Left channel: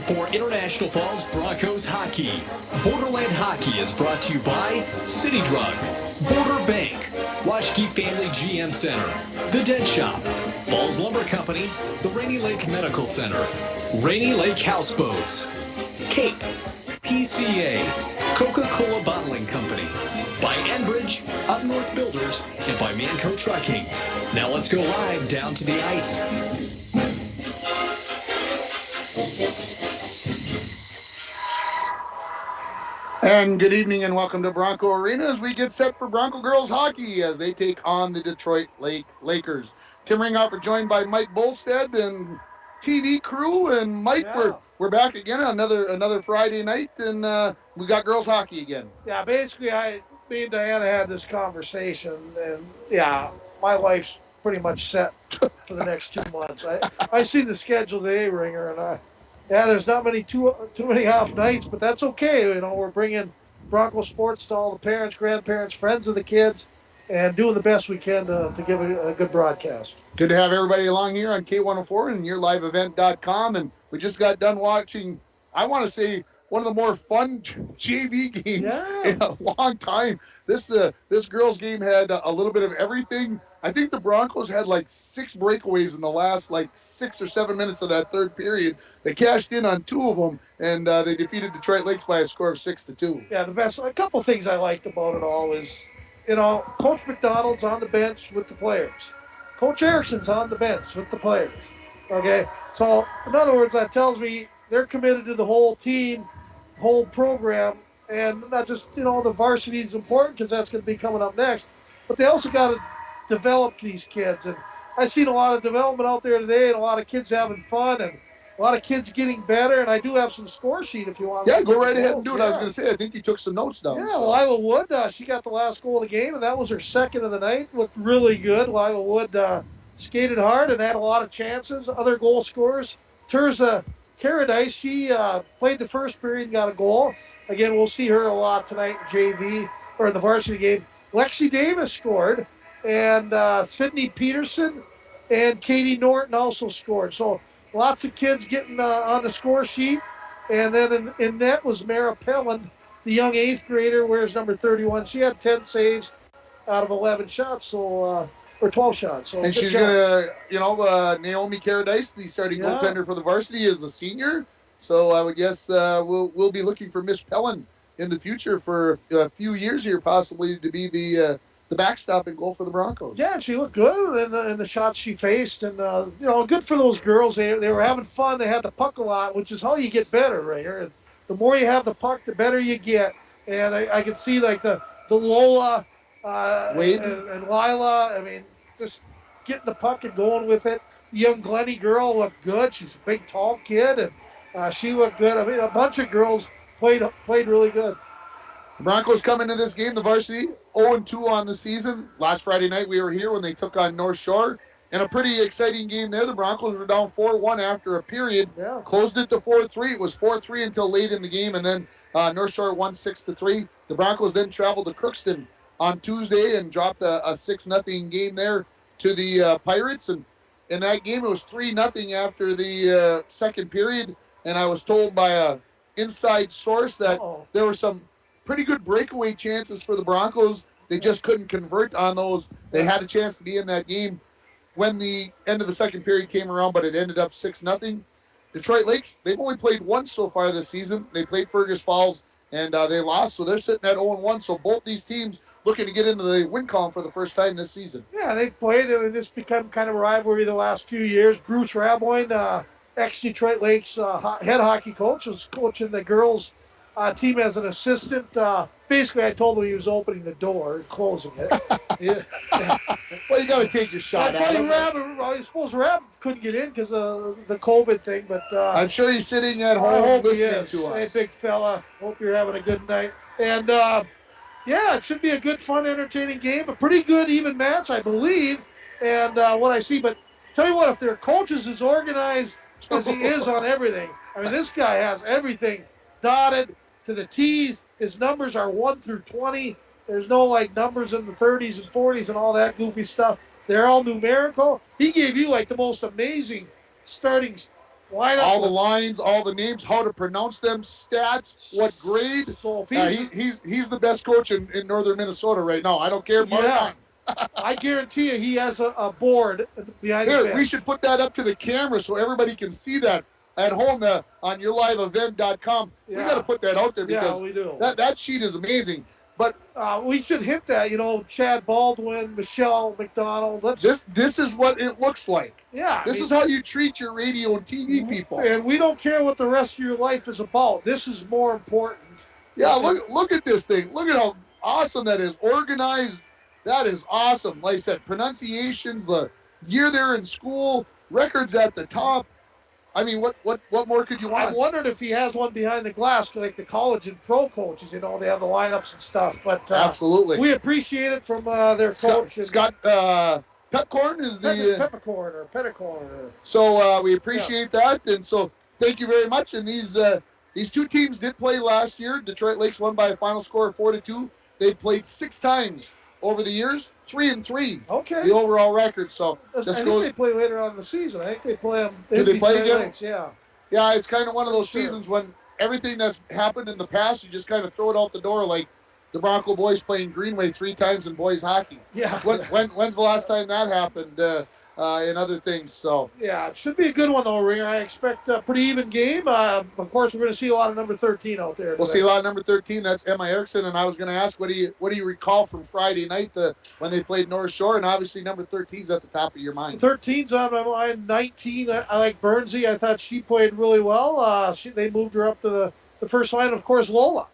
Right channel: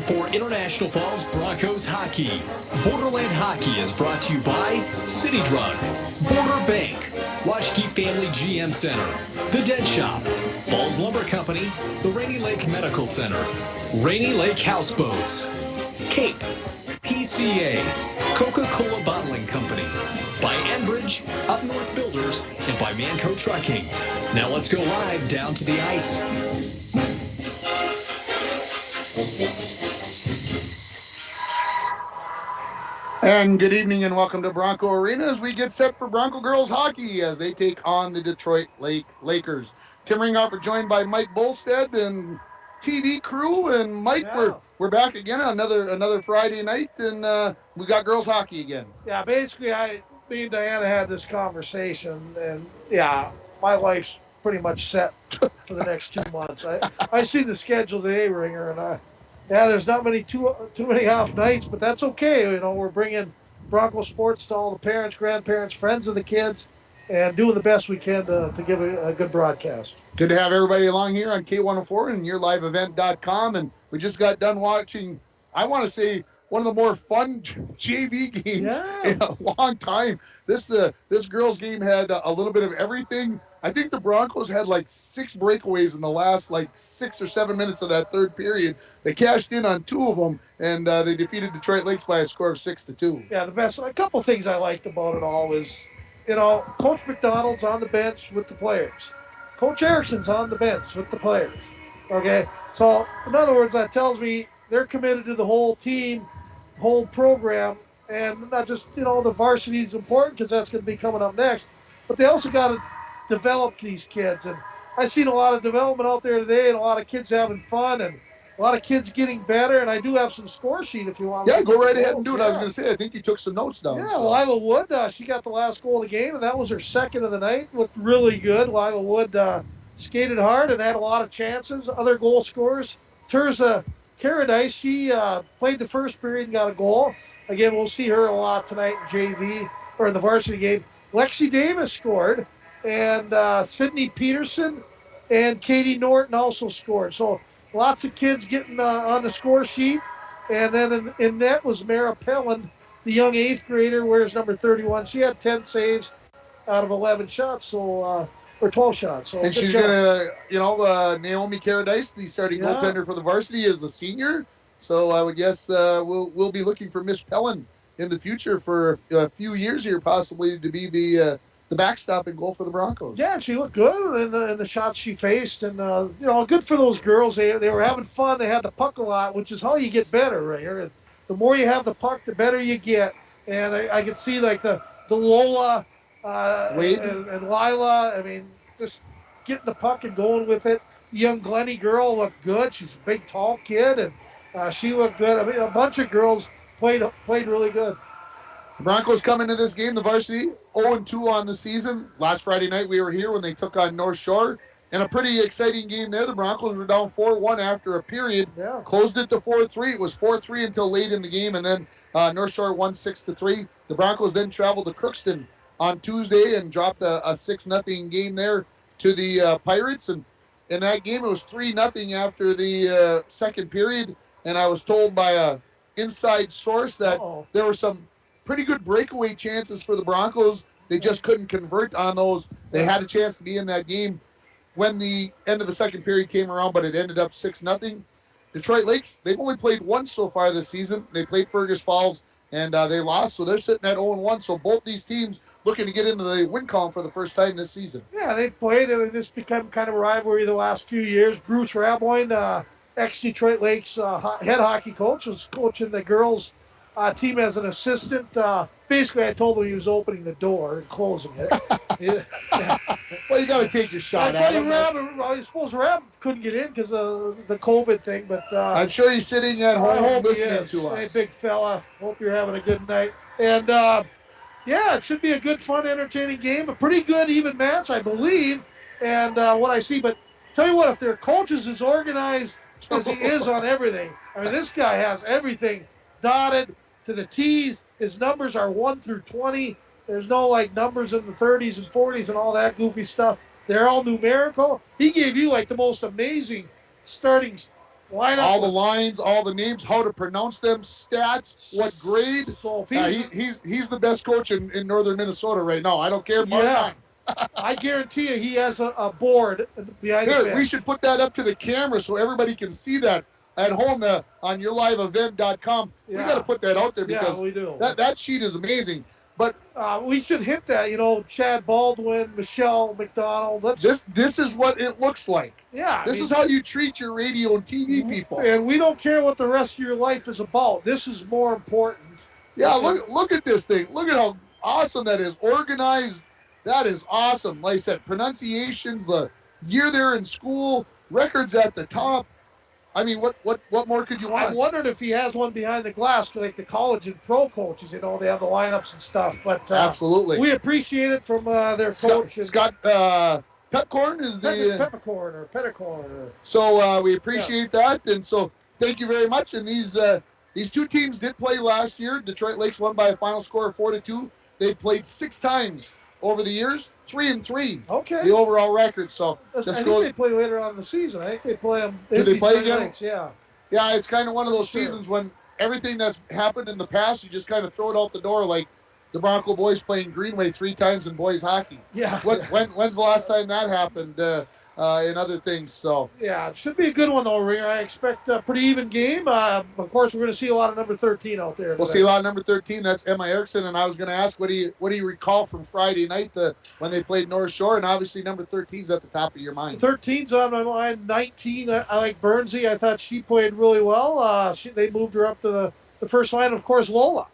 time for International Falls Broncos hockey. Borderland Hockey is brought to you by City Drug, Border Bank, Washke Family GM Center, The Dead Shop, Falls Lumber Company, the Rainy Lake Medical Center, Rainy Lake Houseboats, Cape, PCA, Coca-Cola Bottling Company, by Enbridge, Up North Builders, and by Manco Trucking. Now let's go live down to the ice. And good evening and welcome to Bronco Arena as we get set for Bronco girls hockey as they take on the Detroit Lakers. Tim Ringhoffer joined by Mike Bolstead and TV crew, and Mike, we're back again on another Friday night, and we got girls hockey again. Yeah, basically, me and Diana had this conversation, and my life's pretty much set for the next 2 months. I see the schedule today, Ringer, and there's not too many off nights, but that's okay. You know, we're bringing Bronco sports to all the parents, grandparents, friends of the kids, and doing the best we can to give a good broadcast. Good to have everybody along here on K104 and YourLiveEvent.com, and we just got done watching, I want to say, one of the more fun JV games in a long time. This girls game had a little bit of everything. I think the Broncos had like 6 breakaways in the last 6 or 7 minutes of that third period. They cashed in on 2 of them, and they defeated Detroit Lakes by a score of 6-2. Yeah, a couple things I liked about it all is, Coach McDonald's on the bench with the players. Coach Erickson's on the bench with the players. Okay? So, in other words, that tells me they're committed to the whole team, whole program, and not just, the varsity is important because that's going to be coming up next, but they also got to develop these kids. And I've seen a lot of development out there today and a lot of kids having fun and a lot of kids getting better, and I do have some score sheet if you want. Yeah, go right ahead and do it. I was going to say, I think you took some notes down. Yeah, so. Lila Wood, she got the last goal of the game, and that was her second of the night. Looked really good. Lila Wood skated hard and had a lot of chances. Other goal scorers, Terza Caradice, she played the first period and got a goal. Again, we'll see her a lot tonight in JV, or in the varsity game. Lexi Davis scored, and Sydney Peterson and Katie Norton also scored. So lots of kids getting on the score sheet. And then in net was Mara Pelland, the young 8th grader, wears number 31. She had 10 saves out of 11 shots, or 12 shots. So and she's going to, Naomi Caradice, the starting goaltender for the varsity, is a senior. So I would guess we'll be looking for Miss Pelland in the future for a few years here, possibly to be the backstop and goal for the Broncos. Yeah, she looked good in the shots she faced, and good for those girls. They were having fun. They had the puck a lot, which is how you get better, right? The more you have the puck, the better you get. And I could see the Lola Wade and Lila. I mean, just getting the puck and going with it. The young Glennie girl looked good. She's a big, tall kid, and she looked good. I mean, a bunch of girls played really good. The Broncos come into this game, the varsity, 0-2 on the season. Last Friday night we were here when they took on North Shore. And a pretty exciting game there. The Broncos were down 4-1 after a period. Yeah. Closed it to 4-3. It was 4-3 until late in the game, and then North Shore won 6-3. The Broncos then traveled to Crookston on Tuesday and dropped a 6-0 game there to the Pirates. And in that game, it was 3-0 after the second period. And I was told by an inside source that there were some pretty good breakaway chances for the Broncos. They just couldn't convert on those. They had a chance to be in that game when the end of the second period came around, but it ended up 6-0. Detroit Lakes, they've only played once so far this season. They played Fergus Falls, and they lost, so they're sitting at 0-1. So both these teams looking to get into the win column for the first time this season. Yeah, they've played, and it's become kind of a rivalry the last few years. Bruce Raboyne, ex-Detroit Lakes head hockey coach, was coaching the girls' team as an assistant. Basically, I told him he was opening the door, closing it. Yeah. Well, you got to take your shot. I suppose Rab couldn't get in because of the COVID thing, but I'm sure he's sitting at home listening to us. Hey, big fella, hope you're having a good night. And it should be a good, fun, entertaining game. A pretty good, even match, I believe. And what I see, but tell you what, if their coach is as organized as he is on everything, I mean, this guy has everything dotted to the T's. His numbers are 1 through 20. There's no numbers in the 30s and 40s and all that goofy stuff. They're all numerical. He gave you the most amazing starting lineup. All the lines, all the names, how to pronounce them, stats, what grade. So if he's the best coach in northern Minnesota right now. I don't care. Yeah. I guarantee you he has a board behind the bench. We should put that up to the camera so everybody can see that at home on yourliveevent.com. Yeah. We got to put that out there because we do. That sheet is amazing. But we should hit that, Chad Baldwin, Michelle McDonald. This is what it looks like. Yeah. This is how you treat your radio and TV people. And we don't care what the rest of your life is about. This is more important. Yeah, look at this thing. Look at how awesome that is. Organized. That is awesome. Like I said, pronunciations, the year they're in school, records at the top. I mean, what more could you want? I wondered if he has one behind the glass, like the college and pro coaches. They have the lineups and stuff. But absolutely, we appreciate it from their coach. Scott Petcorn is the Peppercorn or Petticorn. So we appreciate that, and so thank you very much. And these two teams did play last year. Detroit Lakes won by a final score of 4-2. They've played 6 times over the years, 3-3. Okay. The overall record. So I think they play later on in the season. I think they play them. Do they play again? Lakes, yeah. Yeah, it's kind of one of those seasons when everything that's happened in the past, you just kind of throw it out the door, like the Bronco boys playing Greenway 3 times in boys hockey. Yeah. When's the last time that happened in other things? So yeah, it should be a good one though, Ringer. I expect a pretty even game. Of course, we're going to see a lot of number 13 out there. We'll see a lot of number 13. That's Emma Erickson, and I was going to ask, what do you recall from Friday night when they played North Shore? And obviously number 13's at the top of your mind. 13's on my mind. 19, I like Bernsey. I thought she played really well. They moved her up to the first line. Of course, Lola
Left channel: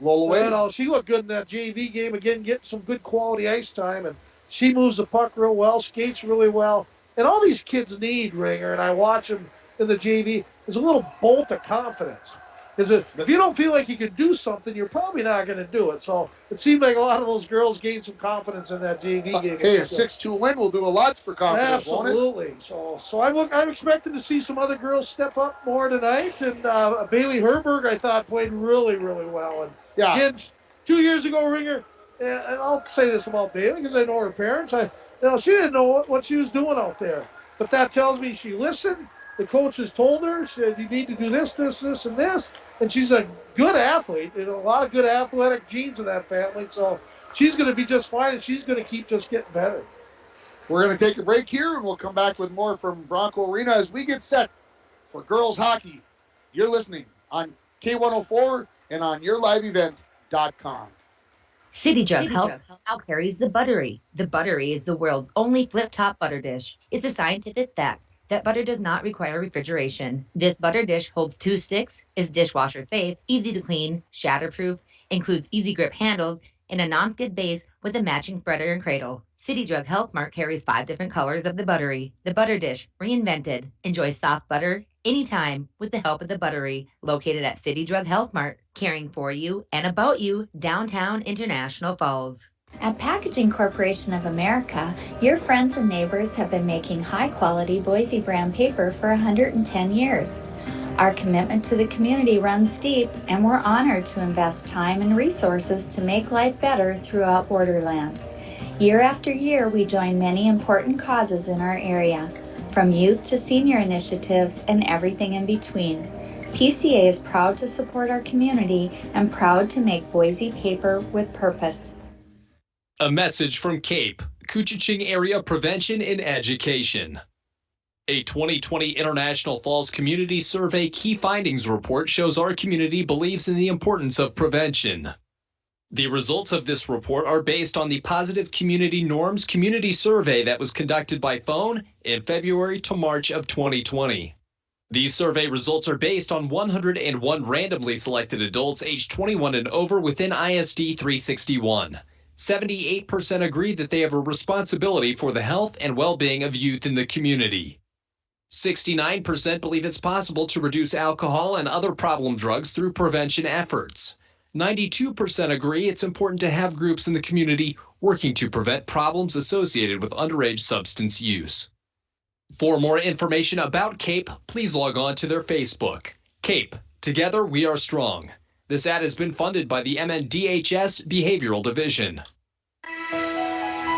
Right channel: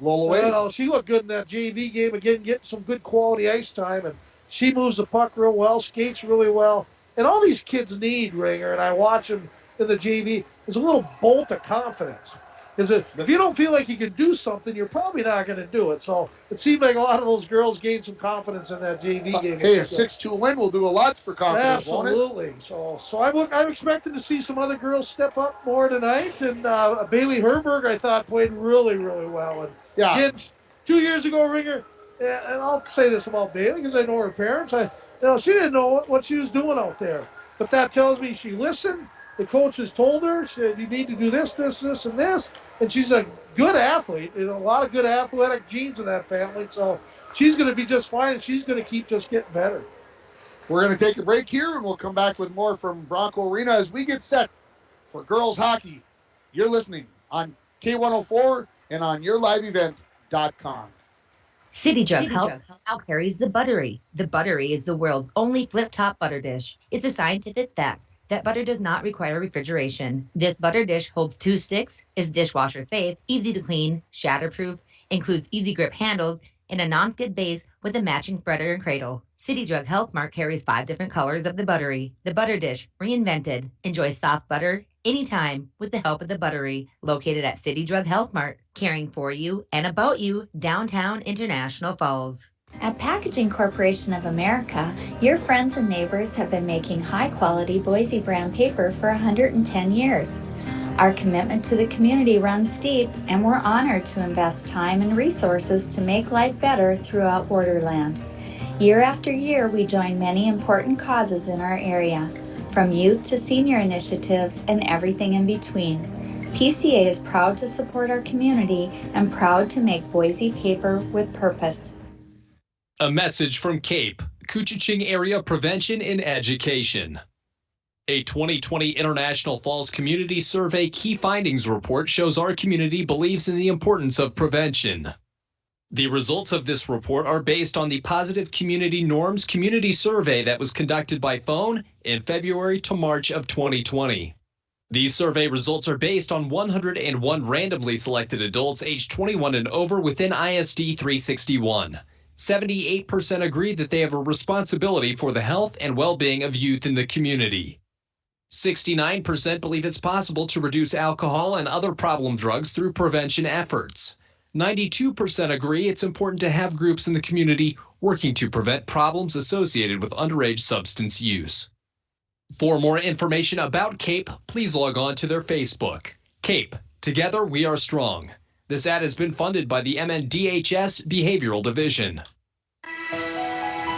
Wade. She looked good in that JV game again, getting some good quality ice time, and she moves the puck real well, skates really well. And all these kids need, Ringer, and I watch them in the JV, is a little bolt of confidence. If you don't feel like you can do something, you're probably not going to do it. So it seemed like a lot of those girls gained some confidence in that JV game. Hey, a 6-2 win will do a lot for confidence, absolutely. Won't it? So I'm expecting to see some other girls step up more tonight. And Bailey Herberg, I thought, played really, really well. And again, 2 years ago, Ringer, and I'll say this about Bailey because I know her parents. She didn't know what she was doing out there. But that tells me she listened. The coaches told her, said, you need to do this, this, this, and this. And she's a good athlete. A lot of good athletic genes in that family. So she's going to be just fine, and she's going to keep just getting better. We're going to take a break here, and we'll come back with more from Bronco Arena as we get set for girls hockey. You're listening on K104 and on yourliveevent.com. City Drug Health now carries the Buttery. The Buttery is the world's only flip-top butter dish. It's a scientific fact that butter does not require refrigeration. This butter dish holds 2 sticks, is dishwasher safe, easy to clean, shatterproof, includes easy grip handles, and a non-skid base with a matching spreader and cradle. City Drug Health Mart carries 5 different colors of the Buttery. The butter dish, reinvented. Enjoy soft butter anytime with the help of the Buttery, located at City Drug Health Mart, caring for you and about you, downtown International Falls. At Packaging Corporation of America, your friends and neighbors have been making high-quality Boise brand paper for 110 years. Our commitment to the community runs deep, and we're honored to invest time and resources to make life better throughout Borderland. Year after year, we join many important causes in our area, from youth to senior initiatives and everything in between. PCA is proud to support our community and proud to make Boise paper with purpose. A message from CAPE, Couchiching Area Prevention and Education. A 2020 International Falls Community Survey Key Findings Report shows our community believes in the importance of prevention. The results of this report are based on the Positive Community Norms Community Survey that was conducted by phone in February to March of 2020. These survey results are based on 101 randomly selected adults aged 21 and over within ISD 361. 78% agree that they have a responsibility for the health and well-being of youth in the community. 69% believe it's possible to reduce alcohol and other problem drugs through prevention efforts. 92% agree it's important to have groups in the community working to prevent problems associated with underage substance use. For more information about CAPE, please log on to their Facebook. CAPE, Together We Are Strong. This ad has been funded by the MNDHS Behavioral Division.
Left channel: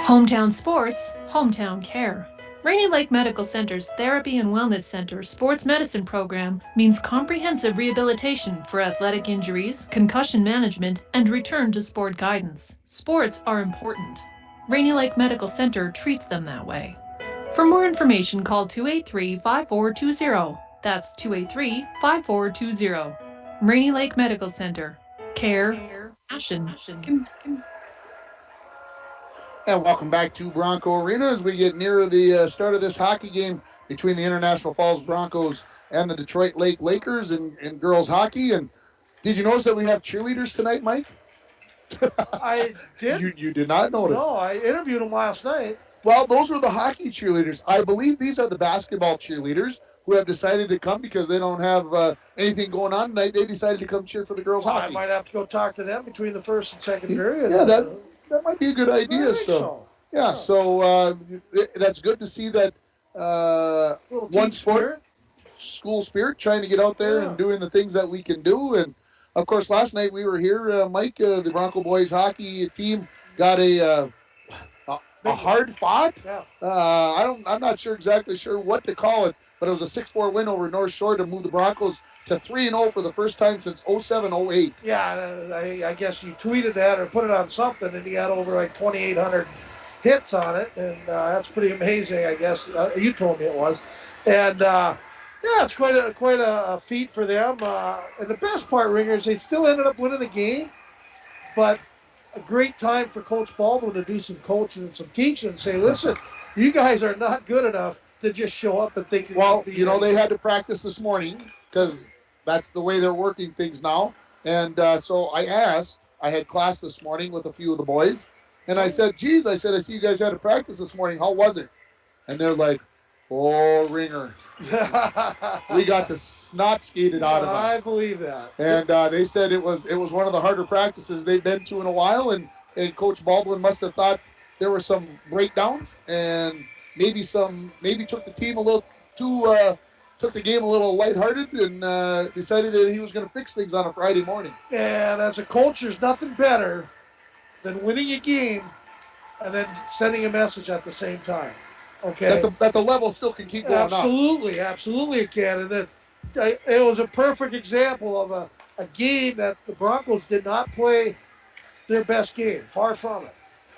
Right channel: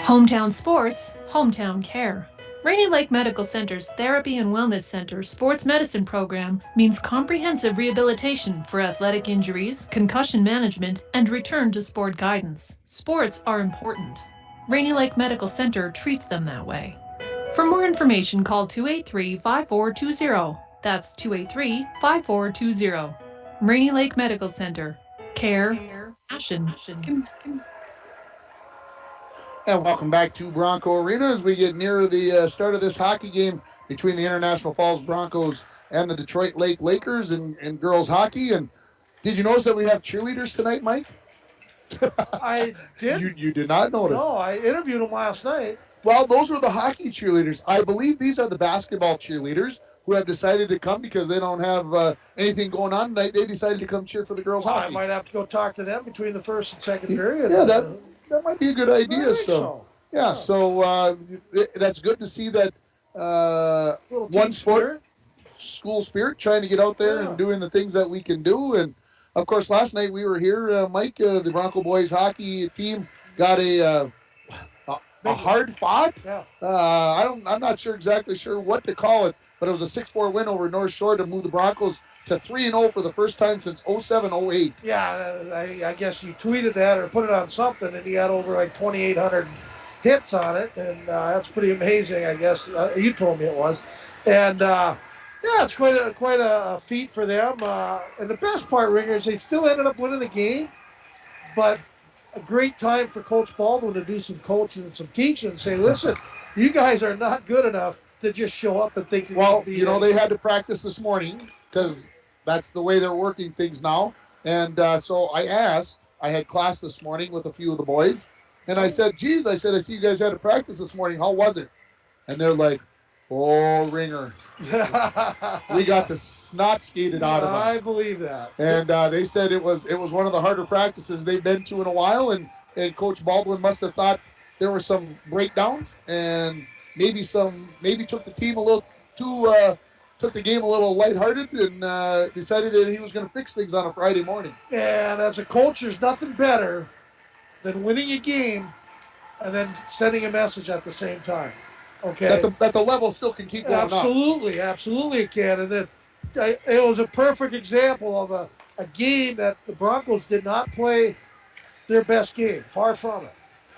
Hometown sports, hometown care. Rainy Lake Medical Center's Therapy and Wellness Center Sports Medicine program means comprehensive rehabilitation for athletic injuries, concussion management, and return to sport guidance. Sports are important. Rainy Lake Medical Center treats them that way. For more information, call 283-5420. That's 283-5420. Rainy Lake Medical Center. Care, passion. And welcome back to Bronco Arena as we get nearer the start of this hockey game between the International Falls Broncos and the Detroit Lake Lakers in girls hockey. And did you notice that we have cheerleaders tonight, Mike? I did. You did not notice. No, I interviewed them last night. Well, those were the hockey cheerleaders. I believe these are the basketball cheerleaders who have decided to come because they don't have anything going on tonight. They decided to come cheer for the girls hockey. I might have to go talk to them between the first and second period. Yeah, that might be a good idea. So that's good to see that one sport, school spirit, trying to get out there and doing the things that we can do. And of course, last night we were here, Mike. The Bronco boys hockey team got a hard fought. Yeah. I'm not exactly sure what to call it, but it was a 6-4 win over North Shore to move the Broncos to 3-0 for the first time since 07-08. Yeah, I guess you tweeted that or put it on something, and he had over like 2,800 hits on it, and that's pretty amazing, I guess. You told me it was. And, it's quite a feat for them. And the best part, Ringers, they still ended up winning the game, but a great time for Coach Baldwin to do some coaching and some teaching and say, listen, you guys are not good enough to just show up and think they had to practice this morning because that's the way they're working things now. And so I had class this morning with a few of the boys, and I said, geez, I see you guys had to practice this morning. How was it? And they're like, oh, Ringer. We got the snot skated out of us. I believe that. And they said it was one of the harder practices they've been to in a while, and Coach Baldwin must have thought there were some breakdowns and maybe took the team a little too took the game a little lighthearted and decided that he was going to fix things on a Friday morning. And as a coach, there's nothing better than winning a game and then sending a message at the same time. Okay. That the level still can keep going up. Absolutely it can. And it was a perfect example of a game that the Broncos did not play their best game. Far from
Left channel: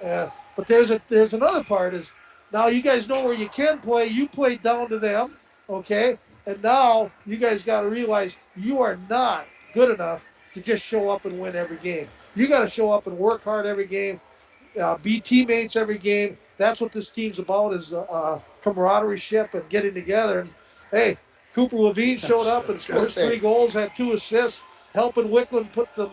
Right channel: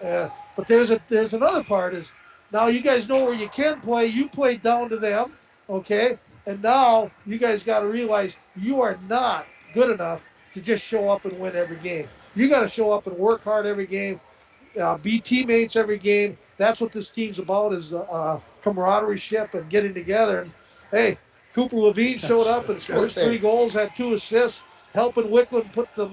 it. But there's another part is now you guys know where you can play. You play down to them, okay? And now you guys got to realize you are not good enough to just show up and win every game. You got to show up and work hard every game, be teammates every game. That's what this team's about is camaraderie and getting together. And, hey, Cooper Levine showed up and scored 3 goals, had 2 assists, helping Wickland put some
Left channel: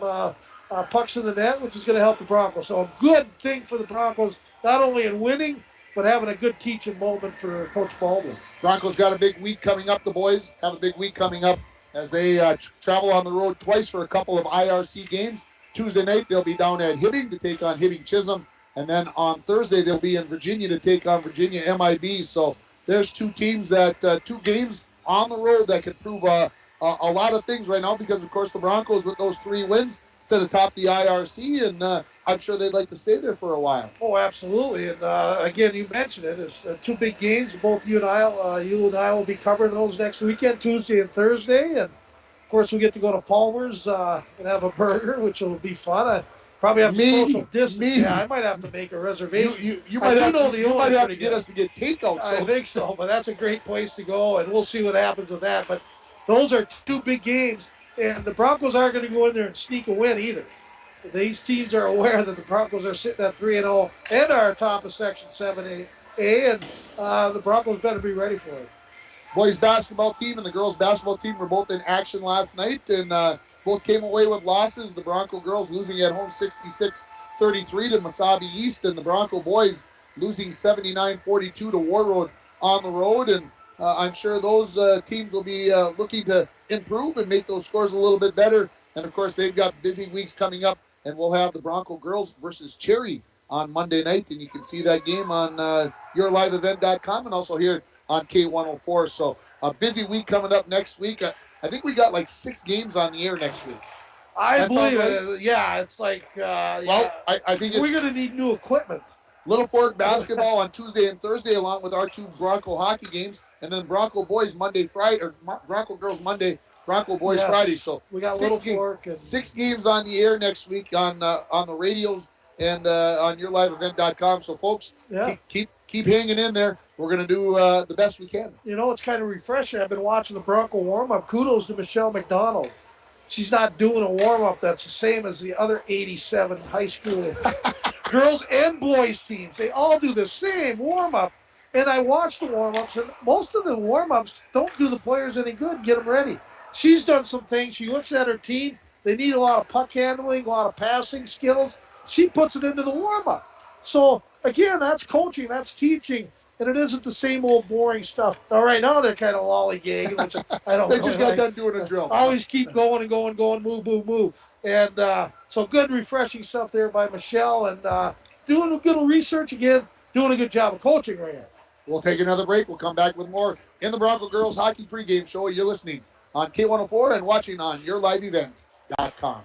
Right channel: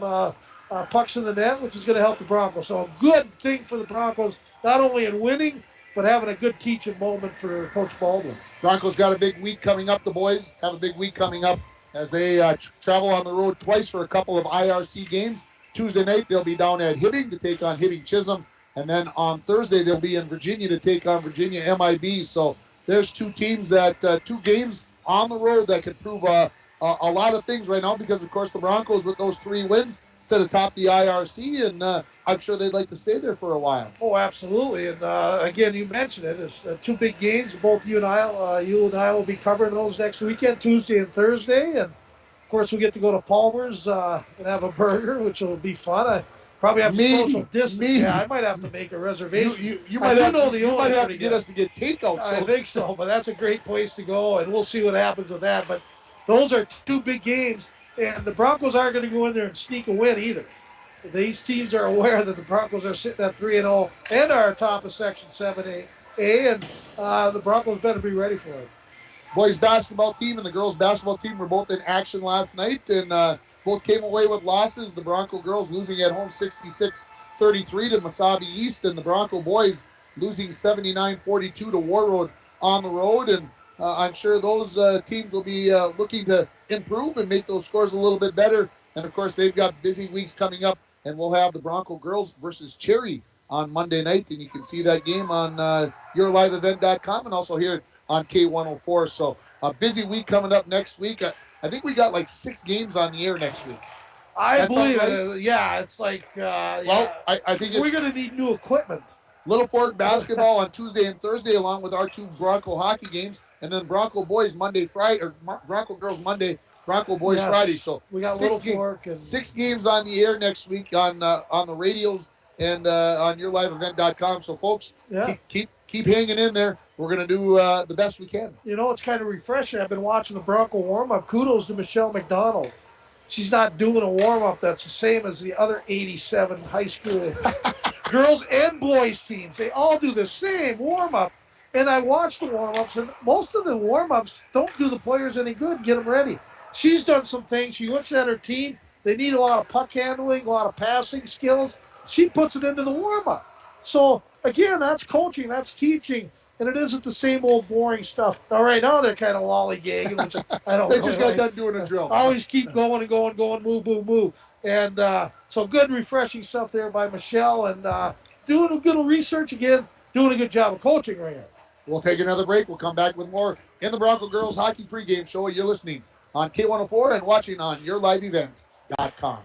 pucks in the net, which is going to help the Broncos. So a good thing for the Broncos, not only in winning, but having a good teaching moment for Coach Baldwin. Broncos got a big week coming up. The boys have a big week coming up as they travel on the road twice for a couple of IRC games. Tuesday night, they'll be down at Hibbing to take on Hibbing Chisholm. And then on Thursday, they'll be in Virginia to take on Virginia MIB. So there's 2 teams 2 games on the road that could prove a lot of things right now because, of course, the Broncos with those 3 wins sit atop the IRC, and I'm sure they'd like to stay there for a while. Oh, absolutely. And, again, you mentioned it. It's 2 big games. Both you and I will be covering those next weekend, Tuesday and Thursday. And, of course, we get to go to Palmer's and have a burger, which will be fun. I probably have to social distance. Yeah, I might have to make a reservation. You might have to get us to get takeout. I think so, but that's a great place to go, and we'll see what happens with that. But those are 2 big games, and the Broncos aren't going to go in there and sneak a win either. These teams are aware that the Broncos are sitting at 3-0 and are top of Section 7A, and the Broncos better be ready for it. Boys basketball team and the girls basketball team were both in action last night, and both came away with losses. The Bronco girls losing at home 66-33 to Mesabi East, and the Bronco boys losing 79-42 to Warroad on the road. And I'm sure those teams will be looking to improve and make those scores a little bit better. And, of course, they've got busy weeks coming up, and we'll have the Bronco girls versus Cherry on Monday night, and you can see that game on yourliveevent.com and also here on K104. So a busy week coming up next week. I think we got like 6 games on the air next week. I believe it. Yeah, it's like. I think we're going to need new equipment. Little Fork basketball on Tuesday and Thursday, along with our 2 Bronco hockey games, and then Bronco boys Monday, Friday, or Bronco girls Monday, Bronco boys Friday. So we got Little Fork and 6 games on the air next week on the radios and on yourliveevent.com. So folks, keep hanging in there. We're going to do the best we can. You know, it's kind of refreshing. I've been watching the Bronco warm-up. Kudos to Michelle McDonald. She's not doing a warm-up that's the same as the other 87 high school girls and boys teams. They all do the same warm-up. And I watch the warm-ups, and most of the warm-ups don't do the players any good, get them ready. She's done some things. She looks at her team. They need a lot of puck handling, a lot of passing skills. She puts it into the warm-up. So, again, that's coaching, that's teaching, and it isn't the same old boring stuff. Now, right now, they're kind of lollygagging, which I don't They just got done doing a drill. Always keep going and going, move, move, move. And so good, refreshing stuff there by Michelle, and doing a good research again, doing a good job of coaching right now. We'll take another break. We'll come back with more in the Bronco Girls Hockey Pregame Show. You're listening on K104 and watching on yourliveevent.com.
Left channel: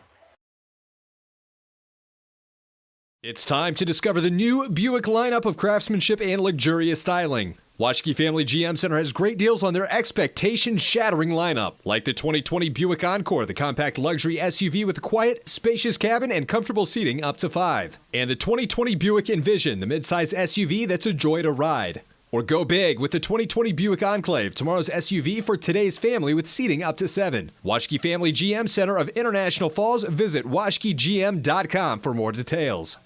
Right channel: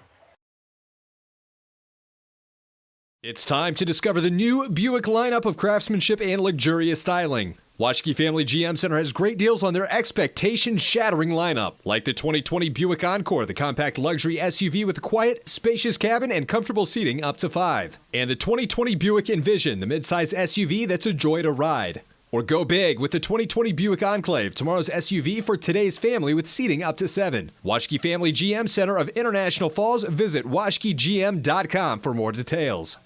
It's time to discover the new Buick lineup of craftsmanship and luxurious styling. Washke Family GM Center has great deals on their expectation-shattering lineup, like the 2020 Buick Encore, the compact luxury SUV with a quiet, spacious cabin and comfortable seating up to 5. And the 2020 Buick Envision, the midsize SUV that's a joy to ride. Or go big with the 2020 Buick Enclave, tomorrow's SUV for today's family with seating up to 7. Washke Family GM Center of International Falls. Visit washkegm.com for more details.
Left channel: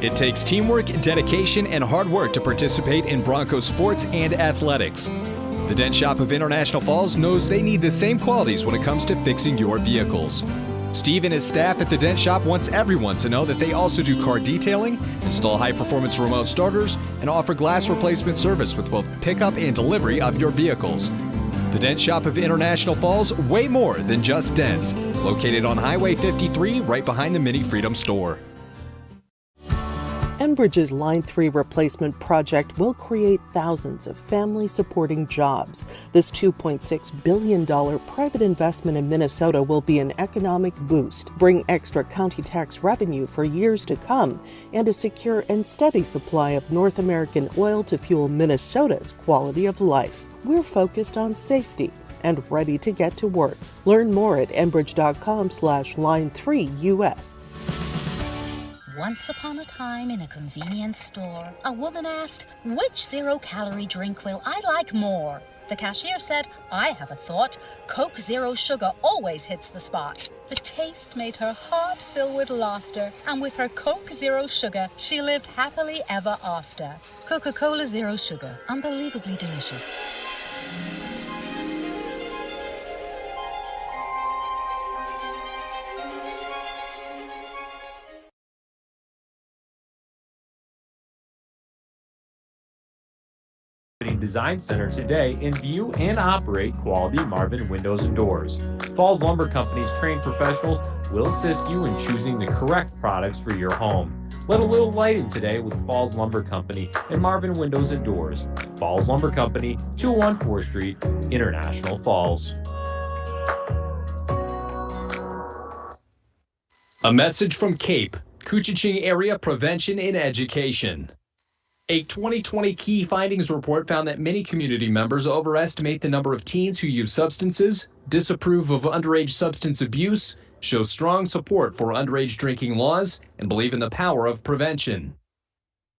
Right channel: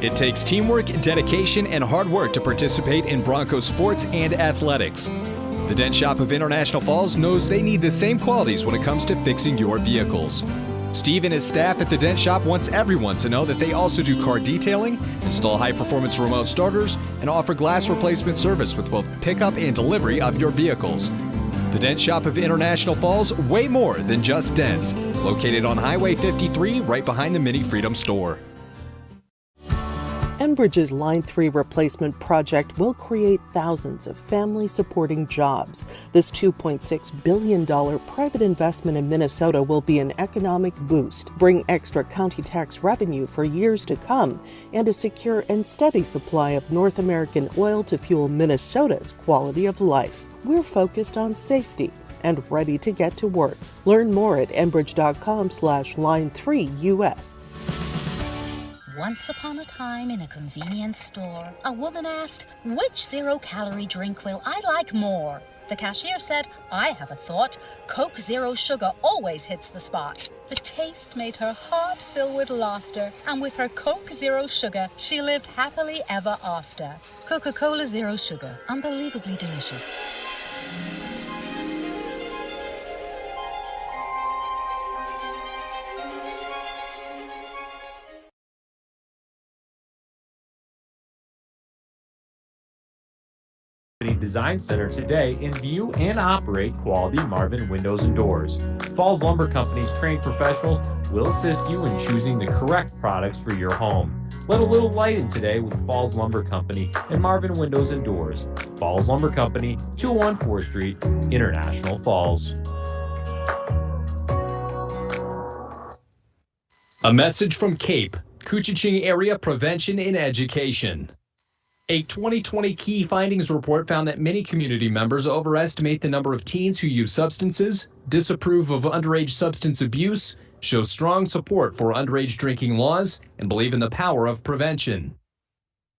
It takes teamwork, dedication, and hard work to participate in Broncos sports and athletics. The Dent Shop of International Falls knows they need the same qualities when it comes to fixing your vehicles. Steve and his staff at the Dent Shop wants everyone to know that they also do car detailing, install high-performance remote starters, and offer glass replacement service with both pickup and delivery of your vehicles. The Dent Shop of International Falls, way more than just dents. Located on Highway 53, right behind the Mini Freedom store. Enbridge's Line 3 replacement project will create thousands of family-supporting jobs. This $2.6 billion private investment in Minnesota will be an economic boost, bring extra county tax revenue for years to come, and a secure and steady supply of North American oil to fuel Minnesota's quality of life. We're focused on safety and ready to get to work. Learn more at enbridge.com/line3US. Once upon a time in a convenience store, a woman asked, "Which zero-calorie drink will I like more?" The cashier said, "I have a thought. Coke Zero Sugar always hits the spot." The taste made her heart fill with laughter, and with her Coke Zero Sugar, she lived happily ever after. Coca-Cola Zero Sugar, unbelievably delicious. Design Center today and view and operate quality Marvin windows and doors. Falls Lumber Company's trained professionals will assist you in choosing the correct products for your home. Let a little light in today with Falls Lumber Company and Marvin Windows and Doors. Falls Lumber Company, 201 4th Street, International Falls. A message from CAPE, Couchiching Area Prevention and Education. A 2020 key findings report found that many community members overestimate the number of teens who use substances, disapprove of underage substance abuse, show strong support for underage drinking laws, and believe in the power of prevention.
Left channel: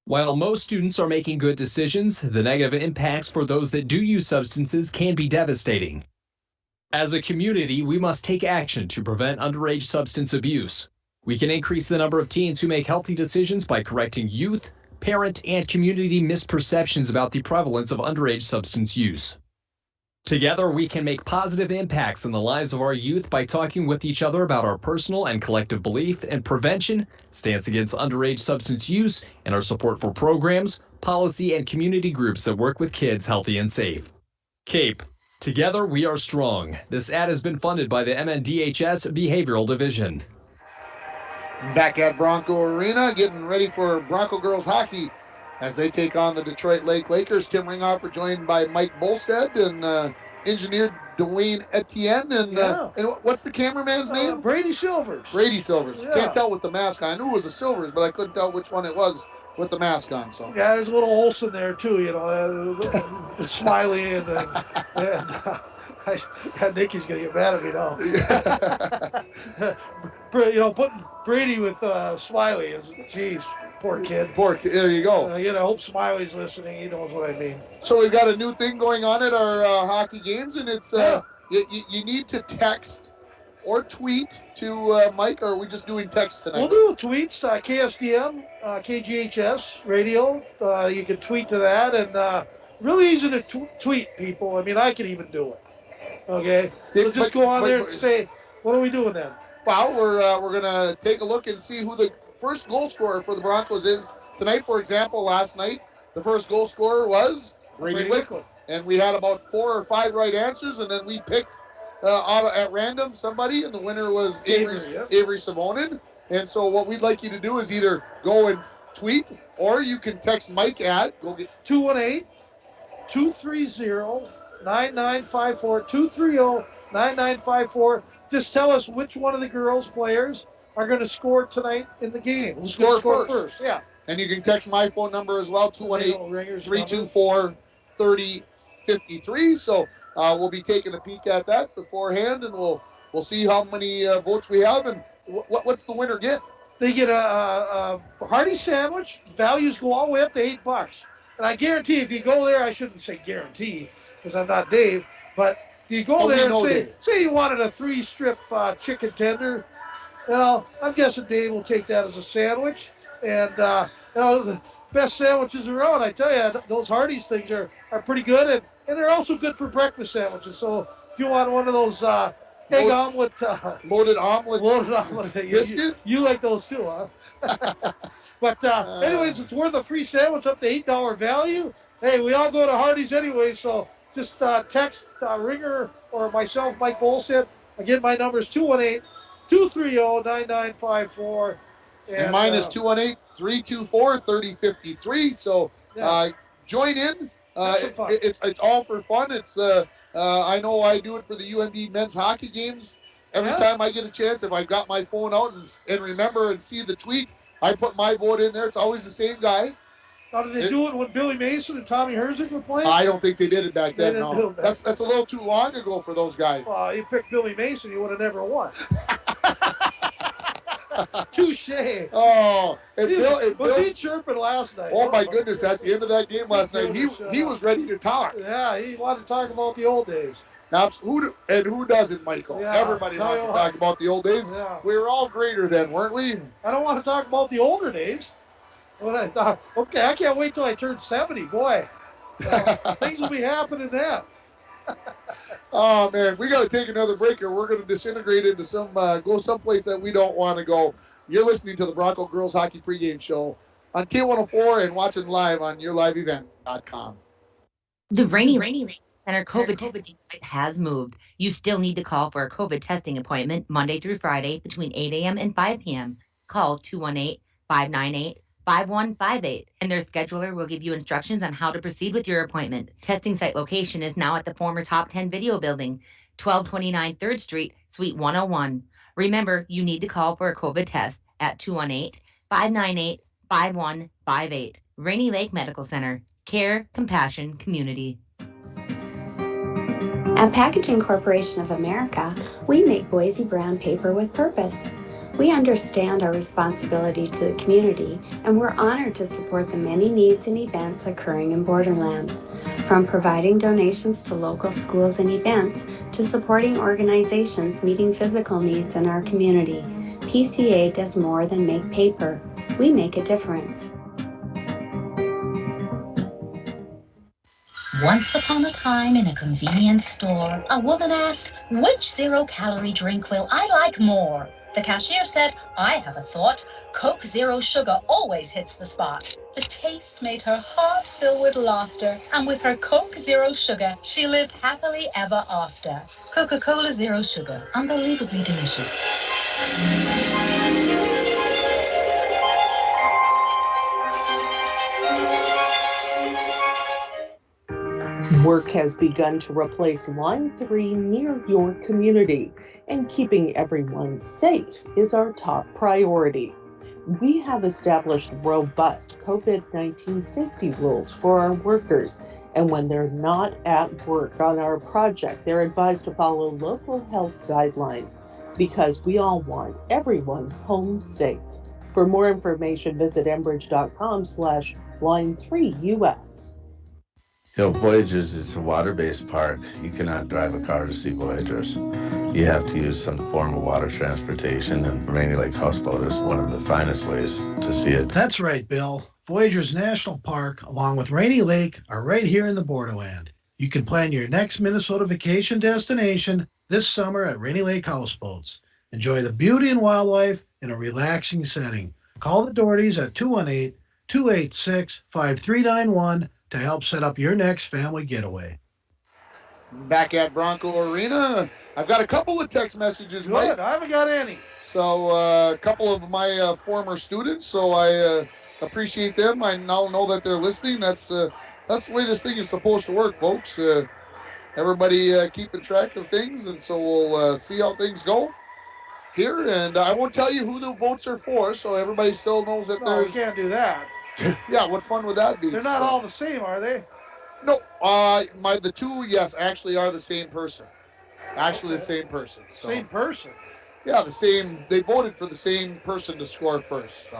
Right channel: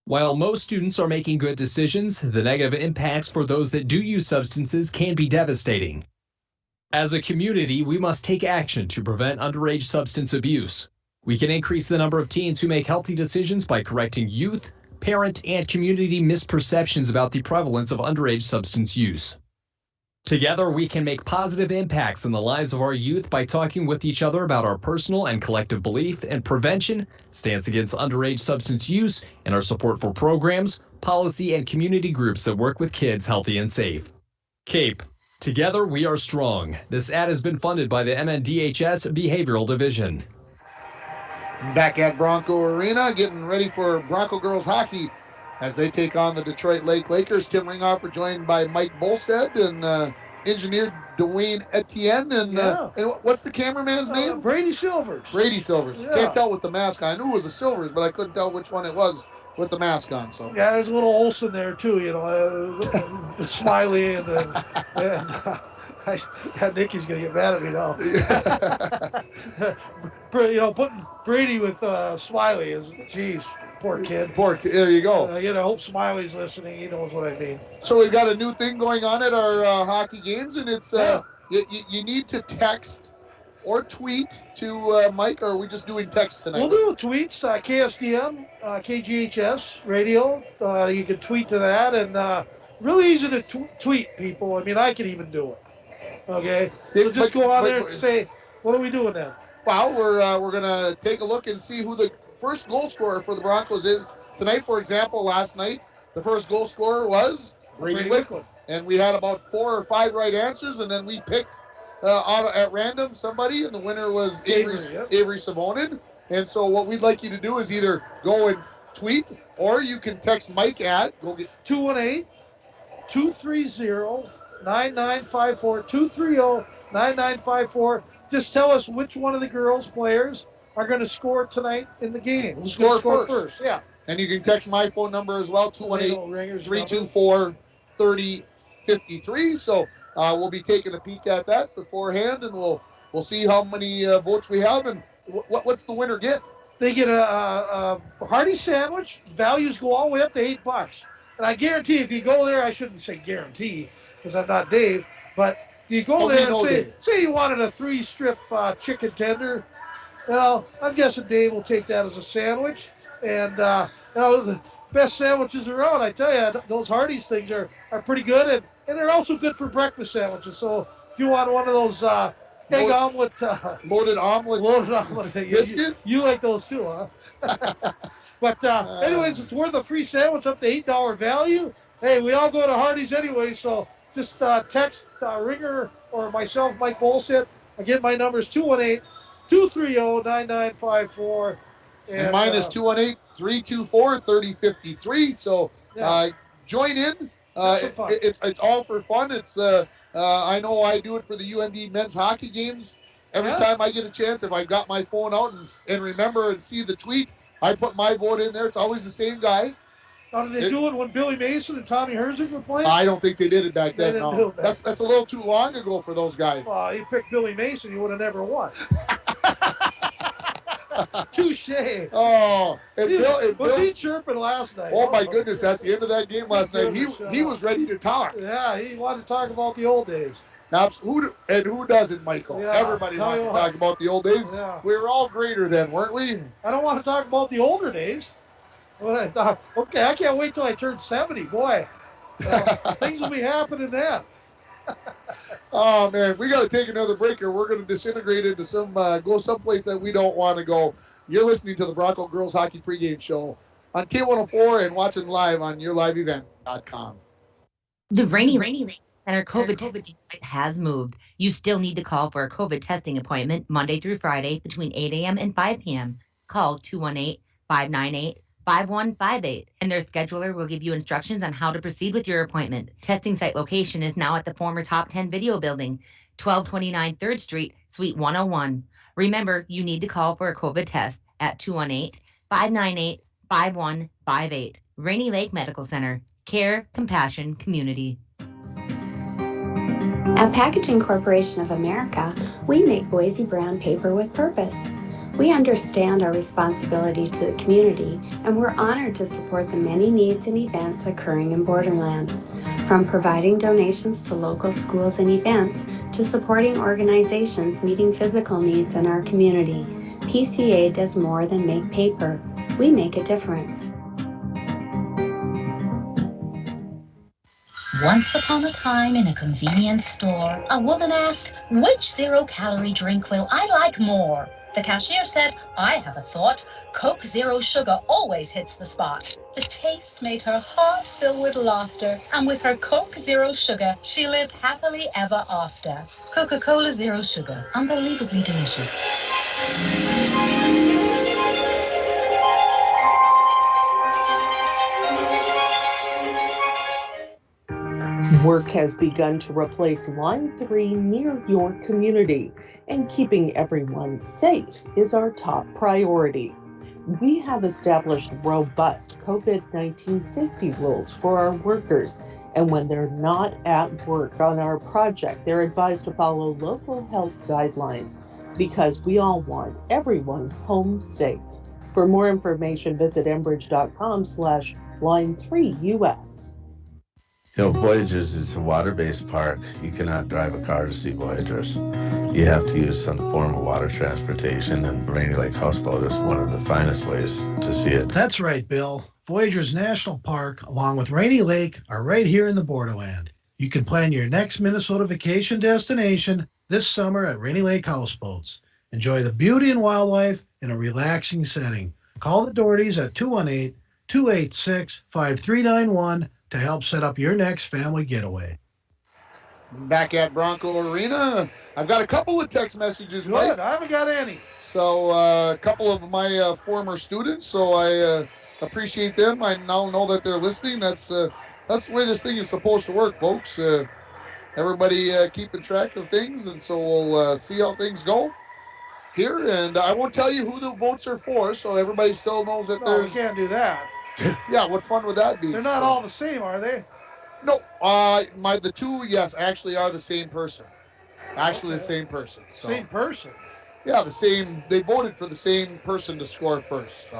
While most students are making good decisions, the negative impacts for those that do use substances can be devastating. As a community, we must take action to prevent underage substance abuse. We can increase the number of teens who make healthy decisions by correcting youth, parent, and community misperceptions about the prevalence of underage substance use. Together, we can make positive impacts in the lives of our youth by talking with each other about our personal and collective belief in prevention, stance against underage substance use, and our support for programs, policy, and community groups that work with kids healthy and safe. CAPE. Together, we are strong. This ad has been funded by the MNDHS Behavioral Division. Back at Bronco Arena, getting ready for Bronco girls hockey as they take on the Detroit Lake Lakers. Tim Ringhofer joined by Mike Bolstead, and engineer Dwayne Etienne, and what's the cameraman's name? Brady Silvers. Brady Silvers. Yeah. Can't tell with the mask on. I knew it was a Silvers, but I couldn't tell which one it was with the mask on. So yeah, there's a little Olsen there too, Smiley and Nikki's gonna get mad at me now. Putting Brady with Smiley is, geez, poor kid. Poor kid. There you go. I hope Smiley's listening. He knows what I mean. So we've got a new thing going on at our hockey games, and it's you need to text or tweet to Mike, or are we just doing text tonight? We'll do tweets, KSDM, KGHS radio. You can tweet to that, and really easy to tweet, people. I mean, I can even do it. Okay? So just go on there and say, what are we doing then? Well, we're going to take a look and see who the first goal scorer for the Broncos is tonight. For example, last night, the first goal scorer was Brady Wickwood. And we had about 4 or 5 right answers, and then we picked at random somebody, and the winner was Avery Savonin. And so what we'd like you to do is either go and tweet, or you can text Mike at 218-230-9954, 230-9954. Just tell us which one of the girls players are going to score tonight in the game. Who's score first. Yeah. And you can text my phone number as well, 218-324-3053. So we'll be taking a peek at that beforehand, and we'll see how many votes we have, and what's the winner get? They get a hearty sandwich. Values go all the way up to $8. And I guarantee if you go there, I shouldn't say guarantee because I'm not Dave, but if you go there and say you wanted a 3-strip chicken tender, I'm guessing Dave will take that as a sandwich. And, the best sandwiches around, I tell you, those Hardee's things are pretty good. And they're also good for breakfast sandwiches. So if you want one of those egg omelet. Loaded omelet. Biscuits? You like those too, huh? But anyways, it's worth a free sandwich up to $8 value. Hey, we all go to Hardee's anyway, so just text Ringer or myself, Mike Bolstead. Again, my number is 218-230-9954. And mine is 218-324-3053. So join in. It's all for fun. It's I know I do it for the UND men's hockey games. Every time I get a chance, if I've got my phone out and remember and see the tweet, I put my vote in there. It's always the same guy. Now, did they do it when Billy Mason and Tommy Herzig were playing? I don't think they did it back then. No, that's a little too long ago for those guys. Well, you picked Billy Mason, you would have never won. Touche. Oh, was he chirping last night? Oh my goodness! At the end of that game last night, he was ready to talk. Yeah, he wanted to talk about the old days. Who doesn't, Michael? Yeah, everybody wants to talk about the old days. Yeah. We were all greater then, weren't we? I don't want to talk about the older days. But I thought, okay, I can't wait till I turn 70. Boy, things will be happening then. Oh man, we got to take another break here. We're going to disintegrate into go someplace that we don't want to go. You're listening to the Bronco Girls Hockey Pregame Show on K104 and watching live on YourLiveEvent.com. The Rainy Lake Center COVID testing site has moved. You still need to call for a COVID testing appointment Monday through Friday between 8 a.m. and 5 p.m. Call 218-598-5158, and their scheduler will give you instructions on how to proceed with your appointment. Testing site location is now at the former Top 10 Video Building, 1229 3rd Street, Suite 101. Remember, you need to call for a COVID test at 218-598-5158. Rainy Lake Medical Center. Care, compassion, community. At Packaging Corporation of America, we make Boise brown paper with purpose. We understand our responsibility to the community, and we're honored to support the many needs and events occurring in Borderland. From providing donations to local schools and events, to supporting organizations meeting physical needs in our community, PCA does more than make paper. We make a difference. Once upon a time in a convenience store, a woman asked, "Which zero-calorie drink will I like more?" The cashier said, "I have a thought. Coke Zero Sugar always hits the spot." The taste made her heart fill with laughter, and with her Coke Zero Sugar, she lived happily ever after. Coca-Cola Zero Sugar, unbelievably delicious. Work has begun to replace Line 3 near your community, and keeping everyone safe is our top priority. We have established robust COVID-19 safety rules for our workers, and when they're not at work on our project, they're advised to follow local health guidelines because we all want everyone home safe. For more information, visit enbridge.com/line3us. Voyagers is a water-based park. You cannot drive a car to see Voyagers. You have to use some form of water transportation, and Rainy Lake Houseboat is one of the finest ways to see it. That's right, Bill. Voyagers National Park, along with Rainy Lake, are right here in the borderland. You can plan your next Minnesota vacation destination this summer at Rainy Lake Houseboats. Enjoy the beauty and wildlife in a relaxing setting. Call the Dohertys at 218-286-5391 to help set up your next family getaway. Back at Bronco Arena, I've got a couple of text messages, Mike. Good. I haven't got any. So a couple of my former students, so I appreciate them. I now know that they're listening. That's the way this thing is supposed to work, folks. Everybody keeping track of things, and so we'll see how things go here. And I won't tell you who the votes are for, so everybody still knows that No, we there's... can't do that. Yeah, what fun would that be? They're not all the same, are they? No, the two, yes, actually are the same person. Actually, the same person. So. Same person. Yeah, the same. They voted for the same person to score first.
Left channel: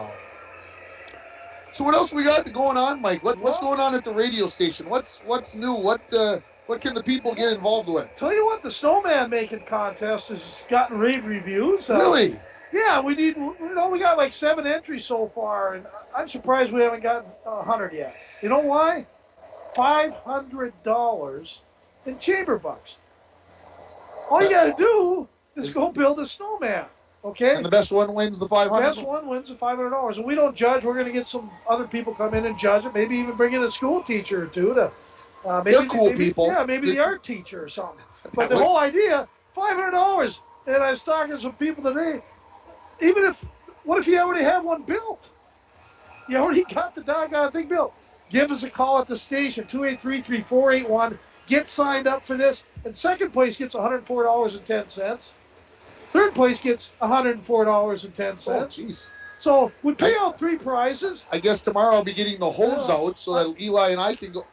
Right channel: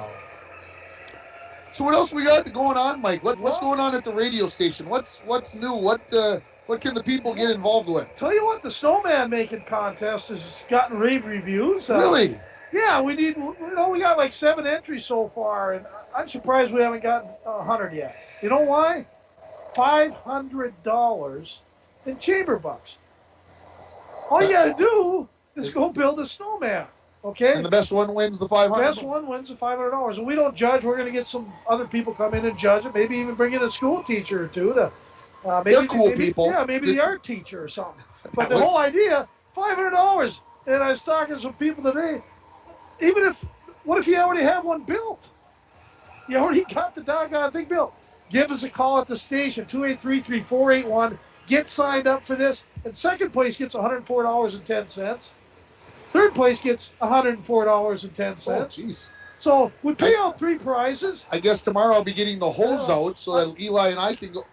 So what else we got going on, Mike? What's going on at the radio station? What's new? What can the people get involved with? Tell you what, the snowman making contest has gotten rave reviews. Really? Yeah, we got like 7 entries so far, and I'm surprised we haven't gotten 100 yet. You know why? $500 in chamber bucks. All you got to do is go build a snowman, okay? And the best one wins the $500. The best one wins the $500. And we don't judge. We're going to get some other people come in and judge it. Maybe even bring in a school teacher or two to. They're cool people. Yeah, maybe the art teacher or something. But the whole idea, $500. And I was talking to some people today. What if you already have one built? You already got the doggone thing built. Give us a call at the station, 283-3481. Get signed up for this. And second place gets $104.10. Third place gets $104.10. Oh, jeez. So we pay out 3 prizes. I guess tomorrow I'll be getting the hose out so that Eli and I can go.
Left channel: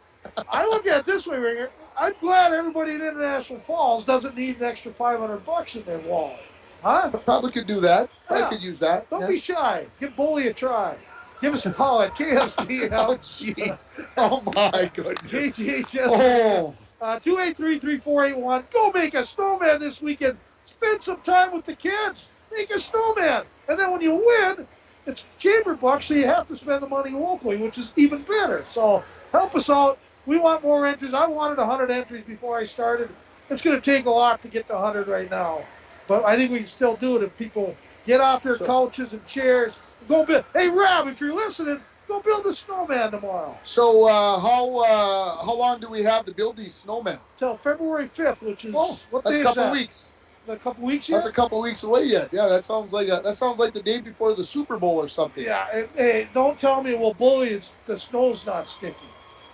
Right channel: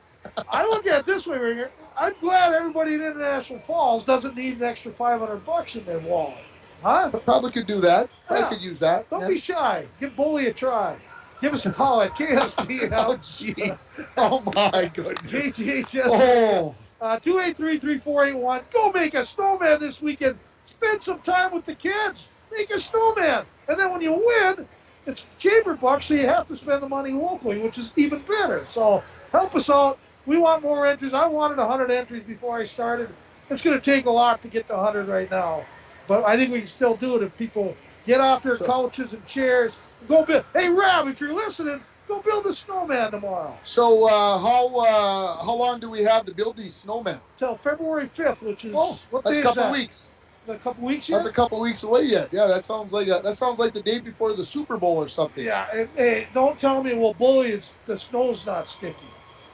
I look at it this way, Ringer. I'm glad everybody in International Falls doesn't need an extra $500 in their wallet. Huh? Probably could do that. Yeah. I could use that. Don't be shy. Give Bully a try. Give us a call at KSDL. Oh, jeez. Oh, my goodness. KGHS. Oh. 283-3481. Go make a snowman this weekend. Spend some time with the kids. Make a snowman. And then when you win, it's chamber bucks, so you have to spend the money locally, which is even better. So help us out. We want more entries. I wanted 100 entries before I started. It's going to take a lot to get to 100 right now. But I think we can still do it if people get off their couches and chairs. Go build. Hey, Rob, if you're listening, go build a snowman tomorrow. So how long do we have to build these snowmen? Till February 5th, which is what that's day a couple is that? weeks. A couple weeks yet? That's a couple weeks away yet. Yeah, that sounds like the day before the Super Bowl or something. Yeah. Hey, don't tell me, well, Bully, the snow's not sticky.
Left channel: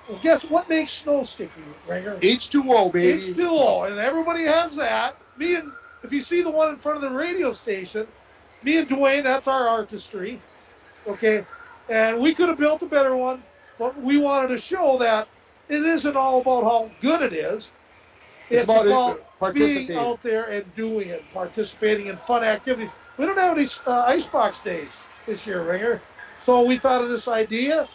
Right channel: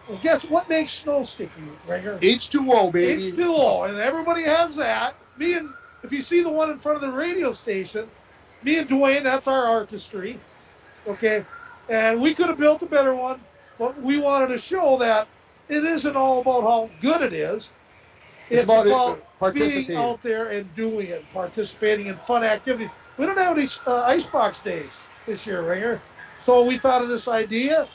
Well, guess what makes snow sticky, Ringer? H2O, baby. H2O, and everybody has that. If you see the one in front of the radio station, me and Dwayne, that's our artistry, okay? And we could have built a better one, but we wanted to show that it isn't all about how good it is. It's about being out there and doing it, participating in fun activities. We don't have any icebox days this year, Ringer. So we thought of this idea,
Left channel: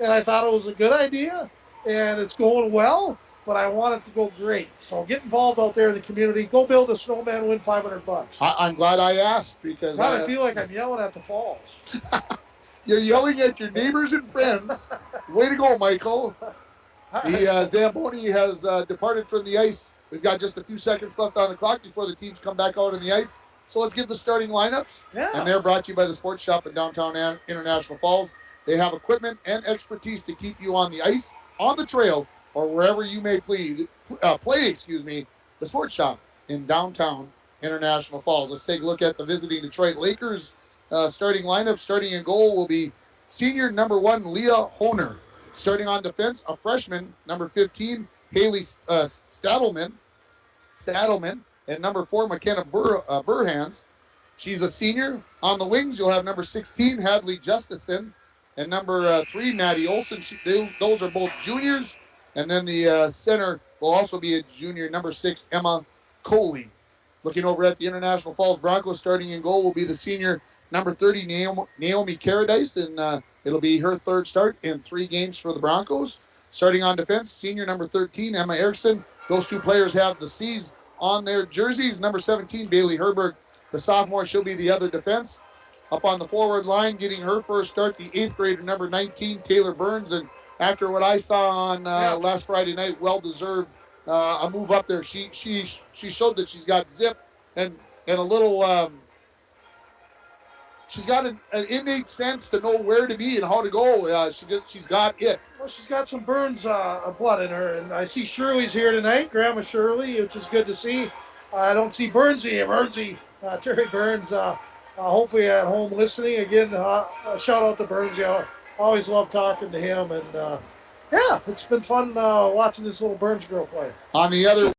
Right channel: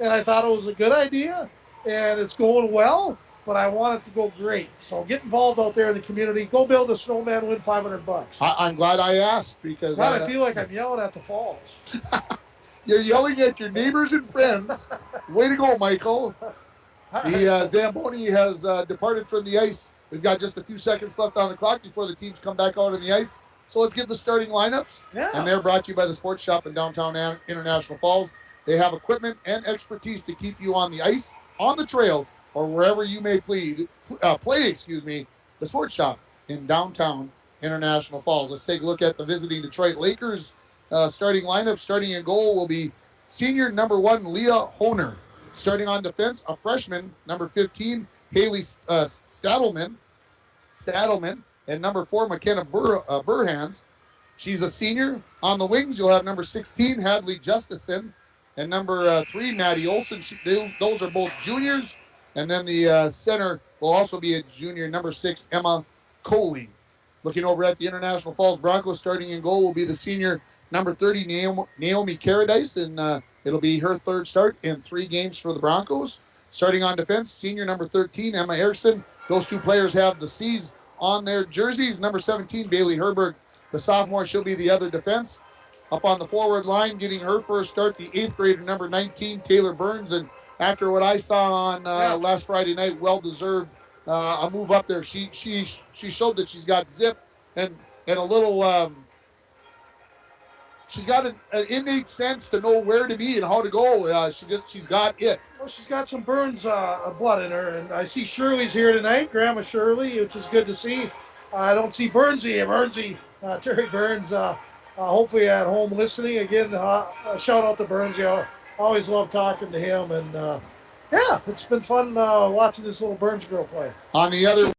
and I thought it was a good idea, and it's going well. But I want it to go great. So get involved out there in the community. Go build a snowman, win $500. I'm glad I asked because God, I feel like I'm yelling at the falls. You're yelling at your neighbors and friends. Way to go, Michael. The Zamboni has departed from the ice. We've got just a few seconds left on the clock before the teams come back out on the ice. So let's get the starting lineups. Yeah. And they're brought to you by the Sports Shop in downtown International Falls. They have equipment and expertise to keep you on the ice, on the trail, or wherever you may play, the Sports Shop in downtown International Falls. Let's take a look at the visiting Detroit Lakers starting lineup. Starting in goal will be senior number 1, Leah Honer. Starting on defense, a freshman, number 15, Haley Stadelman, and number 4, McKenna Burhans. She's a senior. On the wings, you'll have number 16, Hadley Justison, and number 3, Maddie Olson. Those are both juniors. And then the center will also be a junior, number 6, Emma Coley. Looking over at the International Falls Broncos, starting in goal will be the senior, number 30, Naomi Caradice, and it'll be her third start in 3 games for the Broncos. Starting on defense, senior number 13, Emma Erickson. Those 2 players have the C's on their jerseys. Number 17, Bailey Herberg, the sophomore, she'll be the other defense. Up on the forward line, getting her first start, the 8th grader, number 19, Taylor Burns. And after what I saw on last Friday night, well-deserved a move up there. She showed that she's got zip and a little she's got an innate sense to know where to be and how to go. She's got it. Well, she's got some Burns blood in her, and I see Shirley's here tonight, Grandma Shirley, which is good to see. I don't see Terry Burns, hopefully at home listening. Again, shout out to Burns. I always love talking to him, and it's been fun watching this little Burns girl play. On the other,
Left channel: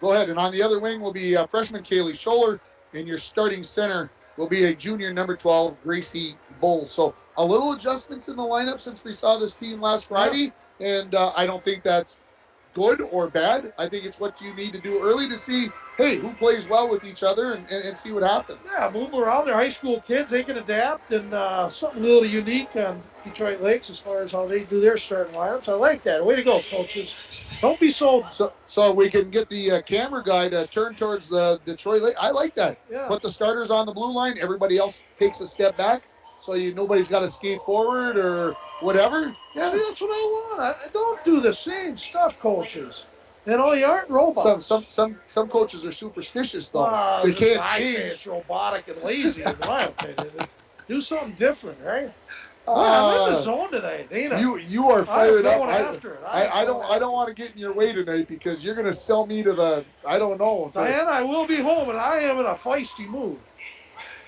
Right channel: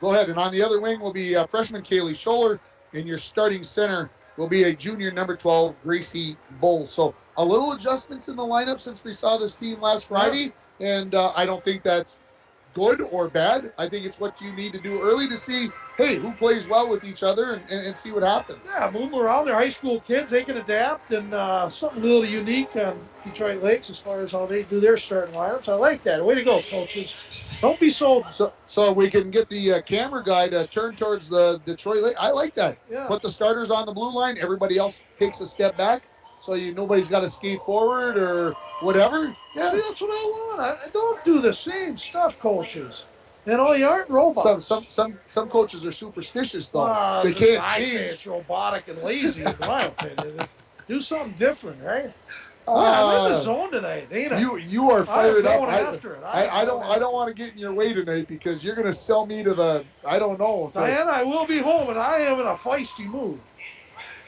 go ahead. And on the other wing will be freshman Kaylee Scholler, and your starting center will be a junior, number 12, Gracie Bull. So a little adjustments in the lineup since we saw this team last Friday, and I don't think that's good or bad. I think it's what you need to do early to see, hey, who plays well with each other and see what happens. Yeah, move them around. They're high school kids. They can adapt, and something a little unique on Detroit Lakes as far as how they do their starting lineups. I like that. Way to go, coaches. Don't be sold. So we can get the camera guy to turn towards the Detroit Lakes. I like that. Yeah. Put the starters on the blue line. Everybody else takes a step back, so nobody's got to skate forward or whatever. Yeah, that's what I want. Don't do the same stuff, coaches. You aren't robots. Some coaches are superstitious, though. They can't change. I say it's robotic and lazy, in my opinion. Do something different, right? I'm in the zone tonight, ain't I? You are fired up. After it. I don't want to get in your way tonight because you're going to sell me to the, I don't know. Diana, I will be home, and I am in a feisty mood.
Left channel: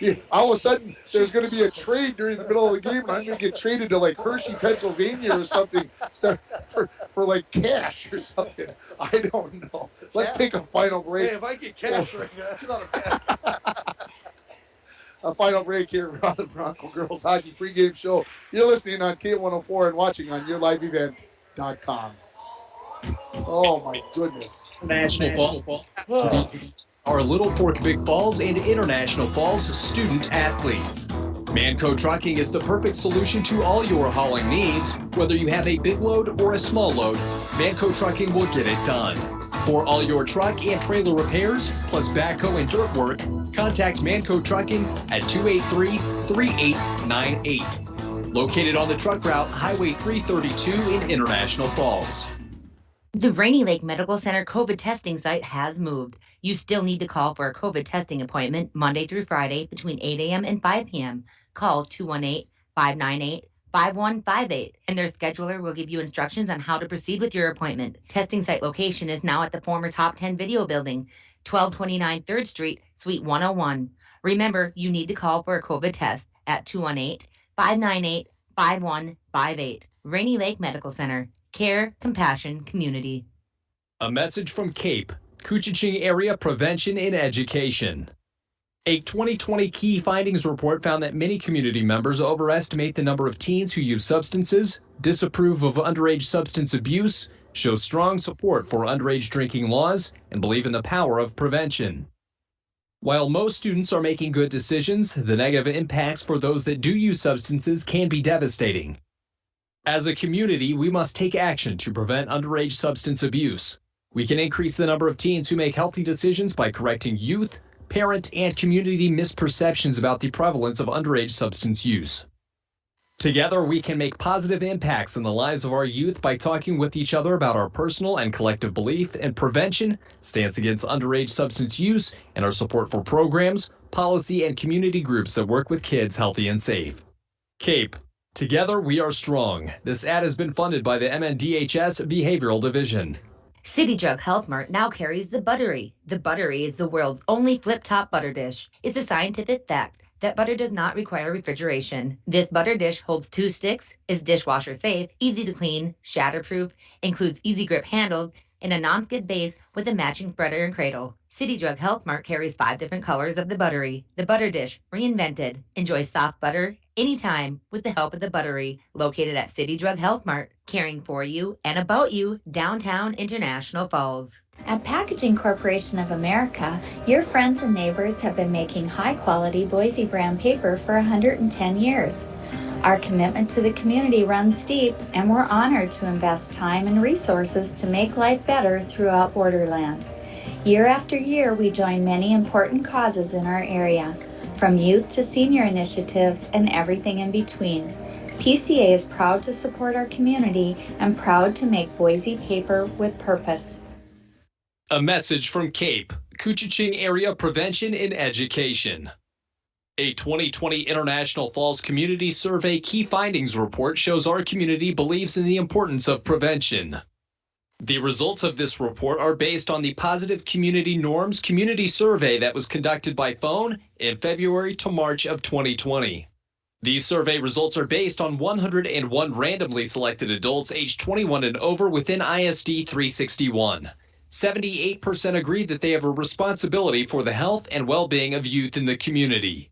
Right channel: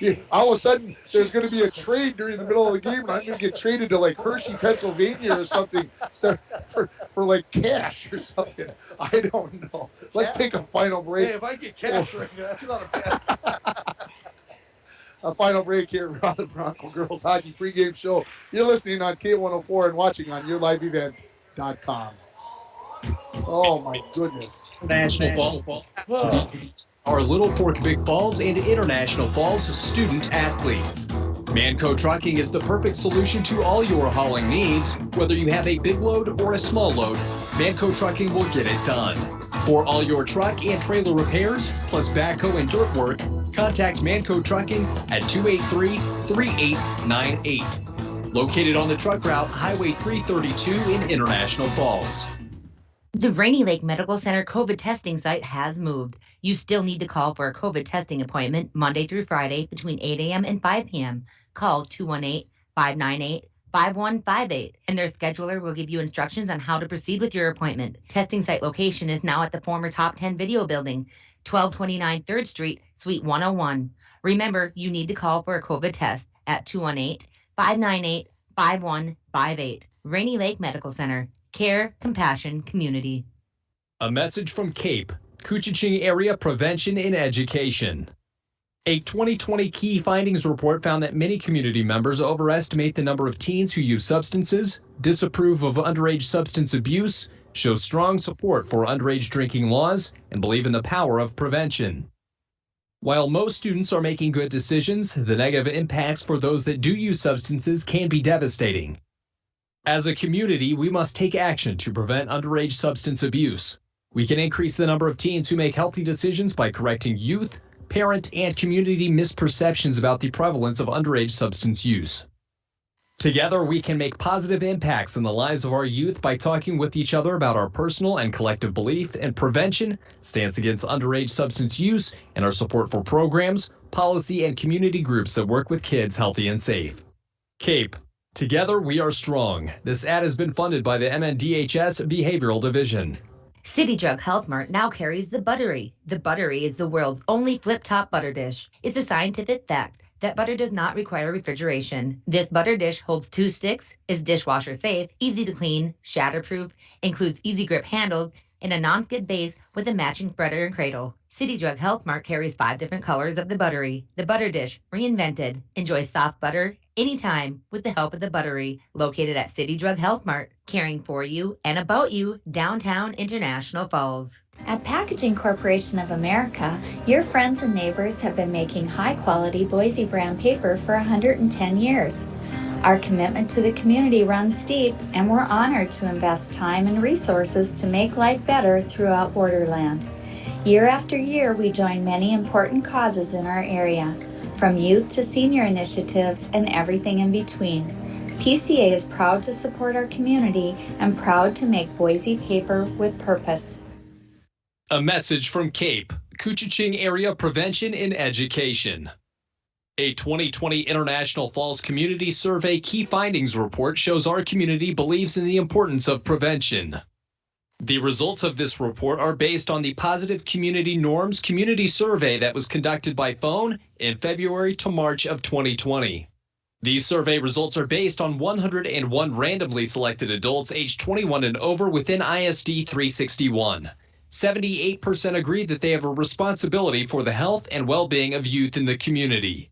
Yeah, all of a sudden, there's going to be a trade during the middle of the game, and I'm going to get traded to, like, Hershey, Pennsylvania or something for like, cash or something. I don't know. Let's take a final break. Hey, if I get cash right now, that's not a bad. A final break here on the Bronco Girls Hockey Pregame Show. You're listening on K104 and watching on YourLiveEvent.com. Oh, my goodness. National Falls. Our Little Fork Big Falls and International Falls student athletes. Manco Trucking is the perfect solution to all your hauling needs. Whether you have a big load or a small load, Manco Trucking will get it done. For all your truck and trailer repairs, plus backhoe and dirt work, contact Manco Trucking at 283-3898. Located on the truck route Highway 332 in International Falls. The Rainy Lake Medical Center COVID testing site has moved. You still need to call for a COVID testing appointment Monday through Friday between 8 a.m. and 5 p.m. Call 218-598-5158, and their scheduler will give you instructions on how to proceed with your appointment. Testing site location is now at the former Top 10 Video Building, 1229 3rd Street, Suite 101. Remember, you need to call for a COVID test at 218-598-5158. Rainy Lake Medical Center. Care, compassion, community. A message from CAPE, Koochiching Area Prevention and Education. A 2020 key findings report found that many community members overestimate the number of teens who use substances, disapprove of underage substance abuse, show strong support for underage drinking laws, and believe in the power of prevention. While most students are making good decisions, the negative impacts for those that do use substances can be devastating. As a community, we must take action to prevent underage substance abuse. We can increase the number of teens who make healthy decisions by correcting youth, parent, and community misperceptions about the prevalence of underage substance use. Together, we can make positive impacts in the lives of our youth by talking with each other about our personal and collective belief in prevention, stance against underage substance use, and our support for programs, policy, and community groups that work with kids healthy and safe. CAPE. Together, we are strong. This ad has been funded by the MNDHS Behavioral Division. City Jug Health Mart now carries the Buttery. The Buttery is the world's only flip-top butter dish. It's a scientific fact that butter does not require refrigeration. This butter dish holds 2 sticks, is dishwasher safe, easy to clean, shatterproof, includes easy grip handle, in a non-skid base with a matching spreader and cradle. City Drug Health Mart carries 5 different colors of the buttery. The Butter Dish, reinvented. Enjoy soft butter anytime with the help of the buttery. Located at City Drug Health Mart, caring for you and about you, downtown International Falls. At Packaging Corporation of America, your friends and neighbors have been making high-quality Boise brand paper for 110 years. Our commitment to the community runs deep, and we're honored to invest time and resources to make life better throughout Borderland. Year after year, we join many important causes in our area, from youth to senior initiatives and everything in between. PCA is proud to support our community and proud to make Boise paper with purpose. A message from CAPE, Koochiching Area Prevention and Education. A 2020 International Falls Community Survey Key Findings Report shows our community believes in the importance of prevention. The results of this report are based on the Positive Community Norms Community Survey that was conducted by phone in February to March of 2020. These survey results are based on 101 randomly selected adults aged 21 and over within ISD 361. 78% agree that they have a responsibility for the health and well-being of youth in the community.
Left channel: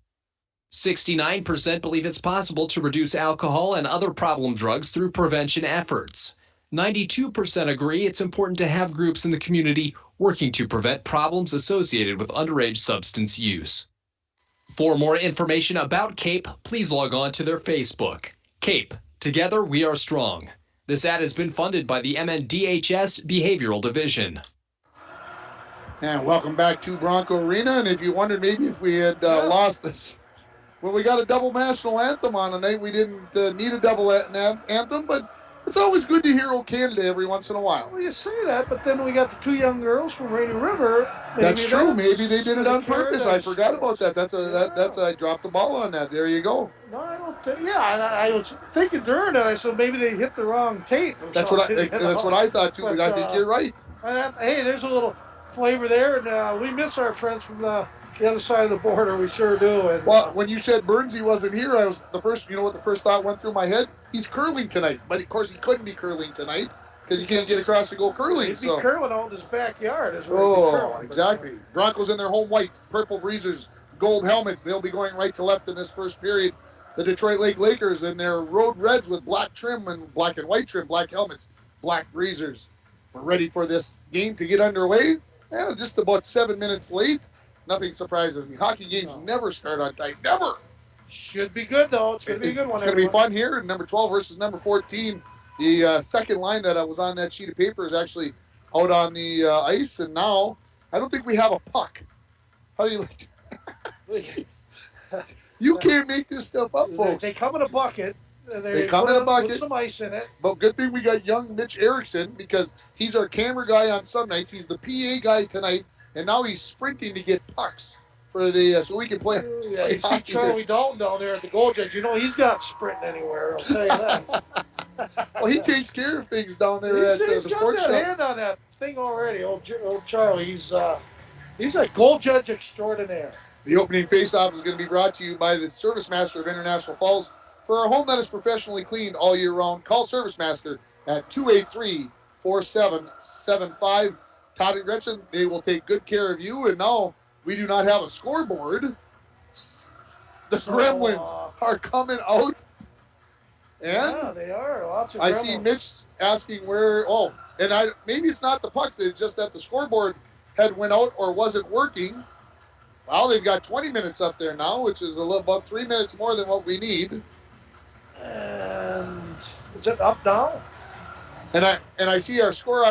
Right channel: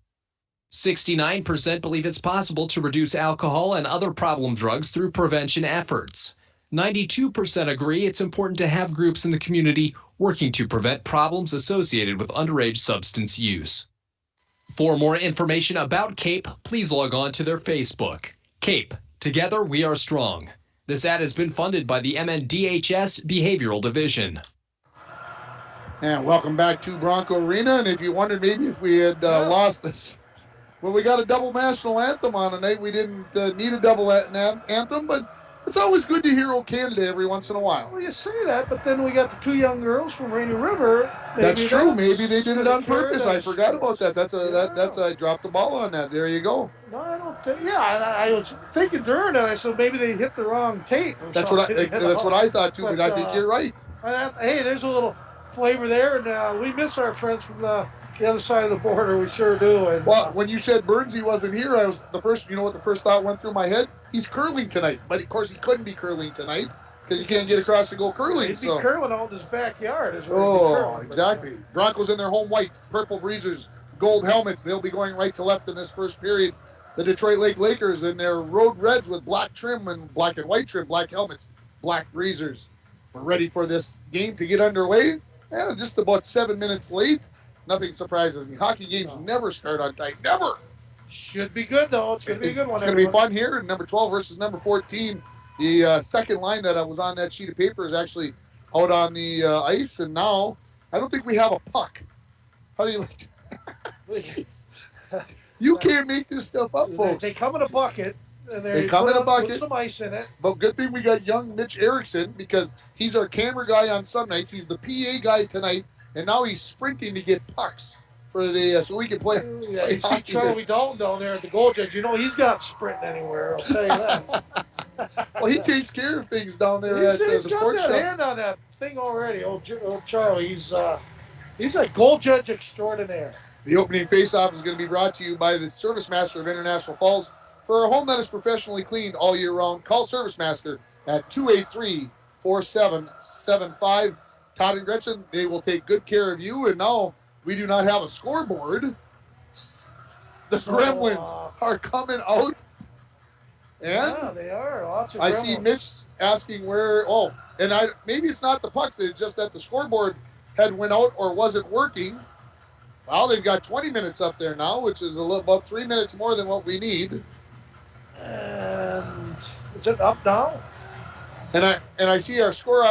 69% believe it's possible to reduce alcohol and other problem drugs through prevention efforts. 92% agree it's important to have groups in the community working to prevent problems associated with underage substance use. For more information about CAPE, please log on to their Facebook. CAPE, Together We Are Strong. This ad has been funded by the MNDHS Behavioral Division. And welcome back to Bronco Arena. And if you wondered maybe if we had lost this, well, we got a double national anthem on tonight. We didn't need a double anthem, but it's always good to hear "O Canada" every once in a while. Well, you say that, but then we got the 2 young girls from Rainy River. That's true. Maybe they did it on purpose. I forgot about that. That's I dropped the ball on that. There you go. No, I don't think. Yeah, and I was thinking during it, I said maybe they hit the wrong tape. That's what I thought too. But I think you're right. Hey, there's a little flavor there, and we miss our friends from the other side of the border. We sure do. And, well, when you said Burnsy wasn't here, you know what the first thought went through my head? He's curling tonight, but of course he couldn't be curling tonight because he can't get across to go curling. He'd be curling out in his backyard. Exactly. Broncos in their home whites, purple breezers, gold helmets. They'll be going right to left in this first period. The Detroit Lake Lakers in their road reds with black trim and black and white trim, black helmets, black breezers. We're ready for this game to get underway. Just about 7 minutes late. Nothing surprises me. Hockey games never start on time. Never. Should be good, though. It's going to be a good one. It's going to be fun here. Number 12 versus number 14. The second line that was on that sheet of paper is actually out on the ice. And now, I don't think we have a puck. How do you like Jeez. You can't make this stuff up, folks. They come in a bucket. They come in a bucket. Put some ice in it. But good thing we got young Mitch Erickson because he's our camera guy on some nights. He's the PA guy tonight. And now he's sprinting to get pucks for the so we can play. Yeah, you see Charlie Dalton down there at the goal judge. You know he's not sprinting anywhere. I'll tell you that. Well, he takes care of things down there at the sports shop. He's got that hand on that thing already. Old Charlie. He's a goal judge extraordinaire. The opening face-off is going to be brought to you by the Service Master of International Falls. For a home that is professionally cleaned all year round, call Service Master at 283-4775. Todd and Gretchen, they will take good care of you. And now we do not have a scoreboard. The Gremlins are coming out. And yeah, they are. Lots of I see Mitch asking where. Oh, and maybe it's not the pucks. It's just that the scoreboard had went out or wasn't working. Well, they've got 20 minutes up there now, which is about 3 minutes more than what we need. And is it up now? And I see our score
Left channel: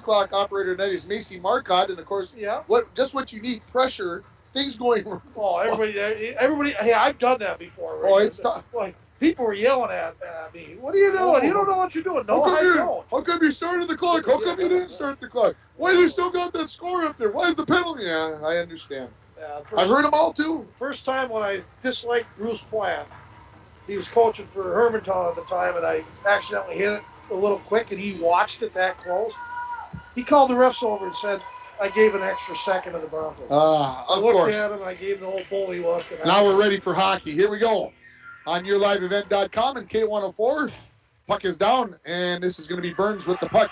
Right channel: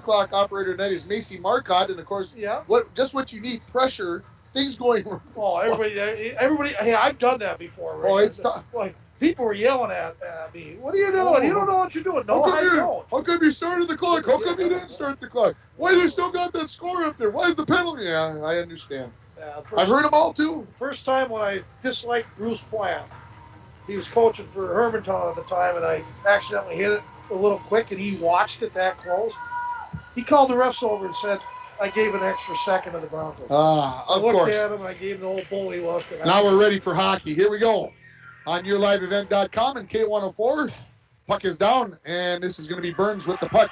clock operator tonight is Macy Marcotte, and of course, what you need, pressure, things going wrong. Oh, everybody. Hey, I've done that before. Right? Oh, it's tough. Like people were yelling at me. What are you doing? You don't know what you're doing. No, I don't. How come you started the clock? How come you didn't start the clock? Why do you still got that score up there? Why is the penalty? Yeah, I understand. I've heard them all too. First time when I disliked Bruce Plant, he was coaching for Hermantown at the time, and I accidentally hit it a little quick, and he watched it that close. He called the refs over and said, I gave an extra second to the Broncos. Of course. I looked at him, and I gave him the old bully look. Now we're ready for hockey. Here we go. On YourLiveEvent.com and K104. Puck is down, and this is going to be Burns with the puck.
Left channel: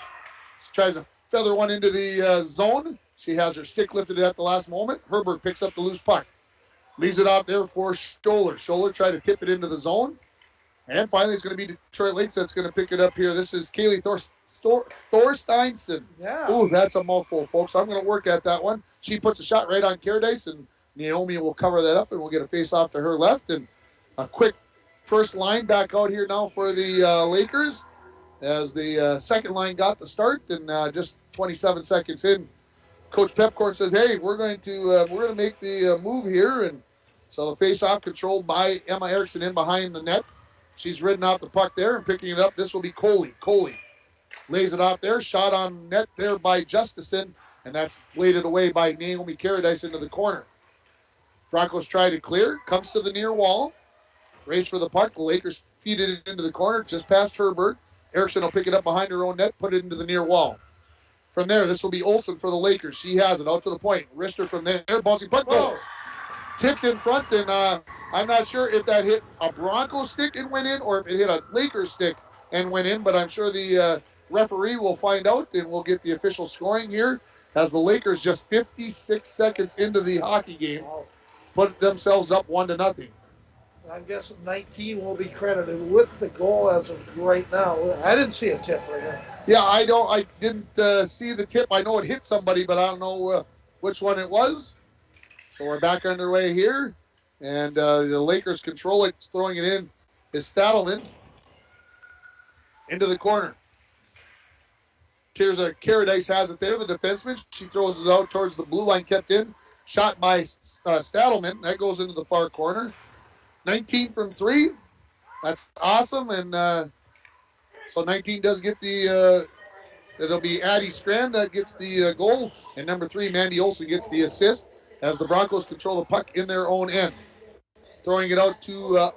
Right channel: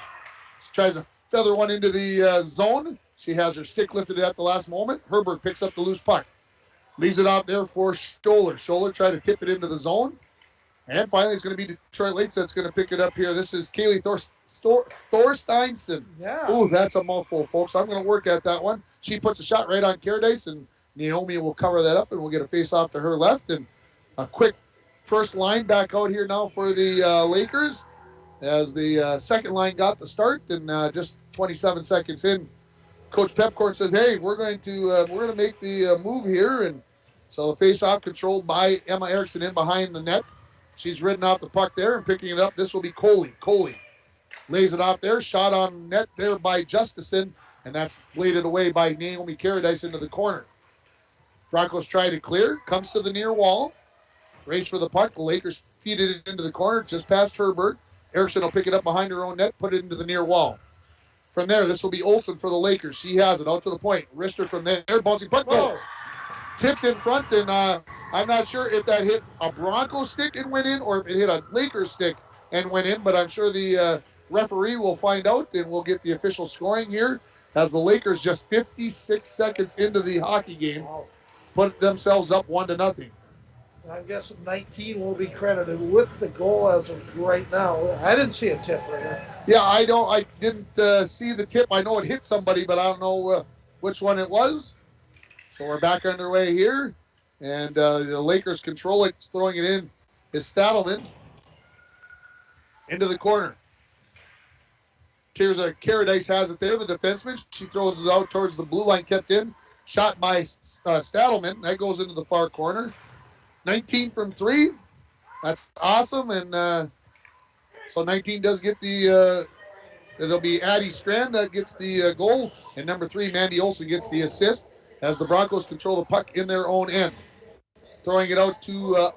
Tries to feather one into the zone. She has her stick lifted at the last moment. Herbert picks up the loose puck. Leaves it out there for Scholler. Scholler tried to tip it into the zone. And finally, it's going to be Detroit Lakes that's going to pick it up here. This is Kaylee Thorsteinson. Yeah. Ooh, that's a mouthful, folks. I'm going to work at that one. She puts a shot right on Caradice, and Naomi will cover that up, and we'll get a face-off to her left. And a quick first line back out here now for the Lakers as the second line got the start, and just 27 seconds in, Coach Pepcorn says, "Hey, we're going to make the move here." And so the face-off controlled by Emma Erickson in behind the net. She's ridden out the puck there and picking it up. This will be Coley. Coley lays it out there. Shot on net there by Justison, and that's bladed away by Naomi Caradice into the corner. Broncos try to clear. Comes to the near wall. Race for the puck. The Lakers feed it into the corner just past Herbert. Erickson will pick it up behind her own net, put it into the near wall. From there, this will be Olsen for the Lakers. She has it out to the point. Wrister from there. Bouncing puck. Goal. Tipped in front, and I'm not sure if that hit a Bronco stick and went in or if it hit a Lakers stick and went in, but I'm sure the referee will find out, and we'll get the official scoring here as the Lakers, just 56 seconds into the hockey game, put themselves up 1-0. I'm guessing 19 will be credited with the goal as of right now. I didn't see a tip right now. Yeah, I didn't see the tip. I know it hit somebody, but I don't know which one it was. So we're back underway here, and the Lakers control it. Throwing it in is Stadelman into the corner. Here's Caradice has it there, the defenseman. She throws it out towards the blue line, kept in. Shot by Stadelman. That goes into the far corner. 19 from 3. That's awesome. And so 19 does get it'll be Addie Strand that gets the goal. And number 3, Mandy Olsen, gets the assist as the Broncos control the puck in their own end. Throwing it out to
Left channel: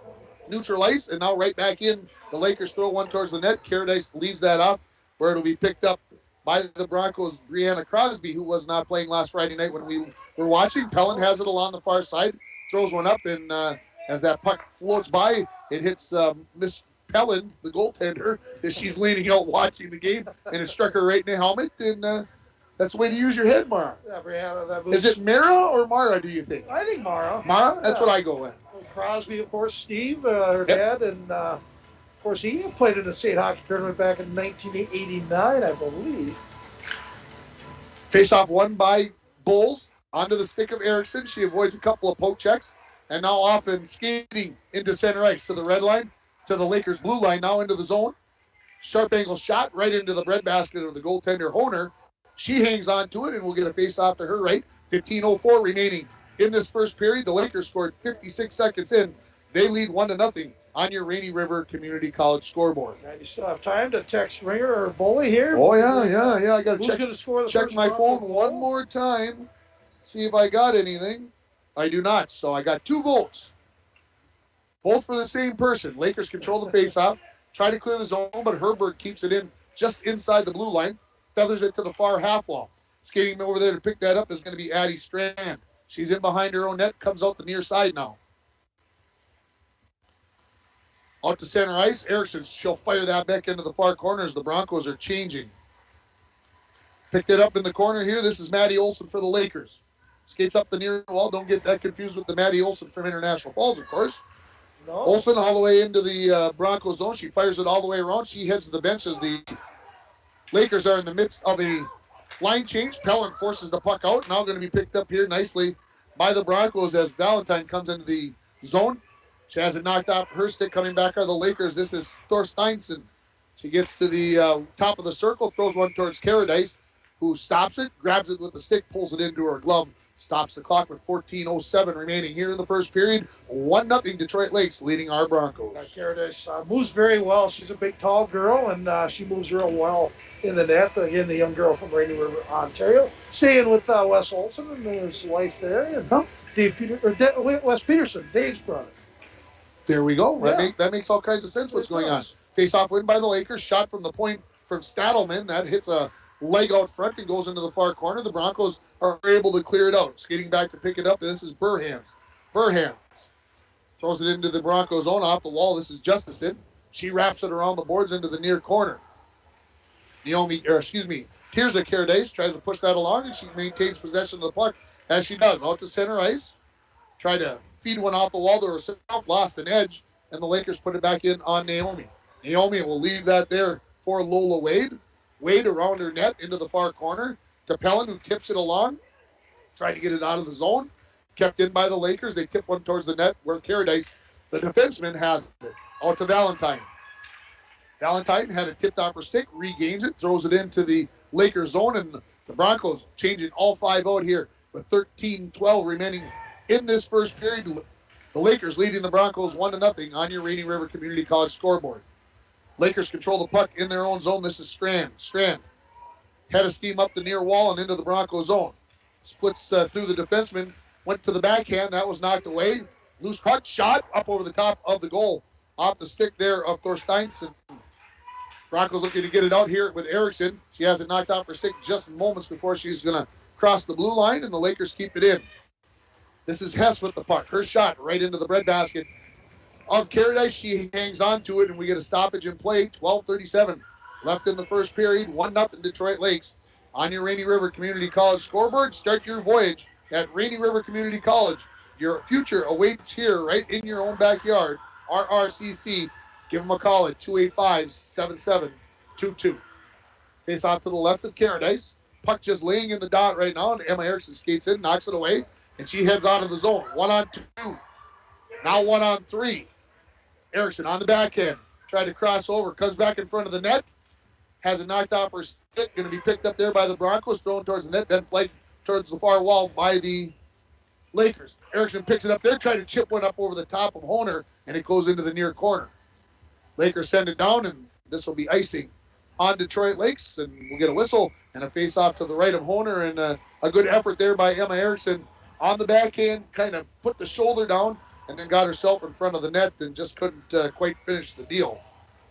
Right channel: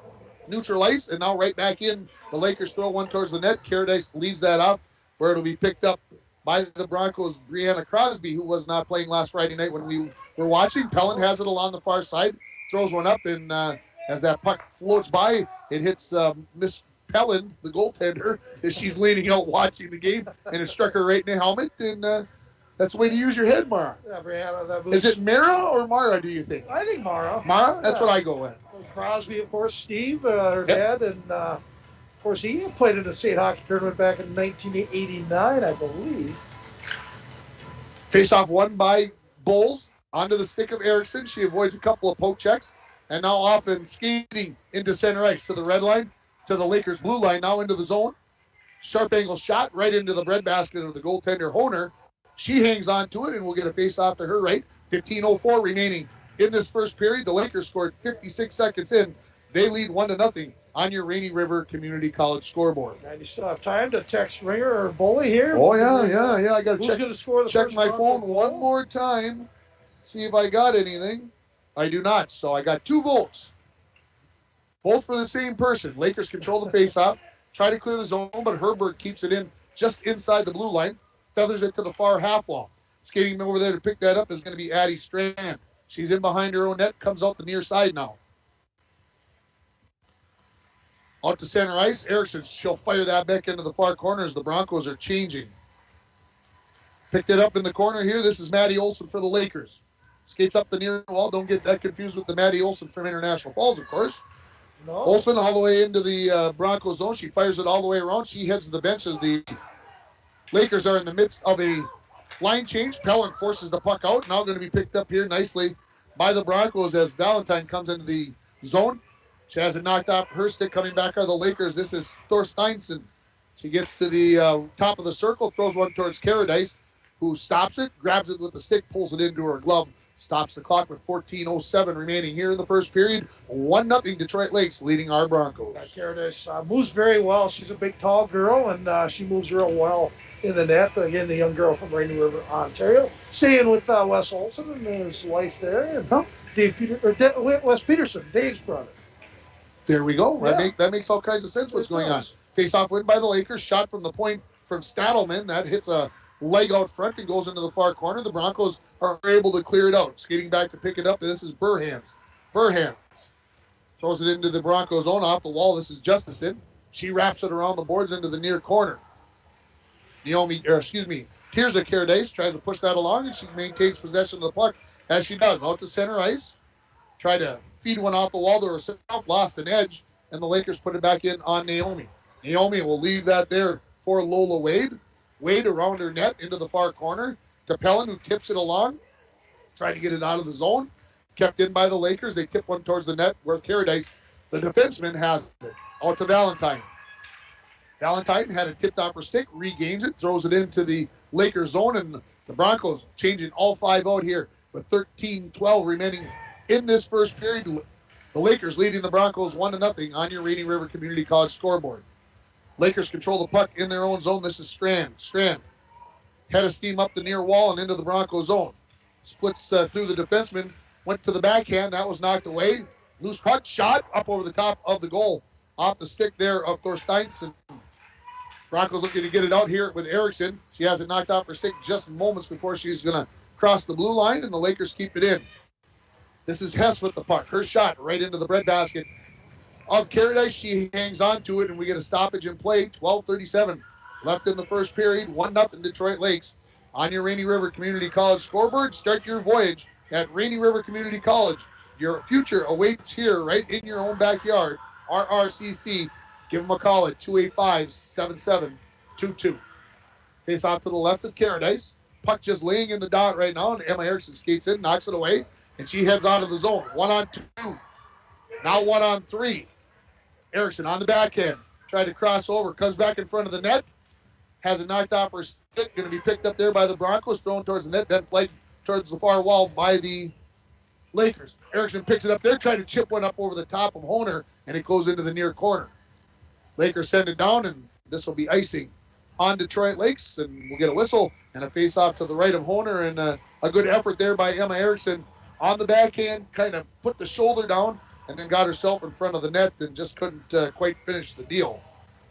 neutral ice, and now right back in. The Lakers throw one towards the net. Caradice leaves that up, where it'll be picked up by the Broncos' Brianna Crosby, who was not playing last Friday night when we were watching. Pellin has it along the far side, throws one up, and as that puck floats by, it hits Miss Pellin, the goaltender, as she's leaning out watching the game, and it struck her right in the helmet. And that's the way to use your head, Mara. Yeah, Brianna, that was... Is it Mara or Mara, do you think? I think Mara. Mara? That's what I go with. Crosby, of course, Steve, her dad, and of course he played in the state hockey tournament back in 1989, I believe. Face-off won by Bulls onto the stick of Erickson. She avoids a couple of poke checks, and now off and skating into center ice to the red line, to the Lakers blue line, now into the zone. Sharp angle shot right into the breadbasket of the goaltender, Honer. She hangs on to it, and we'll get a face-off to her right. 15:04 remaining in this first period. The Lakers scored 56 seconds in. They lead 1-0 on your Rainy River Community College scoreboard. And you still have time to text Ringer or Bully here. Oh, yeah. I got to check my phone one more time, see if I got anything. I do not. So I got 2 votes, both for the same person. Lakers control the face-off, try to clear the zone, but Herbert keeps it in just inside the blue line, feathers it to the far half wall. Skating over there to pick that up is going to be Addie Strand. She's in behind her own net, comes out the near side now. Out to center ice. Erickson, she'll fire that back into the far corner as the Broncos are changing. Picked it up in the corner here. This is Maddie Olsen for the Lakers. Skates up the near wall. Don't get that confused with the Maddie Olsen from International Falls, of course. No. Olsen all the way into the Broncos zone. She fires it all the way around. She heads to the bench as the Lakers are in the midst of a line change. Pellin forces the puck out. Now going to be picked up here nicely by the Broncos as Valentine comes into the zone. She has it knocked off her stick. Coming back are the Lakers. This is Thorsteinson. She gets to the top of the circle, throws one towards Caradice, who stops it, grabs it with the stick, pulls it into her glove, stops the clock with 14:07 remaining here in the first period. 1-0 Detroit Lakes leading our Broncos. Caradice moves very well. She's a big, tall girl, and she moves real well in the net. Again, the young girl from Rainy River, Ontario. Staying with Wes Olsen and his wife there. And Wes Peterson, Dave's brother. There we go. Yeah. That makes all kinds of sense what's going on. Face-off win by the Lakers. Shot from the point from Stadelman. That hits a leg out front and goes into the far corner. The Broncos are able to clear it out. Skating back to pick it up. This is Burhans. Throws it into the Broncos zone off the wall. This is Justison. She wraps it around the boards into the near corner. Tirza Caradice tries to push that along, and she maintains possession of the puck as she does. Out to center ice. Tried to feed one off the wall to herself, lost an edge, and the Lakers put it back in on Naomi. Naomi will leave that there for Lola Wade. Wade around her net into the far corner. To Pellin, who tips it along. Tried to get it out of the zone. Kept in by the Lakers. They tip one towards the net where Caradice, the defenseman, has it. Out to Valentine. Valentine had it tipped off her stick, regains it, throws it into the Lakers zone, and the Broncos changing all 5 out here with 13-12 remaining in this first period. The Lakers leading the Broncos 1-0 on your Rainy River Community College scoreboard. Lakers control the puck in their own zone. This is Strand. Strand head of steam up the near wall and into the Bronco zone. Splits through the defenseman, went to the backhand. That was knocked away. Loose puck shot up over the top of the goal. Off the stick there of Thorsteinson. Broncos looking to get it out here with Erickson. She has it knocked off her stick just moments before she's going to cross the blue line, and the Lakers keep it in. This is Hess with the puck. Her shot right into the breadbasket of Caradice. She hangs on to it, and we get a stoppage in play. 12:37 left in the first period. 1-0 Detroit Lakes on your Rainy River Community College scoreboard. Start your voyage at Rainy River Community College. Your future awaits here right in your own backyard. RRCC. Give them a call at 285-7722. Face off to the left of Caradice. Puck just laying in the dot right now, and Emma Erickson skates in, knocks it away, and she heads out of the zone. 1-on-2. Now 1-on-3. Erickson on the backhand. Tried to cross over. Comes back in front of the net. Has it knocked off her stick. Going to be picked up there by the Broncos. Thrown towards the net. Then played towards the far wall by the Lakers. Erickson picks it up there. Trying to chip one up over the top of Honer. And it goes into the near corner. Lakers send it down. And this will be icing on Detroit Lakes. And we'll get a whistle. And a face-off to the right of Honer. And a good effort there by Emma Erickson. On the backhand. Kind of put the shoulder down. And then got herself in front of the net and just couldn't quite finish the deal.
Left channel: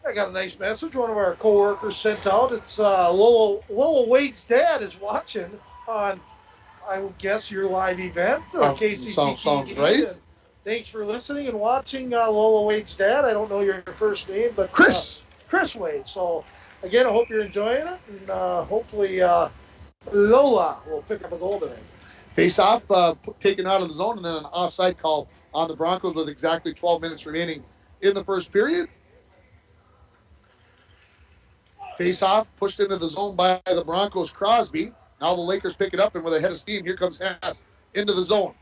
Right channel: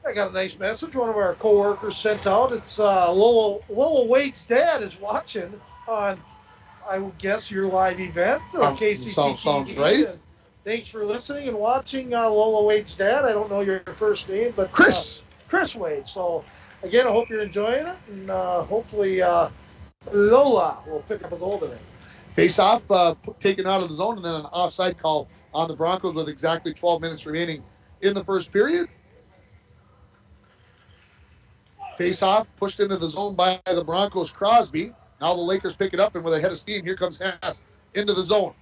I got a nice message. One of our coworkers sent out. It's Lola Wade's dad is watching on, I will guess, your live event on KCC. Sounds right. And thanks for listening and watching, Lola Wade's dad. I don't know your first name, but Chris Wade. So again, I hope you're enjoying it, and hopefully Lola will pick up a goal today. Face-off taken out of the zone, and then an offside call on the Broncos with exactly 12 minutes remaining in the first period. Face-off pushed into the zone by the Broncos' Crosby. Now the Lakers pick it up, and with a head of steam, here comes Hess into the zone.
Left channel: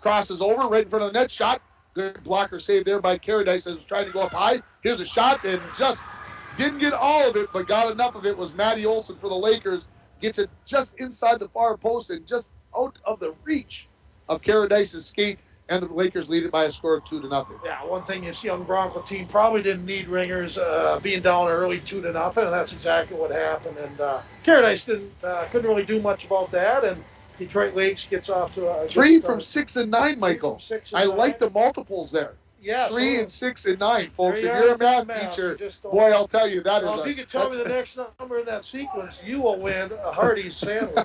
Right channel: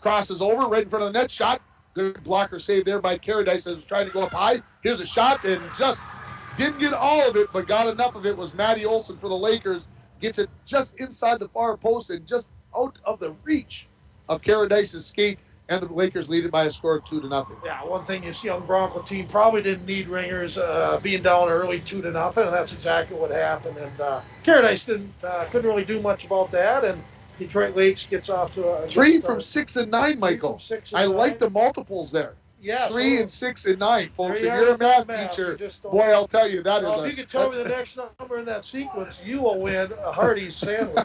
Crosses over, right in front of the net. Shot. Good blocker save there by Caradice as was trying to go up high. Here's a shot, and just didn't get all of it, but got enough of it. Was Maddie Olson for the Lakers. Gets it just inside the far post and just out of the reach of Caradice's skate, and the Lakers lead it by a score of 2-0. Yeah, one thing this young Bronco team probably didn't need ringers being down early 2-0, and that's exactly what happened. And Caradice couldn't really do much about that, and Detroit Lakes gets off to a 3 from 6 and 9, Michael. I like the multiples there. Yeah, 3 and 6 and 9, folks. If you're a math teacher, boy, I'll tell you that if you could tell me the next number in that sequence, you will win a Hardee's sandwich.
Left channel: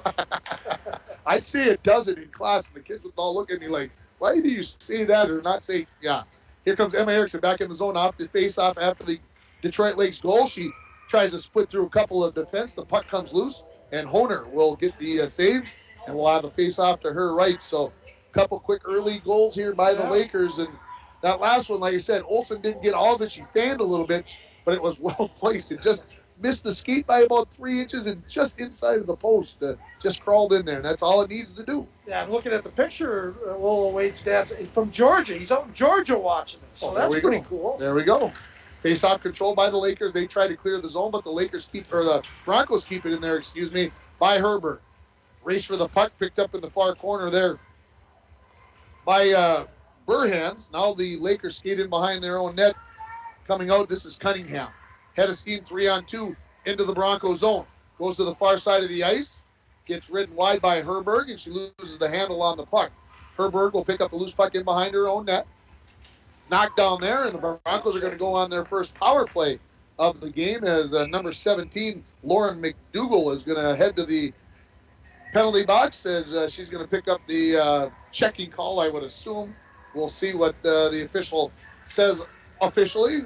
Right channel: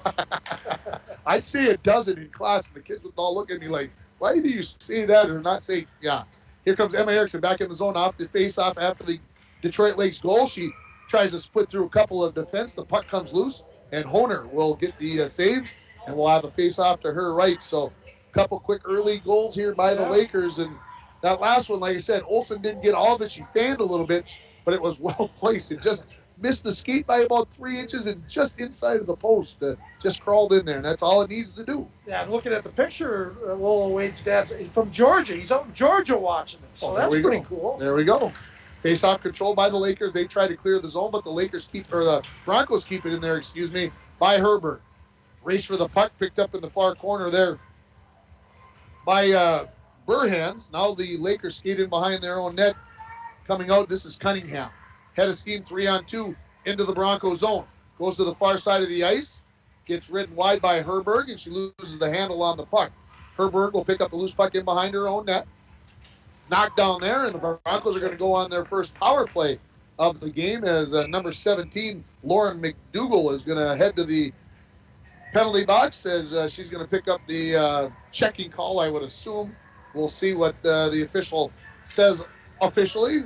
I'd say a dozen in class, and the kids would all look at me like, why do you say that or not say, yeah. Here comes Emma Erickson back in the zone off the face-off after the Detroit Lakes goal. She tries to split through a couple of defense. The puck comes loose, and Honer will get the save, and we'll have a face-off to her right. So a couple quick early goals here by the Lakers, and that last one, like I said, Olsen didn't get all of it. She fanned a little bit, but it was well placed. It just missed the skate by about 3 inches and just inside of the post. Just crawled in there, and that's all it needs to do. Yeah, I'm looking at the picture. Lola Wade's dad's from Georgia. He's out in Georgia watching it, so that's pretty cool. There we go. Face-off controlled by the Lakers. They try to clear the zone, but the Broncos keep it in there, by Herbert. Race for the puck, picked up in the far corner there by Burhans. Now the Lakers skate in behind their own net. Coming out, this is Cunningham. Head of steam, 3-on-2 into the Bronco zone. Goes to the far side of the ice. Gets ridden wide by Herberg, and she loses the handle on the puck. Herberg will pick up the loose puck in behind her own net. Knocked down there, and the Broncos are going to go on their first power play of the game as number 17, Lauren McDougall, is going to head to the penalty box as she's going to pick up the checking call, I would assume. We'll see what the official says officially.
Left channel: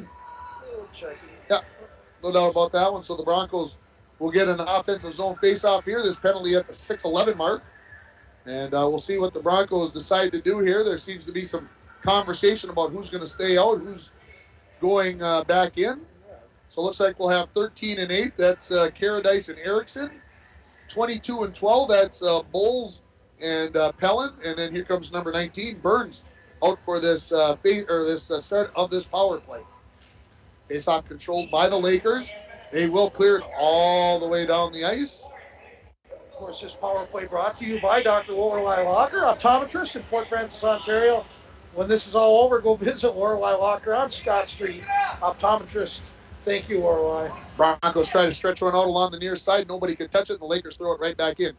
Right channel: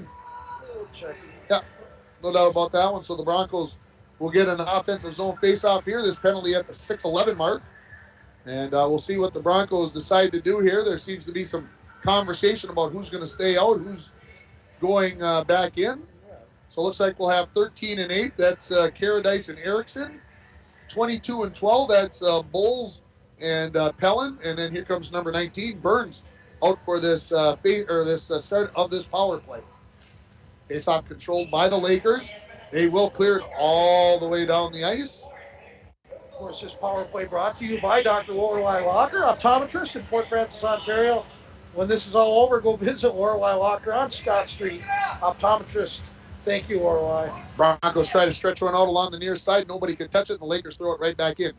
Yeah, no doubt about that one. So the Broncos will get an offensive zone faceoff here. This penalty at the 6:11 mark. And we'll see what the Broncos decide to do here. There seems to be some conversation about who's going to stay out, who's going back in. So it looks like we'll have 13 and 8. That's Caradice and Erickson. 22 and 12. That's Bowles and Pellin. And then here comes number 19, Burns, out for this start of this power play. Face-off controlled by the Lakers. They will clear it all the way down the ice. Of course, this power play brought to you by Dr. Lorelei Locker, optometrist in Fort Francis, Ontario. When this is all over, go visit Lorelei Locker on Scott Street. Optometrist. Thank you, Lorelei. Broncos try to stretch one out along the near side. Nobody can touch it, and the Lakers throw it right back in.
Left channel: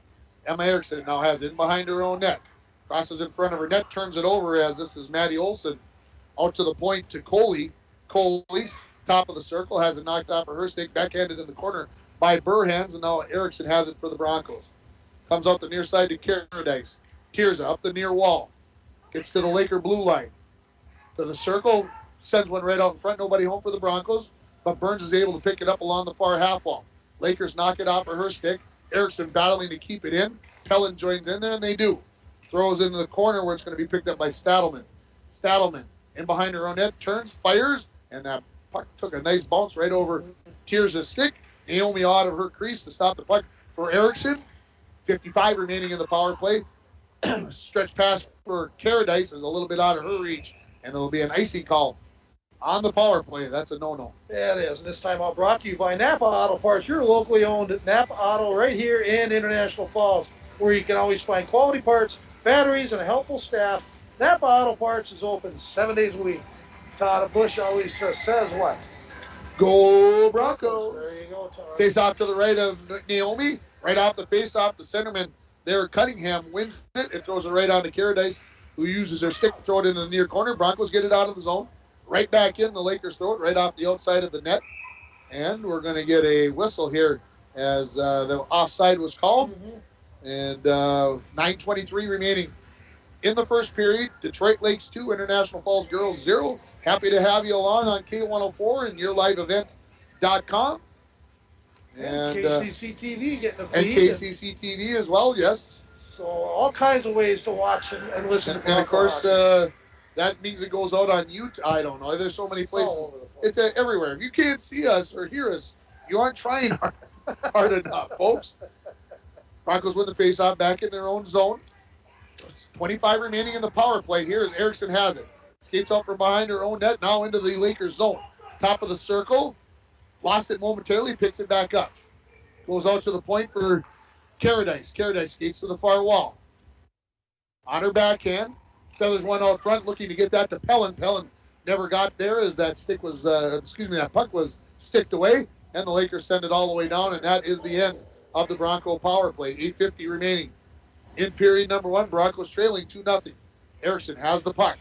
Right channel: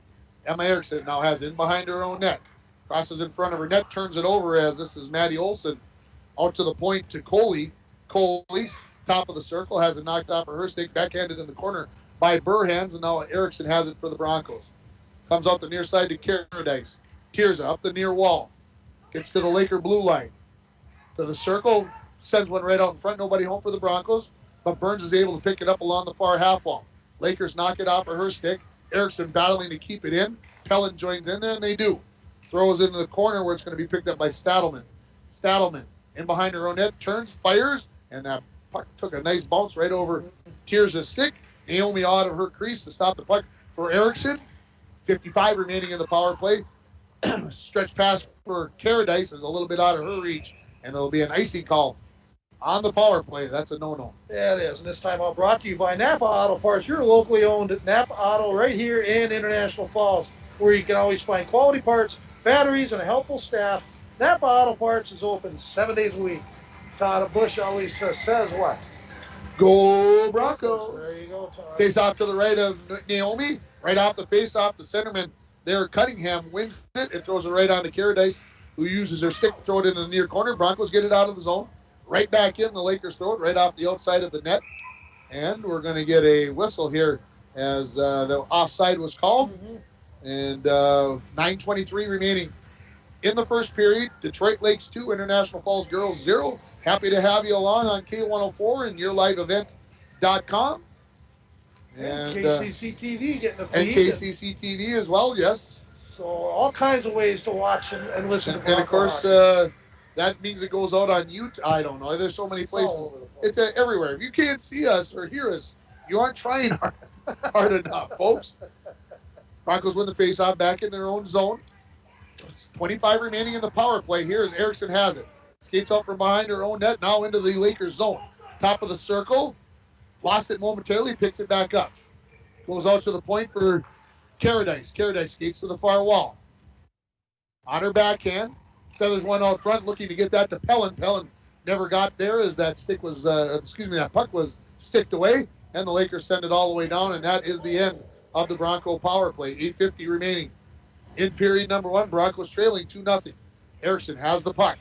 Emma Erickson now has it in behind her own net. Crosses in front of her net, turns it over as this is Maddie Olson. Out to the point to Coley. Coley's top of the circle, has it knocked off of her stick, backhanded in the corner by Burhans, and now Erickson has it for the Broncos. Comes out the near side to Caradice. Tirza up the near wall. Gets to the Laker blue line. To the circle, sends one right out in front. Nobody home for the Broncos, but Burns is able to pick it up along the far half wall. Lakers knock it off of her stick. Erickson battling to keep it in. Pellin joins in there, and they do. Throws into the corner where it's going to be picked up by Stadelman. Stadelman in behind her own net, turns, fires, and that puck took a nice bounce right over Tirza's stick. Naomi out of her crease to stop the puck for Erickson. 55 remaining in the power play. Stretch pass for Caradice is a little bit out of her reach, and it'll be an icy call on the power play. That's a no-no. Yeah, it is. And this time out brought to you by Napa Auto Parts, your locally owned Napa Auto right here in International Falls, where you can always find quality parts, batteries, and a helpful staff. Napa Auto Parts is open 7 days a week. Todd Bush always says what? Go Broncos. There you go, Todd. Face off to the right of Naomi. Right off the face-off, the centerman there, Cunningham, wins it and throws it right on to Caradice, who uses her stick to throw it into the near corner. Broncos get it out of the zone. Right back in. The Lakers throw it right off the outside of the net. And we're going to get a whistle here as the offside was called. And 9:23 remaining in the first period. Detroit Lakes 2, International Falls Girls 0. Happy to have you along on K104 and YourLiveEvent.com. And KCC TV getting a feed. And KCC TV as well, yes. So all kinds of ways to watch and listen to. And of course, that means it goes out on YouTube. I don't know. There's so many places. It's everywhere. If you can't see us or hear us, you aren't trying hard enough, folks. Broncos win the faceoff back in their own zone. 25 remaining in the power play. Here's Erickson has it. Skates out from behind her own net, now into the Lakers zone. Top of the circle. Lost it momentarily, picks it back up. Goes out to the point for Caradice. Caradice skates to the far wall. On her backhand. Feathers one out front, looking to get that to Pellin. Pellin never got there as that stick was, that puck was sticked away. And the Lakers send it all the way down, and that is the end of the Bronco power play. 8:50 remaining in period number one. Broncos trailing 2-0. Erickson has the puck.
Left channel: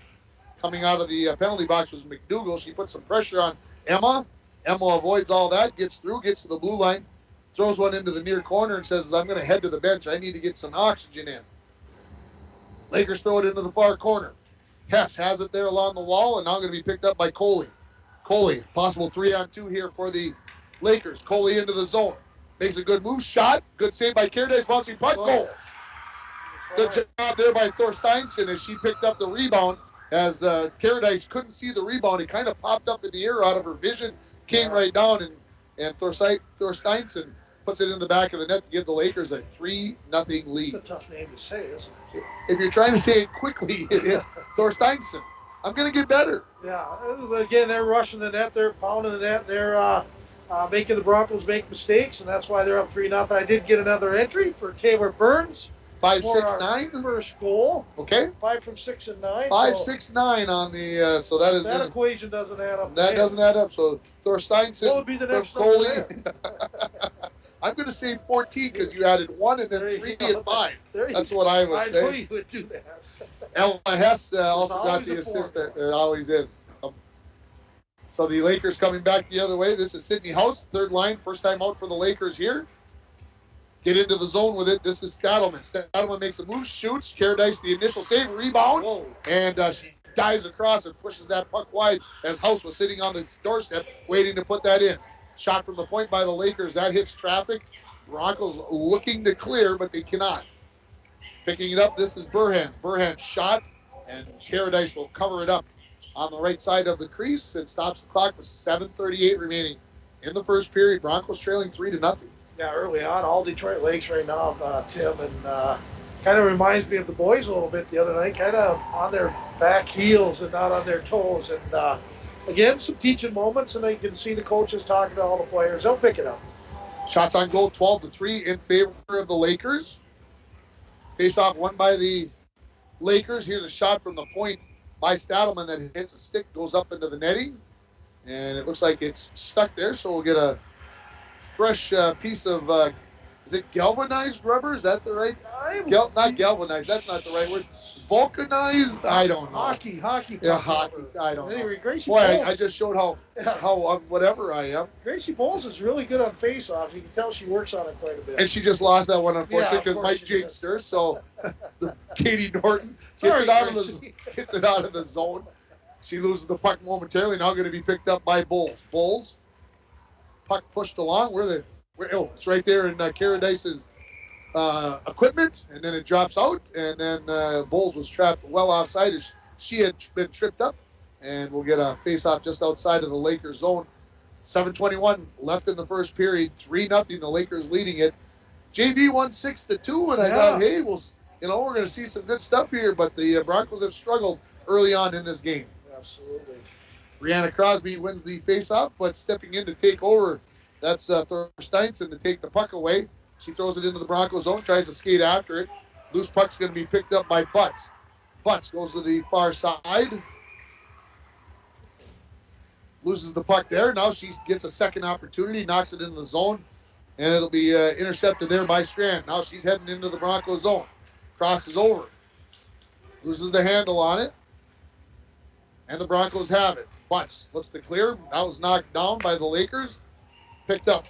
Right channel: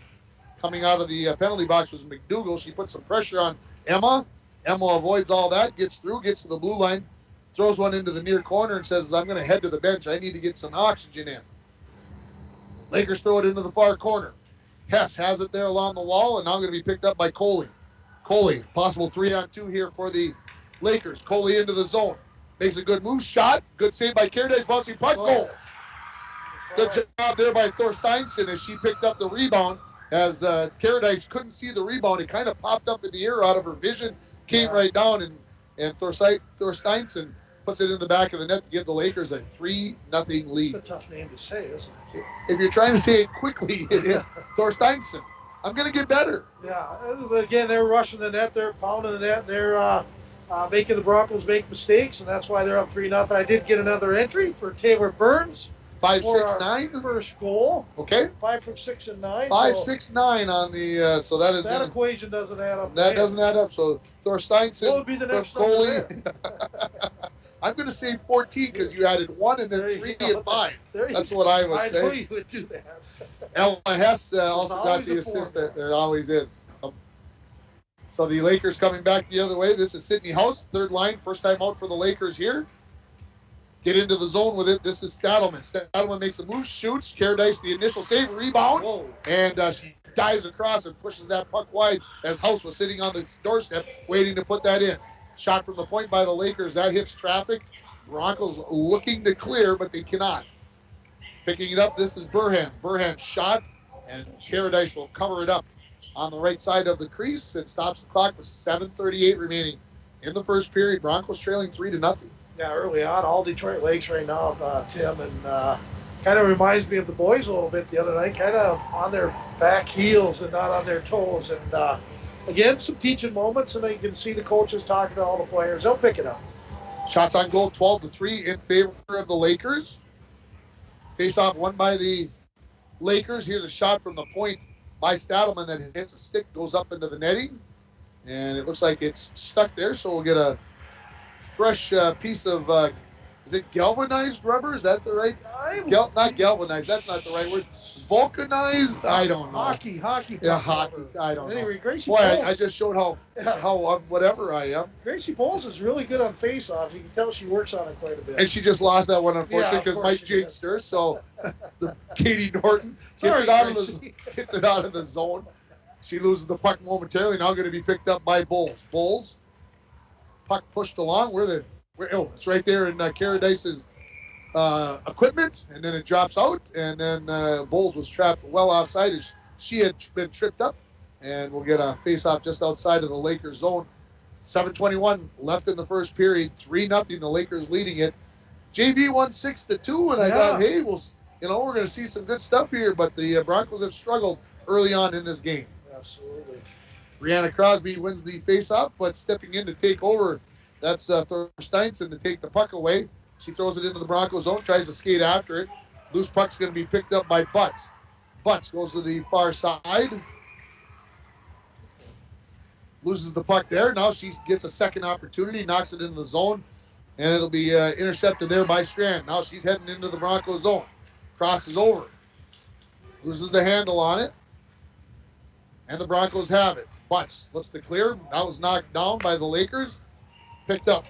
Coming out of the penalty box was McDougall. She puts some pressure on Emma. Emma avoids all that, gets through, gets to the blue line, throws one into the near corner and says, I'm going to head to the bench. I need to get some oxygen in. Lakers throw it into the far corner. Hess has it there along the wall, and now going to be picked up by Coley. Coley, possible 3-on-2 here for the Lakers. Coley into the zone. Makes a good move. Shot. Good save by Caradice. Bouncing puck. Goal. Good job there by Thor Steinson as she picked up the rebound. As Caradice couldn't see the rebound, it kind of popped up in the air out of her vision. Came right down, and Thor Steinson puts it in the back of the net to give the Lakers a 3-0 lead. It's a tough name to say, isn't it? If you're trying to say it quickly, Thor Steinson. I'm going to get better. Yeah. Again, they're rushing the net. They're pounding the net. They're making the Broncos make mistakes, and that's why they're up 3-0. I did get another entry for Taylor Burns. 5-6-9. First goal. Okay. 5 from 6 and 9. 5-6-9 on the. So that is. That equation doesn't add up. That doesn't add up. So Thor Steinson. What would be the next Coley. I'm going to say 14 because you added 1 and then 3 and 5. That's what I would say. I knew you would do that. Ella Hess also got the assist. There always is. So the Lakers coming back the other way. This is Sydney House, third line, first time out for the Lakers here. Get into the zone with it. This is Stadelman. Stadelman makes a move, shoots. Caradice the initial save, rebound, and she dives across and pushes that puck wide as House was sitting on the doorstep waiting to put that in. Shot from the point by the Lakers. That hits traffic. Broncos looking to clear, but they cannot. Picking it up, this is Burhans. Burhans shot, and Caradice will cover it up on the right side of the crease and stops the clock with 7:38 remaining in the first period. Broncos trailing 3-0. Yeah, early on, all Detroit Lakes right now, Tim, and kind of reminds me of the boys a little bit the other night, kind of on their back heels and not on their toes. And again, some teaching moments, and then you can see the coaches talking to all the players. They'll pick it up. Shots on goal, 12-3 in favor of the Lakers. Face-off won by the Lakers. Here's a shot from the point by Stadelman that hits a stick, goes up into the netting, and it looks like it's stuck there, so we'll get a fresh piece of, is it galvanized rubber? Is that the right? Not galvanized, that's not the right word. Vulcanized? I don't know. Hockey. Yeah, hockey. I don't know. Anyway, Gracie Boy, Bowles. I just showed how whatever I am. Gracie Bowles is really good on face-offs. You can tell she works on it quite a bit. And she just lost that one, unfortunately, Yeah, because of course Mike she jinxed her. So Katie Norton Sorry, gets it out of the zone. She loses the puck momentarily. Now going to be picked up by Bowles. Bowles, puck pushed along. It's right there in Caradice's equipment, and then it drops out, and then Bowles was trapped well offside as she had been tripped up, and we'll get a face-off just outside of the Lakers zone. 7:21 left in the first period, 3-0, the Lakers leading it. JV won 6-2, and I thought, hey, we're going to see some good stuff here, but the Broncos have struggled early on in this game. Absolutely. Brianna Crosby wins the face-off, but stepping in to take over, that's Thorsteinson to take the puck away. She throws it into the Broncos zone, tries to skate after it. Loose puck's going to be picked up by Butts. Butts goes to the far side. Loses the puck there. Now she gets a second opportunity, knocks it into the zone, and it'll be intercepted there by Strand. Now she's heading into the Broncos zone. Crosses over. Loses the handle on it. And the Broncos have it. Butts looks to clear. That was knocked down by the Lakers. Picked up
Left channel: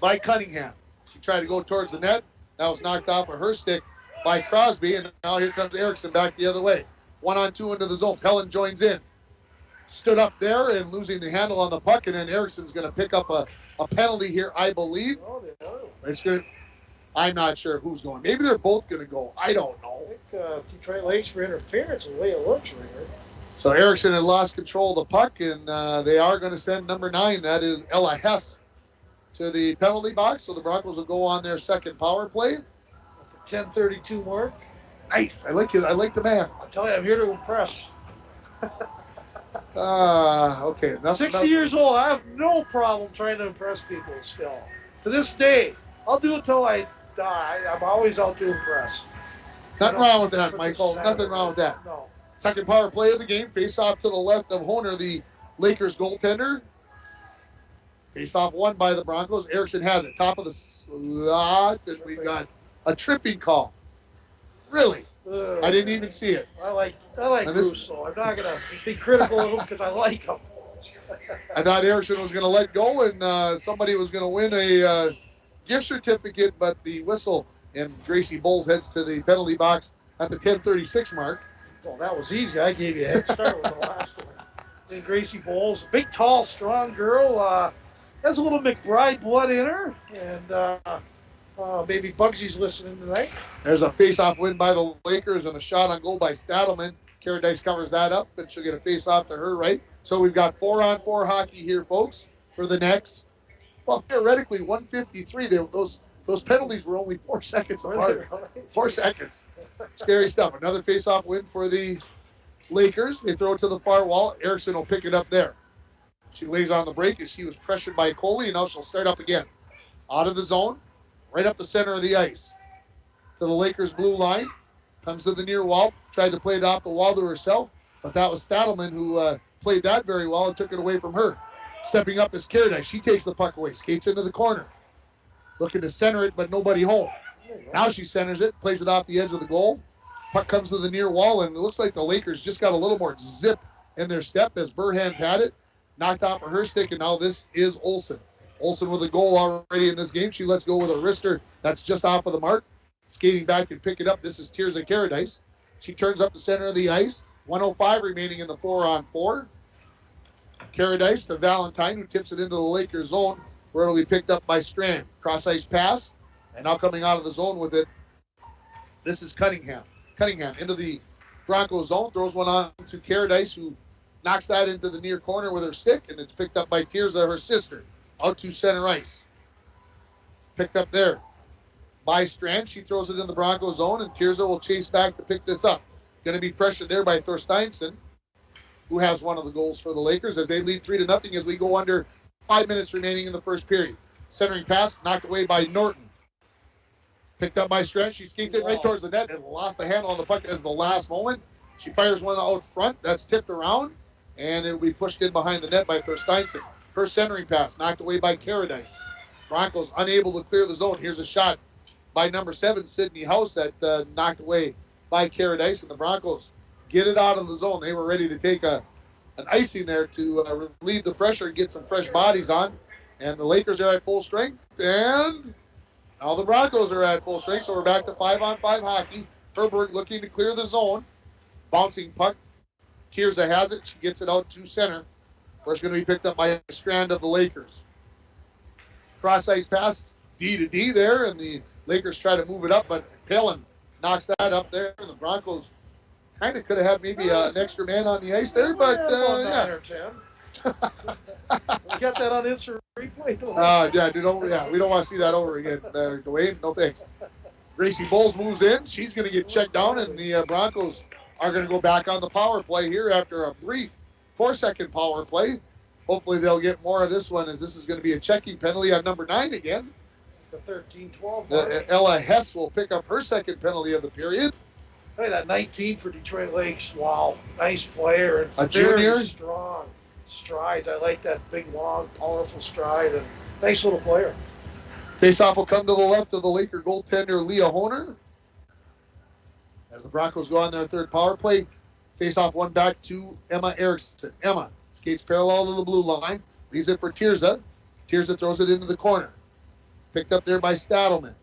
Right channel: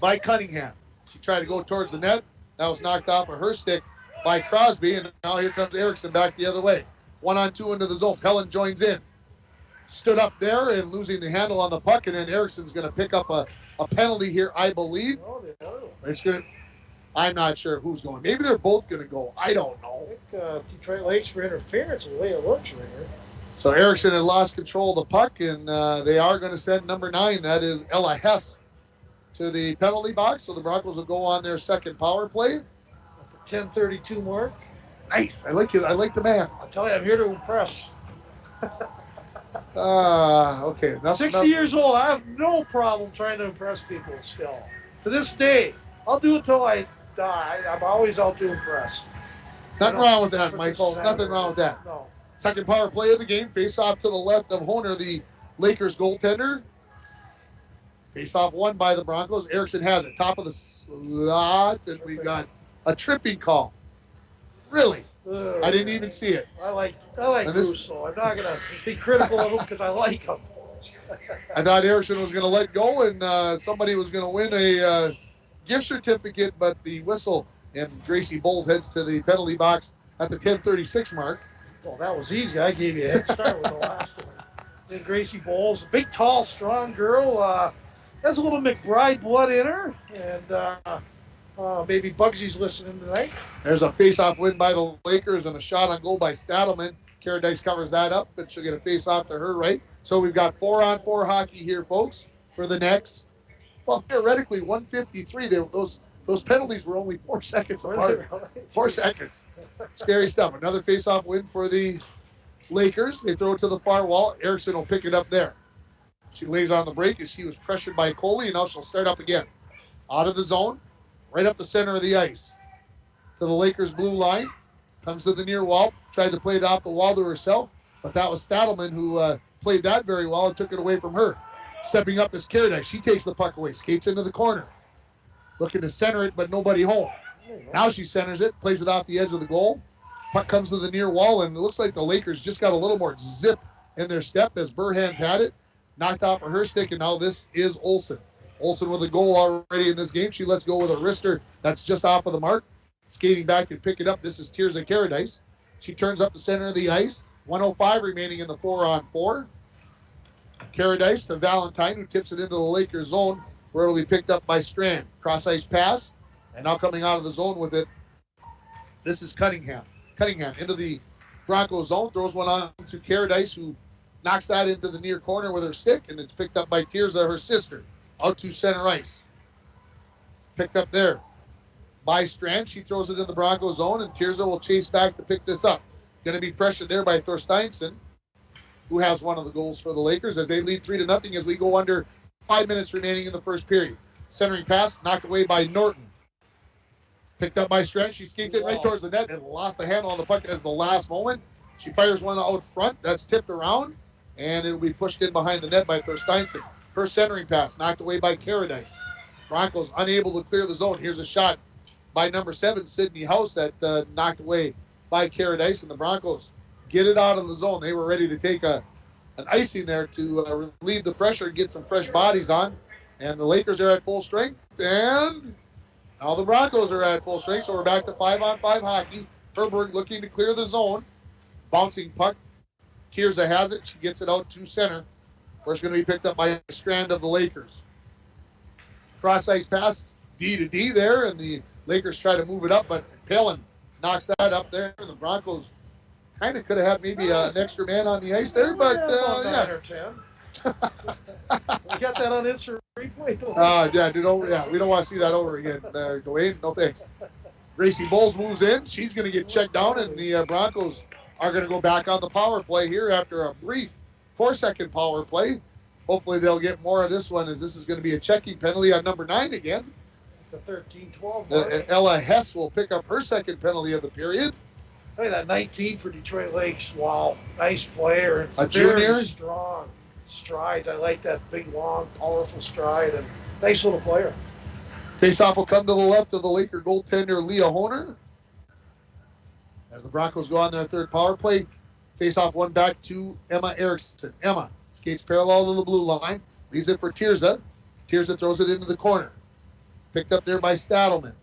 by Cunningham. She tried to go towards the net. That was knocked off of her stick by Crosby, and now here comes Erickson back the other way. 1-on-2 into the zone. Pellin joins in. Stood up there and losing the handle on the puck, and then Erickson's going to pick up a penalty here, I believe. I'm not sure who's going. Maybe they're both going to go. I don't know. I think Detroit Lakes for interference is the way it looks right here. So Erickson had lost control of the puck, and they are going to send number 9, that is Ella Hess, to the penalty box. So the Broncos will go on their second power play. At the 10:32 mark. Nice. I like it. I like the man. I tell you, I'm here to impress. Okay. 60 years old. I have no problem trying to impress people still. To this day, I'll do it till I die. I'm always out to impress. Nothing wrong with that, Michael. Nothing wrong with that. No. Second power play of the game. Face off to the left of Honer, the Lakers goaltender. Face off won by the Broncos. Erickson has it. Top of the slot, and we got a tripping call. Really? I didn't even see it. I like Russo. I'm not going to be critical of him because I like him. I thought Erickson was going to let go, and somebody was going to win a gift certificate, but the whistle, and Gracie Bowles heads to the penalty box at the 10:36 mark. Well, that was easy. I gave you a head start with the last one. Then Gracie Bowles, big, tall, strong girl. Has a little McBride blood in her, and maybe Bugsy's listening tonight. There's a face-off win by the Lakers and a shot on goal by Stadelman. Caradice covers that up, and she'll get a face-off to her right. So we've got 4-on-4 hockey here, folks, for the next, well, theoretically, 153. Those penalties were only 4 seconds apart. 4 seconds. Scary stuff. Another face-off win for the Lakers. They throw it to the far wall. Erickson will pick it up there. She lays on the break as she was pressured by Coley, and now she'll start up again. Out of the zone, right up the center of the ice. To the Lakers' blue line. Comes to the near wall. Tried to play it off the wall to herself, but that was Stadelman who played that very well and took it away from her. Stepping up is Caradice. She takes the puck away, skates into the corner. Looking to center it, but nobody home. Now she centers it, plays it off the edge of the goal. Puck comes to the near wall, and it looks like the Lakers just got a little more zip in their step as Burhan's had it. Knocked off of her stick, and now this is Olsen. Olsen with a goal already in this game. She lets go with a wrister that's just off of the mark. Skating back to pick it up. This is Tirza Caradice. She turns up the center of the ice. 1:05 remaining in the 4-on-4. Caradice to Valentine, who tips it into the Lakers zone, where it'll be picked up by Strand. Cross-ice pass, and now coming out of the zone with it, this is Cunningham. Cunningham into the Broncos zone, throws one on to Caradice, who knocks that into the near corner with her stick, and it's picked up by Tirza, her sister, out to center ice. Picked up there by Strand. She throws it in the Broncos zone, and Tirza will chase back to pick this up. Going to be pressured there by Thorsteinson, who has one of the goals for the Lakers as they lead 3-0 as we go under 5 minutes remaining in the first period. Centering pass knocked away by Norton. Picked up by Strand. She skates it right towards the net and lost the handle on the puck as the last moment. She fires one out front. That's tipped around, and it will be pushed in behind the net by Thorsteinson. Her centering pass knocked away by Caradice. Broncos unable to clear the zone. Here's a shot by number 7, Sydney House, that knocked away by Caradice, and the Broncos get it out of the zone. They were ready to take an icing there to relieve the pressure and get some fresh bodies on, and the Lakers are at full strength, and now the Broncos are at full strength, so we're back to 5-on-5 hockey. Herbert looking to clear the zone. Bouncing puck. Tirza has it. She gets it out to center, where it's going to be picked up by a Strand of the Lakers. Cross-ice pass, D to D there, and the Lakers try to move it up, but Palin knocks that up there, and the Broncos kind of could have had maybe an extra man on the ice there, but yeah. 9 or 10. We got that on instant replay. We don't want to see that over again, Dwayne. No thanks. Gracie Bowles moves in. She's going to get checked down, and the Broncos are going to go back on the power play here after a brief 4-second power play. Hopefully they'll get more of this one, as this is going to be a checking penalty on number 9 again. The 13-12. Ella Hess will pick up her second penalty of the period. Hey, that 19 for Detroit Lakes. Wow, nice player. A very junior? Strong strides. I like that big, long, powerful stride, and nice little player. Faceoff will come to the left of the Laker goaltender, Leah Honer. As the Broncos go on their third power play, faceoff one back to Emma Erickson. Emma skates parallel to the blue line, leaves it for Tirza. Tirza throws it into the corner. Picked up there by Stadelman.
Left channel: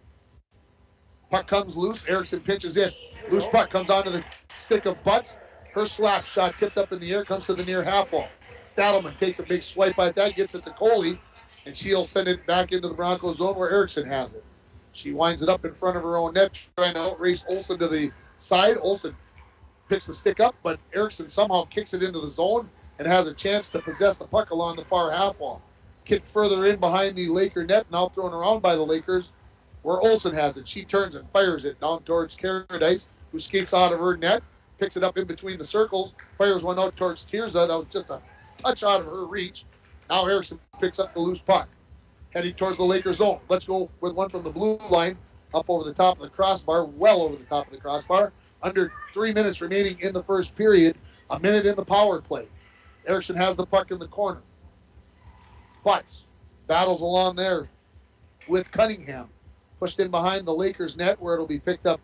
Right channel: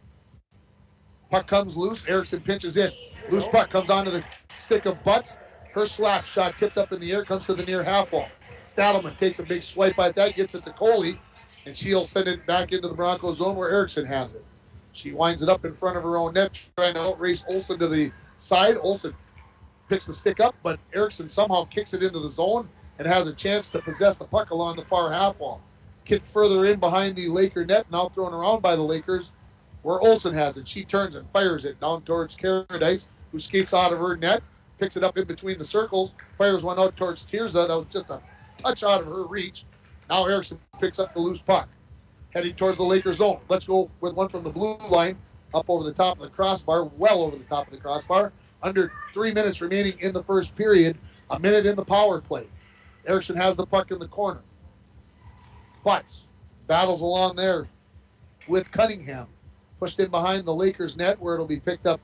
Puck comes loose. Erickson pinches in. Loose puck comes onto the stick of Butts. Her slap shot tipped up in the air comes to the near half wall. Stadelman takes a big swipe at that, gets it to Coley, and she'll send it back into the Broncos zone where Erickson has it. She winds it up in front of her own net, trying to outrace Olsen to the side. Olsen picks the stick up, but Erickson somehow kicks it into the zone and has a chance to possess the puck along the far half wall. Kicked further in behind the Laker net, now thrown around by the Lakers, where Olsen has it. She turns and fires it down towards Caradice, who skates out of her net, picks it up in between the circles, fires one out towards Tirza. That was just a touch out of her reach. Now Erickson picks up the loose puck, heading towards the Lakers zone. Let's go with one from the blue line, up over the top of the crossbar, well over the top of the crossbar. Under 3 minutes remaining in the first period, a minute in the power play. Erickson has the puck in the corner. Butts battles along there with Cunningham. Pushed in behind the Lakers net, where it'll be picked up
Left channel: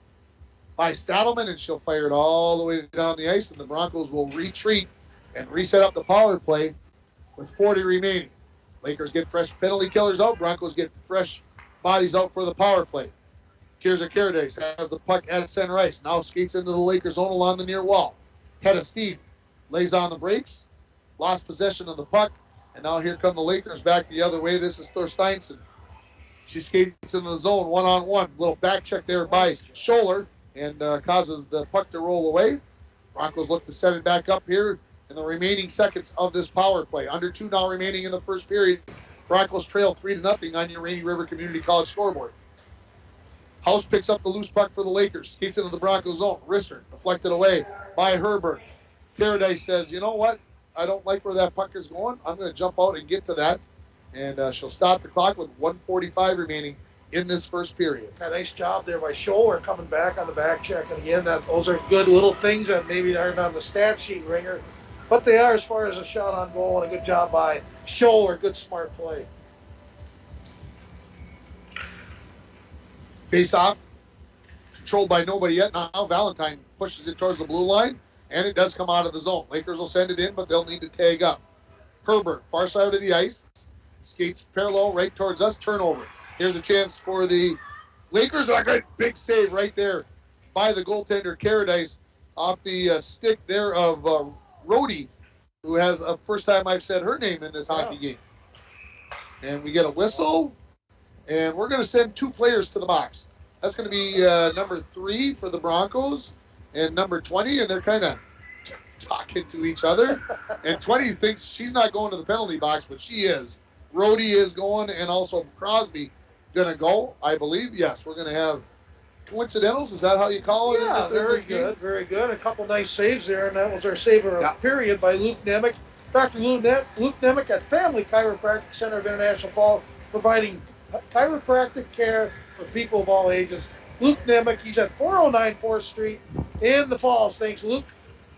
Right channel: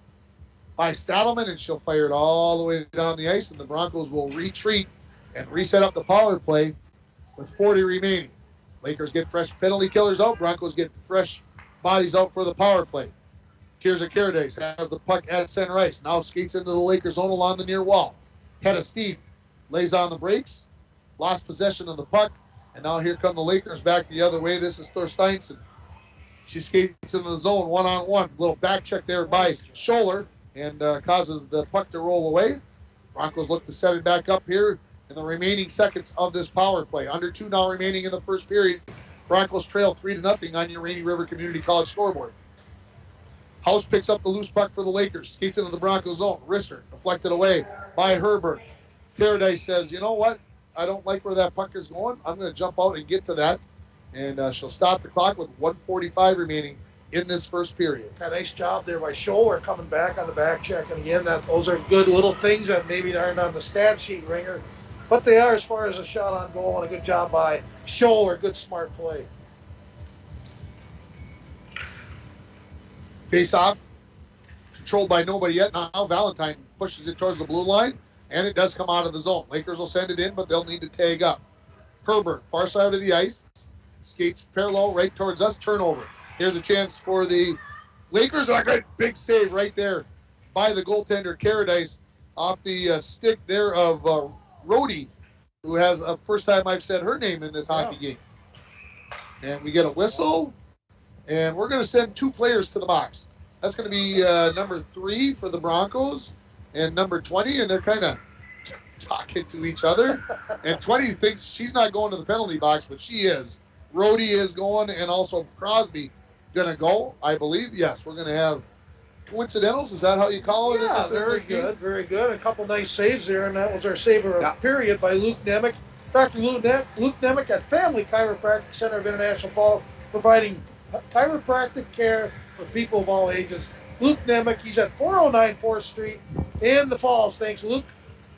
by Stadelman, and she'll fire it all the way down the ice, and the Broncos will retreat and reset up the power play with 40 remaining. Lakers get fresh penalty killers out. Broncos get fresh bodies out for the power play. Tirza Caradice has the puck at center ice. Now skates into the Lakers zone along the near wall. Head of steam. Lays on the brakes. Lost possession of the puck. And now here come the Lakers back the other way. This is Thorsteinson. She skates into the zone one-on-one. Little back check there by Scholler, and causes the puck to roll away. Broncos look to set it back up here in the remaining seconds of this power play. Under 2 now remaining in the first period. Broncos trail 3-0 on your Rainy River Community College scoreboard. House picks up the loose puck for the Lakers. Skates into the Broncos zone. Wrister deflected away by Herbert. Caradice says, you know what? I don't like where that puck is going. I'm going to jump out and get to that. And she'll stop the clock with 1:45 remaining in this first period. A nice job there by Scholler coming back on the back check. And again, those are good little things that maybe aren't on the stat sheet, Ringer. But they are as far as a shot on goal, and a good job by Scholler. Good, smart play. Face-off, controlled by nobody yet. Now Valentine pushes it towards the blue line, and it does come out of the zone. Lakers will send it in, but they'll need to tag up. Herbert, far side of the ice, skates parallel right towards us. Turnover. Here's a chance for the Lakers. A good big save right there by the goaltender Caradice off the stick there of Rhodey, who has a first time I've said her name in this hockey game. And we get a whistle, and we're going to send 2 players to the box. That's going to be number 3 for the Broncos and number 20, and they're kind of talking to each other. And 20 thinks she's not going to the penalty box, but she is. Rhodey is going, and also Crosby going to go, I believe. Yes, we're going to have coincidentals. Is that how you call it? Yeah, very good, very good. A couple nice saves there, and that was our save of the period by Luke Nemec. Dr. Luke Nemec at Family Chiropractic Center of International Falls, providing chiropractic care for people of all ages. Luke Nemec, he's at 409 4th Street in the Falls. Thanks, Luke.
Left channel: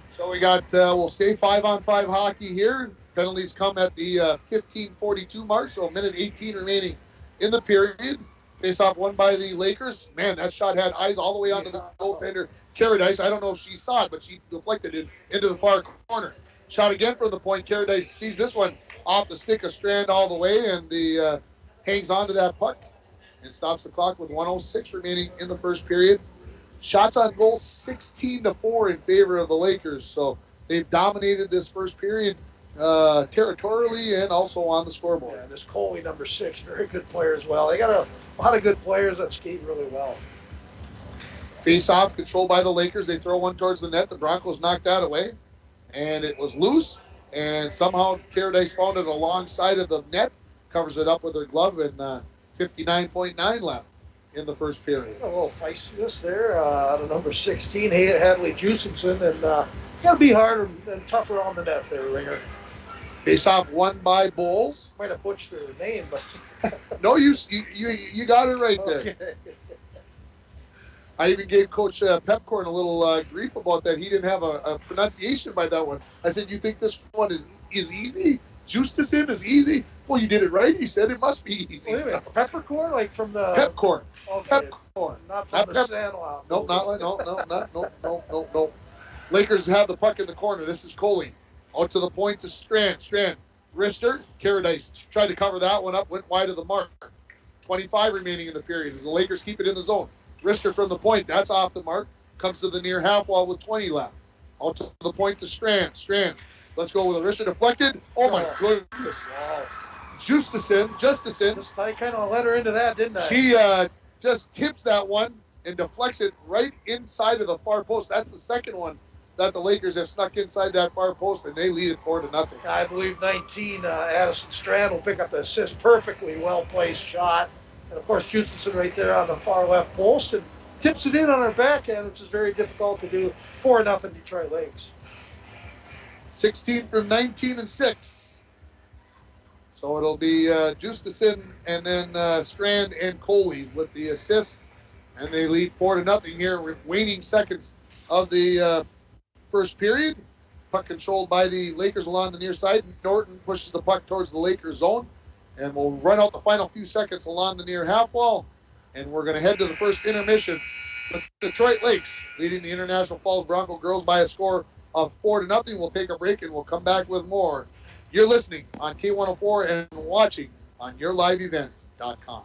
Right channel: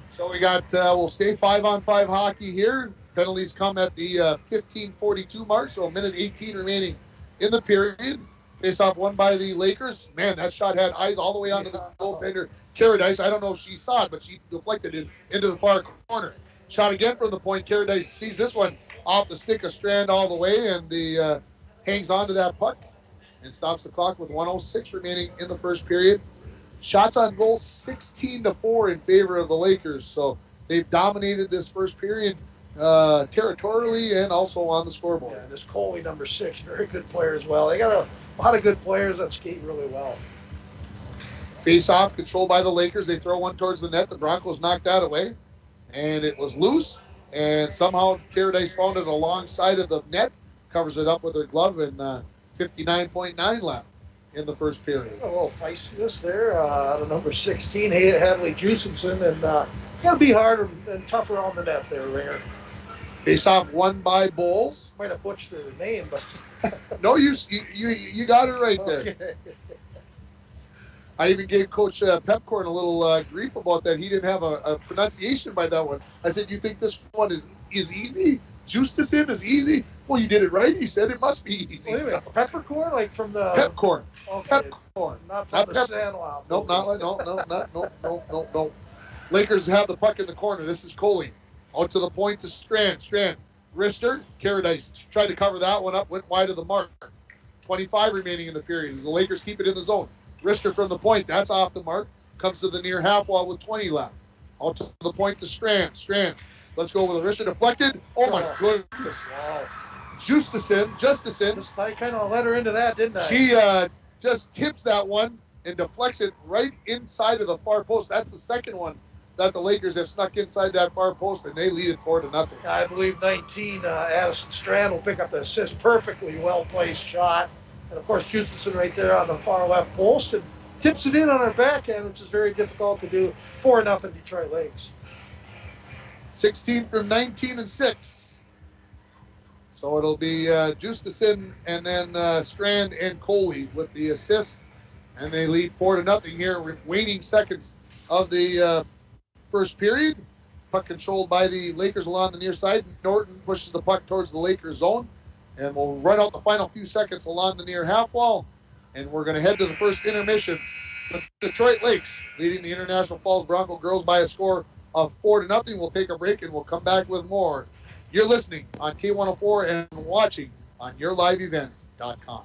So we got, we'll stay 5-on-5 hockey here. Penalties come at the 15:42 mark, so a minute 18 remaining in the period. Face-off won by the Lakers. Man, that shot had eyes all the way onto the goaltender, Caradice. I don't know if she saw it, but she deflected it into the far corner. Shot again from the point. Caradice sees this one off the stick of Strand all the way, and the hangs on to that puck and stops the clock with 1:06 remaining in the first period. Shots on goal 16-4 in favor of the Lakers. So they've dominated this first period territorially and also on the scoreboard. Yeah, this Coley, number 6, very good player as well. They got a lot of good players that skate really well. Face-off controlled by the Lakers. They throw one towards the net. The Broncos knocked that away, and it was loose. And somehow Caradice found it alongside of the net, covers it up with her glove, and 59.9 left in the first period. A little feistiness there out of number 16, Hadley Jusenson, and got to be harder and tougher on the net there, Ringer. Face-off won by Bulls. Might have butchered her name, but no, you got it right there. Okay. I even gave Coach Pepcorn a little grief about that. He didn't have a pronunciation by that one. I said, "You think this one is easy? Justeson is easy?" Well, you did it right. He said it must be easy. Wait a minute, peppercorn, like from the Pepcorn. Okay. Pepcorn. Not from the Sandlot. No. Lakers have the puck in the corner. This is Coley. Out to the point to Strand. Rister. Caradice tried to cover that one up. Went wide of the mark. 25 remaining in the period as the Lakers keep it in the zone. Rister from the point. That's off the mark. Comes to the near half wall with 20 left. Out to the point to Strand. Let's go with a Rister deflected. Oh, my goodness. Wow. Justeson. I kind of let her into that, didn't I? She just tips that one and deflects it right inside of the far post. That's the second one that the Lakers have snuck inside that far post, and they lead it 4-0. I believe 19, Addison Strand will pick up the assist. Perfectly well-placed shot. And, of course, Jusenson right there on the far left post and tips it in on her backhand, which is very difficult to do. 4-0 Detroit Lakes. 16 from 19 and 6. So it'll be Justeson and then Strand and Coley with the assist. And they lead 4-0 here with waning seconds of the first period. Puck controlled by the Lakers along the near side. Norton pushes the puck towards the Lakers zone. And we'll run out the final few seconds along the near half wall. And we're going to head to the first intermission with Detroit Lakes leading the International Falls Bronco girls by a score of 4-0. We'll take a break and we'll come back with more. You're listening on K104 and watching on YourLiveEvent.com.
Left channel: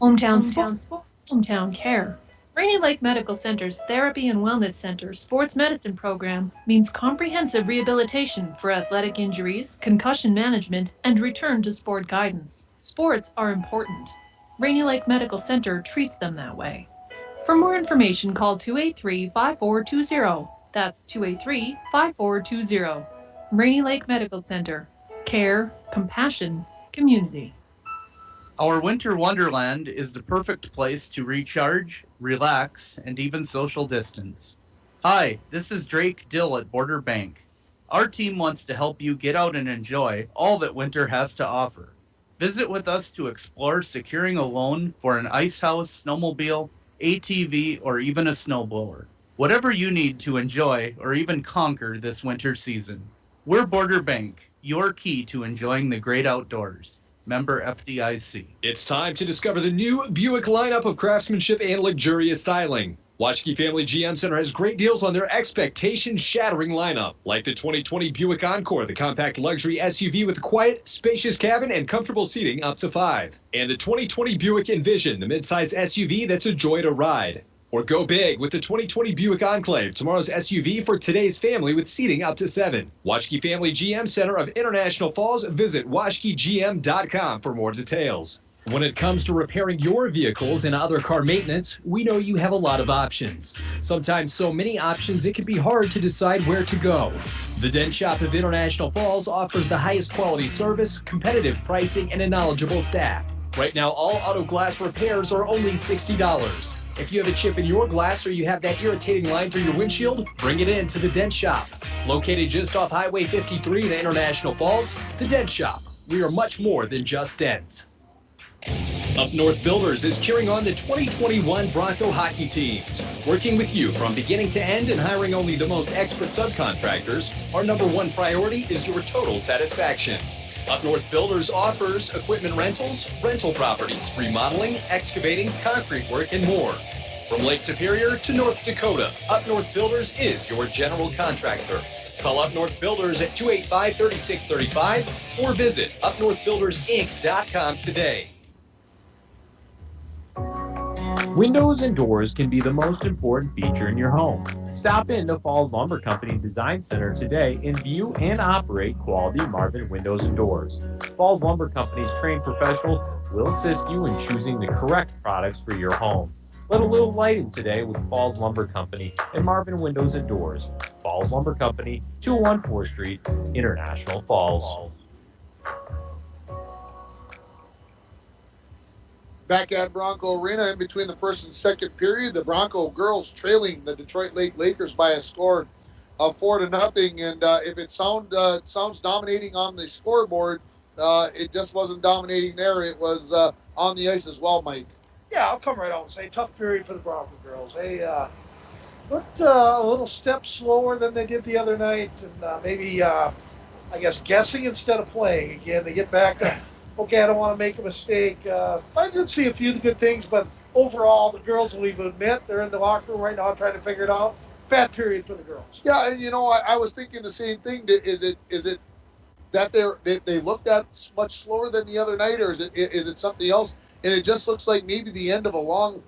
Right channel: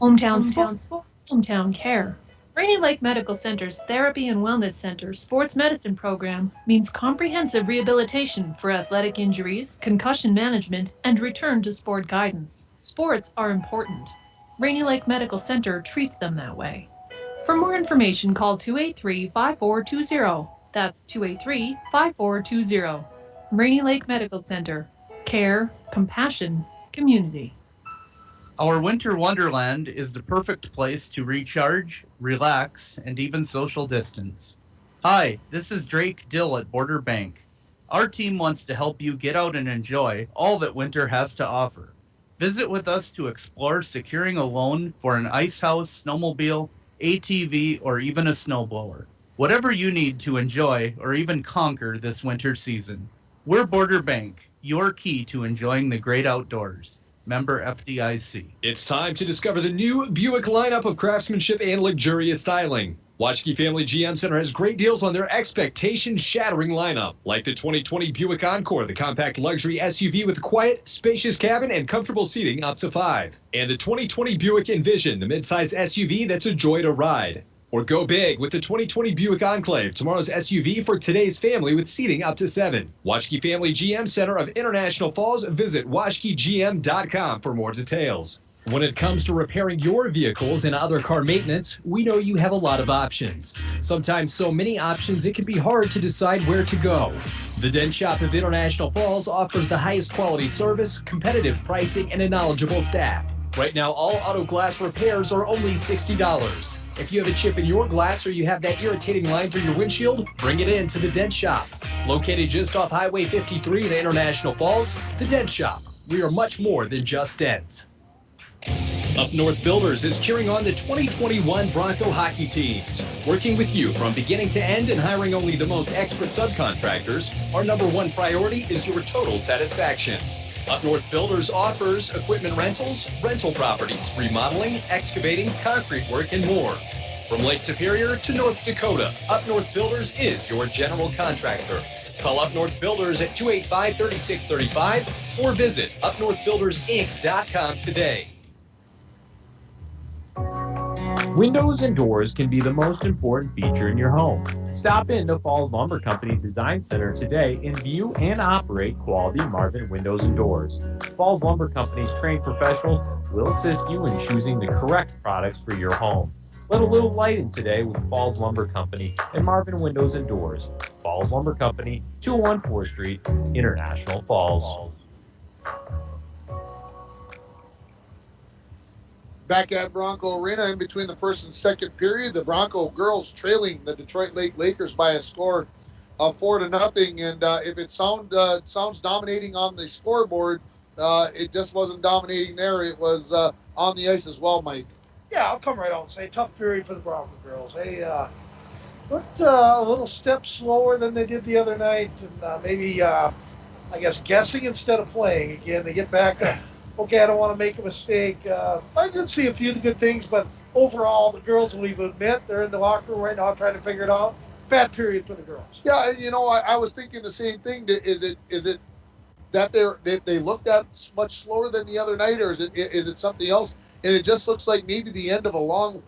Hometown sports, hometown care. Rainy Lake Medical Center's Therapy and Wellness Center sports medicine program means comprehensive rehabilitation for athletic injuries, concussion management, and return to sport guidance. Sports are important. Rainy Lake Medical Center treats them that way. For more information, call 283-5420. That's 283-5420. Rainy Lake Medical Center. Care, compassion, community. Our winter wonderland is the perfect place to recharge, relax, and even social distance. Hi, this is Drake Dill at Border Bank. Our team wants to help you get out and enjoy all that winter has to offer. Visit with us to explore securing a loan for an ice house, snowmobile, ATV, or even a snowblower. Whatever you need to enjoy or even conquer this winter season. We're Border Bank, your key to enjoying the great outdoors. Member FDIC. It's time to discover the new Buick lineup of craftsmanship and luxurious styling. Washke Family GM Center has great deals on their expectation-shattering lineup, like the 2020 Buick Encore, the compact luxury SUV with a quiet, spacious cabin and comfortable seating up to 5. And the 2020 Buick Envision, the midsize SUV that's a joy to ride. Or go big with the 2020 Buick Enclave, tomorrow's SUV for today's family with seating up to 7. Washke Family GM Center of International Falls. Visit washkegm.com for more details. When it comes to repairing your vehicles and other car maintenance, we know you have a lot of options. Sometimes so many options it can be hard to decide where to go. The Dent Shop of International Falls offers the highest quality service, competitive pricing, and a knowledgeable staff. Right now, all auto glass repairs are only $60. If you have a chip in your glass or you have that irritating line through your windshield, bring it in to the Dent Shop. Located just off Highway 53 in International Falls, the Dent Shop. We are much more than just dents. Up North Builders is cheering on the 2021 Bronco hockey teams. Working with you from beginning to end and hiring only the most expert subcontractors, our number one priority is your total satisfaction. Up North Builders offers equipment rentals, rental properties, remodeling, excavating, concrete work, and more. From Lake Superior to North Dakota, Up North Builders is your general contractor. Call Up North Builders at 285-3635 or visit upnorthbuildersinc.com today. Windows and doors can be the most important feature in your home. Stop in to Falls Lumber Company Design Center today and view and operate quality Marvin windows and doors. Falls Lumber Company's trained professionals will assist you in choosing the correct products for your home. Let a little light in today with Falls Lumber Company and Marvin Windows and Doors. Falls Lumber Company, 201 4th Street, International Falls. Back at Bronco Arena in between the first and second period, the Bronco girls trailing the Detroit Lake Lakers by a score of 4-0. And if it sounds dominating on the scoreboard, it just wasn't dominating there. It was on the ice as well, Mike. Yeah, I'll come right out and say tough period for the Bronco girls. They looked a little step slower than they did the other night, and maybe, I guess, guessing instead of playing again. They get back to, okay, I don't want to make a mistake. I did see a few good things, but overall, the girls will even admit they're in the locker room right now trying to figure it out. Bad period for the girls. Yeah, and I was thinking the same thing. Is it that they looked at much slower than the other night, or is it something else? And it just looks like maybe the end of a long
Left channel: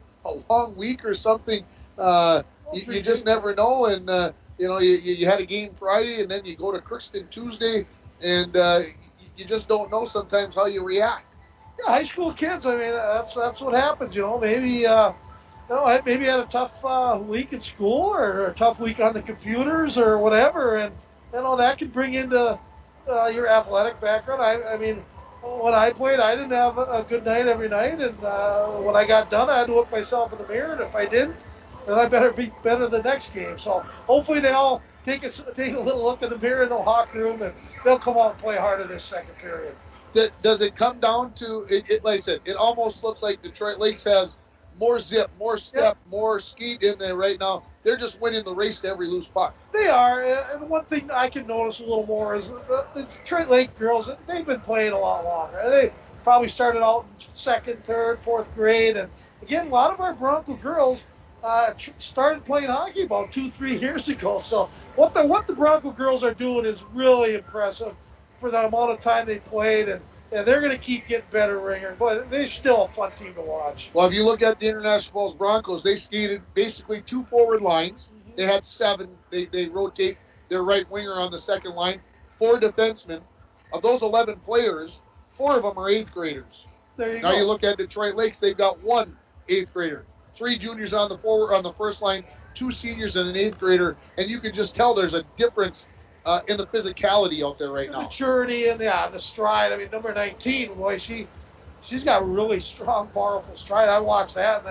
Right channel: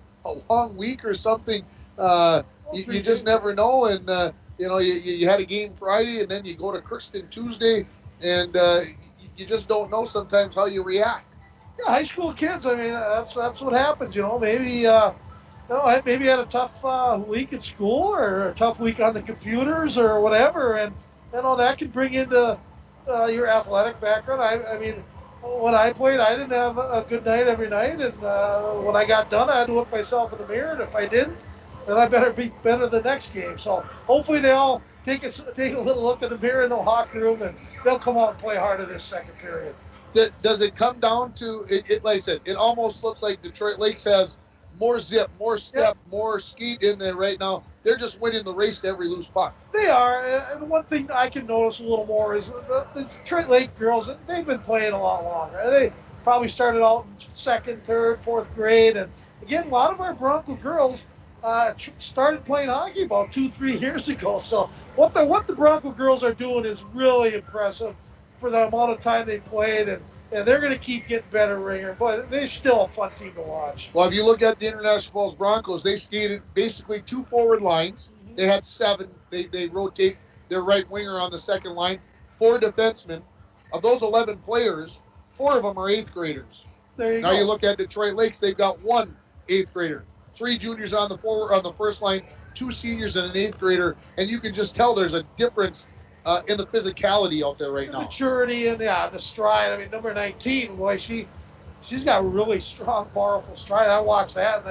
week or something. You just never know. And you had a game Friday, and then you go to Crookston Tuesday, and you just don't know sometimes how you react. Yeah, high school kids. I mean, that's what happens. Maybe maybe had a tough week at school or a tough week on the computers or whatever, and that can bring into your athletic background. I mean, when I played, I didn't have a good night every night, and when I got done, I had to look myself in the mirror, and if I didn't, then I better be better the next game. So hopefully they all take a little look in the mirror in the locker room, and they'll come out and play harder this second period. Does it come down to it? Like I said, it almost looks like Detroit Lakes has more zip, more step, more skeet in there right now. They're just winning the race to every loose puck. They are, and one thing I can notice a little more is the Detroit Lake girls, they've been playing a lot longer. They probably started out in second, third, fourth grade, and again, a lot of our Bronco girls started playing hockey about 2-3 years ago. So what the Bronco girls are doing is really impressive for the amount of time they played, and they're going to keep getting better, Ringer. But they're still a fun team to watch. Well, if you look at the International Falls Broncos, they skated basically 2 forward lines. Mm-hmm. They had 7. They rotate their right winger on the second line, 4 defensemen. Of those 11 players, 4 of them are 8th graders. There you go. Now you look at Detroit Lakes, they've got 1 8th grader, 3 juniors on the first line, 2 seniors and an 8th grader, and you can just tell there's a difference in the physicality out there right now. Maturity and the stride. I mean, number 19, boy, she's got really strong, powerful stride. I watched that,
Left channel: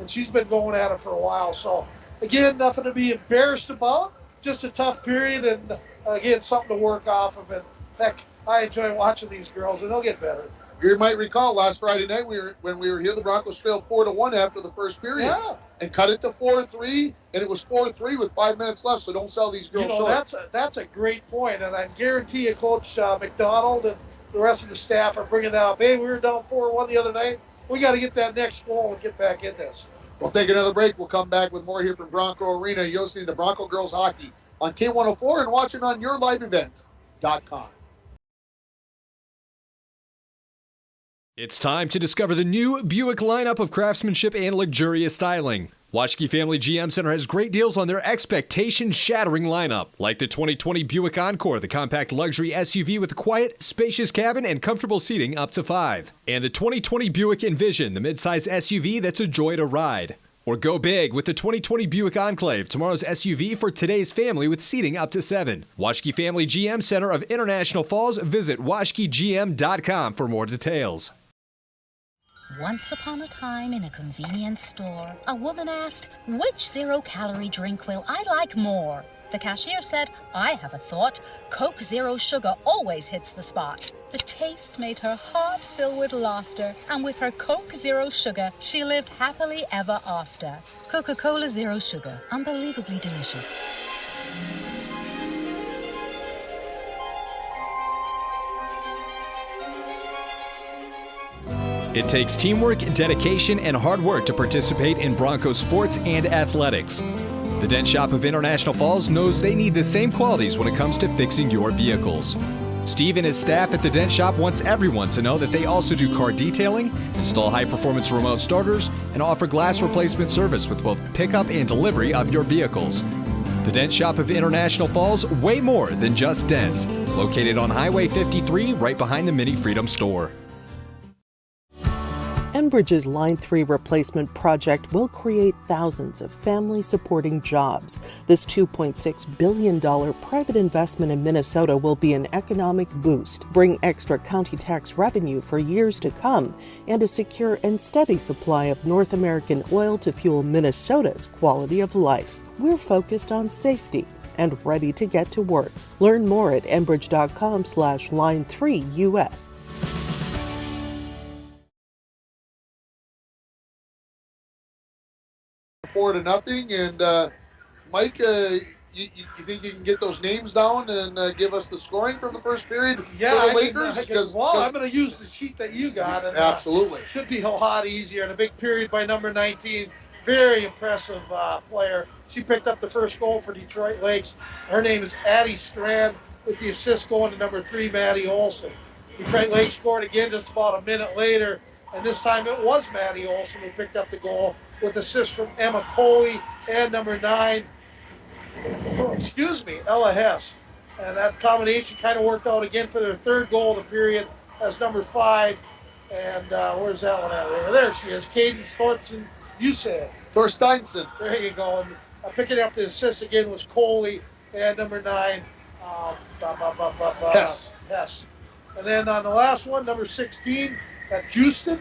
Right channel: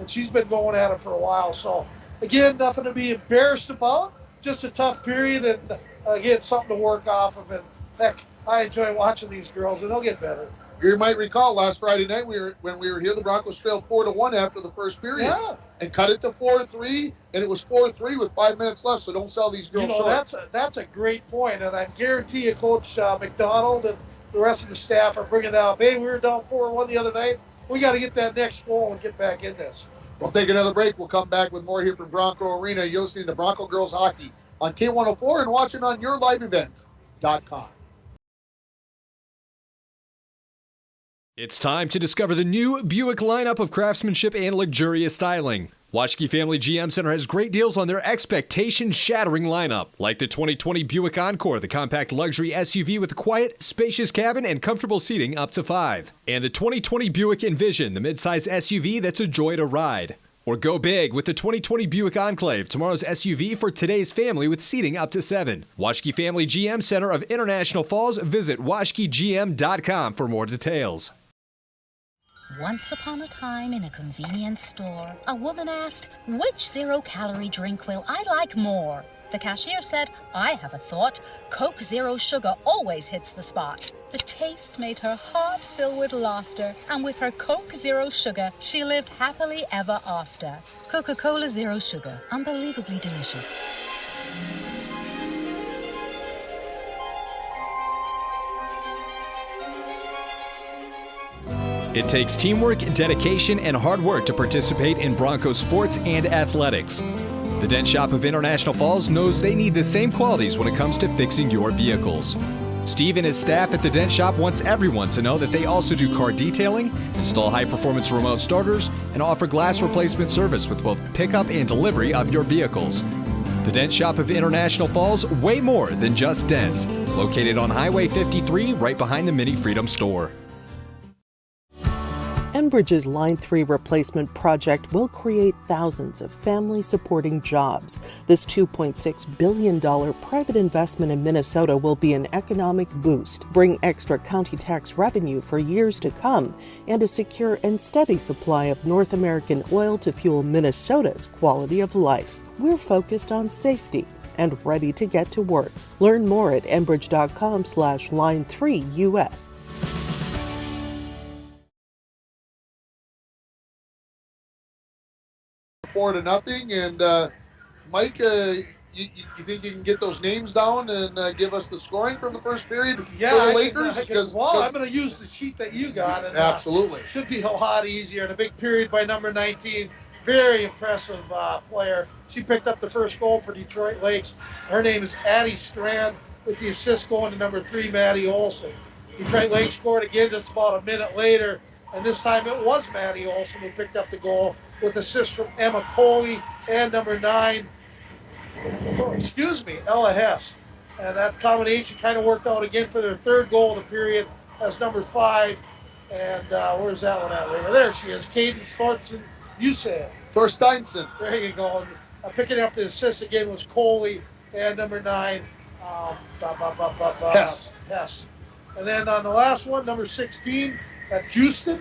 and she's been going at it for a while. So, again, nothing to be embarrassed about. Just a tough period, and again, something to work off of. And heck, I enjoy watching these girls, and they'll get better. You might recall last Friday night when we were here, the Broncos trailed 4-1 after the first period. Yeah. And cut it to 4-3, and it was 4-3 with 5 minutes left, so don't sell these girls short. That's a great point, and I guarantee you Coach McDonald and the rest of the staff are bringing that up. Hey, we were down 4-1 the other night. We got to get that next goal and get back in this. We'll take another break. We'll come back with more here from Bronco Arena. You're listening to Bronco Girls Hockey on K104 and watching on yourliveevent.com. It's time to discover the new Buick lineup of craftsmanship and luxurious styling. Washke Family GM Center has great deals on their expectation-shattering lineup, like the 2020 Buick Encore, the compact luxury SUV with a quiet, spacious cabin and comfortable seating up to 5. And the 2020 Buick Envision, the midsize SUV that's a joy to ride. Or go big with the 2020 Buick Enclave, tomorrow's SUV for today's family with seating up to 7. Washke Family GM Center of International Falls. Visit washkegm.com for more details. Once upon a time in a convenience store, a woman asked, which zero-calorie drink will I like more? The cashier said, I have a thought. Coke Zero Sugar always hits the spot. The taste made her heart fill with laughter, and with her Coke Zero Sugar, she lived happily ever after. Coca-Cola Zero Sugar, unbelievably delicious. It takes teamwork, dedication, and hard work to participate in Broncos sports and athletics. The Dent Shop of International Falls knows they need the same qualities when it comes to fixing your vehicles. Steve and his staff at the Dent Shop wants everyone to know that they also do car detailing, install high-performance remote starters, and offer glass replacement service with both pickup and delivery of your vehicles. The Dent Shop of International Falls, way more than just dents. Located on Highway 53, right behind the Mini Freedom store. Enbridge's Line 3 replacement project will create thousands of family-supporting jobs. This $2.6 billion private investment in Minnesota will be an economic boost, bring extra county tax revenue for years to come, and a secure and steady supply of North American oil to fuel Minnesota's quality of life. We're focused on safety and ready to get to work. Learn more at enbridge.com/line3US. 4-0, and Mike, you think you can get those names down and give us the scoring from the first period for the Lakers? I'm going to use the sheet that you got. And, absolutely. Should be a lot easier. And a big period by number 19. Very impressive player. She picked up the first goal for Detroit Lakes. Her name is Addie Strand, with the assist going to number 3, Maddie Olson. Detroit Lakes scored again just about a minute later, and this time it was Maddie Olson who picked up the goal, with assists from Emma Coley and number 9, Ella Hess. And that combination kind of worked out again for their third goal of the period as number 5. And where's that one at? There she is, Cadence Thorsteinson. There you go. And, picking up the assist again was Coley and number 9, Hess. And then on the last one, number 16, Justison.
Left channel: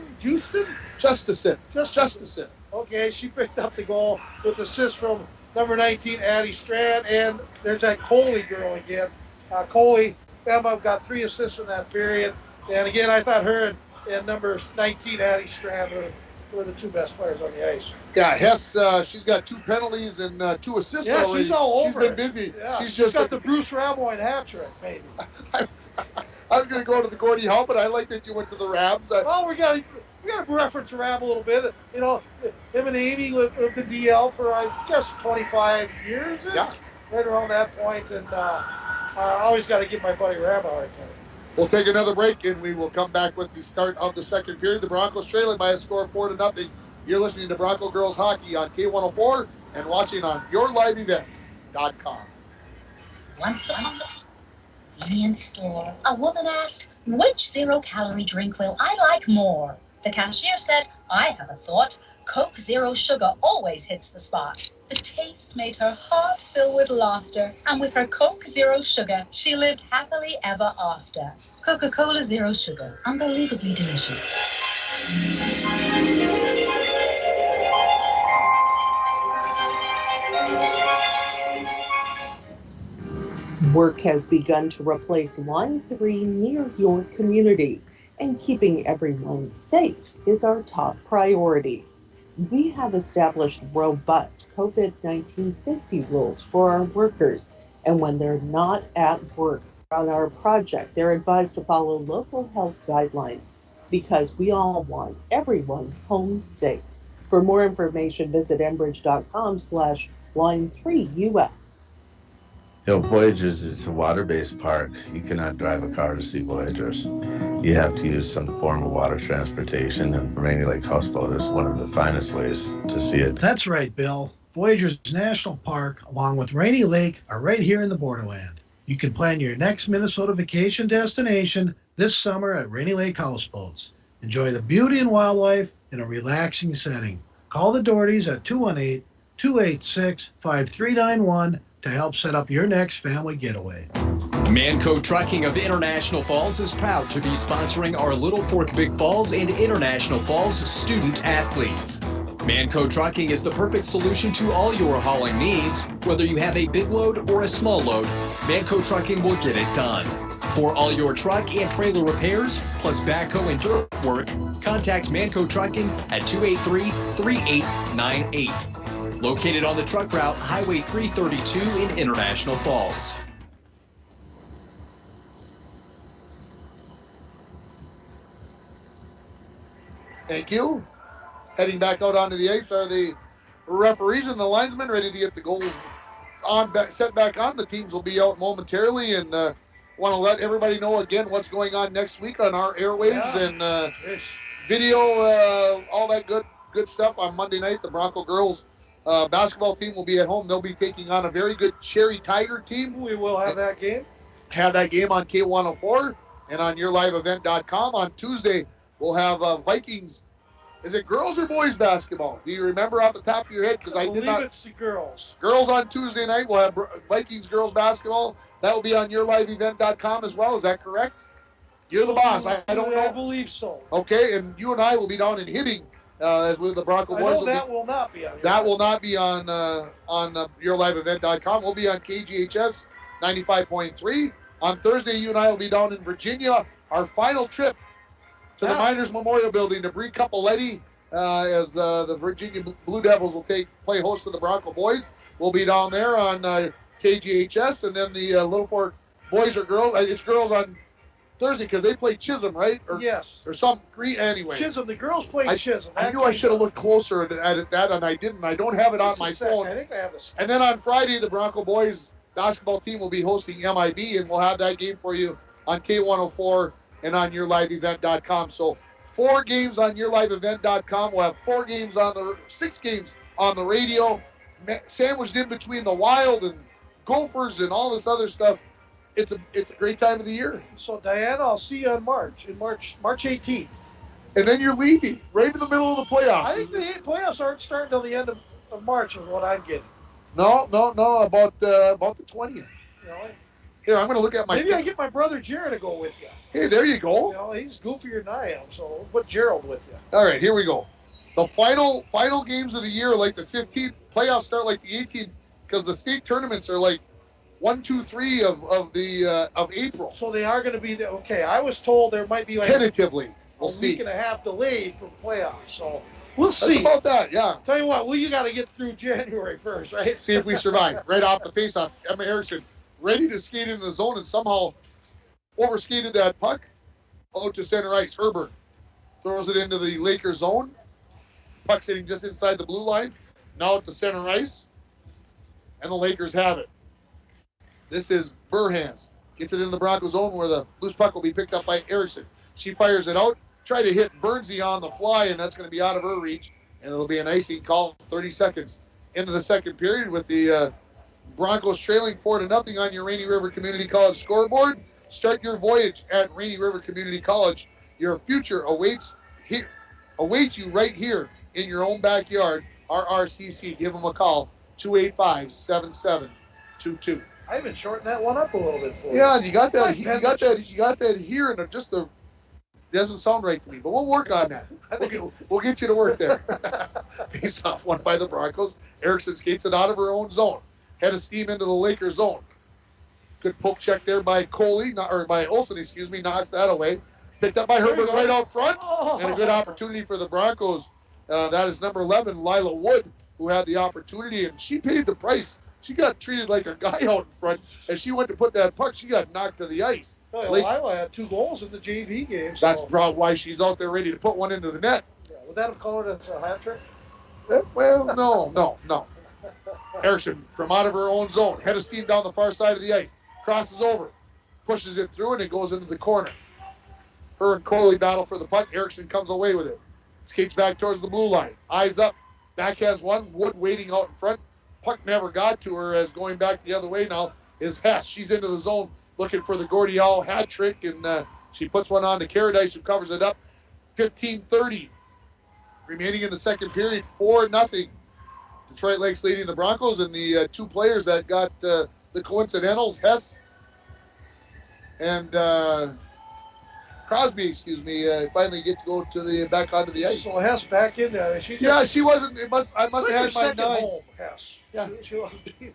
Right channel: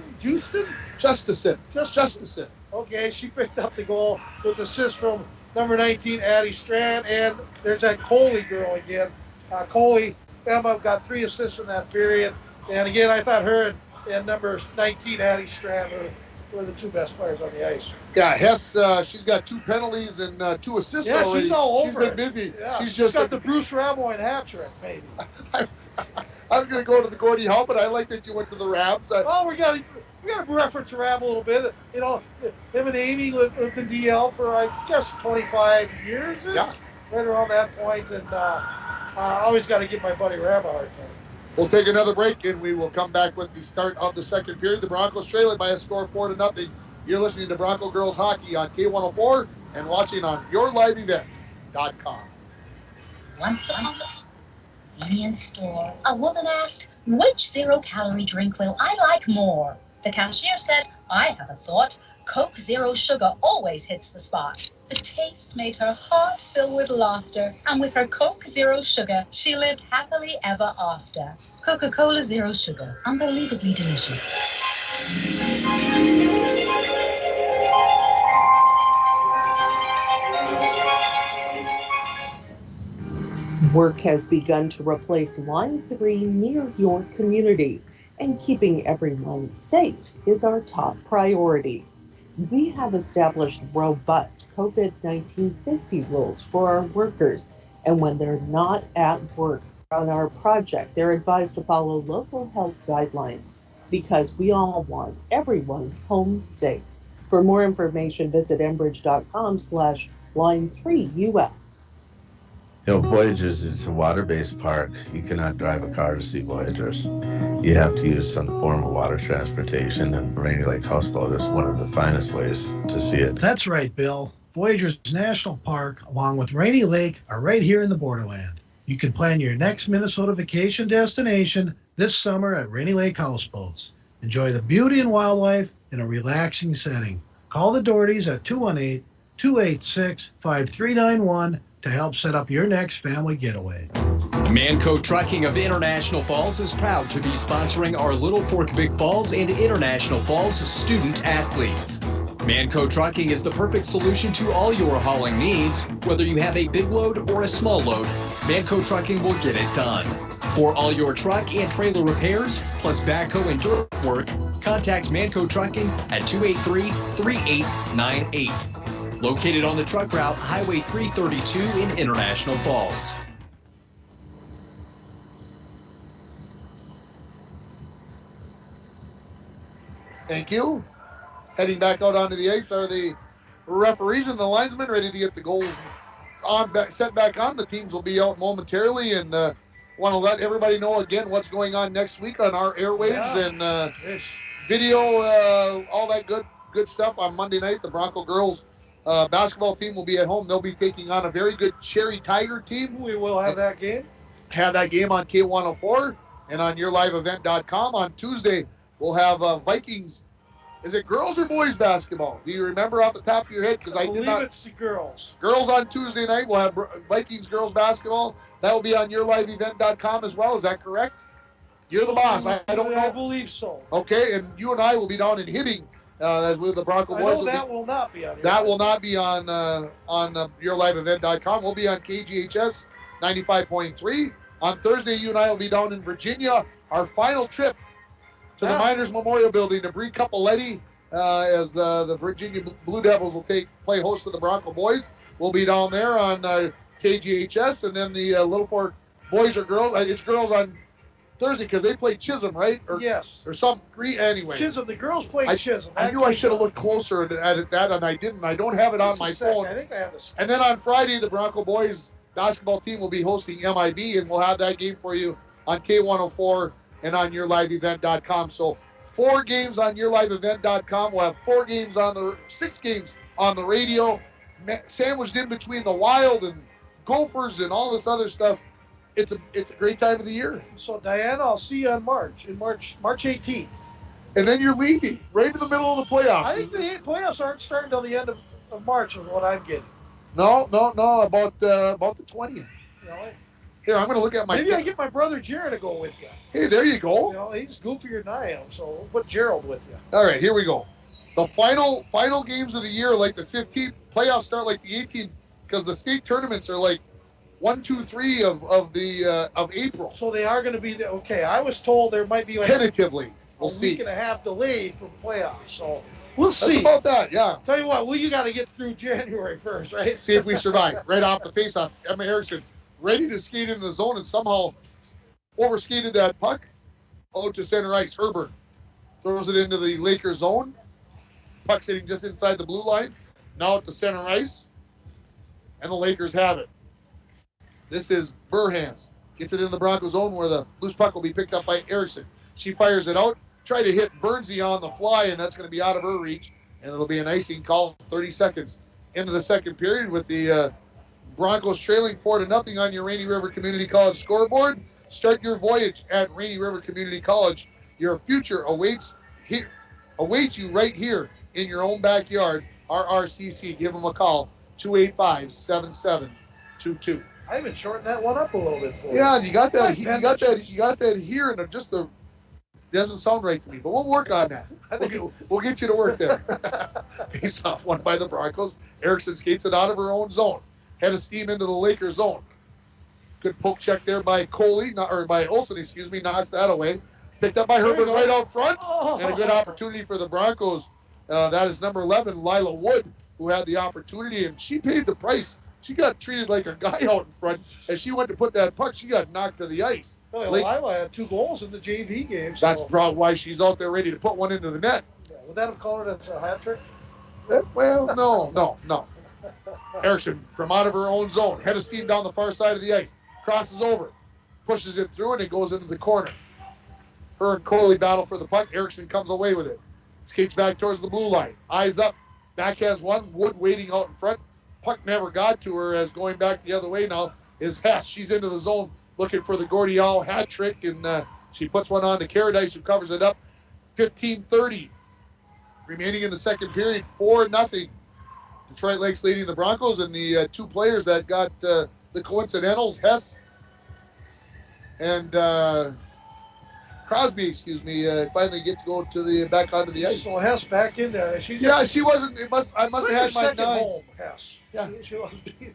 Okay, she picked up the goal with assist from number 19, Addie Strand, and there's that Coley girl again. Emma got 3 assists in that period, and again, I thought her and number 19, Addie Strand, were the 2 best players on the ice. Yeah, Hess, she's got 2 penalties and 2 assists already. Yeah, she's all over. She's been busy. Yeah, she's just got the Bruce Ramoine hat trick, maybe. I was going to go to the Gordie Howe, but I like that you went to the Rabs. Well, we got to reference Rab a little bit. You know, him and Amy lived in DL for, I guess, 25 years. Yeah. Right around that point, and I always got to give my buddy Rab a hard time. We'll take another break, and we will come back with the start of the second period. The Broncos trailing by a score of 4-0. You're listening to Bronco Girls Hockey on K104 and watching on YourLiveEvent.com. Once upon a convenience store, a woman asked, which zero-calorie drink will I like more? The cashier said, I have a thought. Coke Zero Sugar always hits the spot. The taste made her heart fill with laughter, and with her Coke Zero Sugar, she lived happily ever after. Coca-Cola Zero Sugar, unbelievably delicious. Work has begun to replace Line 3 near your community, and keeping everyone safe is our top priority. We have established robust COVID-19 safety rules for our workers, and when they're not at work on our project, they're advised to follow local health guidelines because we all want everyone home safe. For more information, visit enbridge.com/line3US. Voyagers is a water-based park. You cannot drive a car to see Voyagers. You have to use some form of water transportation, and Rainy Lake Houseboat is one of the finest ways to see it. That's right, Bill. Voyagers National Park, along with Rainy Lake, are right here in the borderland. You can plan your next Minnesota vacation destination this summer at Rainy Lake Houseboats. Enjoy the beauty and wildlife in a relaxing setting. Call the Dohertys at 218-286-5391 to help set up your next family getaway. Manco Trucking of International Falls is proud to be sponsoring our Little Fork Big Falls and International Falls student athletes. Manco Trucking is the perfect solution to all your hauling needs. Whether you have a big load or a small load, Manco Trucking will get it done. For all your truck and trailer repairs, plus backhoe and dirt work, contact Manco Trucking at 283-3898. Located on the truck route Highway 332 in International Falls. Thank you. Heading back out onto the ice are the referees and the linesmen ready to get the goals set back on. The teams will be out momentarily, and want to let everybody know again what's going on next week on our airwaves and video, all that good stuff on Monday night. The Bronco girls basketball team will be at home. They'll be taking on a very good Cherry Tiger team. We will have that game. Have that game on K104 and on YourLiveEvent.com. On Tuesday, we'll have Vikings. Is it girls or boys basketball? Do you remember off the top of your head? Because I did not. It's the girls. Girls on Tuesday night. We'll have Vikings girls basketball. That will be on YourLiveEvent.com as well. Is that correct? You're the boss. I don't know. I believe so. Okay, and you and I will be down in Hibbing as with the Bronco boys. That will not be on. That will not be on YourLiveEvent.com. We'll be on KGHS 95.3. On Thursday, you and I will be down in Virginia. Our final trip to the Miners Memorial Building to Bree Capoletti as the Virginia Blue Devils will play host to the Bronco boys. We'll be down there on KGHS, and then the Little Fork boys or girls. It's girls on Thursday because they play Chisholm, right? Yes. Or some Green anyway. Chisholm. The girls play Chisholm. I knew I should have looked closer at that, and I didn't. I don't have it on my phone. I think I have this. And then on Friday, the Bronco boys basketball team will be hosting MIB, and we'll have that game for you on K104 and on YourLiveEvent.com. So 4 games on YourLiveEvent.com. We'll have 6 games on the radio, sandwiched in between the Wild and Gophers and all this other stuff. It's a great time of the year. So Diana, I'll see you on March 18th. And then you're leaving right in the middle of the playoffs. I think the playoffs aren't starting until the end of March, is what I'm getting. No, about the 20th. Really? Here, I'm going to look at my. Maybe I get my brother Jared to go with you. Hey, there you go. He's goofier than I am, so we'll put Gerald with you. All right, here we go. The final games of the year, like the 15th. Playoffs start like the 18th because the state tournaments are like 1, 2, 3 of April. So they are going to be there. Okay, I was told there might be like tentatively. We'll see. Week and a half delay for playoffs. So we'll see. That's about that, yeah. Tell you what, you got to get through January 1st, right? See if we survive. Right off the faceoff, Emma Erickson ready to skate into the zone and somehow overskated that puck out to center ice. Herbert throws it into the Lakers zone. Puck sitting just inside the blue line. Now at the center ice. And the Lakers have it. This is Burhans. Gets it into the Bronco zone where the loose puck will be picked up by Erickson. She fires it out. Try to hit Bernsey on the fly, and that's going to be out of her reach. And it'll be an icing call 30 seconds into the second period with the Broncos trailing 4-0 on your Rainy River Community College scoreboard. Start your voyage at Rainy River Community College. Your future awaits you right here in your own backyard. RRCC. Give them a call, 285-7722. I even shortened that one up a little bit for you. Yeah, you got that here, and just it doesn't sound right to me, but we'll work on that. We'll get you to work there. Face off won by the Broncos. Erickson skates it out of her own zone. Head of steam into the Lakers zone. Good poke check there by Olsen, knocks that away. Picked up by Herbert right out front, and a good opportunity for the Broncos. That is number 11, Lila Wood, who had the opportunity, and she paid the price. She got treated like a guy out in front. As she went to put that puck, she got knocked to the ice. Well, Lila had 2 goals in the JV game. So. That's probably why she's out there ready to put one into the net. Yeah, would that have called it as a hat trick? Well, no. Erickson from out of her own zone. Head of steam down the far side of the ice. Crosses over. Pushes it through, and it goes into the corner. Her and Coley battle for the puck. Erickson comes away with it. Skates back towards the blue line. Eyes up. Backhands one. Wood waiting out in front. Puck never got to her, as going back the other way now is Hess. She's into the zone looking for the Gordie Howe hat trick, and she puts one on to Caradice, who covers it up. 15:30 remaining in the second period. 4-0. Detroit Lakes leading the Broncos, and the two players that got the coincidentals, Hess and Crosby, finally get to go to the back onto the ice. So Hess back in there. She wasn't. I must have had my nines. Home, Hess. Yeah. She wasn't being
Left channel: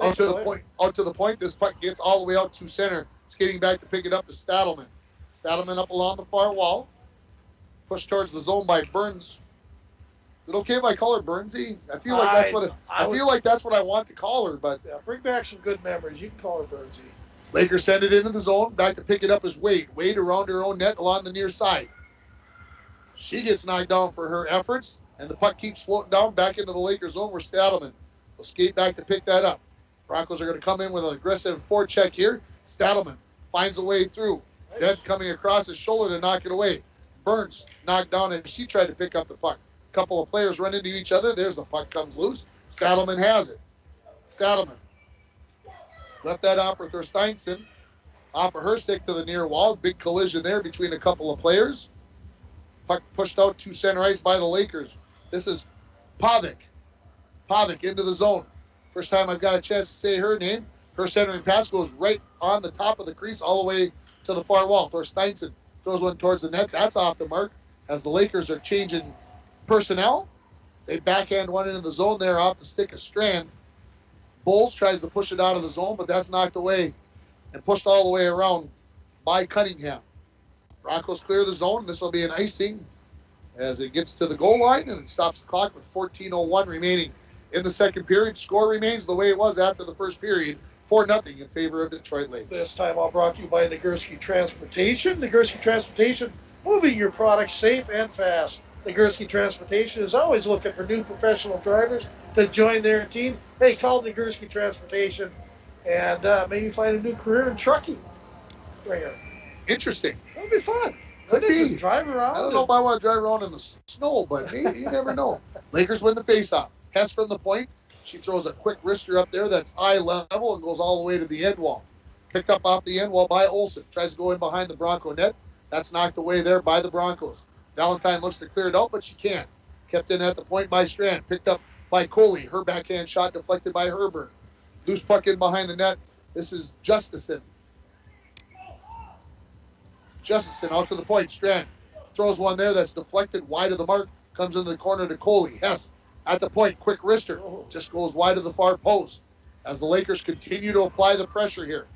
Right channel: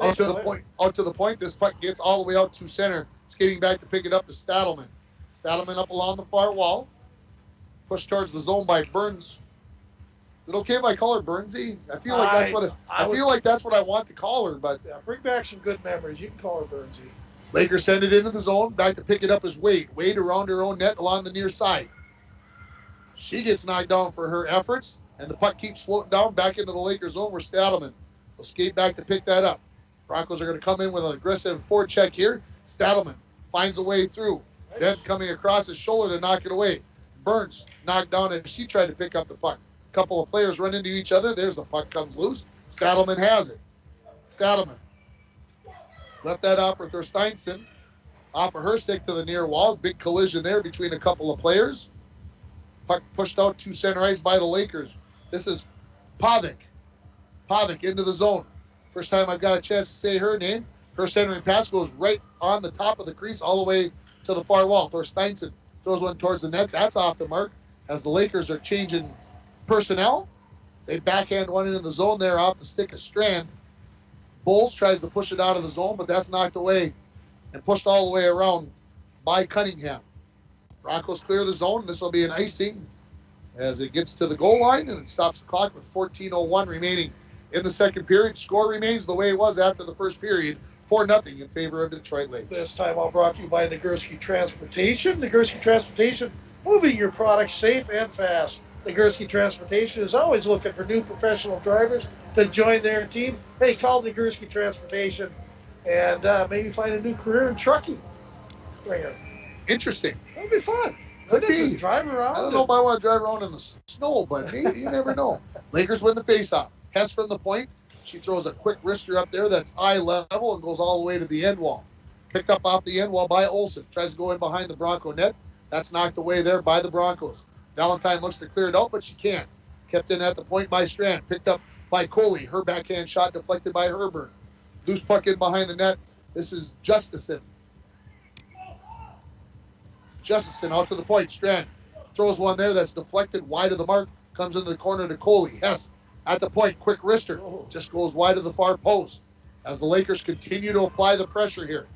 out to the point. This puck gets all the way out to center. Skating back to pick it up is Stadelman. Stadelman up along the far wall. Pushed towards the zone by Burns. Is it okay if I call her Burnsy? I feel like that's what I want to call her, but bring back some good memories. You can call her Burnsy. Lakers send it into the zone. Back to pick it up is Wade. Wade around her own net along the near side. She gets knocked down for her efforts, and the puck keeps floating down back into the Lakers zone where Stadelman will skate back to pick that up. Broncos are going to come in with an aggressive forecheck here. Stadelman finds a way through. Then coming across his shoulder to knock it away. Burns knocked down as she tried to pick up the puck. A couple of players run into each other. There's the puck comes loose. Stadelman has it. Stadelman left that off for Thorsteinson. Off of her stick to the near wall. Big collision there between a couple of players. Puck pushed out to center ice by the Lakers. This is Pavic. Pavic into the zone. First time I've got a chance to say her name. Her centering pass goes right on the top of the crease all the way to the far wall. Thorsteinson throws one towards the net. That's off the mark as the Lakers are changing personnel. They backhand one into the zone there off the stick of Strand. Bowles tries to push it out of the zone, but that's knocked away and pushed all the way around by Cunningham. Broncos clear the zone. This will be an icing as it gets to the goal line, and it stops the clock with 14:01 remaining in the second period. Score remains the way it was after the first period, 4-0 in favor of Detroit Lakes. This time all brought to you by Nagurski Transportation. Nagurski Transportation, moving your products safe and fast. Nagurski Transportation is always looking for new professional drivers to join their team. Hey, call Nagurski Transportation and maybe find a new career in trucking. Interesting. That'd be fun. Could be. Drive around. I don't know if I want to drive around in the snow, but maybe, you never know. Lakers win the faceoff. Hess from the point. She throws a quick wrister up there that's eye level and goes all the way to the end wall. Picked up off the end wall by Olsen. Tries to go in behind the Bronco net. That's knocked away there by the Broncos. Valentine looks to clear it out, but she can't. Kept in at the point by Strand. Picked up by Coley. Her backhand shot deflected by Herburn. Loose puck in behind the net. This is Justison. Justison out to the point. Strand throws one there that's deflected wide of the mark. Comes into the corner to Coley. Hess at the point. Quick wrister. Just goes wide of the far post. As the Lakers continue to apply the pressure here.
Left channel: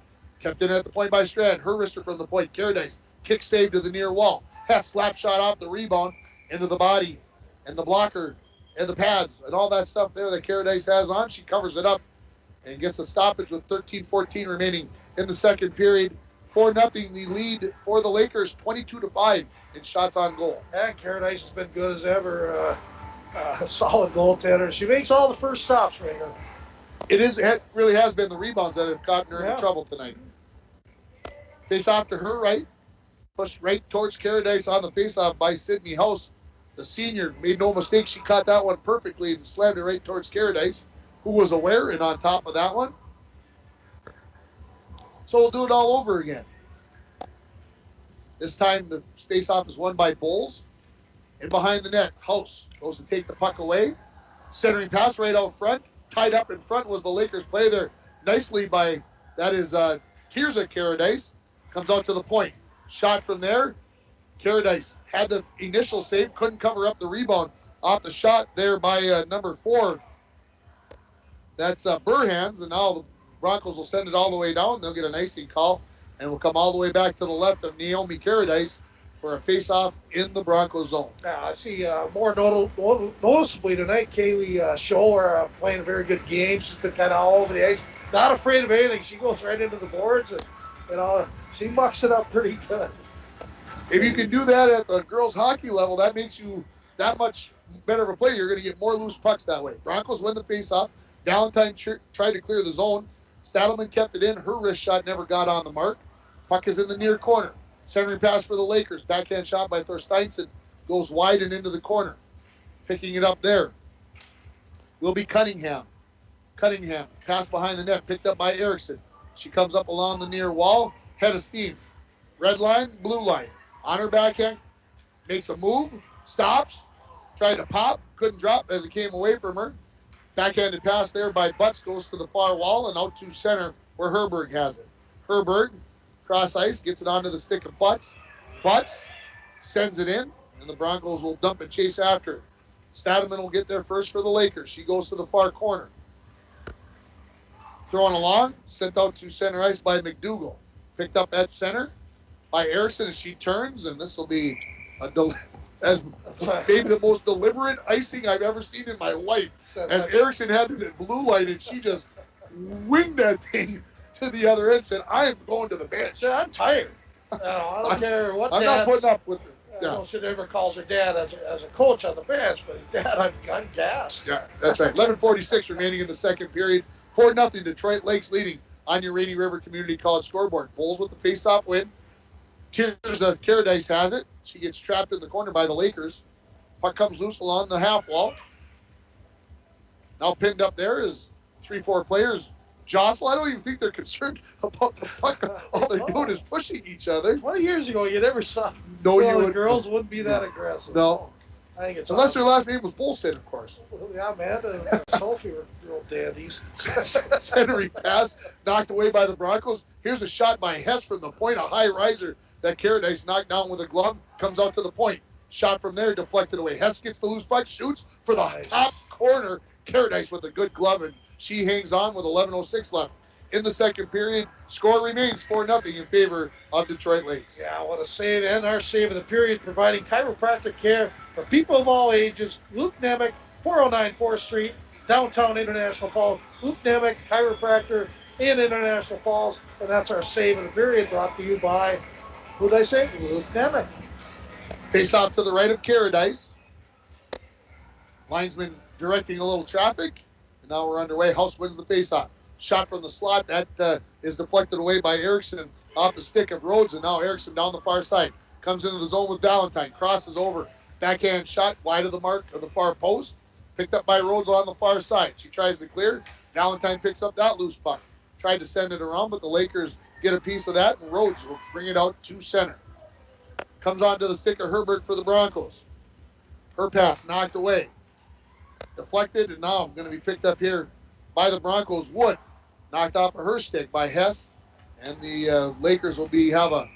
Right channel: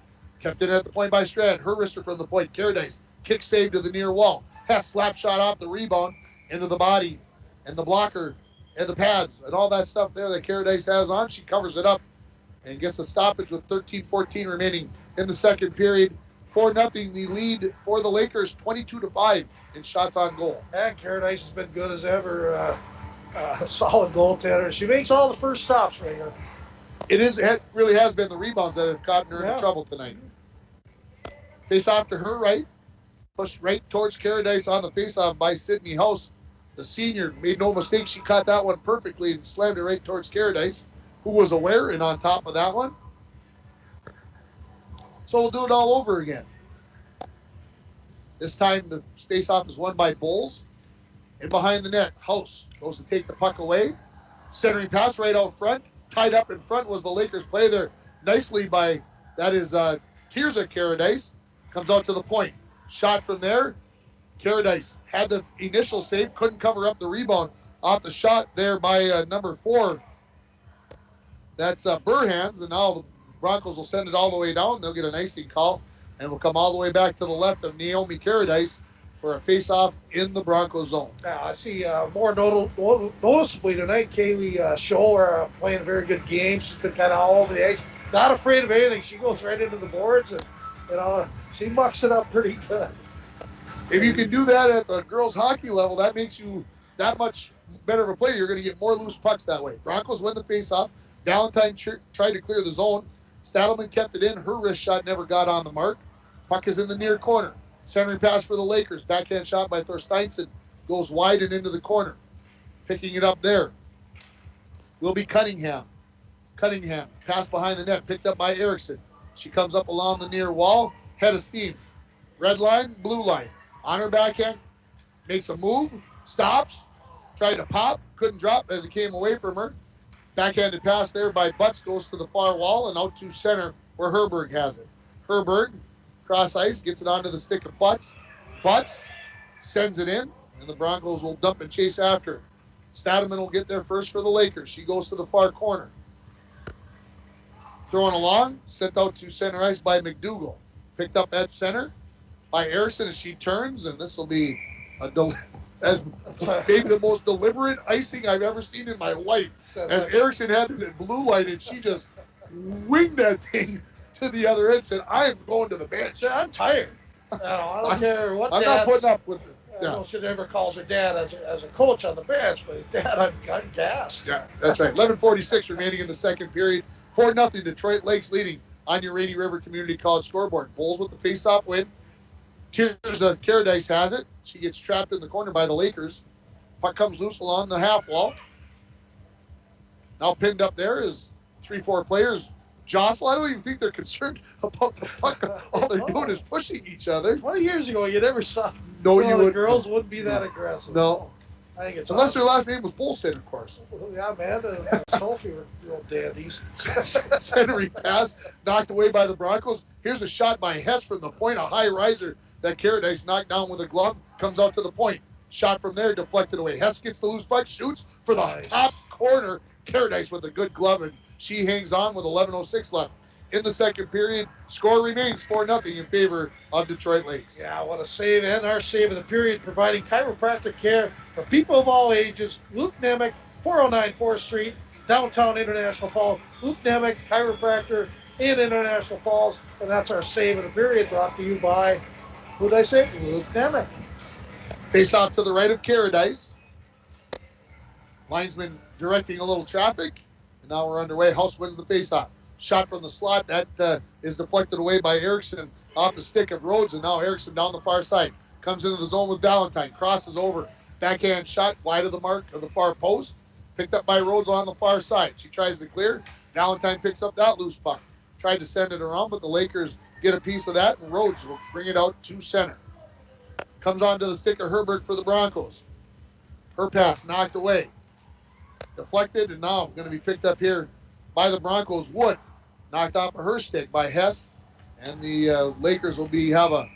Kept in at the point by Strand. Her wrister from the point. Caradice. Kick save to the near wall. Hess slap shot off the rebound into the body and the blocker and the pads and all that stuff there that Caradice has on. She covers it up and gets a stoppage with 13-14 remaining in the second period. 4-0 the lead for the Lakers, 22-5 in shots on goal. And Caradice has been good as ever. A solid goaltender. She makes all the first stops, Ringer. It really has been the rebounds that have gotten her into trouble tonight. Face off to her right. Pushed right towards Caradice on the faceoff by Sydney House. The senior made no mistake. She caught that one perfectly and slammed it right towards Caradice, who was aware and on top of that one. So we'll do it all over again. This time the faceoff is won by Bowles. And behind the net, House goes to take the puck away. Centering pass right out front. Tied up in front was the Lakers play there nicely by, that is Tirza Caradice. Comes out to the point. Shot from there. Caradice had the initial save, couldn't cover up the rebound off the shot there by number 4. That's Burhans, and now the Broncos will send it all the way down. They'll get an icing call, and we'll come all the way back to the left of Naomi Caradice for a face-off in the Broncos zone. Now, I see more noticeably tonight, Kaylee Scholler playing a very good game. She's been kind of all over the ice. Not afraid of anything. She goes right into the boards, and she mucks it up pretty good. If you can do that at the girls' hockey level, that makes you that much better of a player, you're going to get more loose pucks that way. Broncos win the faceoff. Valentine tried to clear the zone. Stadelman kept it in. Her wrist shot never got on the mark. Puck is in the near corner. Centering pass for the Lakers. Backhand shot by Thorsteinson. Goes wide and into the corner. Picking it up there will be Cunningham. Cunningham, pass behind the net, picked up by Erickson. She comes up along the near wall, head of steam. Red line, blue line. On her backhand, makes a move, stops, tried to pop, couldn't drop as it came away from her. Backhanded pass there by Butts goes to the far wall and out to center where Herberg has it. Herberg, cross ice, gets it onto the stick of Butts. Butts sends it in, and the Broncos will dump and chase after it. Stadelman will get there first for the Lakers. She goes to the far corner. Thrown along, sent out to center ice by McDougall. Picked up at center by Erickson as she turns, and this will be as maybe the most deliberate icing I've ever seen in my life. As Erickson had it at blue line, and she just winged that thing to the other end, said, I am going to the bench. Yeah, I'm tired. I don't care what I'm not putting up with it. I don't know if she ever calls her dad as a coach on the bench, but Dad, I'm gassed. Yeah, that's right. 11:46 remaining in the second period. 4-0 Detroit Lakes leading on your Rainy River Community College scoreboard. Bulls with the face-off win. Caradice has it. She gets trapped in the corner by the Lakers. Puck comes loose along the half wall. Now pinned up there is 3-4 players. Jostle, I don't even think they're concerned about the puck. All they're doing is pushing each other. 20 years ago, you never saw. No, well, you the girls wouldn't be that aggressive. No. I think it's unless their last name was Bolstead, of course. Yeah, Amanda and Sophie were real dandies. Centering pass knocked away by the Broncos. Here's a shot by Hess from the point, a high riser that Caradice knocked down with a glove, comes out to the point. Shot from there, deflected away. Hess gets the loose puck, shoots for the top corner. Caradice with a good glove, and she hangs on with 11:06 left. In the second period, score remains 4-0 in favor of Detroit Lakes. Yeah, what a save, and our save of the period, providing chiropractic care for people of all ages. Luke Nemec, 409 4th Street, downtown International Falls. Luke Nemec, chiropractor in International Falls, and that's our save of the period, brought to you by, who did I say? Luke Nemec. Face off to the right of Caradice. Linesman directing a little traffic, and now we're underway. House wins the face-off. Shot from the slot, that is deflected away by Erickson off the stick of Rhodes, and now Erickson down the far side. Comes into the zone with Valentine, crosses over. Backhand shot wide of the mark of the far post. Picked up by Rhodes on the far side. She tries to clear. Valentine picks up that loose puck. Tried to send it around, but the Lakers get a piece of that, and Rhodes will bring it out to center. Comes onto the stick of Herbert for the Broncos. Her pass knocked away. Deflected, and now going to be picked up here by the Broncos. Wood knocked off of her stick by Hess, and the Lakers will have a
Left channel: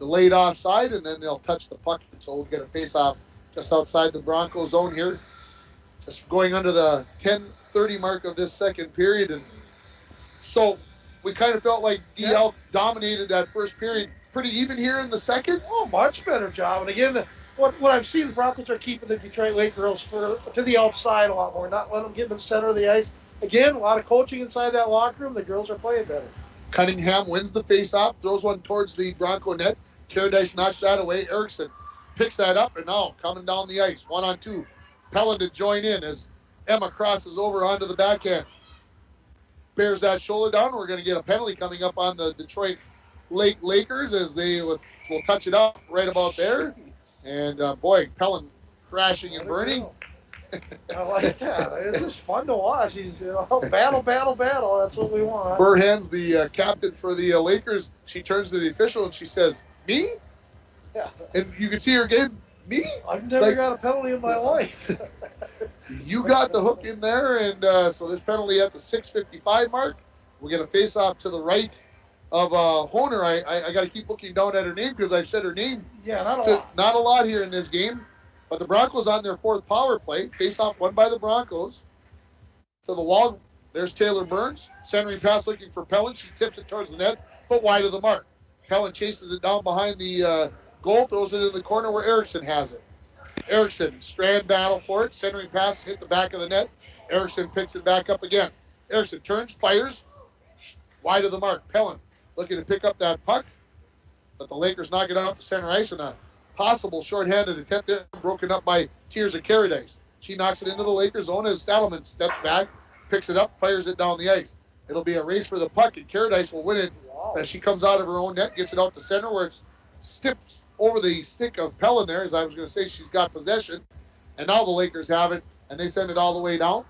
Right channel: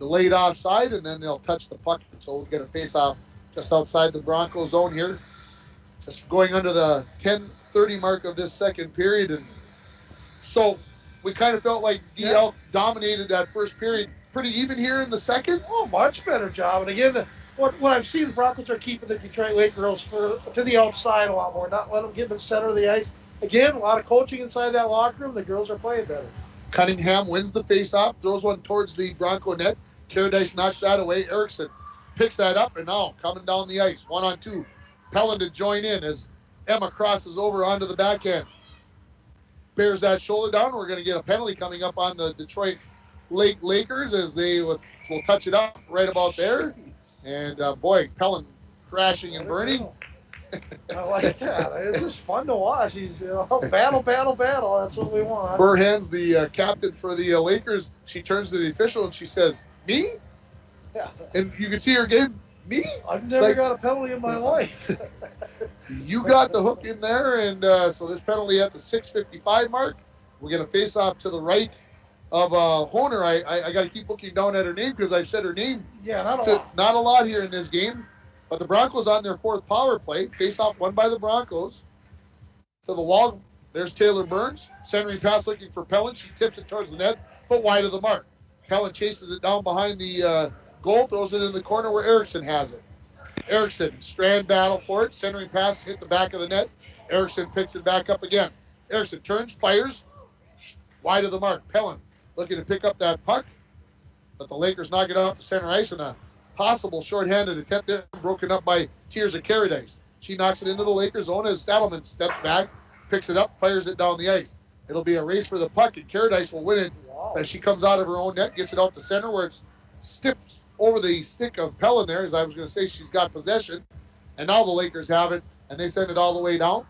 delayed offside, and then they'll touch the puck, so we'll get a face-off just outside the Broncos zone here. Just going under the 10:30 mark of this second period, and so we kind of felt like DL dominated that first period. Pretty even here in the second. Oh, much better job. And again, what I've seen, the Broncos are keeping the Detroit Lake girls to the outside a lot more, not letting them get to the center of the ice. Again, a lot of coaching inside that locker room. The girls are playing better. Cunningham wins the face-off, throws one towards the Bronco net. Caradice knocks that away. Erickson picks that up, and now coming down the ice, 1-on-2. Pellin to join in as Emma crosses over onto the backhand. Bears that shoulder down. We're going to get a penalty coming up on the Detroit Lake Lakers as they will touch it up right about there. And, boy, Pellin crashing and burning. I like that. It's just fun to watch. He's, battle. That's what we want. Burhan's the captain for the Lakers. She turns to the official and she says, "Me?" Yeah. And you can see her again, "Me?" I've never got a penalty in my life. You got the hook in there, and so this penalty at the 6:55 mark. We're going to face off to the right of Honer. I got to keep looking down at her name because I've said her name. Yeah, not a lot here in this game. But the Broncos on their fourth power play. Face-off won by the Broncos. To the wall, there's Taylor Burns. Centering pass looking for Pellin. She tips it towards the net, but wide of the mark. Pellin chases it down behind the goal, throws it in the corner where Erickson has it. Erickson, strand battle for it. Centering pass hit the back of the net. Erickson picks it back up again. Erickson turns, fires, wide of the mark. Pellin looking to pick up that puck, but the Lakers knock it out to center ice, and a possible shorthanded attempt there, broken up by Tears of Paradise. She knocks it into the Lakers' zone as Stadelman steps back, picks it up, fires it down the ice. It'll be a race for the puck, and Paradise will win it as she comes out of her own net, gets it out to center where it steps over the stick of Pellin there. As I was going to say, she's got possession, and now the Lakers have it, and they send it all the way down.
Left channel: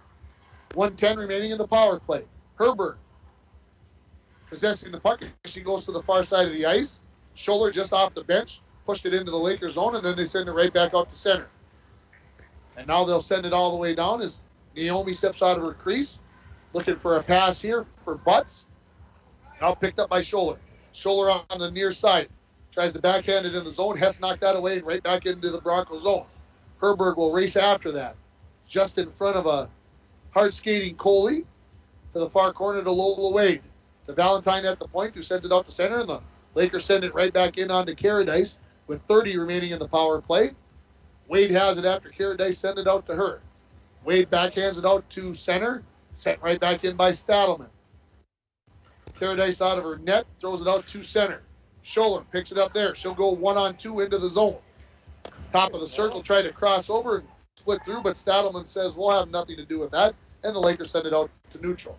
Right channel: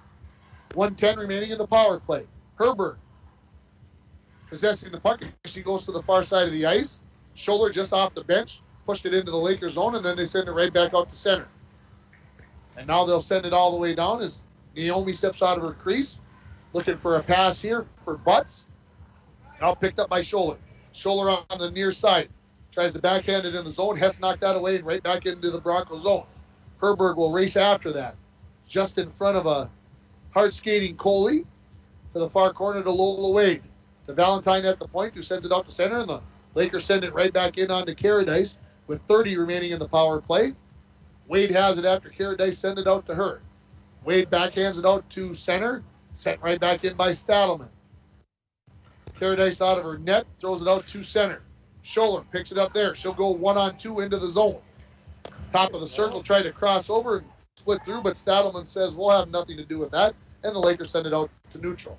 1:10 remaining in the power play. Herberg possessing the puck. She goes to the far side of the ice. Scholler just off the bench, pushed it into the Lakers' zone, and then they send it right back out to center. And now they'll send it all the way down as Naomi steps out of her crease, looking for a pass here for Butts. Now picked up by Scholler. Scholler on the near side. Tries to backhand it in the zone. Hess knocked that away and right back into the Broncos zone. Herberg will race after that. Just in front of a hard skating Coley to the far corner to Lola Wade. To Valentine at the point, who sends it out to center, and the Lakers send it right back in onto Paradise with 30 remaining in the power play. Wade has it after Paradise send it out to her. Wade backhands it out to center, sent right back in by Stadelman. Paradise out of her net, throws it out to center. Scholler picks it up there. She'll go 1-on-2 into the zone. Top of the circle, try to cross over and split through, but Stadelman says we'll have nothing to do with that, and the Lakers send it out to neutral.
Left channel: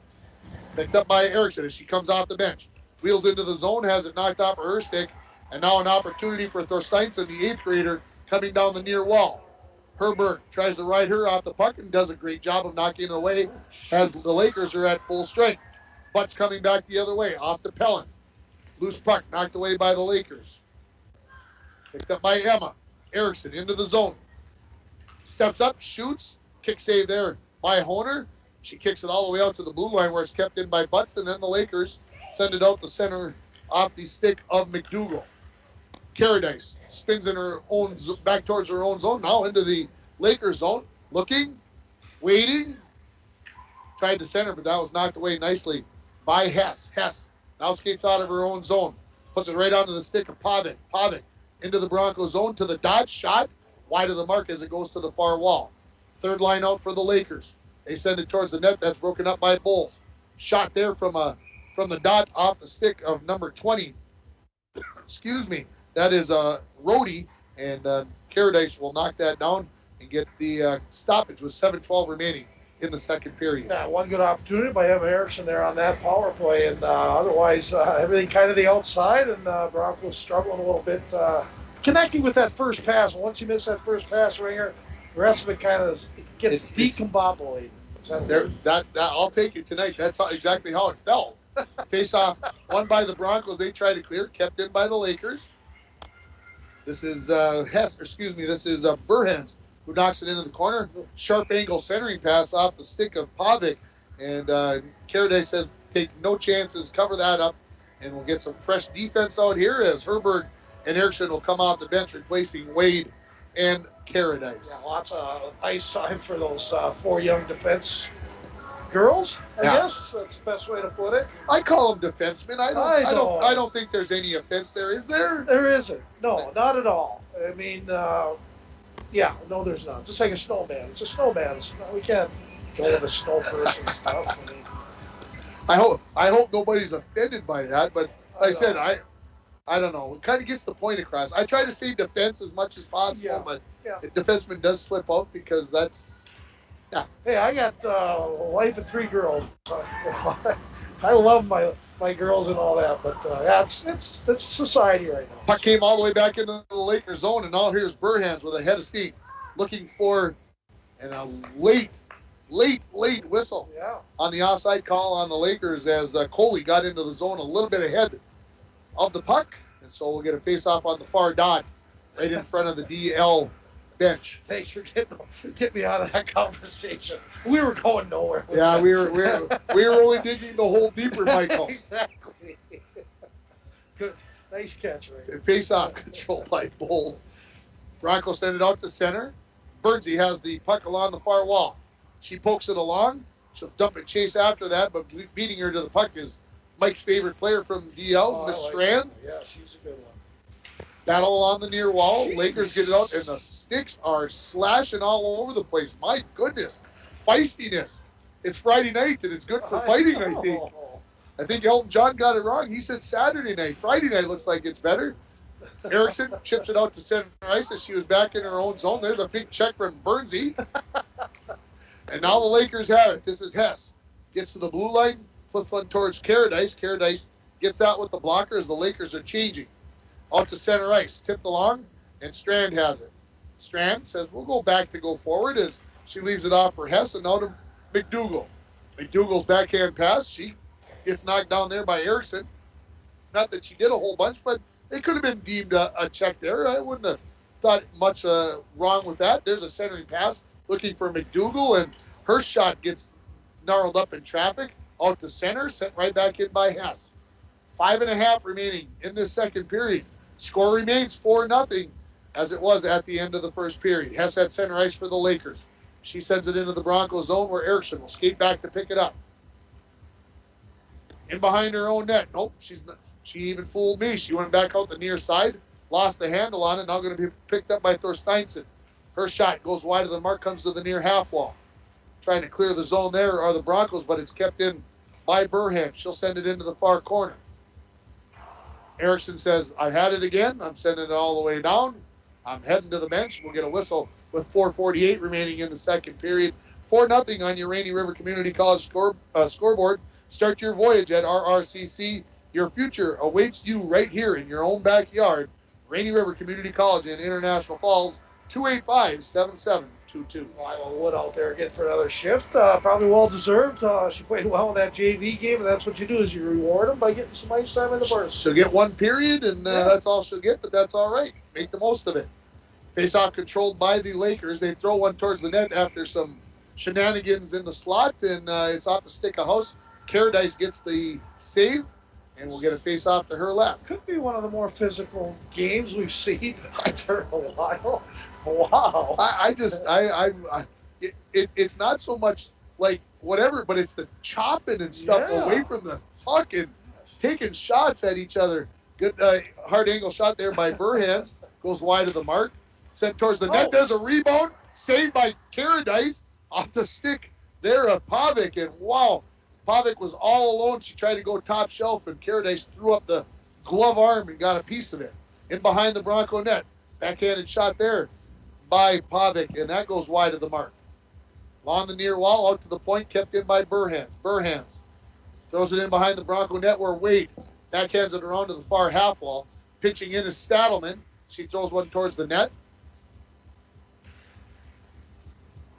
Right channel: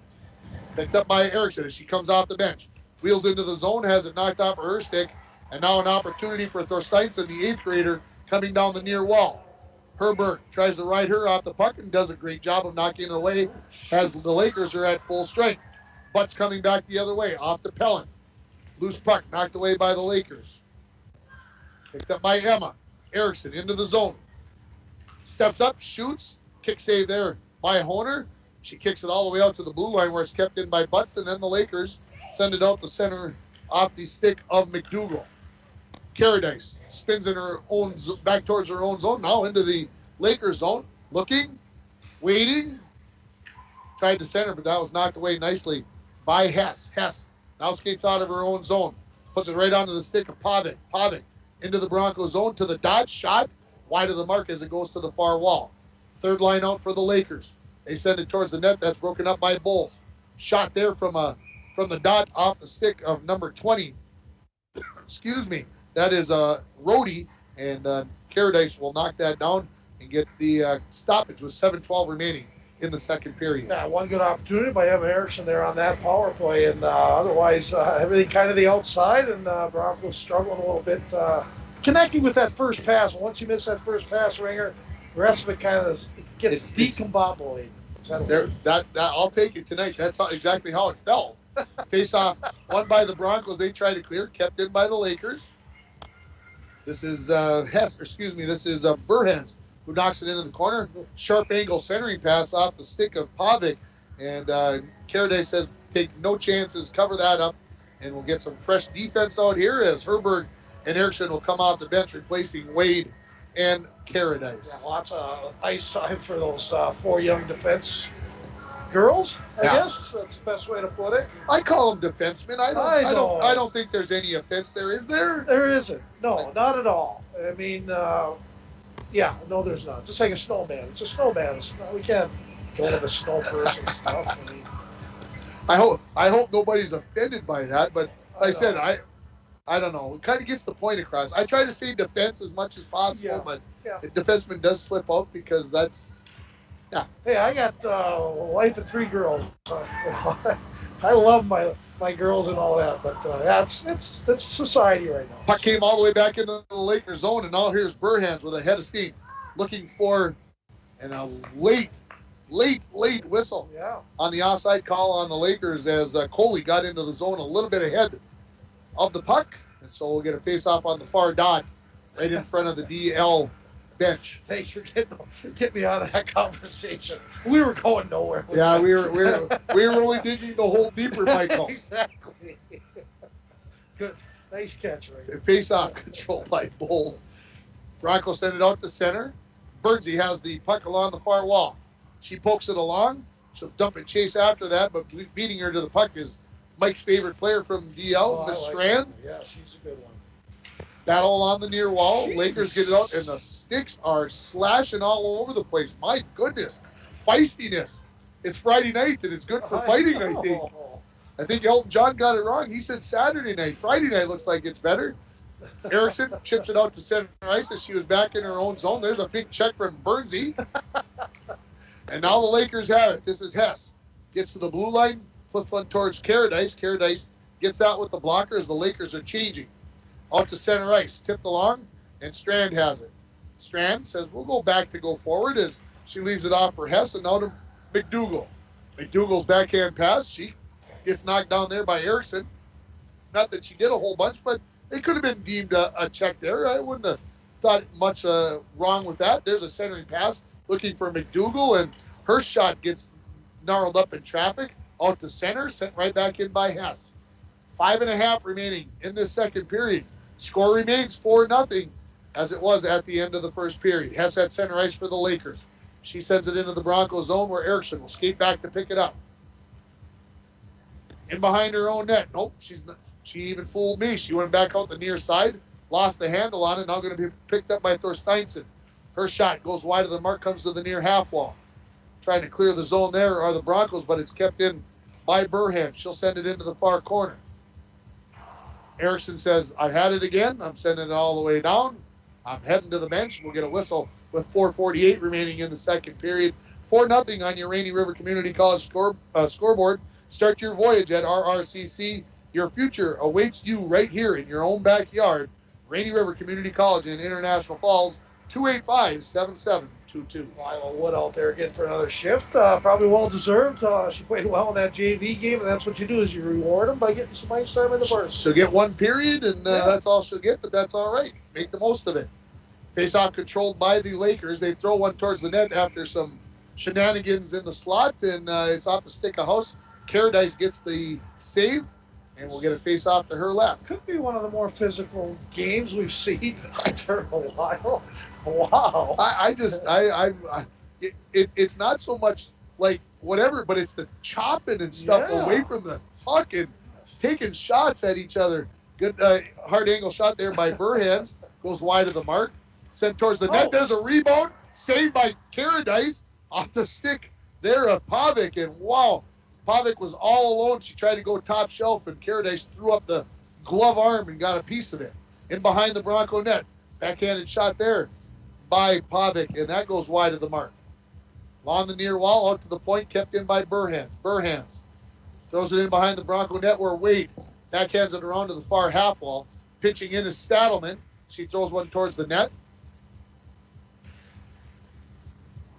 Picked up by Erickson as she comes off the bench. Wheels into the zone, has it knocked off of her stick, and now an opportunity for Thorsteinson, the 8th grader, coming down the near wall. Herberg tries to ride her off the puck and does a great job of knocking it away as the Lakers are at full strength. Butts coming back the other way, off to Pellin. Loose puck knocked away by the Lakers. Picked up by Emma. Erickson into the zone. Steps up, shoots. Kick save there by Honer. She kicks it all the way out to the blue line where it's kept in by Butts, and then the Lakers send it out the center off the stick of McDougall. Paradise spins in her own back towards her own zone, now into the Lakers zone. Looking, waiting. Tried to center, but that was knocked away nicely by Hess. Hess now skates out of her own zone. Puts it right onto the stick of Pavic. Pavic into the Broncos zone to the dot. Shot wide of the mark as it goes to the far wall. Third line out for the Lakers. They send it towards the net. That's broken up by Bowles. Shot there from the dot off the stick of number 20. Excuse me. That is Rhodey, and Paradise will knock that down and get the stoppage with 7:12 remaining in the second period. Yeah, one good opportunity by Emma Erickson there on that power play, and otherwise everything kind of the outside, and Broncos struggling a little bit connecting with that first pass. Once you miss that first pass, Ringer, the rest of it kind of gets decombobulated. I'll take it tonight. That's exactly how it felt. Face off, won by the Broncos. They tried to clear, kept in by the Lakers. This is This is Burhans who knocks it into the corner. Sharp angle centering pass off the stick of Pavic, and Paradise says take no chances, cover that up, and we'll get some fresh defense out here as Herberg and Erickson will come off the bench replacing Wade and Paradise. Yeah, lots of ice time for those 4 young defense girls. I guess that's the best way to put it. I call them defensemen. I don't think there's any offense there. Is there? There isn't. No, not at all. I mean, no, there's not. Just like a snowman. It's a snowman. We can't go with the snow person stuff. I mean, I hope nobody's offended by that. But like I said, I don't know. It kind of gets the point across. I try to say defense as much as possible, but the defenseman does slip out because that's. Yeah. Hey, I got a wife of 3 girls. I love my girls and all that, but it's society right now. Puck came all the way back into the Lakers zone, and now here's Burhans with a head of steam, looking for a late whistle on the offside call on the Lakers as Coley got into the zone a little bit ahead of the puck, and so we'll get a face-off on the far dot right in front of the DL bench. Thanks for getting me out of that conversation. We were going nowhere. We were only digging the hole deeper, Michael. Exactly. Good, nice catch, Rick. Face-off control by Bowles. Broncos send it out to center. Bernsey has the puck along the far wall. She pokes it along. She'll dump and chase after that, but beating her to the puck is Mike's favorite player from DL, Miss Strand. Yeah, she's a good one. Battle on the near wall. Lakers get it out, and the sticks are slashing all over the place. My goodness. Feistiness. It's Friday night, and it's good for fighting, I think. I think Elton John got it wrong. He said Saturday night. Friday night looks like it's better. Erickson chips it out to center ice as she was back in her own zone. There's a big check from Bernsey. And now the Lakers have it. This is Hess. Gets to the blue line, flips one towards Caradice. Caradice gets that with the blocker as the Lakers are changing. Out to center ice. Tipped along, and Strand has it. Strand says, we'll go back to go forward as she leaves it off for Hess, and now to McDougall. McDougall's backhand pass. She gets knocked down there by Erickson. Not that she did a whole bunch, but it could have been deemed a check there. I wouldn't have thought much wrong with that. There's a centering pass looking for McDougall, and her shot gets gnarled up in traffic. Out to center, sent right back in by Hess. 5.5 remaining in this second period. Score remains 4-0 as it was at the end of the first period. Hess at center ice for the Lakers. She sends it into the Broncos zone where Erickson will skate back to pick it up. In behind her own net. Nope, she even fooled me. She went back out the near side, lost the handle on it, now going to be picked up by Thorsteinson. Her shot goes wide of the mark, comes to the near half wall. Trying to clear the zone there are the Broncos, but it's kept in by Burhan. She'll send it into the far corner. Erickson says, I've had it again. I'm sending it all the way down. I'm heading to the bench. We'll get a whistle with 4:48 remaining in the second period. 4-0 on your Rainy River Community College scoreboard. Start your voyage at RRCC. Your future awaits you right here in your own backyard. Rainy River Community College in International Falls, 285-7722. Lila Wood out there again for another shift. Probably well-deserved. She played well in that JV game, and that's what you do is you reward them by getting some ice time in the burst. She'll get one period, and that's all she'll get, but that's all right. Make the most of it. Face-off controlled by the Lakers. They throw one towards the net after some shenanigans in the slot, and it's off the stick of house. Caradice gets the save, and we'll get a face-off to her left. Could be one of the more physical games we've seen after a while. Wow. It's not so much like whatever, but it's the chopping and stuff away from the puck and taking shots at each other. Good hard angle shot there by Burhans. Goes wide of the mark. Sent towards the net. There's a rebound. Saved by Caradice off the stick there of Pavic. And wow, Pavic was all alone. She tried to go top shelf, and Caradice threw up the glove arm and got a piece of it. In behind the Bronco net. Backhanded shot there by Pavic, and that goes wide of the mark. Along the near wall, out to the point, kept in by Burhans. Burhans throws it in behind the Bronco net where Wade backhands it around to the far half wall. Pitching in is Stadelman. She throws one towards the net.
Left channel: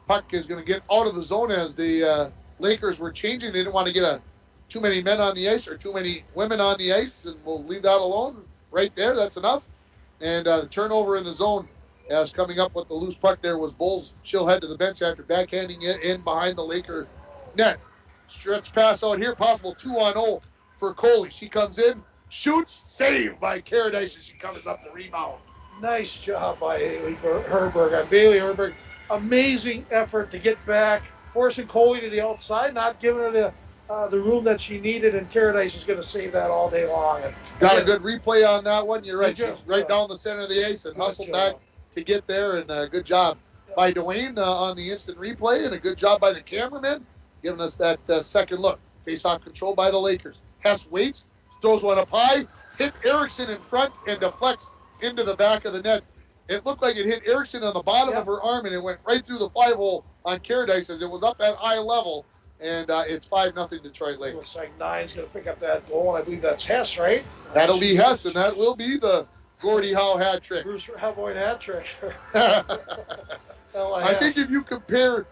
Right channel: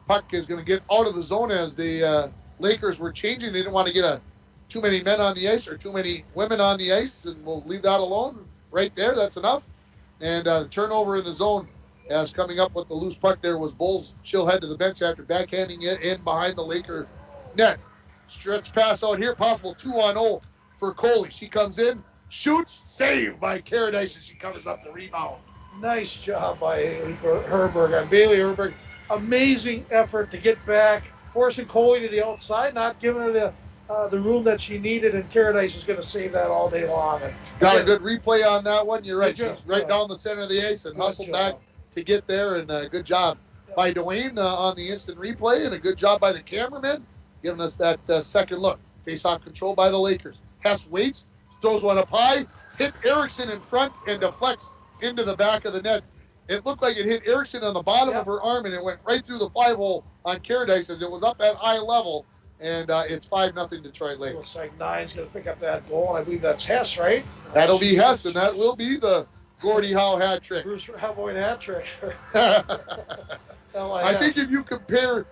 Puck is going to get out of the zone as the Lakers were changing. They didn't want to get too many men on the ice or too many women on the ice, and we'll leave that alone right there. That's enough. And the turnover in the zone as coming up with the loose puck there was Bulls. She'll head to the bench after backhanding it in behind the Laker net. Stretch pass out here, possible 2-on-0 for Coley. She comes in, shoots, saved by Caradice as she covers up the rebound. Nice job by Bailey Herberg. Bailey Herberg, amazing effort to get back, forcing Coley to the outside, not giving her the room that she needed, and Caradice is going to save that all day long. And got a good replay on that one. You're right. She's right down the center of the ice and hustled back to get there, and good job by Dwayne on the instant replay, and a good job by the cameraman giving us that second look. Face-off control by the Lakers. Hess waits, throws one up high, hit Erickson in front, and deflects into the back of the net. It looked like it hit Erickson on the bottom of her arm, and it went right through the 5-hole on Caradice as it was up at eye level. And it's 5-0 Detroit Lakers. Looks like Nine's going to pick up that goal, and I believe that's Hess, right? That'll be Hess, and that will be the Gordie Howe hat trick. Bruce Havoy hat trick. I think if you compare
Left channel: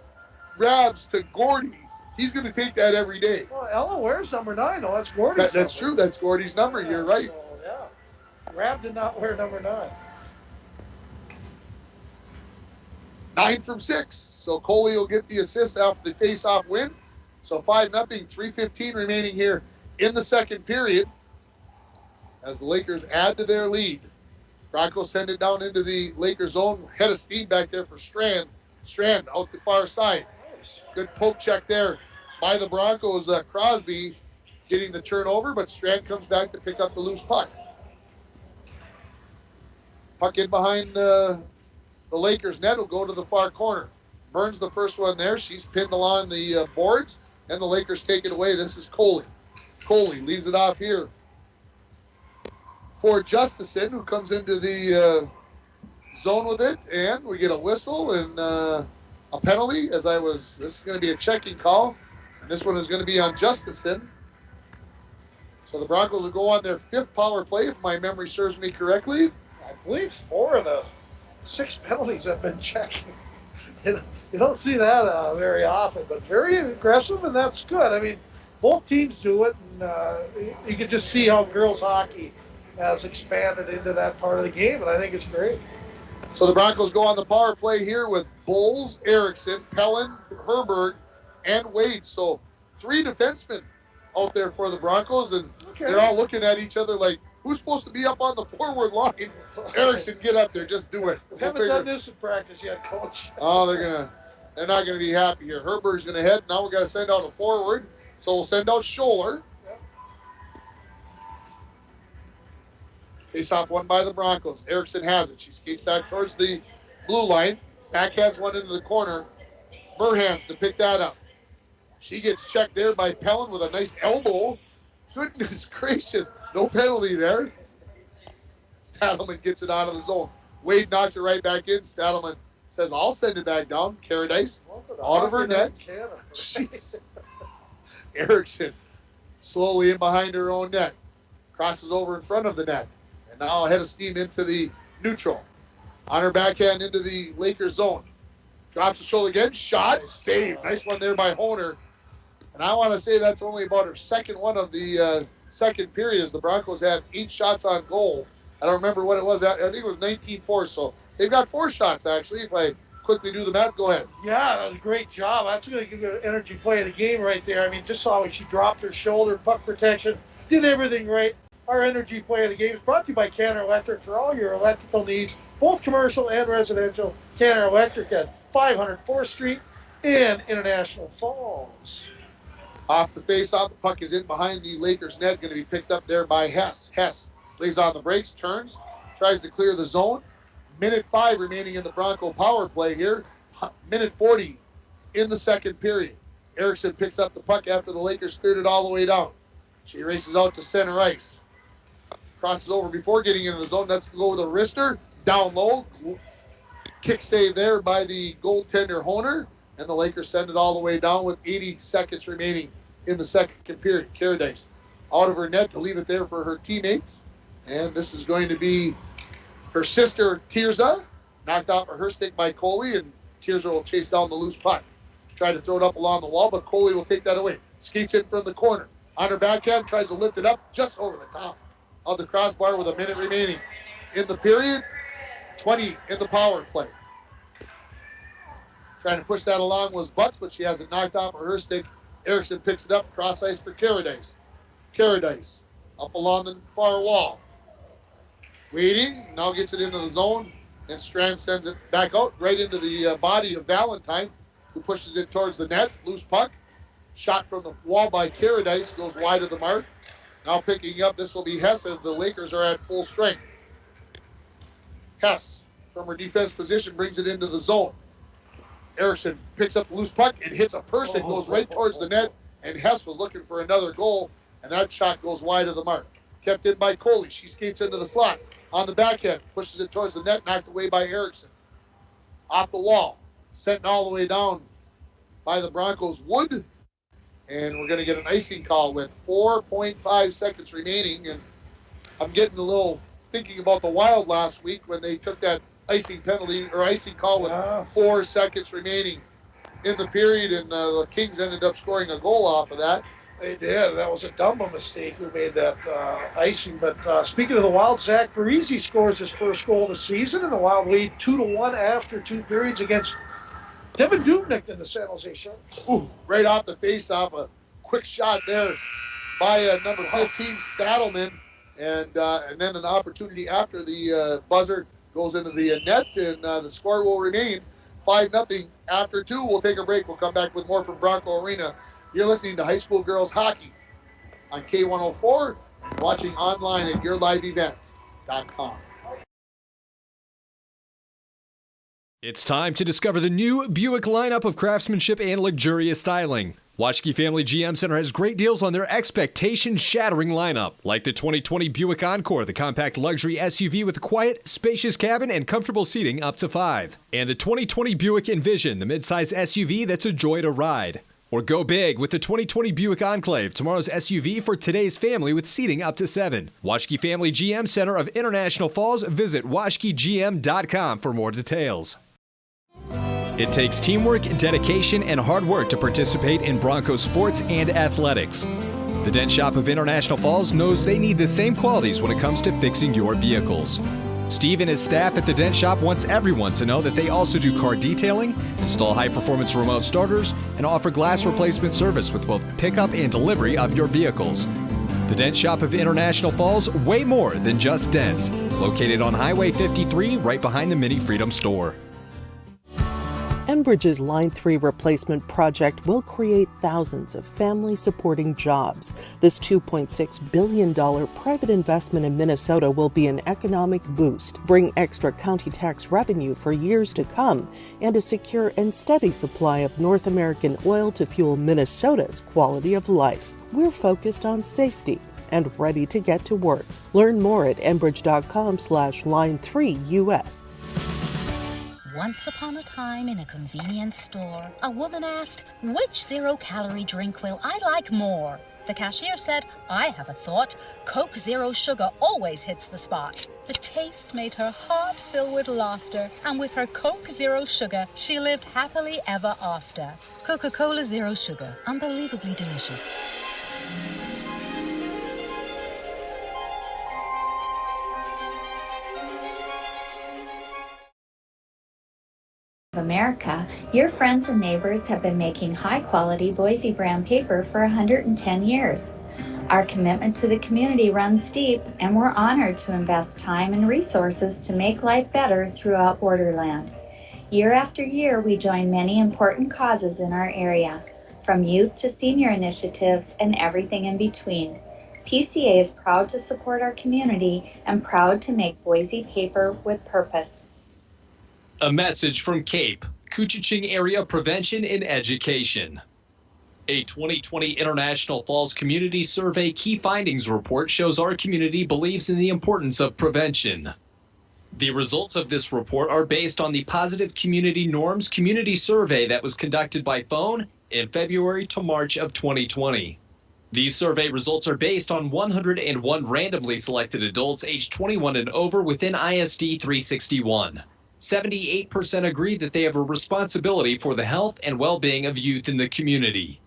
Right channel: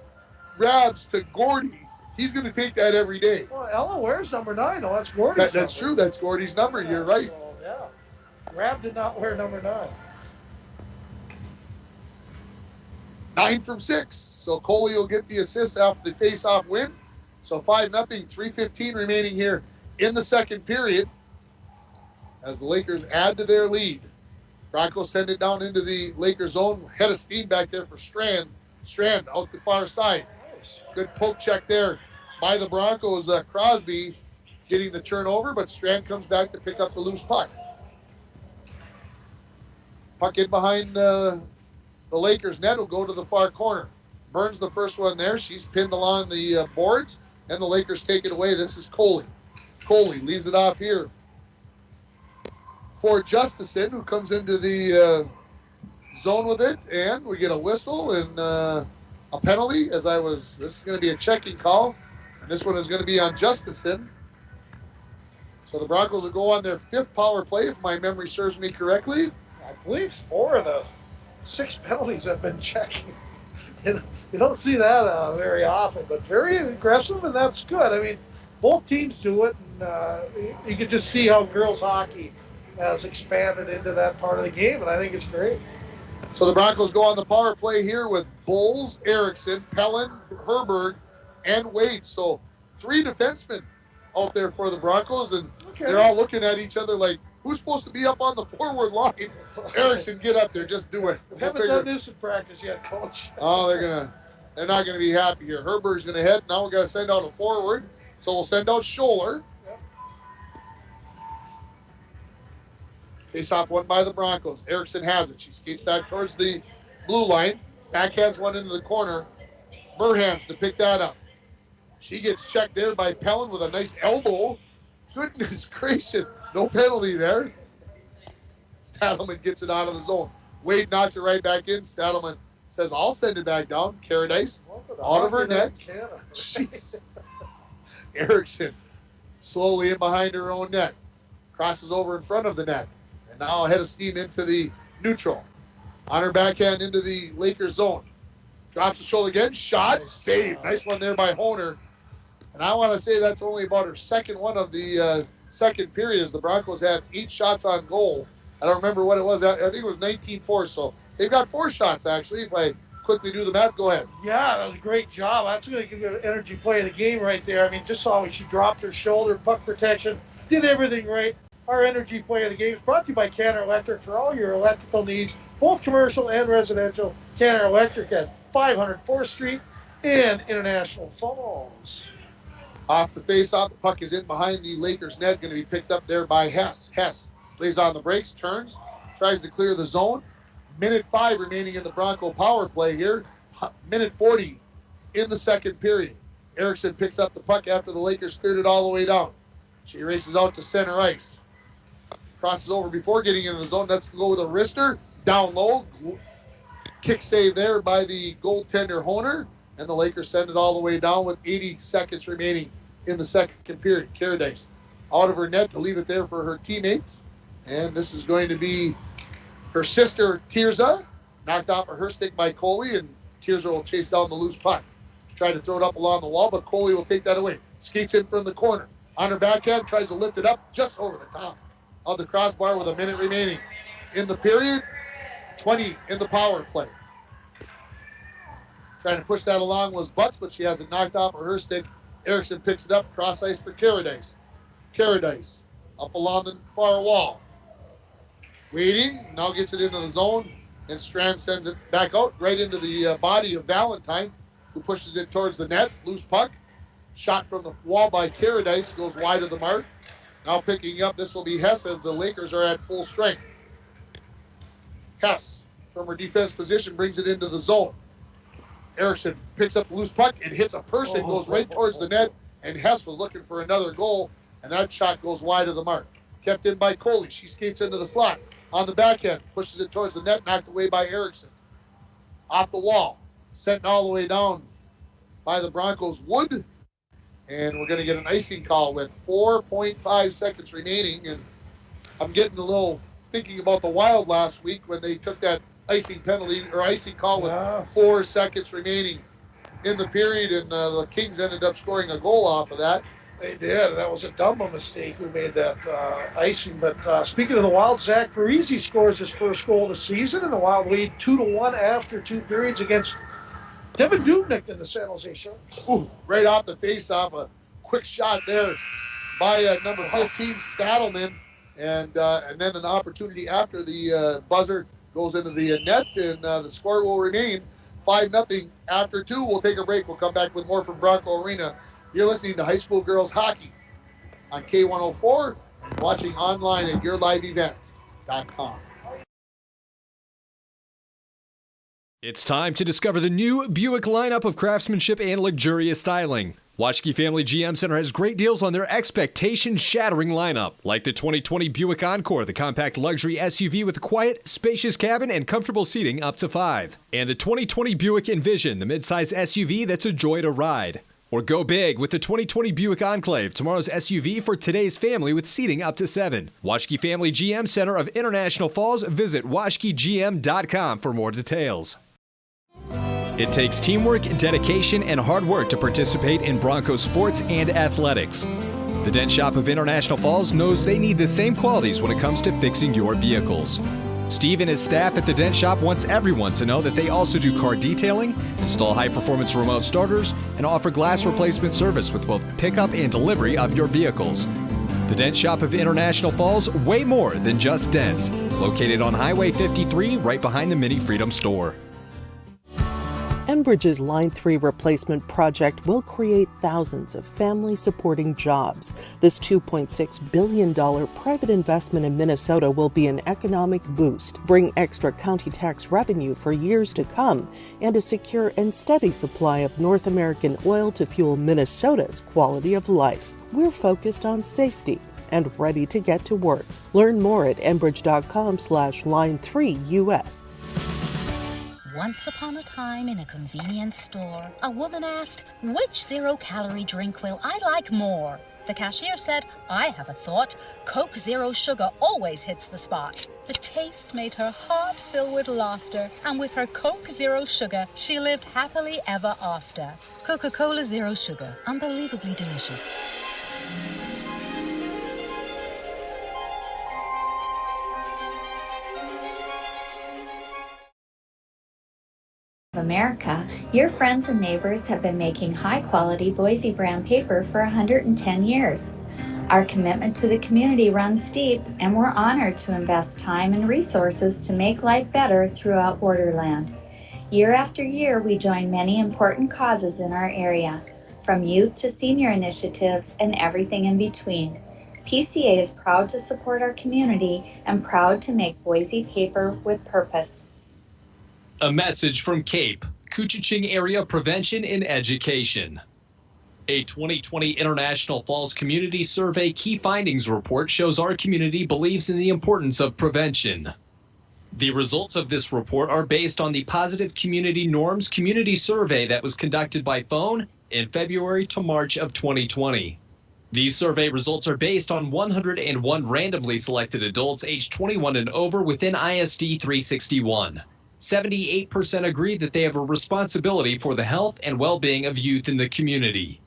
Rabs to Gordie, he's going to take that every day. Well, Ella wears number 9, though. That's Gordie's That's true. That's Gordie's number. You're right. So, Rab did not wear number 9. 9 from 6. So Coley will get the assist after the face-off win. So 5-0, 3:15 remaining here in the second period as the Lakers add to their lead. Broncos send it down into the Lakers zone. Head of steam back there for Strand. Strand out the far side. Good poke check there by the Broncos. Crosby getting the turnover, but Strand comes back to pick up the loose puck. Puck in behind the Lakers net will go to the far corner. Burns the first one there. She's pinned along the boards, and the Lakers take it away. This is Coley. Coley leaves it off here for Justison, who comes into the zone with it, and we get a whistle and a penalty. This is going to be a checking call, and this one is going to be on Justison. So the Broncos will go on their 5th power play, if my memory serves me correctly. I believe 4 of the 6 penalties have been checking. You don't see that very often, but very aggressive, and that's good. I mean, both teams do it, and you can just see how girls hockey has expanded into that part of the game, and I think it's great. So the Broncos go on the power play here with Bowles, Erickson, Pellin, Herberg, and Wade. So 3 defensemen out there for the Broncos, and they're all looking at each other like, who's supposed to be up on the forward line? Erickson, get up there, just do it. We haven't done this in practice yet, Coach. Oh, they're not gonna be happy here. Herberg's gonna head. Now we gotta send out a forward. So we'll send out Scholler. Face off one by the Broncos. Erickson has it. She skates back towards the blue line. Backhands one into the corner. Burhans to pick that up. She gets checked there by Pellin with a nice elbow. Goodness gracious. No penalty there. Stadelman gets it out of the zone. Wade knocks it right back in. Stadelman says, I'll send it back down. Caradice out of her net. Jeez. Erickson slowly in behind her own net. Crosses over in front of the net. And now ahead of steam into the neutral. On her backhand into the Lakers zone. Drops the shoulder again. Shot. Save. Nice one there by Honer. And I want to say that's only about her second one of the second period, as the Broncos had 8 shots on goal. I don't remember what it was. I think it was 19-4. So they've got 4 shots, actually. If I quickly do the math, go ahead. Yeah, that was a great job. That's going to give you an energy play of the game right there. I mean, just saw when she dropped her shoulder, puck protection, did everything right. Our energy play of the game is brought to you by Canner Electric for all your electrical needs, both commercial and residential. Canner Electric at 500 4th Street in International Falls. Off the face-off, the puck is in behind the Lakers net, going to be picked up there by Hess. Hess lays on the brakes, turns, tries to clear the zone. Minute 5 remaining in the Bronco power play here. Minute 40 in the second period. Erickson picks up the puck after the Lakers cleared it all the way down. She races out to center ice. Crosses over before getting into the zone. Let's go with a wrister. Down low. Kick save there by the goaltender Honer. And the Lakers send it all the way down with 80 seconds remaining in the second period. Caradice out of her net to leave it there for her teammates. And this is going to be her sister, Tirza, knocked off of her stick by Coley, and Tirza will chase down the loose puck. Try to throw it up along the wall, but Coley will take that away. Skates in from the corner. On her backhand, tries to lift it up just over the top of the crossbar with a minute remaining in the period. 20 in the power play. Trying to push that along was Butts, but she has it knocked off of her stick. Erickson picks it up, cross ice for Caradice. Caradice up along the far wall. Waiting, now gets it into the zone, and Strand sends it back out right into the body of Valentine, who pushes it towards the net. Loose puck. Shot from the wall by Caradice, goes wide of the mark. Now picking up, this will be Hess as the Lakers are at full strength. Hess, from her defense position, brings it into the zone. Erickson picks up the loose puck and hits a person, goes right towards the net, and Hess was looking for another goal, and that shot goes wide of the mark. Kept in by Coley. She skates into the slot. On the backhand, pushes it towards the net, knocked away by Erickson. Off the wall, sent all the way down by the Broncos Wood, and we're going to get an icing call with 4.5 seconds remaining, and I'm getting a little thinking about the Wild last week when they took that icing penalty or icing call with 4 seconds remaining in the period, and the Kings ended up scoring a goal off of that. They did. That was a Dumba mistake who made that icing. But speaking of the Wild, Zach Parise scores his first goal of the season, and the Wild lead 2-1 after 2 periods against Devin Dubnyk in the San Jose Sharks. Ooh, right off the face-off, a quick shot there by number 15, Stadelman, and then an opportunity after the buzzer goes into the net, and the score will remain 5-0 after 2. We'll take a break. We'll come back with more from Bronco Arena. You're listening to High School Girls Hockey on K104 and watching online at yourliveevent.com. It's time to discover the new Buick lineup of craftsmanship and luxurious styling. Waschke Family GM Center has great deals on their expectation-shattering lineup, like the 2020 Buick Encore, the compact luxury SUV with a quiet, spacious cabin and comfortable seating up to 5. And the 2020 Buick Envision, the midsize SUV that's a joy to ride. Or go big with the 2020 Buick Enclave, tomorrow's SUV for today's family with seating up to 7. Waschke Family GM Center of International Falls. Visit waschkegm.com for more details. It takes teamwork, dedication, and hard work to participate in Broncos sports and athletics. The Dent Shop of International Falls knows they need the same qualities when it comes to fixing your vehicles. Steve and his staff at the Dent Shop wants everyone to know that they also do car detailing, install high-performance remote starters, and offer glass replacement service with both pickup and delivery of your vehicles. The Dent Shop of International Falls, way more than just dents. Located on Highway 53, right behind the Mini Freedom store. Enbridge's Line 3 replacement project will create thousands of family-supporting jobs. This $2.6 billion private investment in Minnesota will be an economic boost, bring extra county tax revenue for years to come, and a secure and steady supply of North American oil to fuel Minnesota's quality of life. We're focused on safety and ready to get to work. Learn more at enbridge.com/line3US. Once upon a time in a convenience store, a woman asked, which zero-calorie drink will I like more? The cashier said, I have a thought. Coke Zero Sugar always hits the spot. The taste made her heart fill with laughter, and with her Coke Zero Sugar, she lived happily ever after. Coca-Cola Zero Sugar, unbelievably delicious. America, your friends and neighbors have been making high-quality Boise brand paper for 110 years. Our commitment to the community runs deep, and we're honored to invest time and resources to make life better throughout Borderland. Year after year, we join many important causes in our area, from youth to senior initiatives and everything in between. PCA is proud to support our community and proud to make Boise paper with purpose. A message from CAPE, Koochiching Area Prevention and Education. A 2020 International Falls Community Survey Key Findings Report shows our community believes in the importance of prevention. The results of this report are based on the Positive Community Norms Community Survey that was conducted by phone in February to March of 2020. These survey results are based on 101 randomly selected adults aged 21 and over within ISD 361. 78% agree that they have a responsibility for the health and well-being of youth in the community.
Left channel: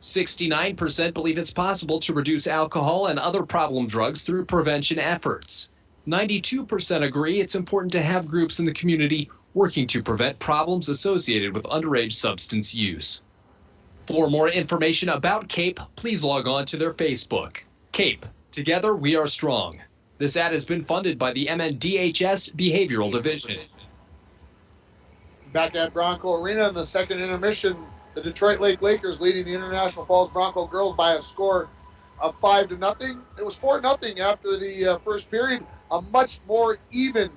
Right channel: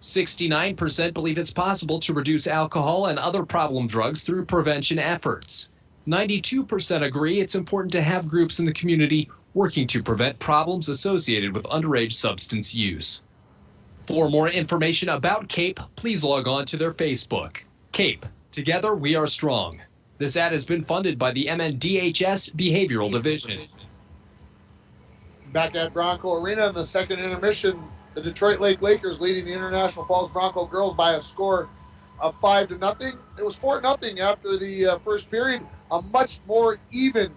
69% believe it's possible to reduce alcohol and other problem drugs through prevention efforts. 92% agree it's important to have groups in the community working to prevent problems associated with underage substance use. For more information about CAPE, please log on to their Facebook. CAPE, together we are strong. This ad has been funded by the MNDHS Behavioral Division. Back at Bronco Arena in the second intermission, the Detroit Lake Lakers leading the International Falls Bronco girls by a score of 5-0. It was 4-0 after the first period. A much more even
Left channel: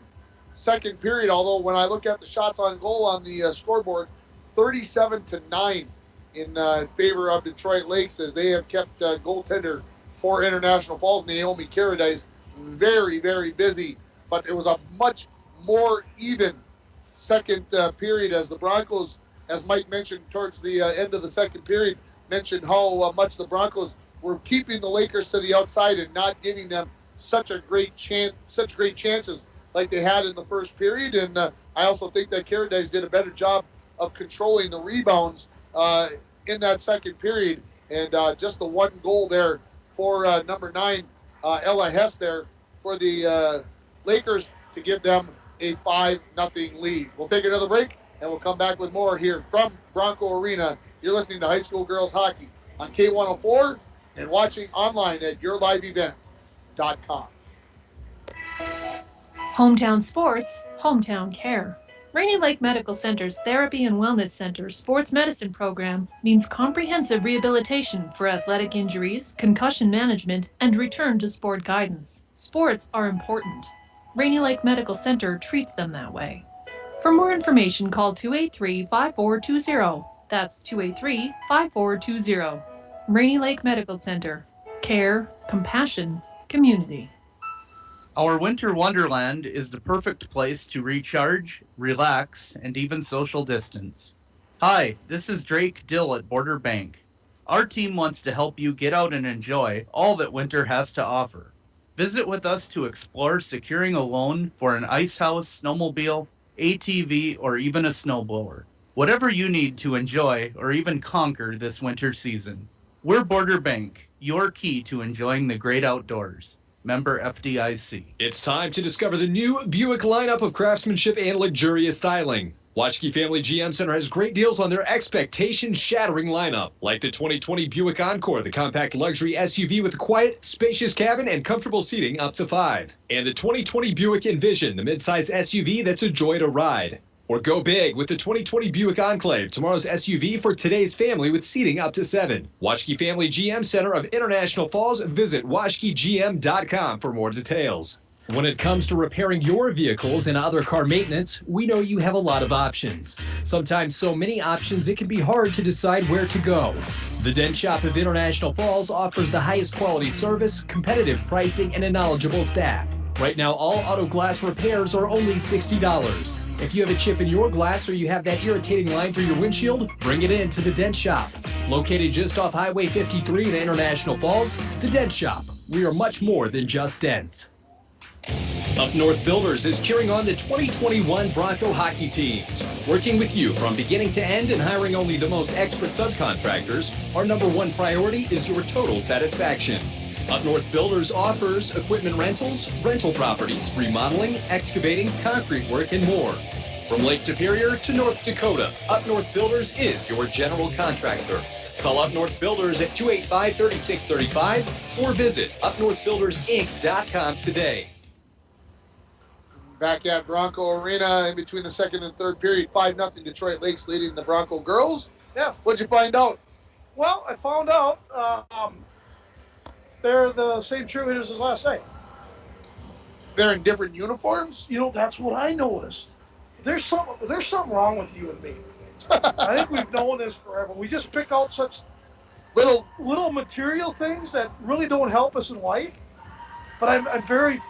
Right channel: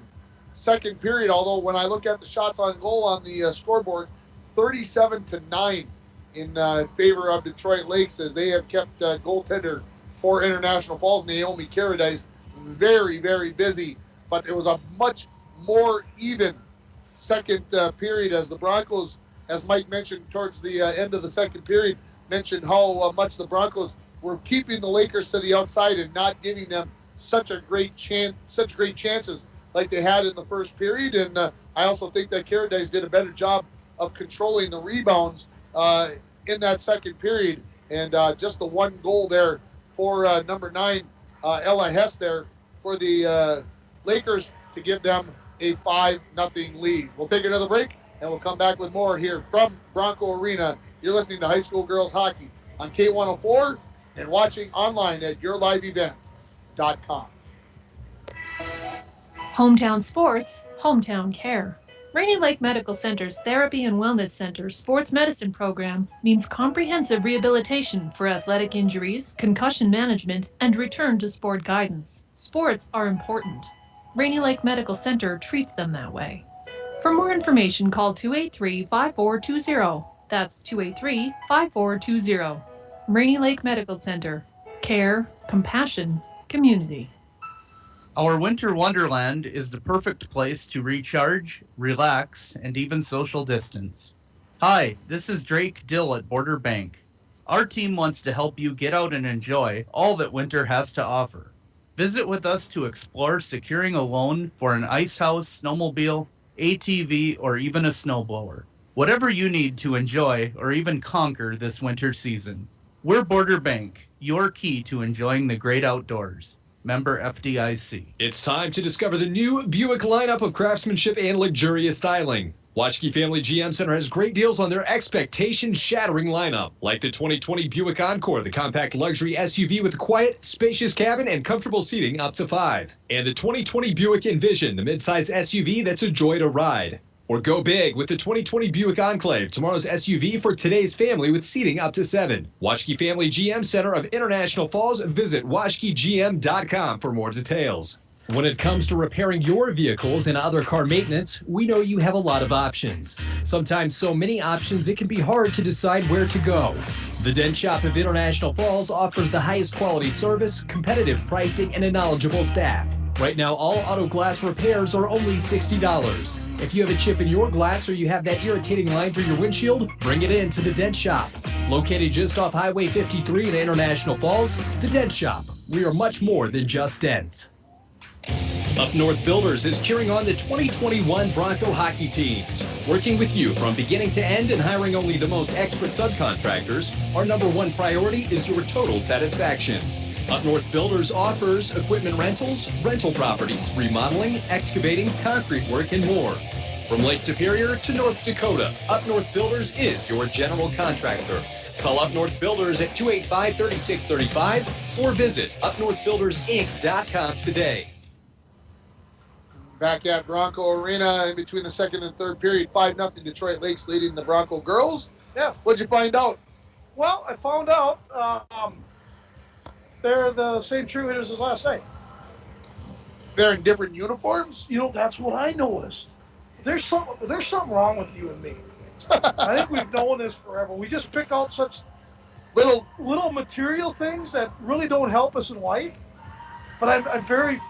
second period, although when I look at the shots on goal on the scoreboard, 37-9 in favor of Detroit Lakes, as they have kept goaltender for International Falls, Naomi Caradice, very, very busy. But it was a much more even second period, as the Broncos, as Mike mentioned towards the end of the second period, mentioned how much the Broncos were keeping the Lakers to the outside and not giving them such great chances like they had in the first period. And I also think that Caradice did a better job of controlling the rebounds in that second period. And just the one goal there for number 9, Ella Hess there for the Lakers to give them a 5-0 lead. We'll take another break, and we'll come back with more here from Bronco Arena. You're listening to High School Girls Hockey on K104 and watching online at yourliveevent.com. Hometown sports, hometown care. Rainy Lake Medical Center's Therapy and Wellness Center sports medicine program means comprehensive rehabilitation for athletic injuries, concussion management, and return to sport guidance. Sports are important. Rainy Lake Medical Center treats them that way. For more information, call 283-5420. That's 283-5420. Rainy Lake Medical Center. Care, compassion, community. Our winter wonderland is the perfect place to recharge, relax, and even social distance. Hi, this is Drake Dill at Border Bank. Our team wants to help you get out and enjoy all that winter has to offer. Visit with us to explore securing a loan for an ice house, snowmobile, ATV, or even a snowblower. Whatever you need to enjoy or even conquer this winter season. We're Border Bank, your key to enjoying the great outdoors. Member FDIC. It's time to discover the new Buick lineup of craftsmanship and luxurious styling. Waschke Family GM Center has great deals on their expectation-shattering lineup, like the 2020 Buick Encore, the compact luxury SUV with a quiet, spacious cabin and comfortable seating up to 5. And the 2020 Buick Envision, the midsize SUV that's a joy to ride. Or go big with the 2020 Buick Enclave, tomorrow's SUV for today's family with seating up to 7. Waschke Family GM Center of International Falls. Visit waschkegm.com for more details. When it comes to repairing your vehicles and other car maintenance, we know you have a lot of options. Sometimes so many options it can be hard to decide where to go. The Dent Shop of International Falls offers the highest quality service, competitive pricing, and a knowledgeable staff. Right now, all auto glass repairs are only $60. If you have a chip in your glass or you have that irritating line through your windshield, bring it in to the Dent Shop. Located just off Highway 53 in International Falls, the Dent Shop. We are much more than just dents. Up North Builders is cheering on the 2021 Bronco hockey teams. Working with you from beginning to end and hiring only the most expert subcontractors, our number one priority is your total satisfaction. Up North Builders offers equipment rentals, rental properties, remodeling, excavating, concrete work, and more. From Lake Superior to North Dakota, Up North Builders is your general contractor. Call Up North Builders at 285-3635 or visit upnorthbuildersinc.com today. Back at Bronco Arena in between the second and third period, 5-0 Detroit Lakes leading the Bronco girls. Yeah. What'd you find out? Well, I found out they're the same cheerleaders as last night. They're in different uniforms? You know, that's what I noticed. There's something wrong with you and me. I think we've known this forever. We just pick out such little material things that really don't help us in life. But I'm very,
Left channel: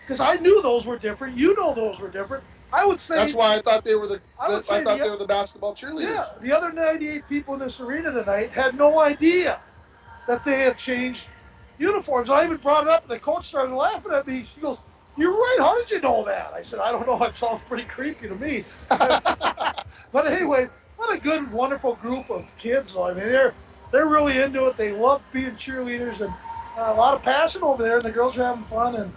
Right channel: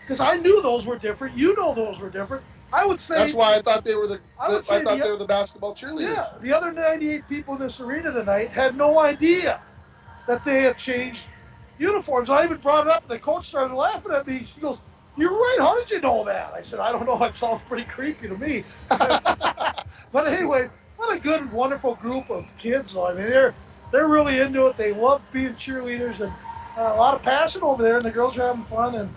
because I knew those were different. You know those were different. I would say that's why I thought they were they were the basketball cheerleaders. Yeah, the other 98 people in this arena tonight had no idea that they had changed uniforms. I even brought it up, and the coach started laughing at me. She goes, "You're right. How did you know that?" I said, "I don't know. It sounds pretty creepy to me." But anyway, what a good, wonderful group of kids. I mean, they're really into it. They love being cheerleaders, and a lot of passion over there. And the girls are having fun, and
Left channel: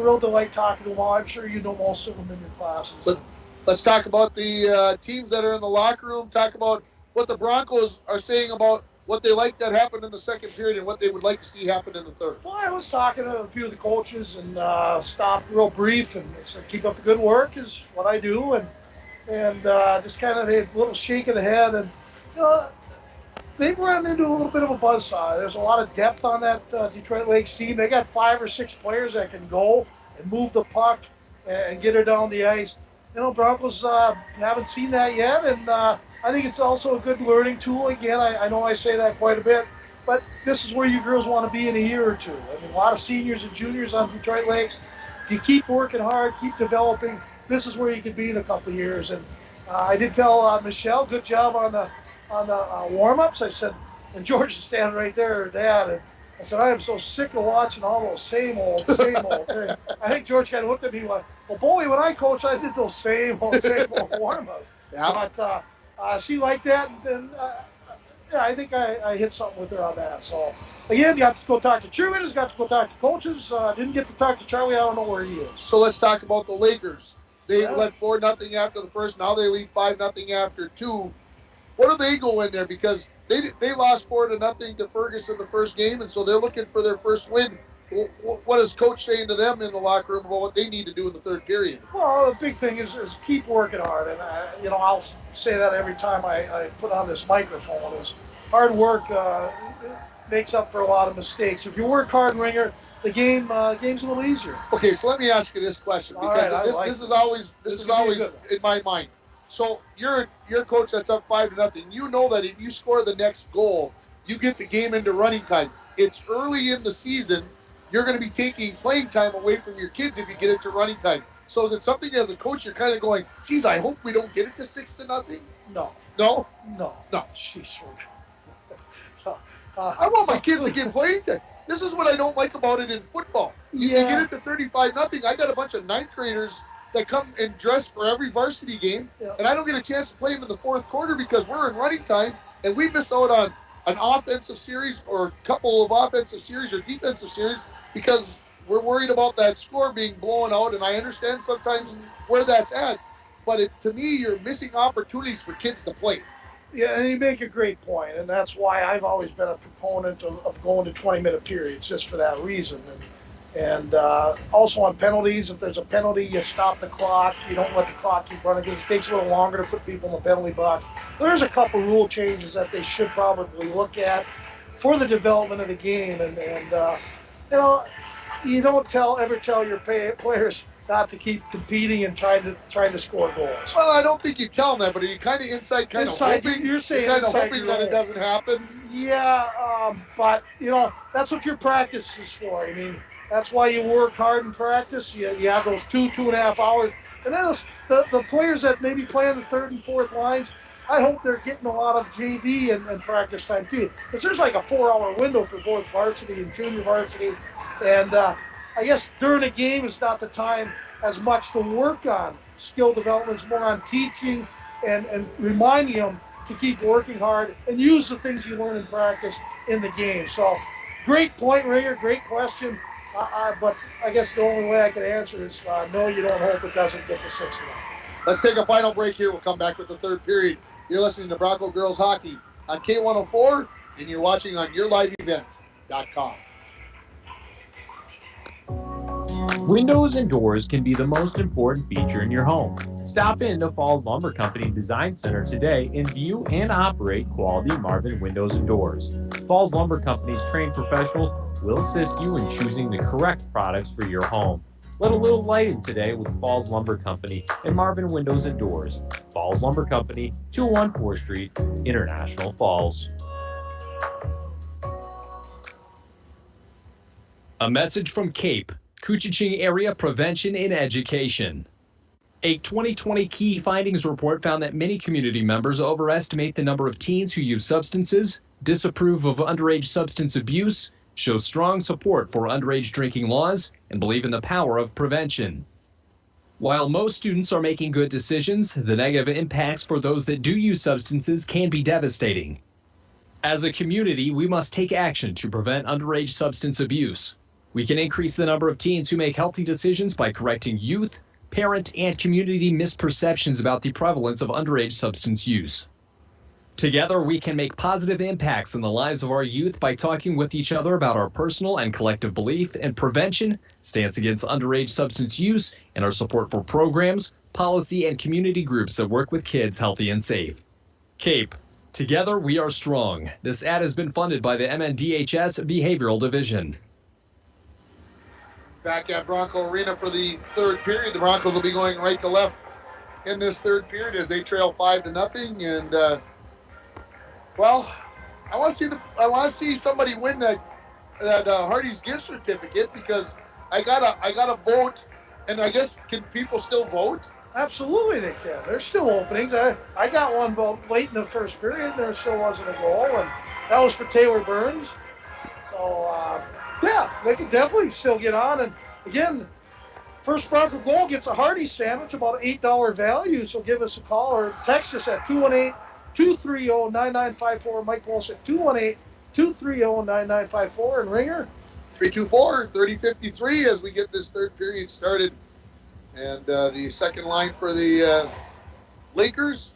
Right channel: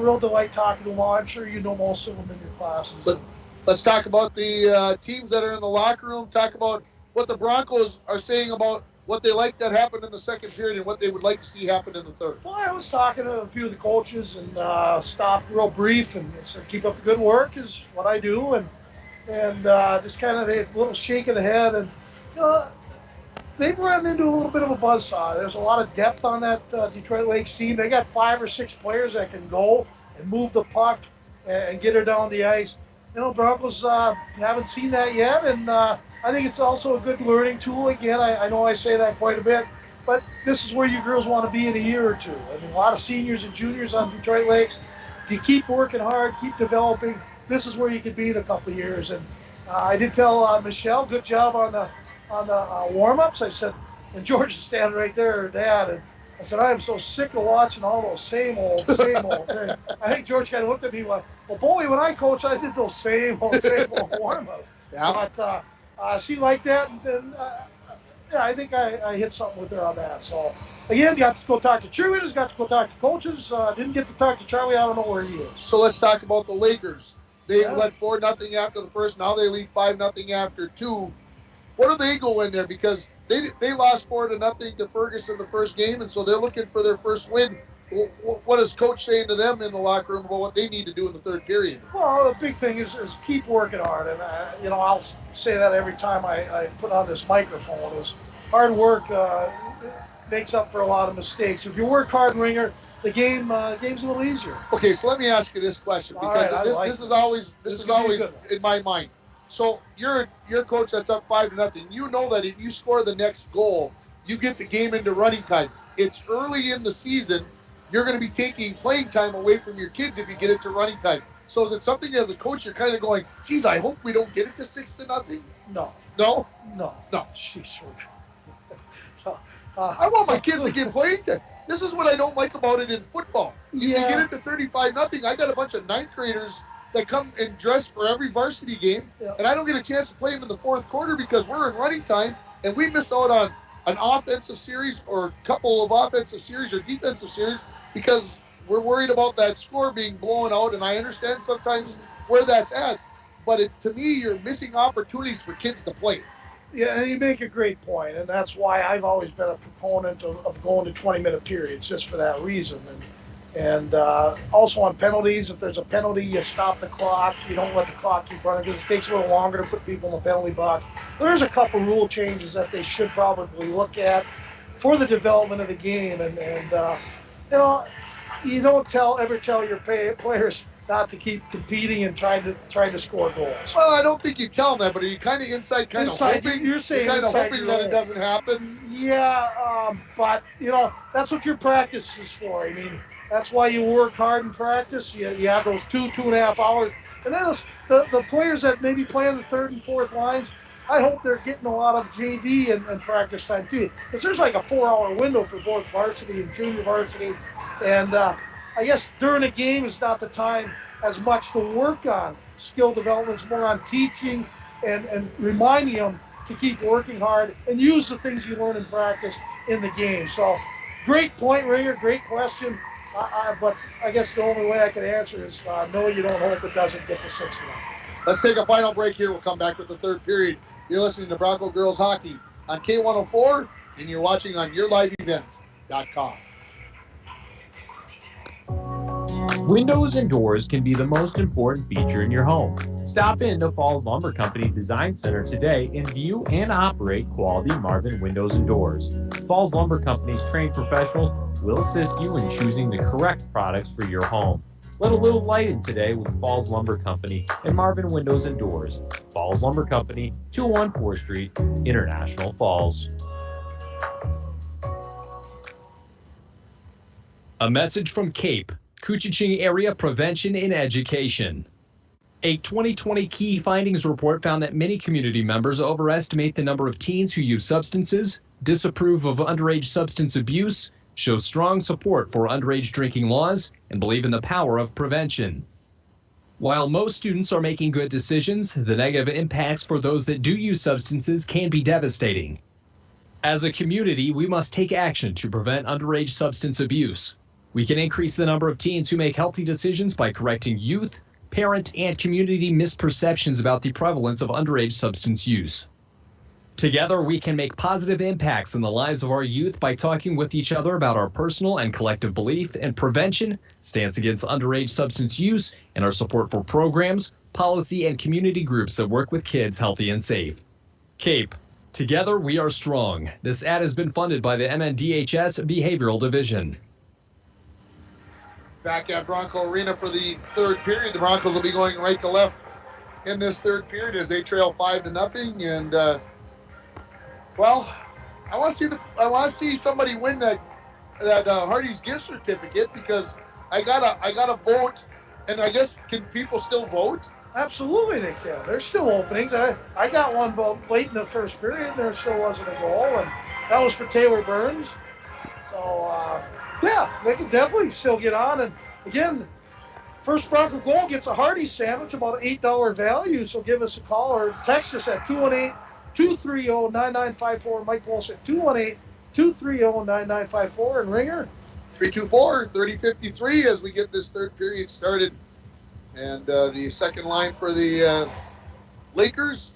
real delight talking to them all. I'm sure you know most of them in your classes. But let's talk about the teams that are in the locker room. Talk about what the Broncos are saying about what they like that happened in the second period and what they would like to see happen in the third. Well, I was talking to a few of the coaches and stopped real brief and said, keep up the good work is what I do. And just kind of a little shake of the head. And, they've run into a little bit of a buzzsaw. There's a lot of depth on that Detroit Lakes team. They got 5 or 6 players that can go and move the puck and get her down the ice. Broncos haven't seen that yet, and I think it's also a good learning tool. Again, I know I say that quite a bit, but this is where you girls want to be in a year or two. I mean, a lot of seniors and juniors on Detroit Lakes. If you keep working hard, keep developing, this is where you could be in a couple of years. And I did tell Michelle, good job on the warm-ups. I said, and George is standing right there, her dad, and I said, I am so sick of watching all those same old things. I think George kind of looked at me like, well, boy, when I coached, I did those same old warm-ups. Yeah. But she liked that, and I think I hit something with her on that. So, again, got to go talk to cheerleaders, got to go talk to coaches. Didn't get to talk to Charlie. I don't know where he is. So let's talk about the Lakers. They led 4-0 after the first. Now they lead 5-0 after 2. What do they go in there? Because they lost 4-0 to Ferguson the first game, and so they're looking for their first win. What is Coach saying to them in the locker room about what they need to do in the third period? Well, the big thing is keep working hard, and I'll say that every time I put on this microphone. Is hard work makes up for a lot of mistakes. If you work hard, Ringer, the game's a little easier. Okay, so let me ask you this question, because this is always in my mind. So you're a coach that's up 5-0. You know that if you score the next goal, you get the game into running time. It's early in the season. You're going to be taking playing time away from your kids if you get it to running time. So is it something as a coach you're kind of going, geez, I hope we don't get it to 6-0? No. No? No. No. Jeez. I want my kids to get playing time. This is what I don't like about it in football. You get it to 35-0. I got a bunch of 9th graders that come and dress for every varsity game, and I don't get a chance to play them in the fourth quarter because we're in running time, and we miss out on an offensive series or a couple of offensive series or defensive series because we're worried about that score being blown out, and I understand sometimes where that's at, but to me, you're missing opportunities for kids to play. Yeah, and you make a great point, and that's why I've always been a proponent of going to 20-minute periods, just for that reason. And also on penalties, if there's a penalty, you stop the clock. You don't let the clock keep running because it takes a little longer to put people in the penalty box. There's a couple rule changes that they should probably look at for the development of the game. And you don't ever tell your players not to keep competing and trying to score goals. Well, I don't think you tell them that, but are you kind of inside hoping? You're saying kind of inside hoping that it doesn't happen? Yeah, but that's what your practice is for. I mean, that's why you work hard in practice. You have those 2.5 hours. And then the players that maybe play on the 3rd and 4th lines, I hope they're getting a lot of JV and practice time too. Because there's like a 4-hour window for both varsity and junior varsity. And I guess during a game is not the time as much to work on skill development. It's more on teaching and reminding them to keep working hard and use the things you learn in practice in the game. So great point, Ringer. Great question. But I guess the only way I can answer is no, you don't hope it doesn't get to 6-1. Let's take a final break here. We'll come back with the third period. You're listening to Bronco Girls Hockey on K104, and you're watching on YourLiveEvents.com. Windows and doors can be the most important feature in your home. Stop in to Falls Lumber Company Design Center today and view and operate quality Marvin windows and doors. Falls Lumber Company's trained professionals will assist you in choosing the correct products for your home. Let a little light in today with Falls Lumber Company and Marvin Windows and Doors. Falls Lumber Company, 201 4th Street, International Falls. A message from CAPE, Koochiching Area Prevention and Education. A 2020 key findings report found that many community members overestimate the number of teens who use substances, disapprove of underage substance abuse, show strong support for underage drinking laws, and believe in the power of prevention. While most students are making good decisions, the negative impacts for those that do use substances can be devastating. As a community, we must take action to prevent underage substance abuse. We can increase the number of teens who make healthy decisions by correcting youth, parent, and community misperceptions about the prevalence of underage substance use. Together, we can make positive impacts in the lives of our youth by talking with each other about our personal and collective belief in prevention, stance against underage substance use, and our support for programs, policy, and community groups that work with kids healthy and safe. CAPE, together we are strong. This ad has been funded by the MNDHS Behavioral Division. Back at Bronco Arena for the third period. The Broncos will be going right to left in this third period as they trail 5-0. And well, I want to see somebody win that Hardy's gift certificate because I gotta vote. And I guess can people still vote? Absolutely, they can. There's still openings. I got one vote late in the first period, and there still wasn't a goal, and that was for Taylor Burns. So. Yeah, they can definitely still get on. And again, first Bronco goal gets a Hardee's sandwich, about an $8 value. So give us a call or text us at 218-230-9954. Mike Walsh at 218-230-9954. And Ringer? 324-3053 as we get this third period started. And the second line for the Lakers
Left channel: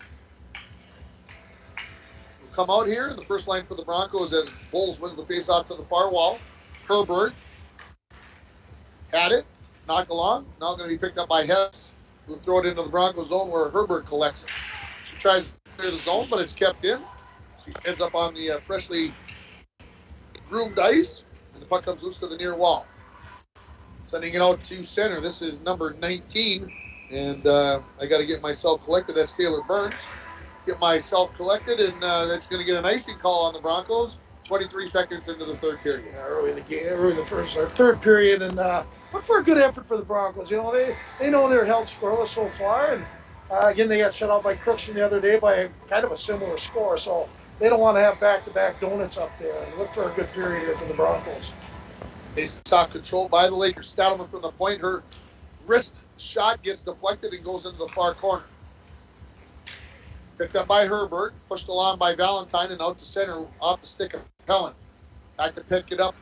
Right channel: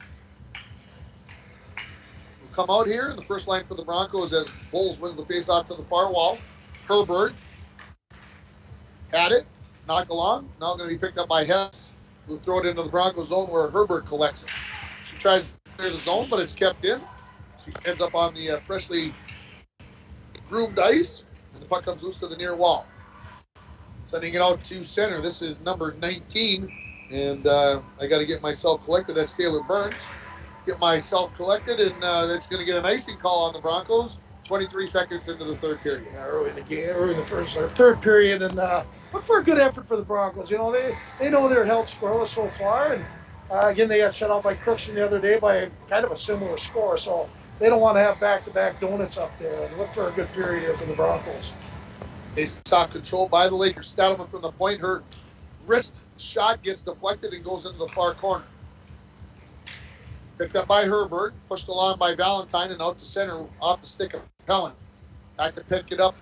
will come out here. The first line for the Broncos as Bulls wins the faceoff to the far wall. Herbert had it, knocked along, now going to be picked up by Hess, who throw it into the Broncos zone where Herbert collects it. She tries to clear the zone, but it's kept in. She ends up on the freshly groomed ice, and the puck comes loose to the near wall. Sending it out to center. This is number 19, And I got to get myself collected. That's Taylor Burns. Get myself collected, and that's going to get an icing call on the Broncos. 23 seconds into the third period. Yeah, early in the game, early in the third period, and look for a good effort for the Broncos. You know, they know they're held scoreless so far, and again, they got shut out by Crookston the other day by kind of a similar score, so they don't want to have back-to-back donuts up there. And look for a good period here for the Broncos. They saw control by the Lakers. Stadelman from the point. Her wrist shot gets deflected and goes into the far corner. Picked up by Herbert, pushed along by Valentine, and out to center off the stick of Pellant. Back to pick it up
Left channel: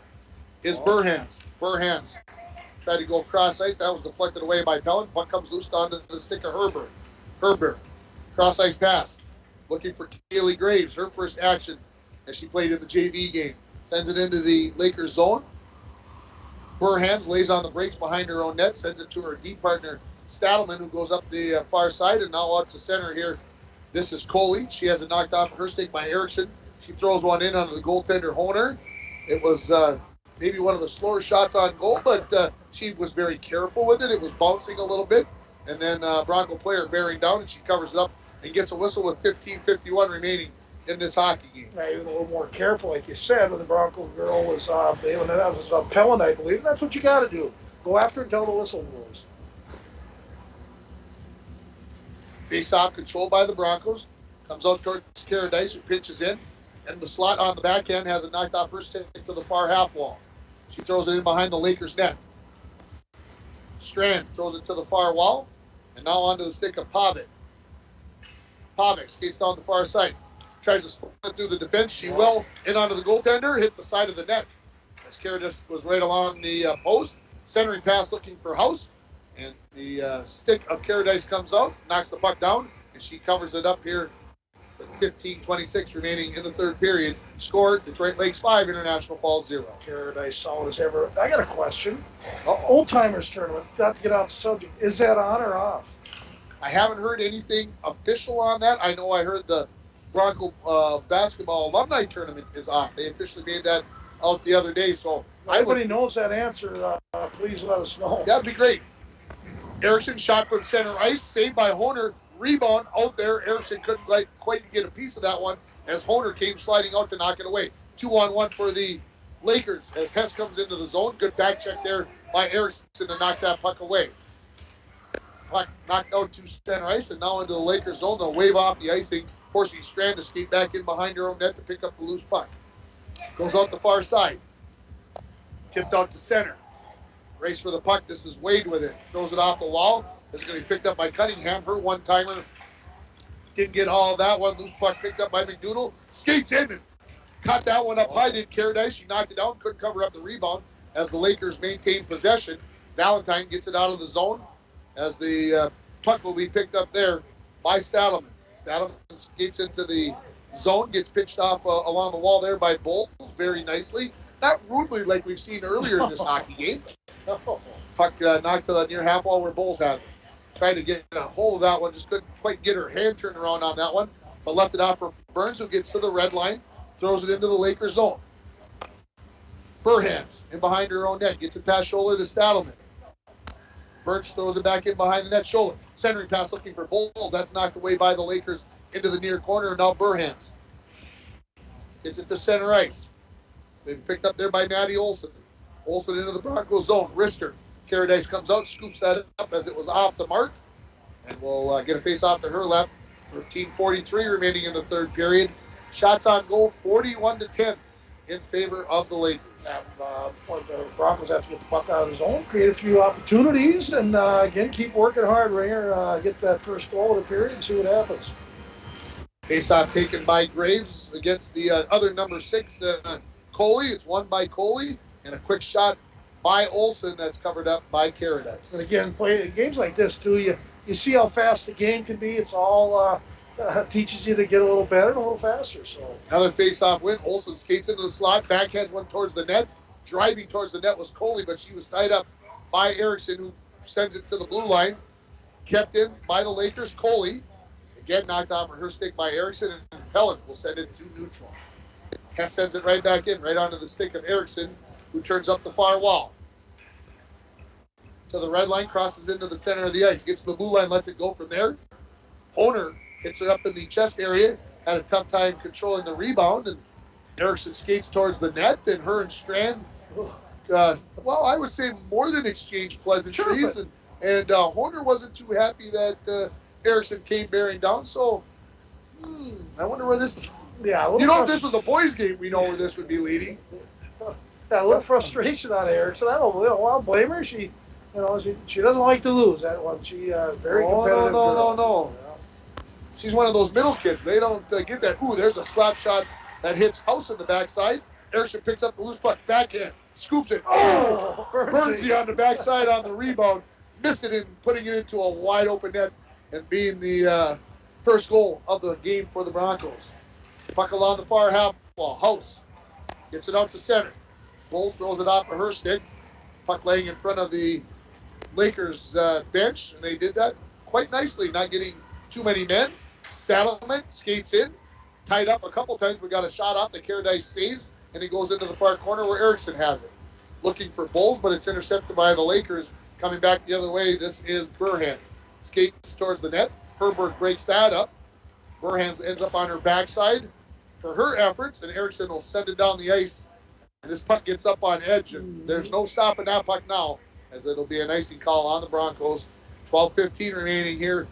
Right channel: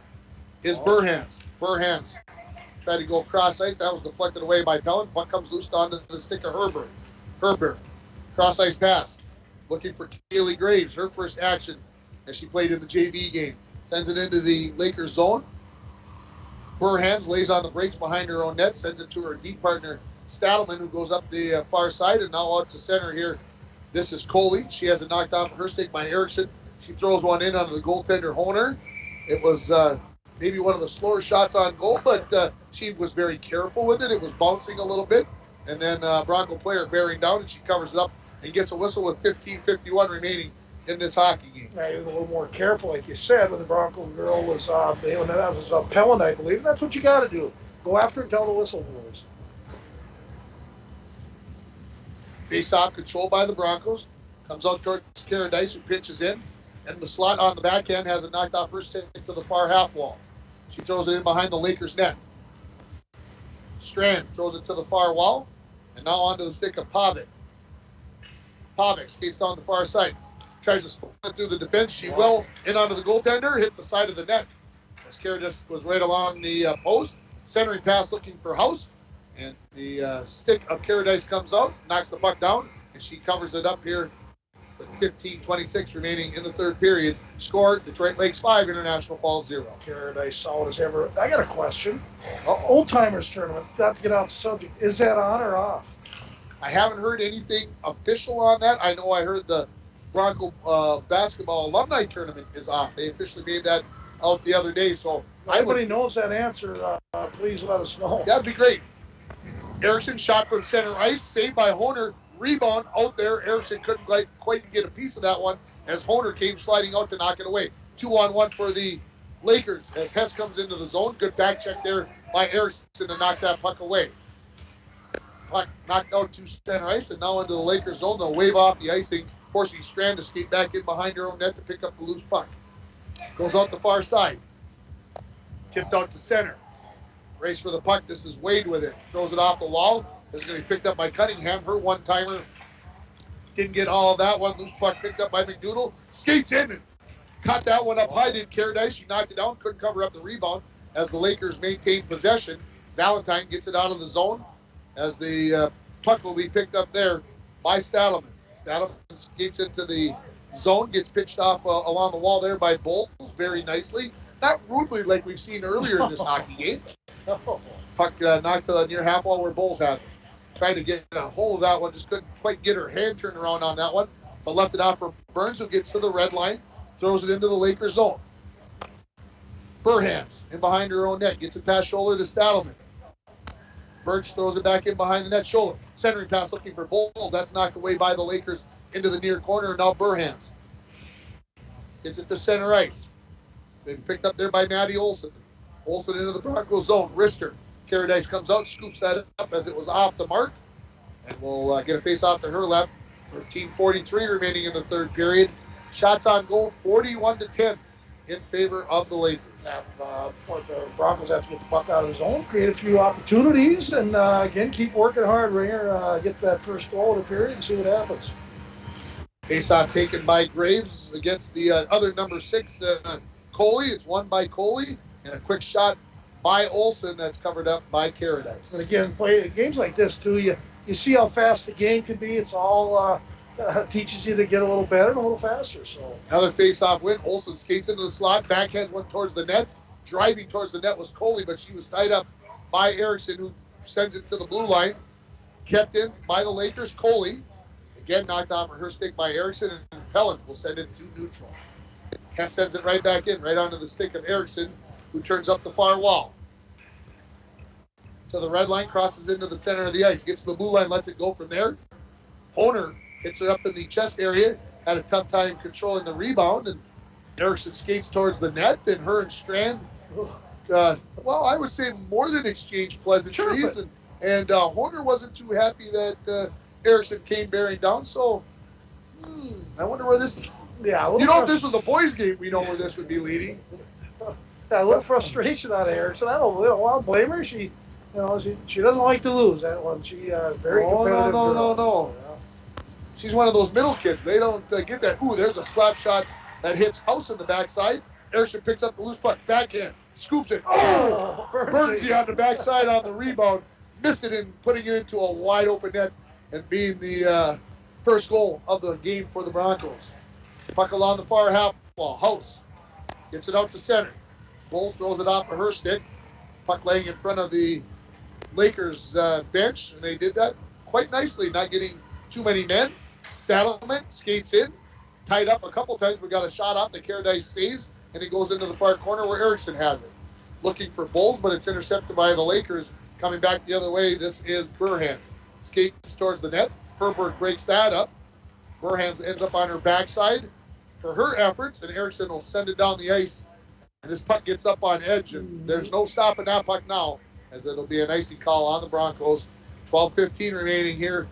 is Burhans. Burhans tried to go cross ice. That was deflected away by Pellant. Puck comes loose onto the stick of Herbert. Herbert, cross ice pass. Looking for Kaylee Graves, her first action as she played in the JV game. Sends it into the Lakers zone. Burhans lays on the brakes behind her own net, sends it to her deep partner Stadelman, who goes up the far side, and now out to center here. This is Coley. She has it knocked off her stick by Erickson. She throws one in onto the goaltender Honer. It was maybe one of the slower shots on goal, but she was very careful with it. It was bouncing a little bit, and then Bronco player bearing down, and she covers it up and gets a whistle with 15:51 remaining in this hockey game. Yeah, he was a little more careful, like you said, when the Bronco girl was bailing it out. It was Pellant, I believe. That's what you got to do. Go after it until the whistle blows. Face-off controlled by the Broncos. Comes out towards Caradice, who pitches in. And the slot on the backhand has it knocked off her stick to the far half wall. She throws it in behind the Lakers net. Strand throws it to the far wall. And now onto the stick of Pavic. Pavic skates down the far side. Tries to split through the defense. She will in onto the goaltender. Hits the side of the net. As Caradice was right along the post. Centering pass looking for House. And the stick of Caradice comes out, knocks the puck down, and she covers it up here with 15:26 remaining in the third period. Scored Detroit Lakes 5, International Falls 0. Caradice solid as ever. I got a question. Old Timers tournament, not to get off the subject, is that on or off? I haven't heard anything official on that. I know I heard the Bronco basketball alumni tournament is off. They officially made that out the other day. So everybody knows that answer. Please let us know. That'd be great. Erickson shot from center ice, saved by Honer. Rebound out there. Erickson couldn't quite get a piece of that one as Honer came sliding out to knock it away. 2-on-1 for the Lakers as Hess comes into the zone. Good back check there by Erickson to knock that puck away. Puck knocked out to center ice and now into the Lakers zone. They'll wave off the icing, forcing Strand to skate back in behind her own net to pick up the loose puck. Goes out the far side. Tipped out to center. Race for the puck. This is Wade with it. Throws it off the wall. This is going to be picked up by Cunningham. Her one-timer didn't get all of that one. Loose puck picked up by McDoodle. Skates in and caught that one up high. Did Caradice. She knocked it down. Couldn't cover up the rebound as the Lakers maintained possession. Valentine gets it out of the zone as the puck will be picked up there by Stadelman. Stadelman skates into the zone. Gets pitched off along the wall there by Bowles very nicely. Not rudely like we've seen earlier in this hockey game. Puck knocked to the near half wall where Bowles has it. Tried to get a hold of that one, just couldn't quite get her hand turned around on that one, but left it out for Burns, who gets to the red line, throws it into the Lakers zone. Burhans in behind her own net, gets it past shoulder to Stadelman. Burns throws it back in behind the net, shoulder. Centering pass looking for Bowles. That's knocked away by the Lakers into the near corner, and now Burhans gets it to center ice. Been picked up there by Maddie Olson. Olson into the Broncos zone. Wrister. Caradice comes out, scoops that up as it was off the mark. And we'll get a face off to her left. 13:43 remaining in the third period. Shots on goal, 41-10 in favor of the Lakers. The Broncos have to get the puck out of the zone, create a few opportunities, and again, keep working hard, Ringer. Get that first goal of the period and see what happens. Face-off taken by Graves against the other number 6, Coley. It's won by Coley, and a quick shot by Olson that's covered up by Caradice. But again, play games like this too. You see how fast the game can be. It's all teaches you to get a little better and a little faster. So another face-off win. Olson skates into the slot, backhands one towards the net. Driving towards the net was Coley, but she was tied up by Erickson, who sends it to the blue line. Kept in by the Lakers. Coley again knocked off her stick by Erickson, and Pellant will send it to neutral. Hess sends it right back in, right onto the stick of Erickson, who turns up the far wall. to the red line, crosses into the center of the ice, gets to the blue line, lets it go from there. Honer hits her up in the chest area, had a tough time controlling the rebound, and Erickson skates towards the net, and her and Strand, I would say more than exchange pleasantries, Sure, and Honer wasn't too happy that Erickson came bearing down, so I wonder where this is. Yeah, If this was a boys' game, we know where this would be leading. Yeah, a little frustration out of Erickson. I don't blame her. She doesn't like to lose that one. She very competitive. No. She's one of those middle kids. They don't get that. Ooh, there's a slap shot that hits House in the backside. Erickson picks up the loose puck, backhand, scoops it. Oh, Bernsey on the backside on the rebound, missed it in putting it into a wide open net and being the first goal of the game for the Broncos. Puck along the far half wall. House gets it out to center. Bowles throws it off of her stick. Puck laying in front of the Lakers bench, and they did that quite nicely, not getting too many men. Saddleman skates in, tied up a couple times, but got a shot off. The Caradice saves, and he goes into the far corner where Erickson has it. Looking for Bowles, but it's intercepted by the Lakers. Coming back the other way, this is Burhans. Skates towards the net. Herberg breaks that up. Burhans ends up on her backside for her efforts, and Erickson will send it down the ice. And this puck gets up on edge, and there's no stopping that puck now, as it'll be an icing call on the Broncos. 12:15 remaining here.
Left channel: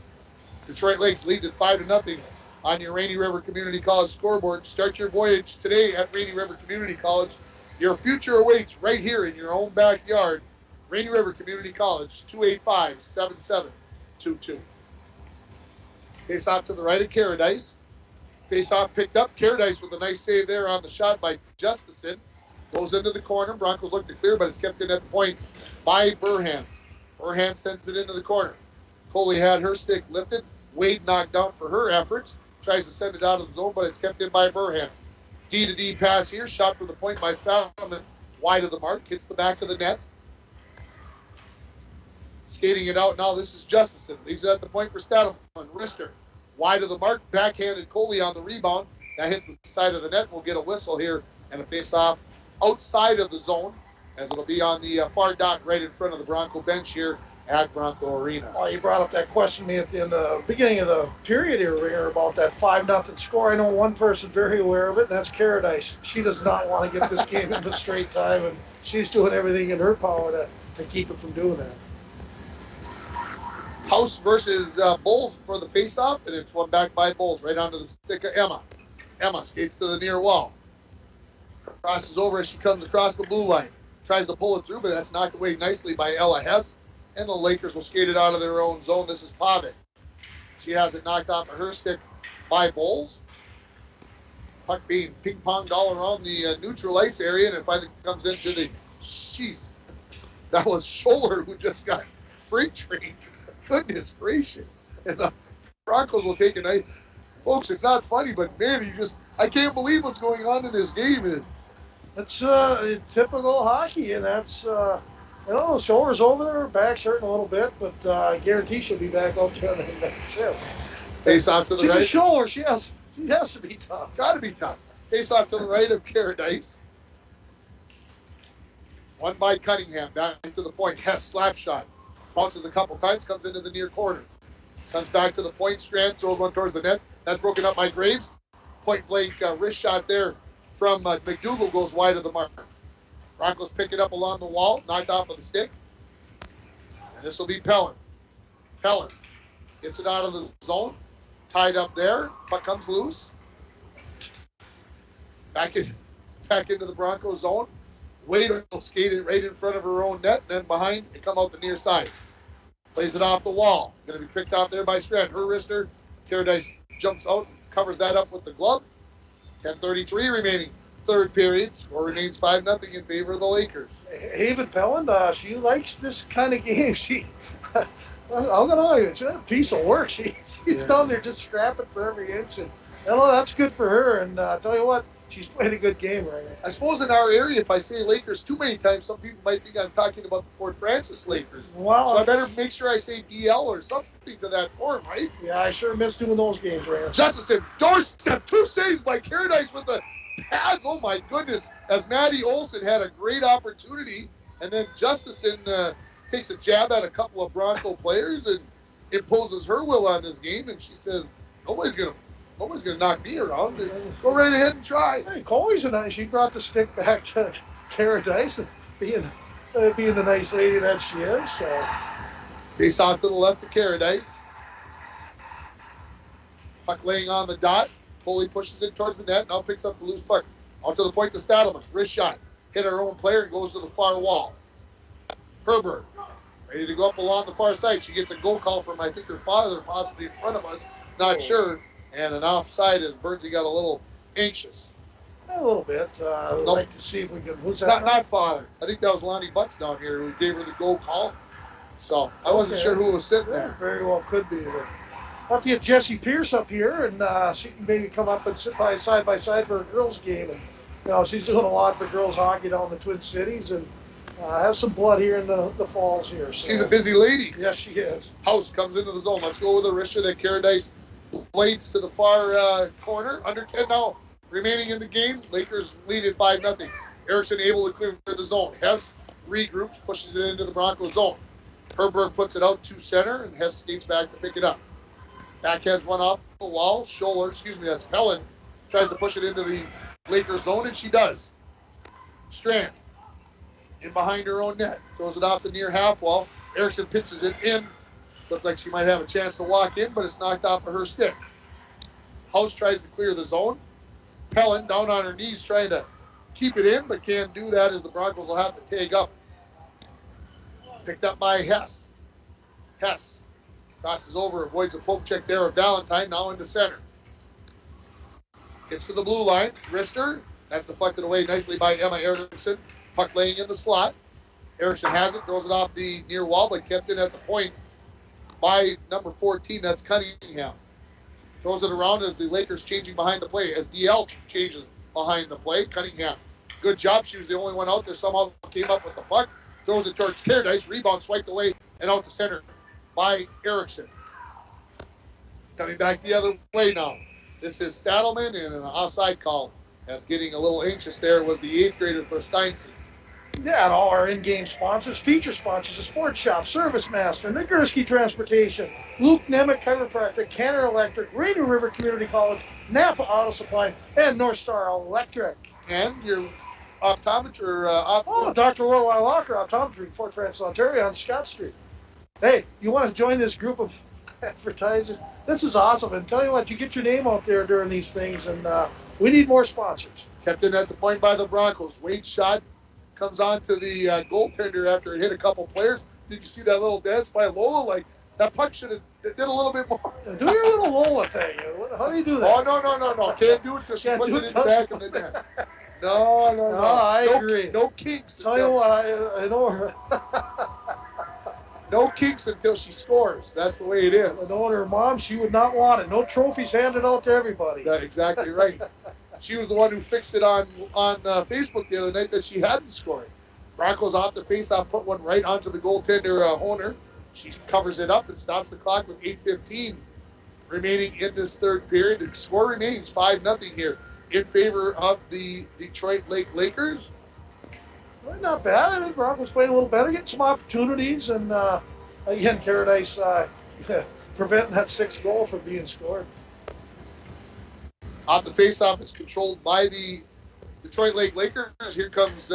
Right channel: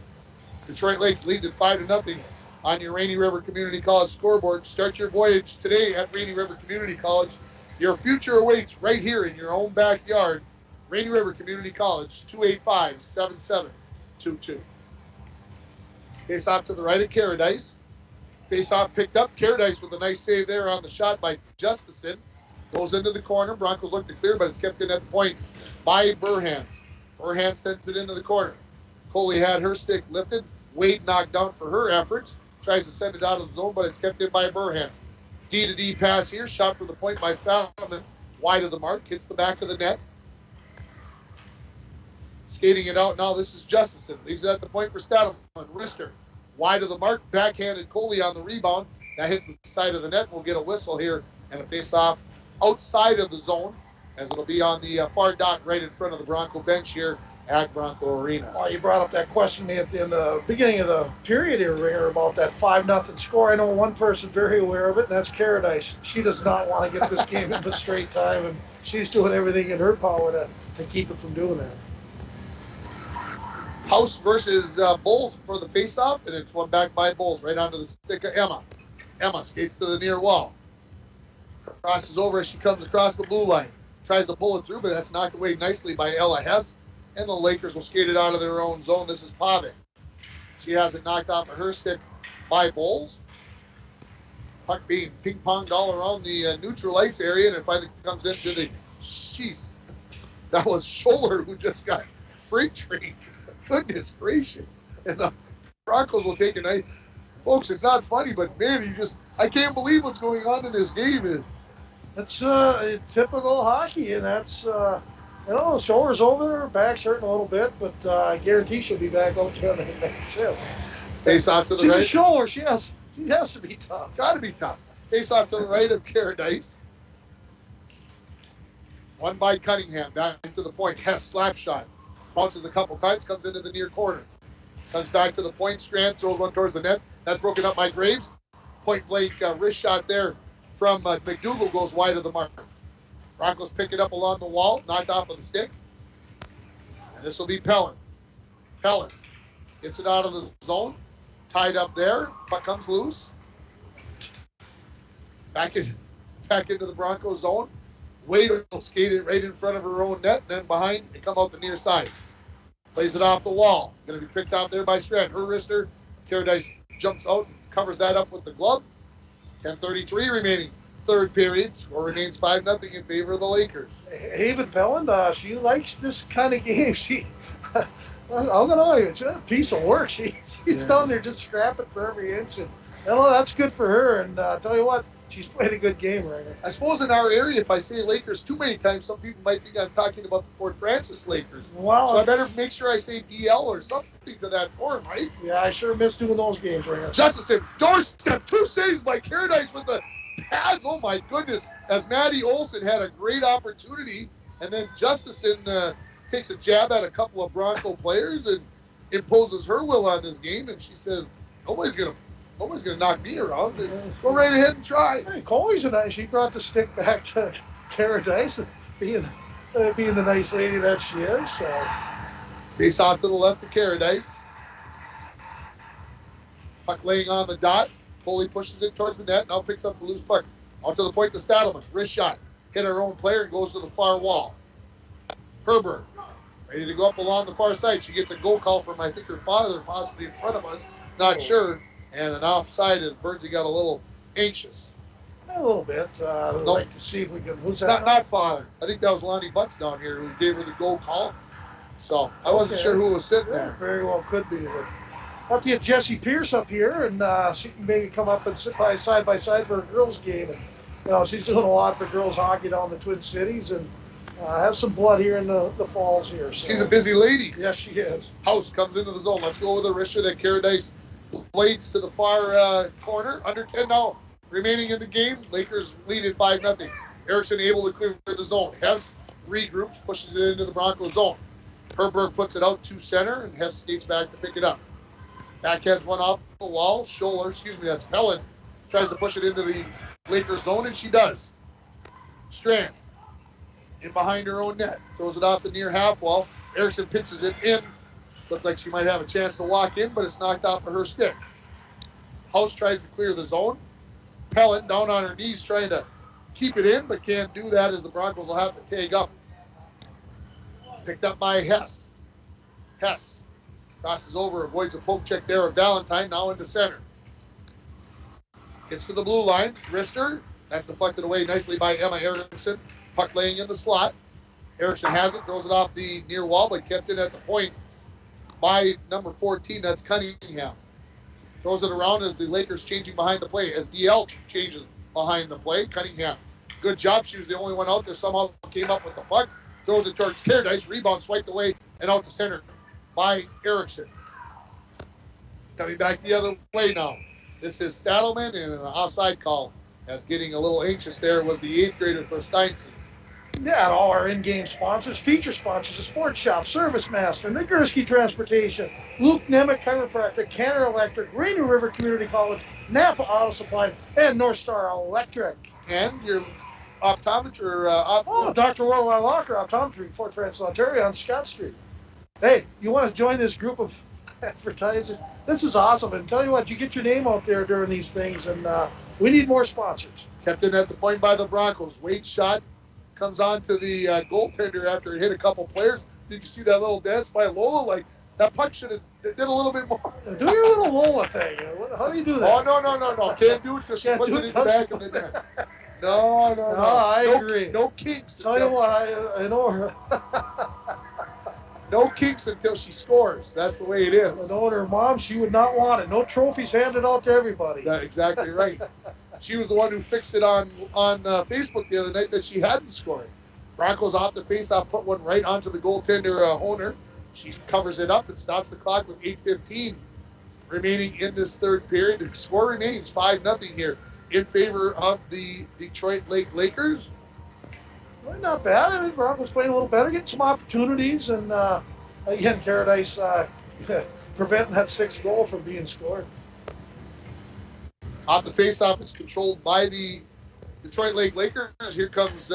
Detroit Lakes leads it 5-0 on your Rainy River Community College scoreboard. Start your voyage today at Rainy River Community College. Your future awaits right here in your own backyard. Rainy River Community College, 285-7722. Face off to the right of Caradice. Face off picked up. Caradice with a nice save there on the shot by Justison. Goes into the corner. Broncos look to clear, but it's kept in at the point by Burhans. Burhans sends it into the corner. Coley had her stick lifted. Wade knocked down for her efforts. Tries to send it out of the zone, but it's kept in by Burhans. D-to-D pass here. Shot for the point by Stadelman. Wide of the mark. Hits the back of the net. Skating it out now. This is Justison. Leaves it at the point for Stadelman. Rister. Wide of the mark. Backhanded Coley on the rebound. That hits the side of the net. We'll get a whistle here and a face-off outside of the zone, as it'll be on the far dot right in front of the Bronco bench here at Bronco Arena. Well, you brought up that question in the beginning of the period here, Ringer, about that 5-0 score. I know one person very aware of it, and that's Caradice. She does not want to get this game into straight time, and she's doing everything in her power to keep it from doing that. House versus Bowles for the face-off, and it's one back by Bowles right onto the stick of Emma. Emma skates to the near wall. Crosses over as she comes across the blue line. Tries to pull it through, but that's knocked away nicely by Ella Hess. And the Lakers will skate it out of their own zone. This is Pavic. She has it knocked off of her stick by Bowles. Puck being ping-ponged all around the neutral ice area, and it finally comes into the... Jeez. That was Scholler who just got freight trained. Goodness gracious. And the Broncos will take a night. Folks, it's not funny, but man, I can't believe what's going on in this game. It's typical hockey, and that's... the shoulder's over there, back's hurting a little bit, but I guarantee she'll be back out there in the next shift. Face off to the right. She's a shoulder. She has to be tough. Got to be tough. Face off to the right of Caradice. One by Cunningham, back to the point. Hess slap shot. Bounces a couple times, comes into the near corner. Comes back to the point. Strand throws one towards the net. That's broken up by Graves. Point blank wrist shot there from McDougal goes wide of the mark. Broncos pick it up along the wall, knocked off of the stick. And this will be Pellin. Pellin gets it out of the zone. Tied up there. Puck comes loose. Back into the Broncos zone. Wade will skate it right in front of her own net. And then behind and come out the near side. Plays it off the wall. Going to be picked out there by Strand. Her wrister. Caradice jumps out and covers that up with the glove. 10:33 remaining. Third period. Score remains 5-0 in favor of the Lakers. Haven Pellin, she likes this kind of game. I'm going to argue, she's a piece of work. She's down there just scrapping for every inch. And that's good for her. And I tell you what, she's played a good game right now. I suppose in our area, if I say Lakers too many times, some people might think I'm talking about the Fort Francis Lakers. Well, so I better make sure I say DL or something to that form, right? Yeah, I sure miss doing those games right now. Justison, doorstep, 2 saves by Caradice with the pads. Oh my goodness! As Maddie Olson had a great opportunity, and then Justison takes a jab at a couple of Bronco players and imposes her will on this game. And she says, nobody's gonna knock me around. Go right ahead and try. Hey, Coley's she brought the stick back to Paradise, being the nice lady that she is. So. Face off to the left of Paradise. Puck laying on the dot. Coley pushes it towards the net. Now picks up the loose puck. Out to the point to Stadelman. Wrist shot. Hit her own player and goes to the far wall. Herberg. Ready to go up along the far side. She gets a goal call from, I think, her father, possibly in front of us. Not sure. And an offside as Bernsey got a little anxious. A little bit. I'd like to see if we can. Who's that? Not father. I think that was Lonnie Butts down here who gave her the goal call. So I wasn't sure who was sitting there. Very well could be. But I'll have to get Jessie Pierce up here, and she can maybe come up and sit side by side for a girls' game. And she's doing a lot for girls hockey down in the Twin Cities, and has some blood here in the falls here. So. She's a busy lady. Yes, she is. House comes into the zone. Let's go with a wrister that Paradise blades to the far corner. Under 10 now remaining in the game. Lakers lead at 5-0. Erickson able to clear the zone. Hess regroups, pushes it into the Bronco zone. Herberg puts it out to center, and Hess skates back to pick it up. Backhands one off the wall. That's Pellin. Tries to push it into the Lakers zone, and she does. Strand in behind her own net. Throws it off the near half wall. Erickson pitches it in. Looked like she might have a chance to walk in, but it's knocked off of her stick. House tries to clear the zone. Pellin down on her knees trying to keep it in, but can't do that as the Broncos will have to tag up. Picked up by Hess. Hess crosses over, avoids a poke check there of Valentine, now into center. Gets to the blue line. Wrister. That's deflected away nicely by Emma Erickson. Puck laying in the slot. Erickson has it, throws it off the near wall, but kept in at the point by number 14, that's Cunningham. Throws it around as the Lakers changing behind the play, as DL changes behind the play. Cunningham, good job. She was the only one out there. Somehow came up with the puck. Throws it towards Paradise. Rebound swiped away and out to center by Erickson. Coming back the other way now. This is Stadelman, and an offside call. As getting a little anxious there was the 8th grader for Steinson. Yeah, and all our in-game sponsors, feature sponsors, the Sports Shop, Service Master, Nagurski Transportation, Luke Nemec Chiropractic, Canada Electric, Rainy River Community College, Napa Auto Supply, and North Star Electric. And your optometry. Dr. Orwell Locker Optometry, Fort Francis, Ontario, on Scott Street. Hey, you want to join this group of advertisers? This is awesome. And tell you what, you get your name out there during these things, and we need more sponsors. Kept in at the point by the Broncos. Wade's shot comes on to the goaltender after it hit a couple players. Did you see that little dance by Lola? Like, that puck should have did a little bit more. Do your little Lola thing. How do you do that? Oh, no. Can't do it because she puts it in the back of the net. No. I agree. No kinks. Tell you what, I know her. No kinks until she scores. That's the way it is. I know her mom, she would not want it. No trophies handed out to everybody. That's exactly right. She was the one who fixed it on Facebook the other night that she hadn't scored. Broncos off the faceoff, put one right onto the goaltender Honer. She covers it up and stops the clock with 8:15 remaining in this third period. The score remains 5-0 here in favor of the Detroit Lake Lakers. Well, not bad. I mean, Broncos playing a little better, getting some opportunities, and again, Paradise preventing that 6th goal from being scored. Off the faceoff, it's controlled by the Detroit Lake Lakers. Here comes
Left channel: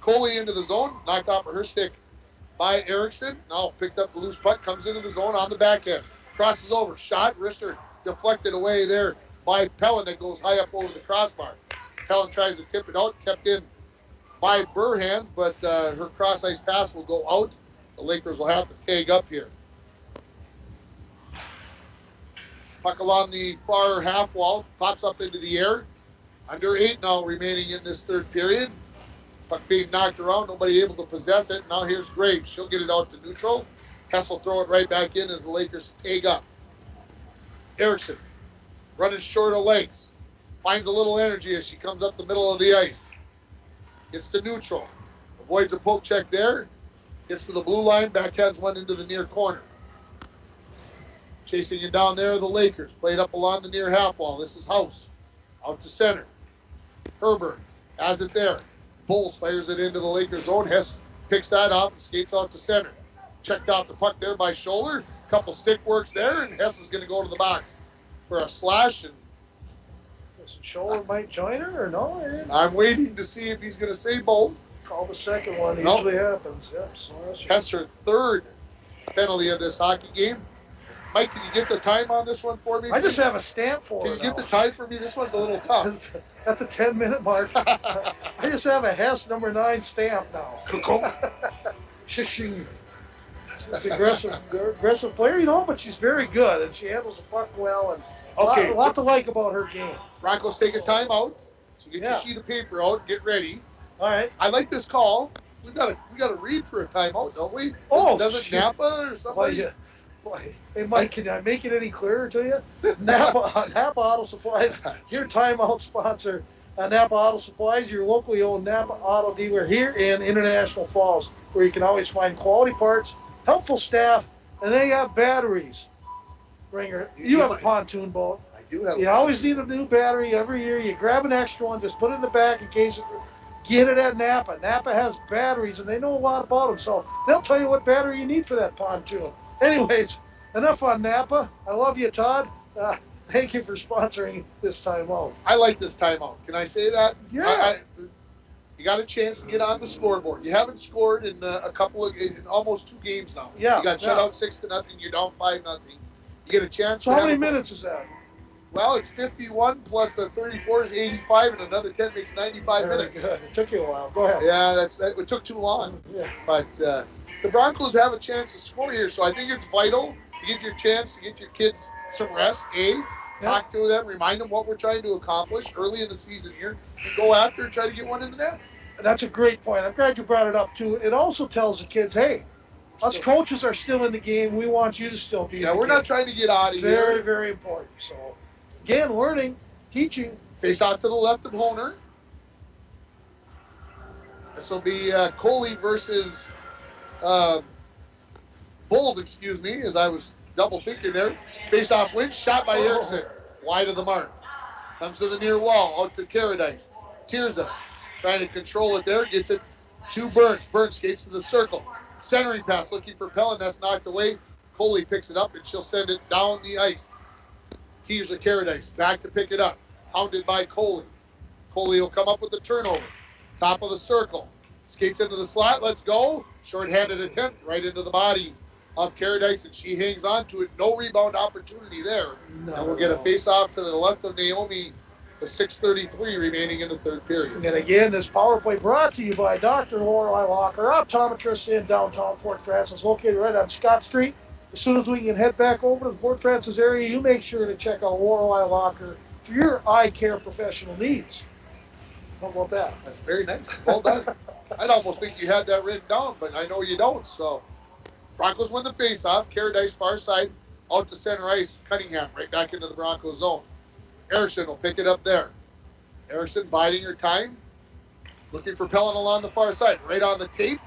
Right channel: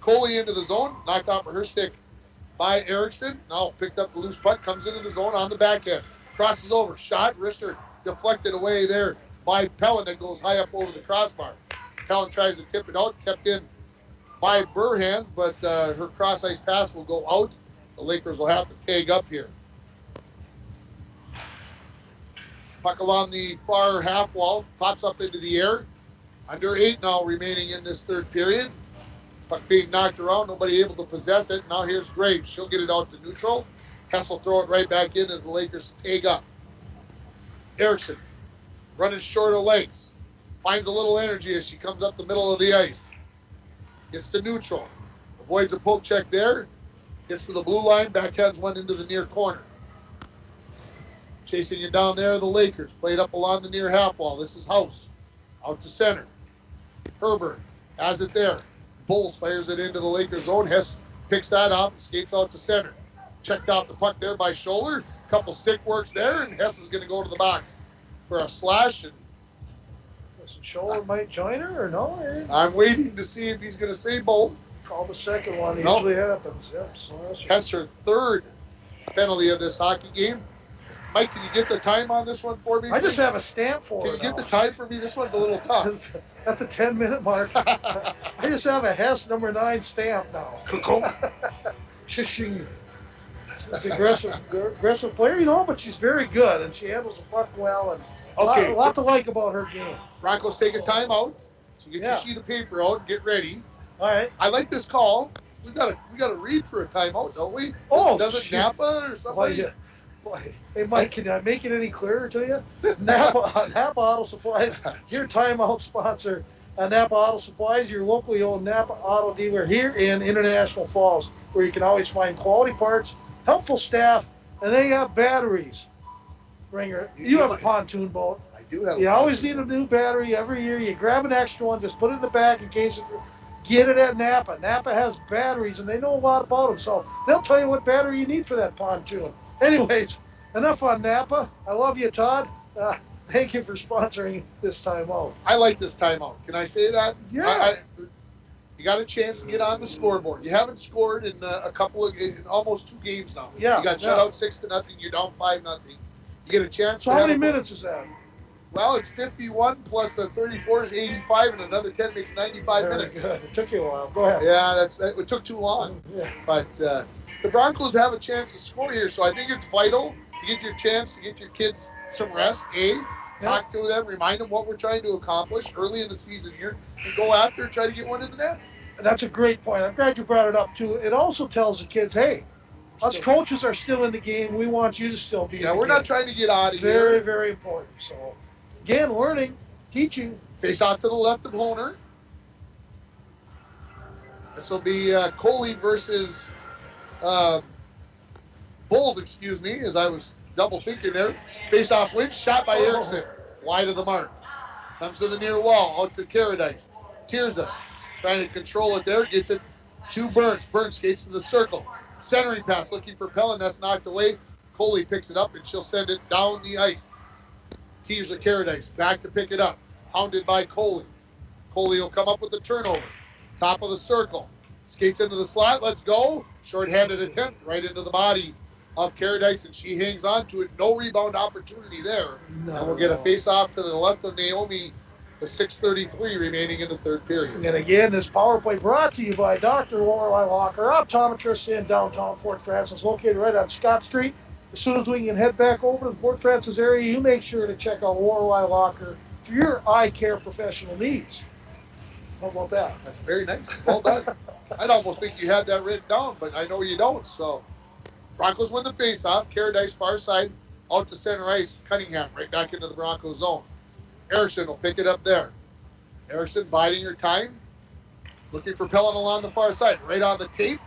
Coley into the zone, knocked off of her stick by Erickson. Now picked up the loose puck, comes into the zone on the backhand. Crosses over, shot, wrister deflected away there by Pellin that goes high up over the crossbar. Pellin tries to tip it out, kept in by Burhans, but her cross-ice pass will go out. The Lakers will have to tag up here. Puck along the far half wall, pops up into the air. Under 8 now remaining in this third period. Puck being knocked around, nobody able to possess it. Now here's Graves. She'll get it out to neutral. Hess will throw it right back in as the Lakers tag up. Erickson running short of legs. Finds a little energy as she comes up the middle of the ice. Gets to neutral. Avoids a poke check there. Gets to the blue line. Backhands one into the near corner. Chasing it down there are the Lakers. Played up along the near half wall. This is House. Out to center. Herbert has it there. Bulls fires it into the Lakers zone. Hess Picks that up and skates out to center. Checked out the puck there by Scholler. Couple stick works there, and Hess is going to go to the box for a slash. And Scholler might join her or no? I'm waiting to see if he's going to say both. Call the second one. Usually happens. Yep. Slash. That's her third penalty of this hockey game. Mike, can you get the time on this one for me? I just have a stamp for Can it. you get the time for me? This one's a little tough. At the 10-minute mark. I just have a Hess number 9 stamp now. Shishing. She's an aggressive player, but she's very good, and she handles the puck well, and a lot to like about her game. Broncos take a timeout, so get your sheet of paper out and get ready. All right. I like this call. We got to read for a timeout, don't we? Oh, does it Napa or somebody? Hey, Mike, can I make it any clearer to you? Napa Auto Supplies, your timeout sponsor. Napa Auto Supplies, your locally owned Napa Auto dealer here in International Falls, where you can always find quality parts, helpful staff, and they have batteries. Ringer, you have a pontoon boat. I do have. You always need a new battery every year. You grab an extra one, just put it in the bag in case. Get it at Napa. Napa has batteries, and they know a lot about them, so they'll tell you what battery you need for that pontoon. Anyways, enough on Napa. I love you, Todd. Thank you for sponsoring this timeout. I like this timeout. Can I say that? Yeah. You got a chance to get on the scoreboard. You haven't scored in almost 2 games now. Yeah. You got shut out 6-0. You're down 5-0. You get a chance. So how many minutes is that? Well, it's 51 plus 34 is 85, and another 10 makes 95 Very minutes. Good. It took you a while. Go ahead. Yeah, it took too long. Yeah. But the Broncos have a chance to score here, so I think it's vital to get your chance to get your kids some rest. Talk to them, remind them what we're trying to accomplish early in the season here, and go after and try to get one in the net. That's a great point. I'm glad you brought it up, too. It also tells the kids, hey, us coaches are still in the game. We want you to still be in the game. We're not trying to get out of here. Very, very important. So, again, learning, teaching. Face off to the left of Honer. This will be Coley versus Bulls, as I was double thinking there. Face off win, shot by Erickson. Wide of the mark. Comes to the near wall, out to Caradice. Tirza trying to control it there, gets it to Burns. Burns skates to the circle. Centering pass, looking for Pellin, that's knocked away. Coley picks it up, and she'll send it down the ice. Tirza Caradice back to pick it up. Hounded by Coley. Coley will come up with the turnover. Top of the circle. Skates into the slot, let's go. Short-handed attempt right into the body of Caradice, and she hangs on to it. No rebound opportunity there. And we'll get a face-off to the left of Naomi, with 6:33 remaining in the third period. And again, this power play brought to you by Dr. Lorelei Locker, optometrist in downtown Fort Frances, located right on Scott Street. As soon as we can head back over to the Fort Frances area, you make sure to check out Lorelei Locker for your eye care professional needs. How about that? That's very nice. Well done. I'd almost think you had that written down, but I know you don't. So Broncos win the face-off. Caradice far side, out to center ice. Cunningham right back into the Broncos zone. Erickson will pick it up there. Erickson biding her time. Looking for Pellin along the far side. Right on the tape.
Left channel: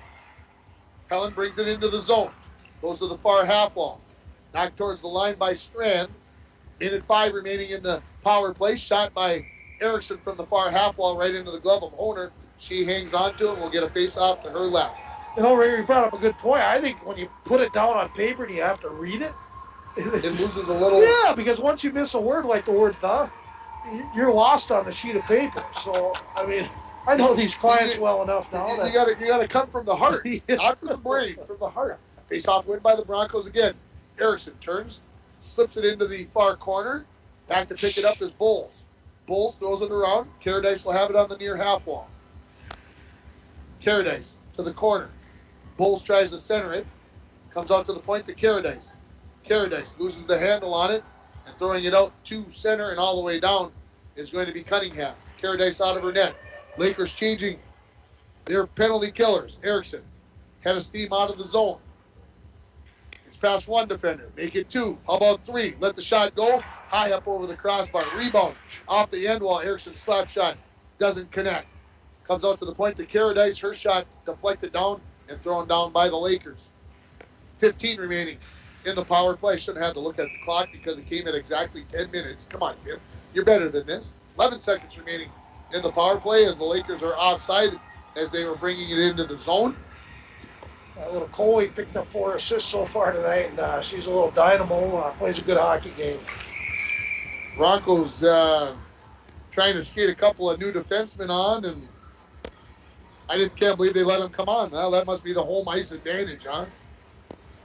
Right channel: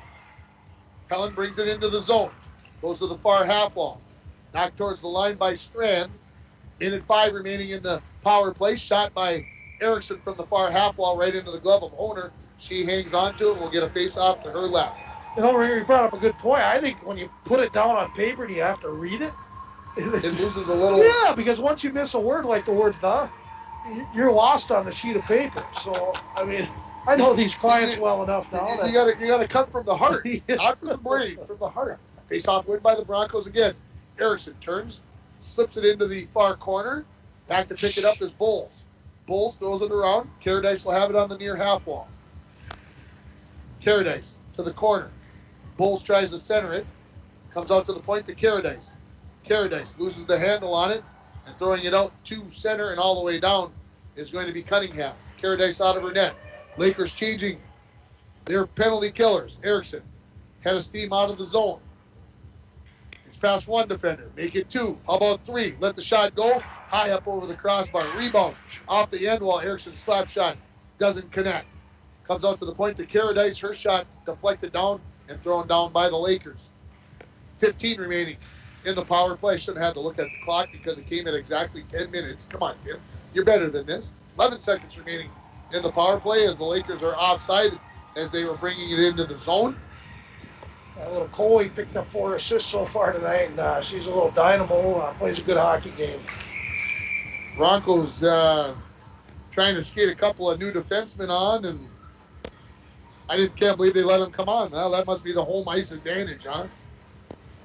Pellin brings it into the zone. Goes to the far half wall. Knocked towards the line by Strand. 1:05 remaining in the power play. Shot by Erickson from the far half wall right into the glove of Honer. She hangs on to it and will get a face-off to her left. You know, Ringer, you brought up a good point. I think when you put it down on paper and you have to read it, it loses a little. Yeah, because once you miss a word like the word "the," you're lost on the sheet of paper. So, I mean, I know these clients well enough now. You got to come from the heart, not from the brain, from the heart. Face-off win by the Broncos again. Erickson turns, slips it into the far corner. Back to pick it up is Bulls. Bulls throws it around. Caradice will have it on the near half wall. Caradice to the corner. Bulls tries to center it. Comes out to the point to Caradice. Caradice loses the handle on it, and throwing it out to center and all the way down is going to be Cunningham. Caradice out of her net. Lakers changing their penalty killers. Erickson, head of steam out of the zone. It's past one defender. Make it 2. How about 3? Let the shot go. High up over the crossbar. Rebound off the end wall. Erickson's slap shot doesn't connect. Comes out to the point to Caradice. Her shot deflected down and thrown down by the Lakers. 15 remaining in the power play. Shouldn't have to look at the clock because it came at exactly 10 minutes. Come on, Tim. You're better than this. 11 seconds remaining in the power play as the Lakers are offside as they were bringing it into the zone. Little Coley picked up 4 assists so far tonight, and she's a little dynamo, plays a good hockey game. Broncos trying to skate a couple of new defensemen on, and can't believe they let them come on. Well, that must be the home ice advantage, huh?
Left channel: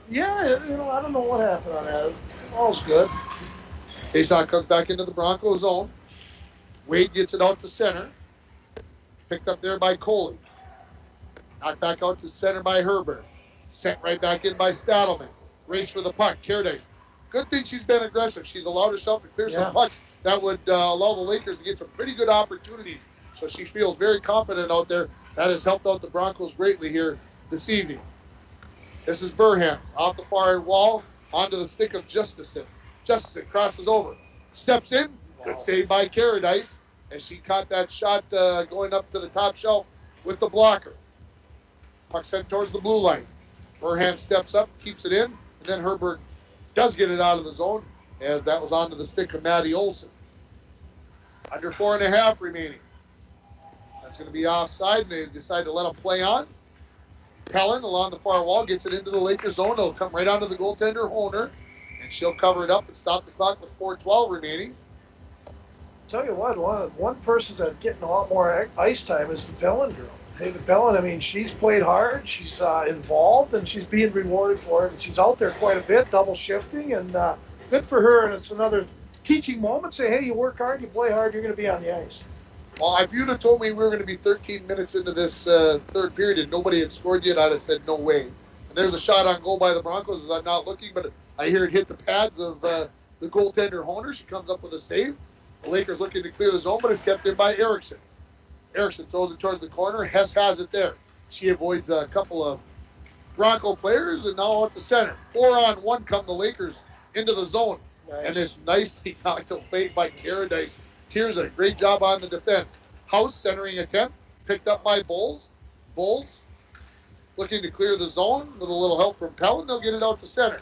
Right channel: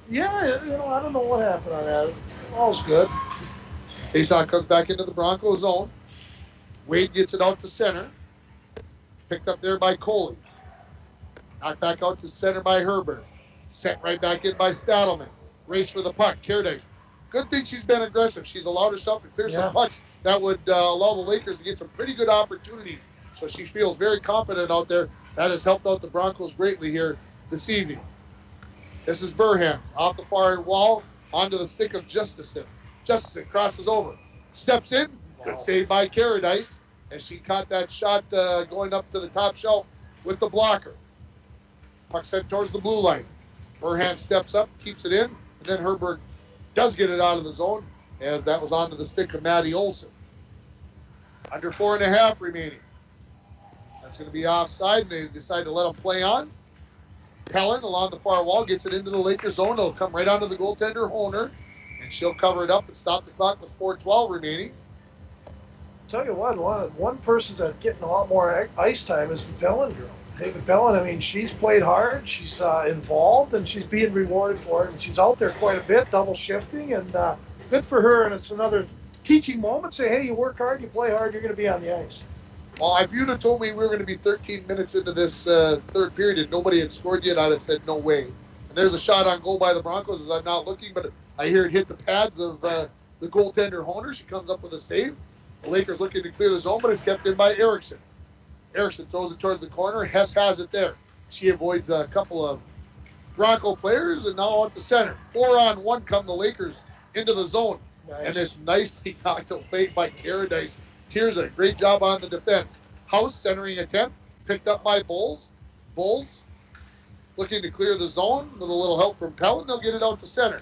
Yeah, I don't know what happened on that. All's good. Faceoff comes back into the Broncos zone. Wade gets it out to center. Picked up there by Coley. Knocked back out to center by Herbert. Sent right back in by Stadelman. Race for the puck. Caradice. Good thing she's been aggressive. She's allowed herself to clear some pucks that would allow the Lakers to get some pretty good opportunities. So she feels very confident out there. That has helped out the Broncos greatly here this evening. This is Burhans off the far wall onto the stick of Justison. Justison crosses over. Steps in. Good save by Caradice as she caught that shot going up to the top shelf with the blocker. Puck sent towards the blue line. Burhans steps up, keeps it in, and then Herbert does get it out of the zone as that was onto the stick of Maddie Olson. Under 4.5 remaining. That's going to be offside, and they decide to let him play on. Pellin along the far wall gets it into the Lakers zone. It'll come right onto the goaltender, Honer, and she'll cover it up and stop the clock with 4:12 remaining. Tell you what, one person that's getting a lot more ice time is the Pellin girl. Haven Pellin, I mean, she's played hard, she's involved, and she's being rewarded for it, and she's out there quite a bit, double shifting, and good for her, and it's another teaching moment. Say, hey, you work hard, you play hard, you're going to be on the ice. Well, if you'd have told me we were going to be 13 minutes into this third period and nobody had scored yet, I'd have said no way. And there's a shot on goal by the Broncos as I'm not looking, but I hear it hit the pads of the goaltender, Honer. She comes up with a save. The Lakers looking to clear the zone, but it's kept in by Erickson. Erickson throws it towards the corner. Hess has it there. She avoids a couple of Bronco players, and now out to center. 4-on-1 come the Lakers into the zone. Nice. And it's nicely knocked away by Caradice. Tirza, great job on the defense. House centering attempt, picked up by Bulls. Bulls looking to clear the zone with a little help from Pellin. They'll get it out to center.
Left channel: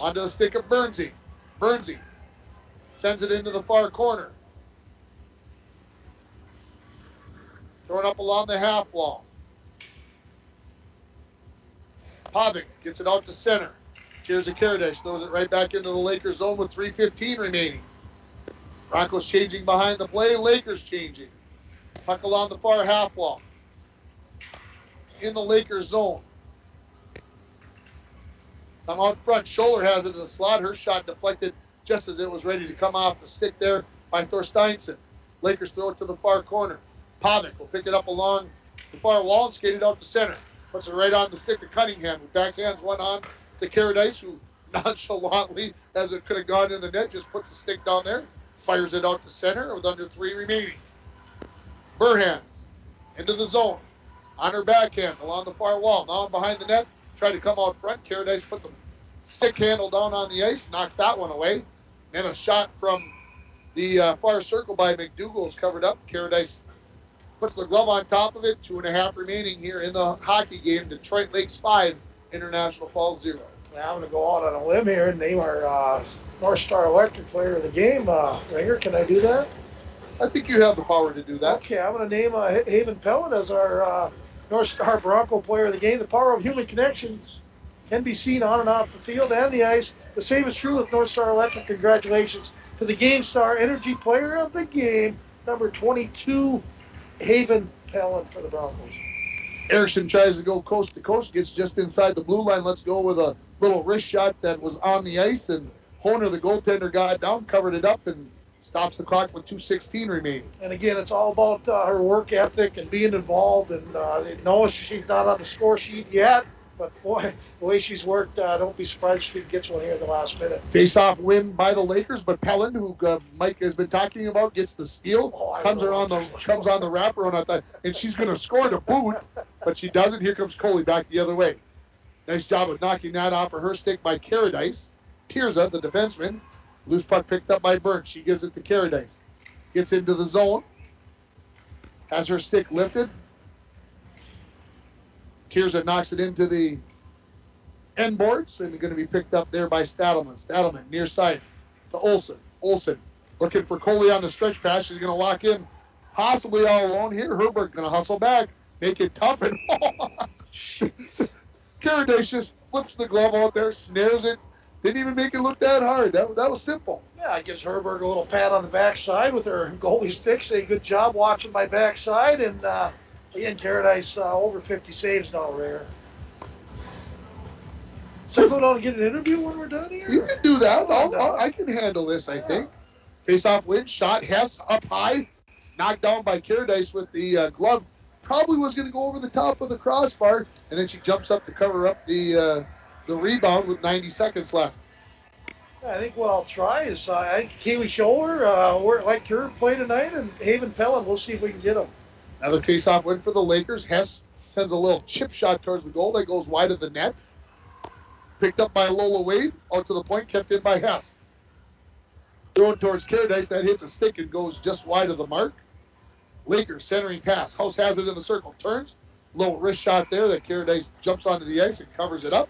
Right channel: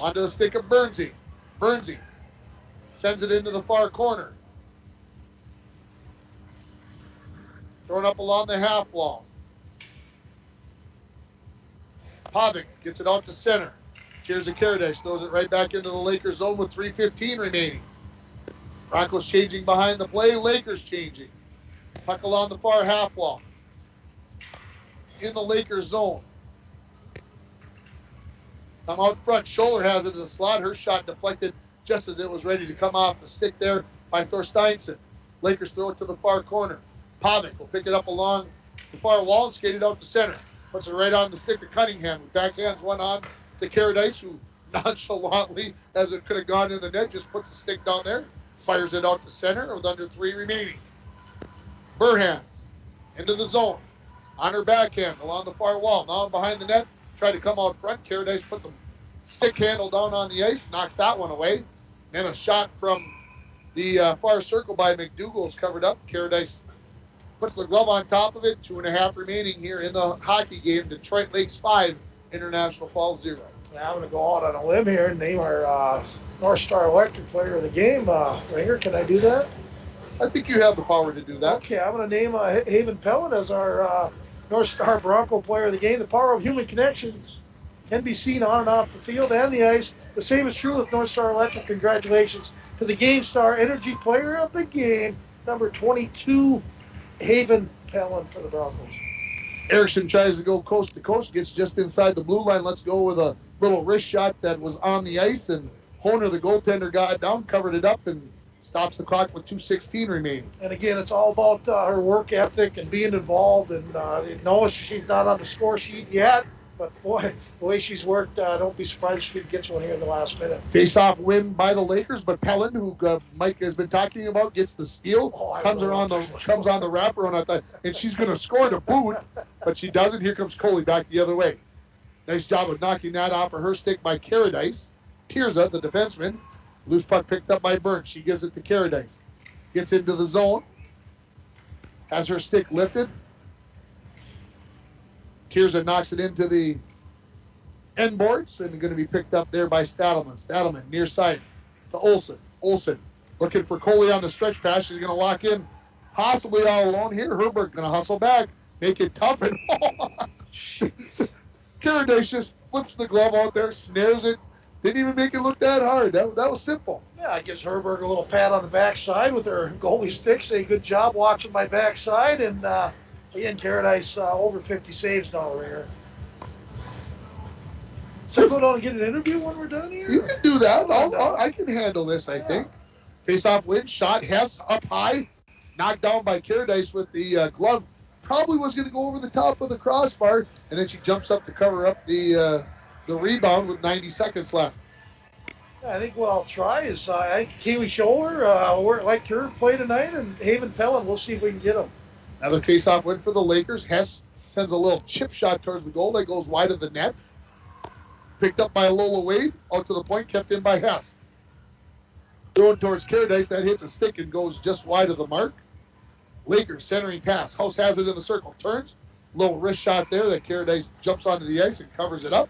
Onto the stick of Bernsey. Bernsey sends it into the far corner. Throwing up along the half wall. Pavic gets it out to center. Tirza Caradice throws it right back into the Lakers zone with 3:15 remaining. Broncos changing behind the play. Lakers changing. Puck along the far half wall. In the Lakers zone. Come out front. Scholler has it to the slot. Her shot deflected just as it was ready to come off the stick there by Thorsteinson. Lakers throw it to the far corner. Pavic will pick it up along the far wall and skate it out to center. Puts it right on the stick of Cunningham, who backhands one on to Caradice, who nonchalantly, as it could have gone in the net, just puts the stick down there. Fires it out to center with under 3 remaining. Burhans into the zone. On her backhand along the far wall. Now behind the net. Tried to come out front. Caradice put the stick handle down on the ice. Knocks that one away. And a shot from the far circle by McDougall is covered up. Caradice puts the glove on top of it. 2.5 remaining here in the hockey game. Detroit Lakes 5, International Falls 0. Now I'm going to go out on a limb here and name our North Star Electric player of the game. Ringer, can I do that? I think you have the power to do that. Okay, I'm going to name Haven Pellin as our North Star Bronco player of the game. The power of human connections can be seen on and off the field and the ice. The same is true with North Star Electric. Congratulations to the Game Star Energy player of the game, number 22, Haven Pellin for the Broncos. Erickson tries to go coast to coast, gets just inside the blue line. Let's go with a little wrist shot that was on the ice, and Honer, the goaltender, got down, covered it up, and stops the clock with 2:16 remaining. And again, it's all about her work ethic and being involved. And no, she's not on the score sheet yet, but boy, the way she's worked, don't be surprised if she gets one here in the last minute. Face-off win by the Lakers, but Pellin, who Mike has been talking about, gets the steal. Comes on the wrapper and she's going to score to boot, but she doesn't. Here comes Coley back the other way. Nice job of knocking that off of her stick by Caradice. Tirza, the defenseman. Loose puck picked up by Burns. She gives it to Caradice. Gets into the zone. Has her stick lifted. Tirza knocks it into the end boards and going to be picked up there by Stadelman. Stadelman near side to Olsen. Olsen looking for Coley on the stretch pass. She's going to lock in possibly all alone here. Herbert going to hustle back. Make it tough and Caradice just flips the glove out there, snares it. Didn't even make it look that hard. That was simple. Yeah, it gives Herberg a little pat on the backside with her goalie stick. Say, good job watching my backside. And again, Caradice over 50 saves now, Rare. So go down and get an interview when we're done here? You can do that. I can handle this, I think. Face-off win, shot, Hess up high, knocked down by Caradice with the glove. Probably was going to go over the top of the crossbar, and then she jumps up to cover up the rebound with 90 seconds left. I think what I'll try is Kaylee Scholler, like her, play tonight, and Haven Pellin. We'll see if we can get them. Another face-off win for the Lakers. Hess sends a little chip shot towards the goal that goes wide of the net. Picked up by Lola Wade, out to the point, kept in by Hess. Thrown towards Caradice, that hits a stick and goes just wide of the mark. Lakers centering pass. House has it in the circle, turns. Little wrist shot there that Caradice jumps onto the ice and covers it up.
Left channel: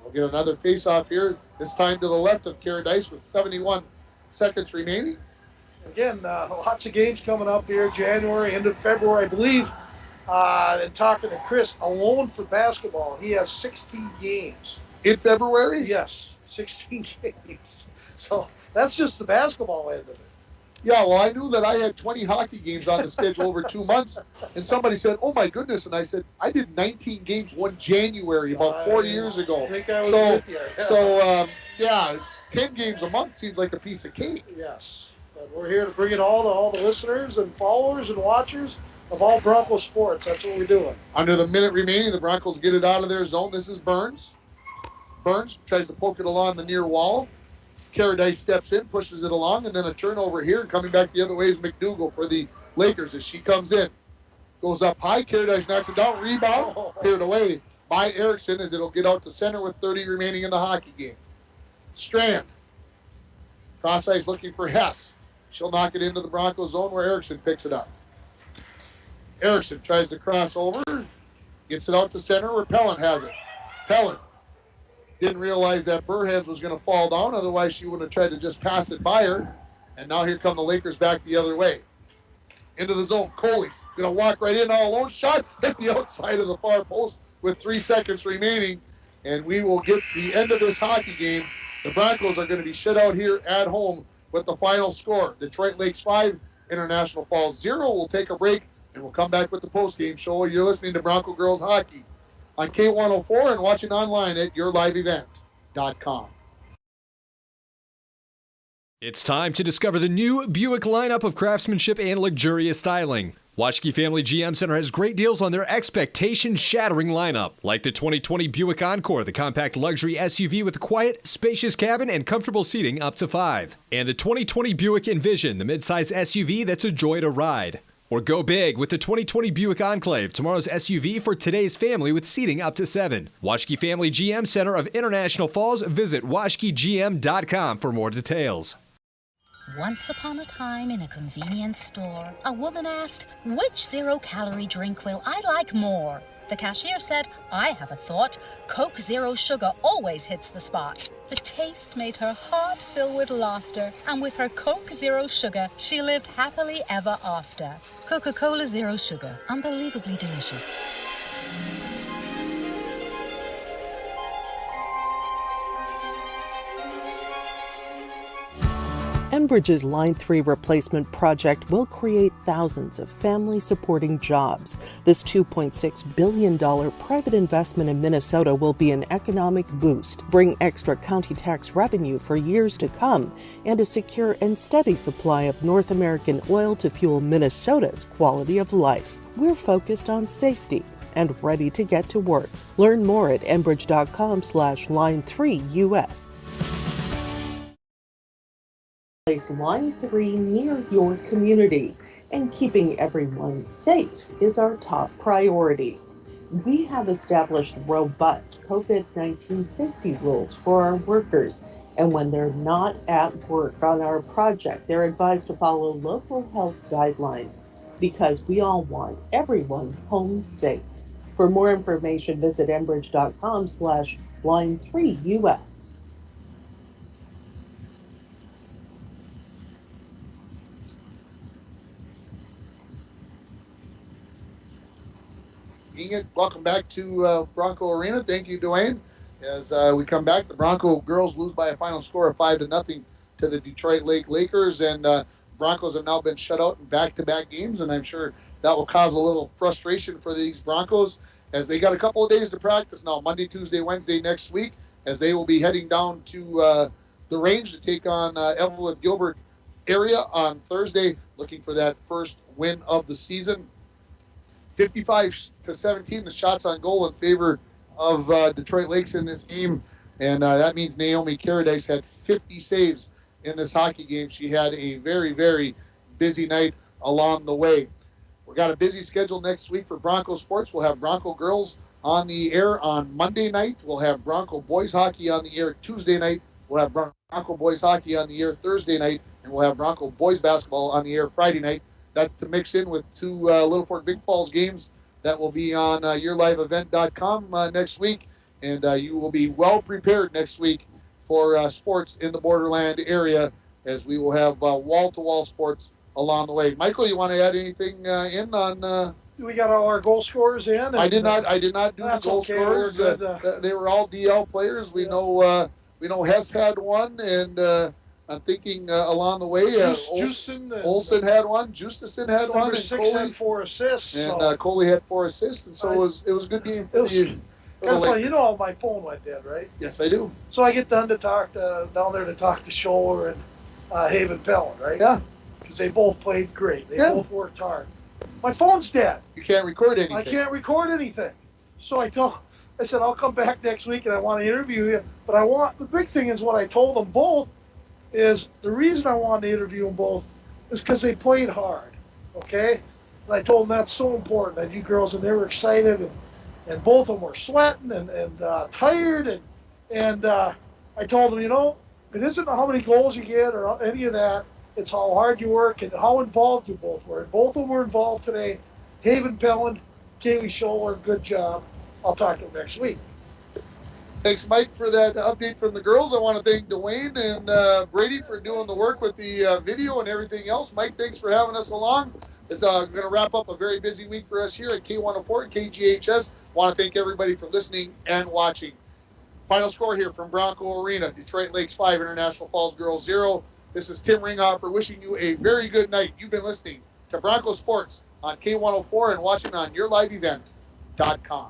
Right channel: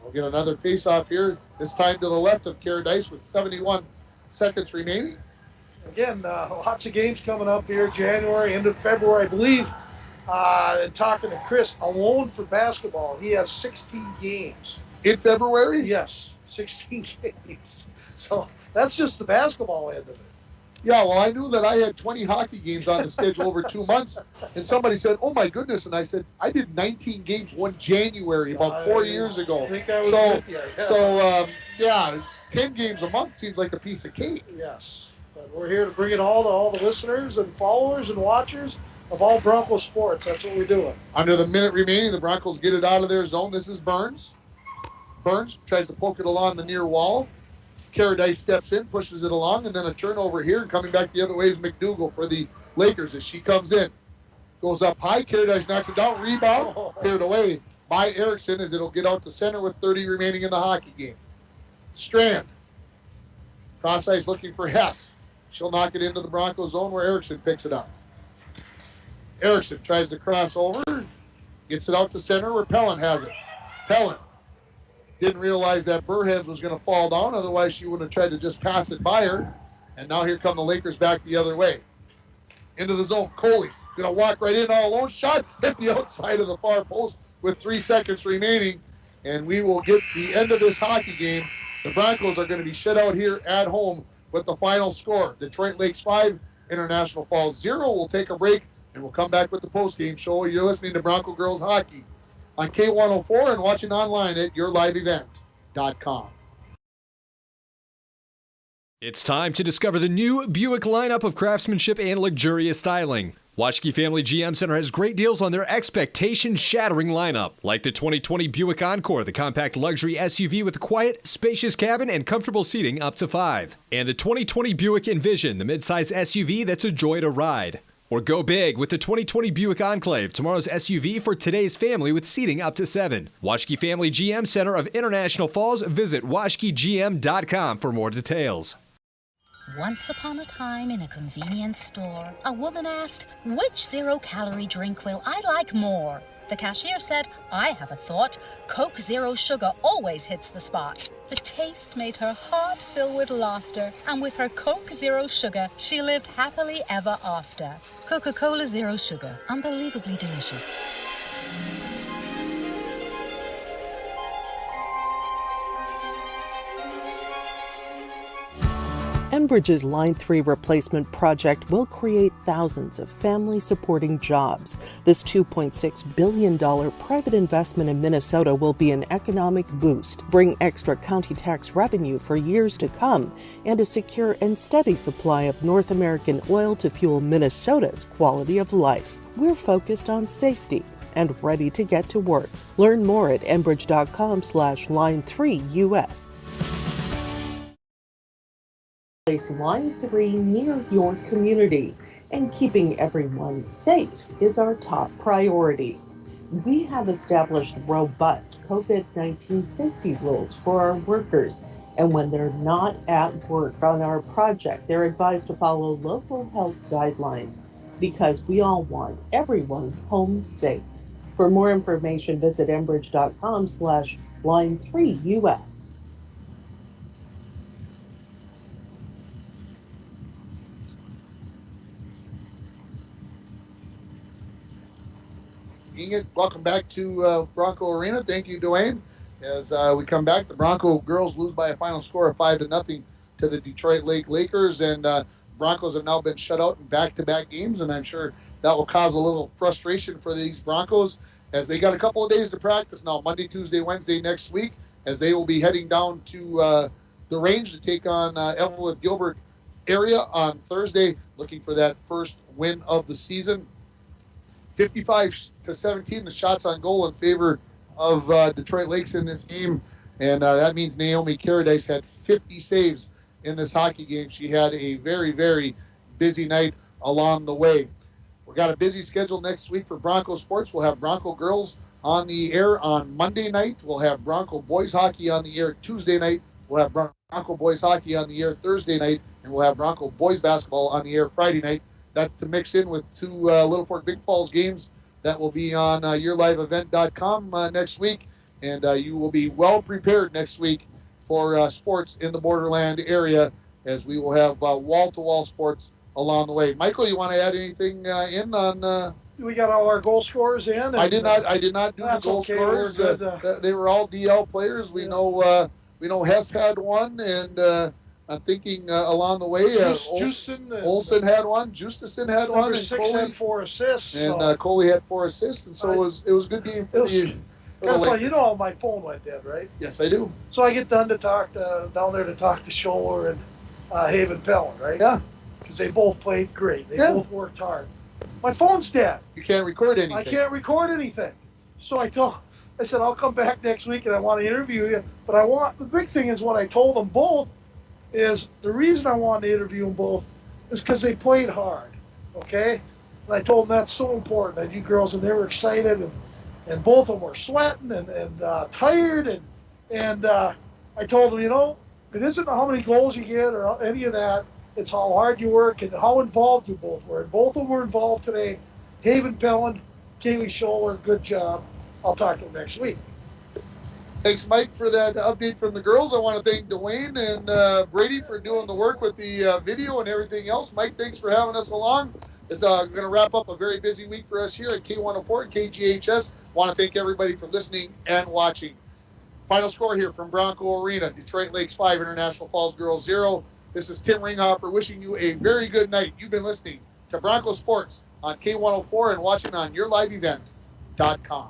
We'll get another face-off here, this time to the left of Caradice with 71 seconds remaining. Again, lots of games coming up here, January, end of February, I believe. And talking to Chris, alone for basketball, he has 16 games. In February? Yes, 16 games. So that's just the basketball end of it. Yeah, well, I knew that I had 20 hockey games on the schedule over 2 months, and somebody said, oh my goodness, and I said, I did 19 games one January about 4 years ago. I think I was with you. Yeah. 10 games a month seems like a piece of cake. Yes, but we're here to bring it all to all the listeners and followers and watchers of all Bronco sports. That's what we're doing. Under the minute remaining, the Broncos get it out of their zone. This is Burns. Burns tries to poke it along the near wall. Caradice steps in, pushes it along, and then a turnover here. And coming back the other way is McDougal for the Lakers as she comes in. Goes up high. Caradice knocks it down. Rebound. Cleared away by Erickson as it'll get out to center with 30 remaining in the hockey game. Strand. Cross ice looking for Hess. She'll knock it into the Broncos zone where Erickson picks it up. Erickson tries to cross over. Gets it out to center where Pellin has it. Pellin. Didn't realize that Burheads was going to fall down. Otherwise, she would have tried to just pass it by her. And now here come the Lakers back the other way. Into the zone. Coley's going to walk right in all alone. Shot hit the outside of the far post with 3 seconds remaining. And we will get the end of this hockey game. The Broncos are going to be shut out here at home with the final score. Detroit Lakes 5, International Falls 0. We'll take a break and we'll come back with the post-game show. You're listening to Bronco Girls Hockey on K104 and watching online at yourliveevent.com. It's time to discover the new Buick lineup of craftsmanship and luxurious styling. Waschke Family GM Center has great deals on their expectation-shattering lineup, like the 2020 Buick Encore, the compact luxury SUV with a quiet, spacious cabin and comfortable seating up to 5. And the 2020 Buick Envision, the midsize SUV that's a joy to ride. Or go big with the 2020 Buick Enclave, tomorrow's SUV for today's family with seating up to 7. Waschke Family GM Center of International Falls. Visit waschkegm.com for more details. Once upon a time in a convenience store, a woman asked, which zero-calorie drink will I like more? The cashier said, I have a thought. Coke Zero Sugar always hits the spot. The taste made her heart fill with laughter, and with her Coke Zero Sugar, she lived happily ever after. Coca-Cola Zero Sugar, unbelievably delicious. Enbridge's Line 3 replacement project will create thousands of family-supporting jobs. This $2.6 billion private investment in Minnesota will be an economic boost, bring extra county tax revenue for years to come, and a secure and steady supply of North American oil to fuel Minnesota's quality of life. We're focused on safety and ready to get to work. Learn more at enbridge.com/line3US. Place Line 3 near your community, and keeping everyone safe is our top priority. We have established robust COVID-19 safety rules for our workers, and when they're not at work on our project, they're advised to follow local health guidelines because we all want everyone home safe. For more information, visit enbridge.com/line3US. Inget, welcome back to Bronco Arena. Thank you, Dwayne. As we come back, the Bronco girls lose by a final score of 5-0 to the Detroit Lake Lakers, and Broncos have now been shut out in back-to-back games, and I'm sure that will cause a little frustration for these Broncos as they got a couple of days to practice now, Monday, Tuesday, Wednesday next week, as they will be heading down to the range to take on Evelyn Gilbert area on Thursday, looking for that first win of the season. 55-17, the shots on goal in favor of Detroit Lakes in this game, and that means Naomi Caradice had 50 saves in this hockey game. She had a very, very busy night along the way. We've got a busy schedule next week for Bronco sports. We'll have Bronco girls on the air on Monday night. We'll have Bronco boys hockey on the air Tuesday night. We'll have Bronco boys hockey on the air Thursday night, and we'll have Bronco boys basketball on the air Friday night. That to mix in with two Little Fork Big Falls games that will be on yourliveevent.com next week, and you will be well prepared next week for sports in the Borderland area, as we will have wall-to-wall sports along the way. Michael, you want to add anything in on? We got all our goal scorers in. And, I did not do the goal okay. scorers. They were all DL players. We know Hess had one, and I'm thinking along the way, Olsen had one, Justison had one, number and 6 Coley had 4 assists. and Coley had 4 assists, and so it was a good game for the That's you know my phone went dead, right? Yes, I do. So I get done to talk down there to talk to Scholler and Haven Pellin, right? Yeah. Because they both played great. They both worked hard. My phone's dead. You can't record anything. I can't record anything. So I said I'll come back next week and I want to interview you. But the big thing is what I told them both is the reason I wanted to interview them both is because they played hard. Okay? And I told them that's so important, that you girls, and they were excited, and both of them were sweating and tired, and I told them, it isn't how many goals you get or any of that. It's how hard you work and how involved you both were. Both of them were involved today. Haven Pellin, Kaylee Scholler, good job. I'll talk to them next week. Thanks, Mike, for that update from the girls. I want to thank Dwayne and Brady for doing the work with the video and everything else. Mike, thanks for having us along. It's going to wrap up a very busy week for us here at K104 and KGHS. Want to thank everybody for listening and watching. Final score here from Bronco Arena: Detroit Lakes 5, International Falls Girls 0. This is Tim Ringhoffer wishing you a very good night. You've been listening to Bronco Sports on K104 and watching on yourliveevent.com.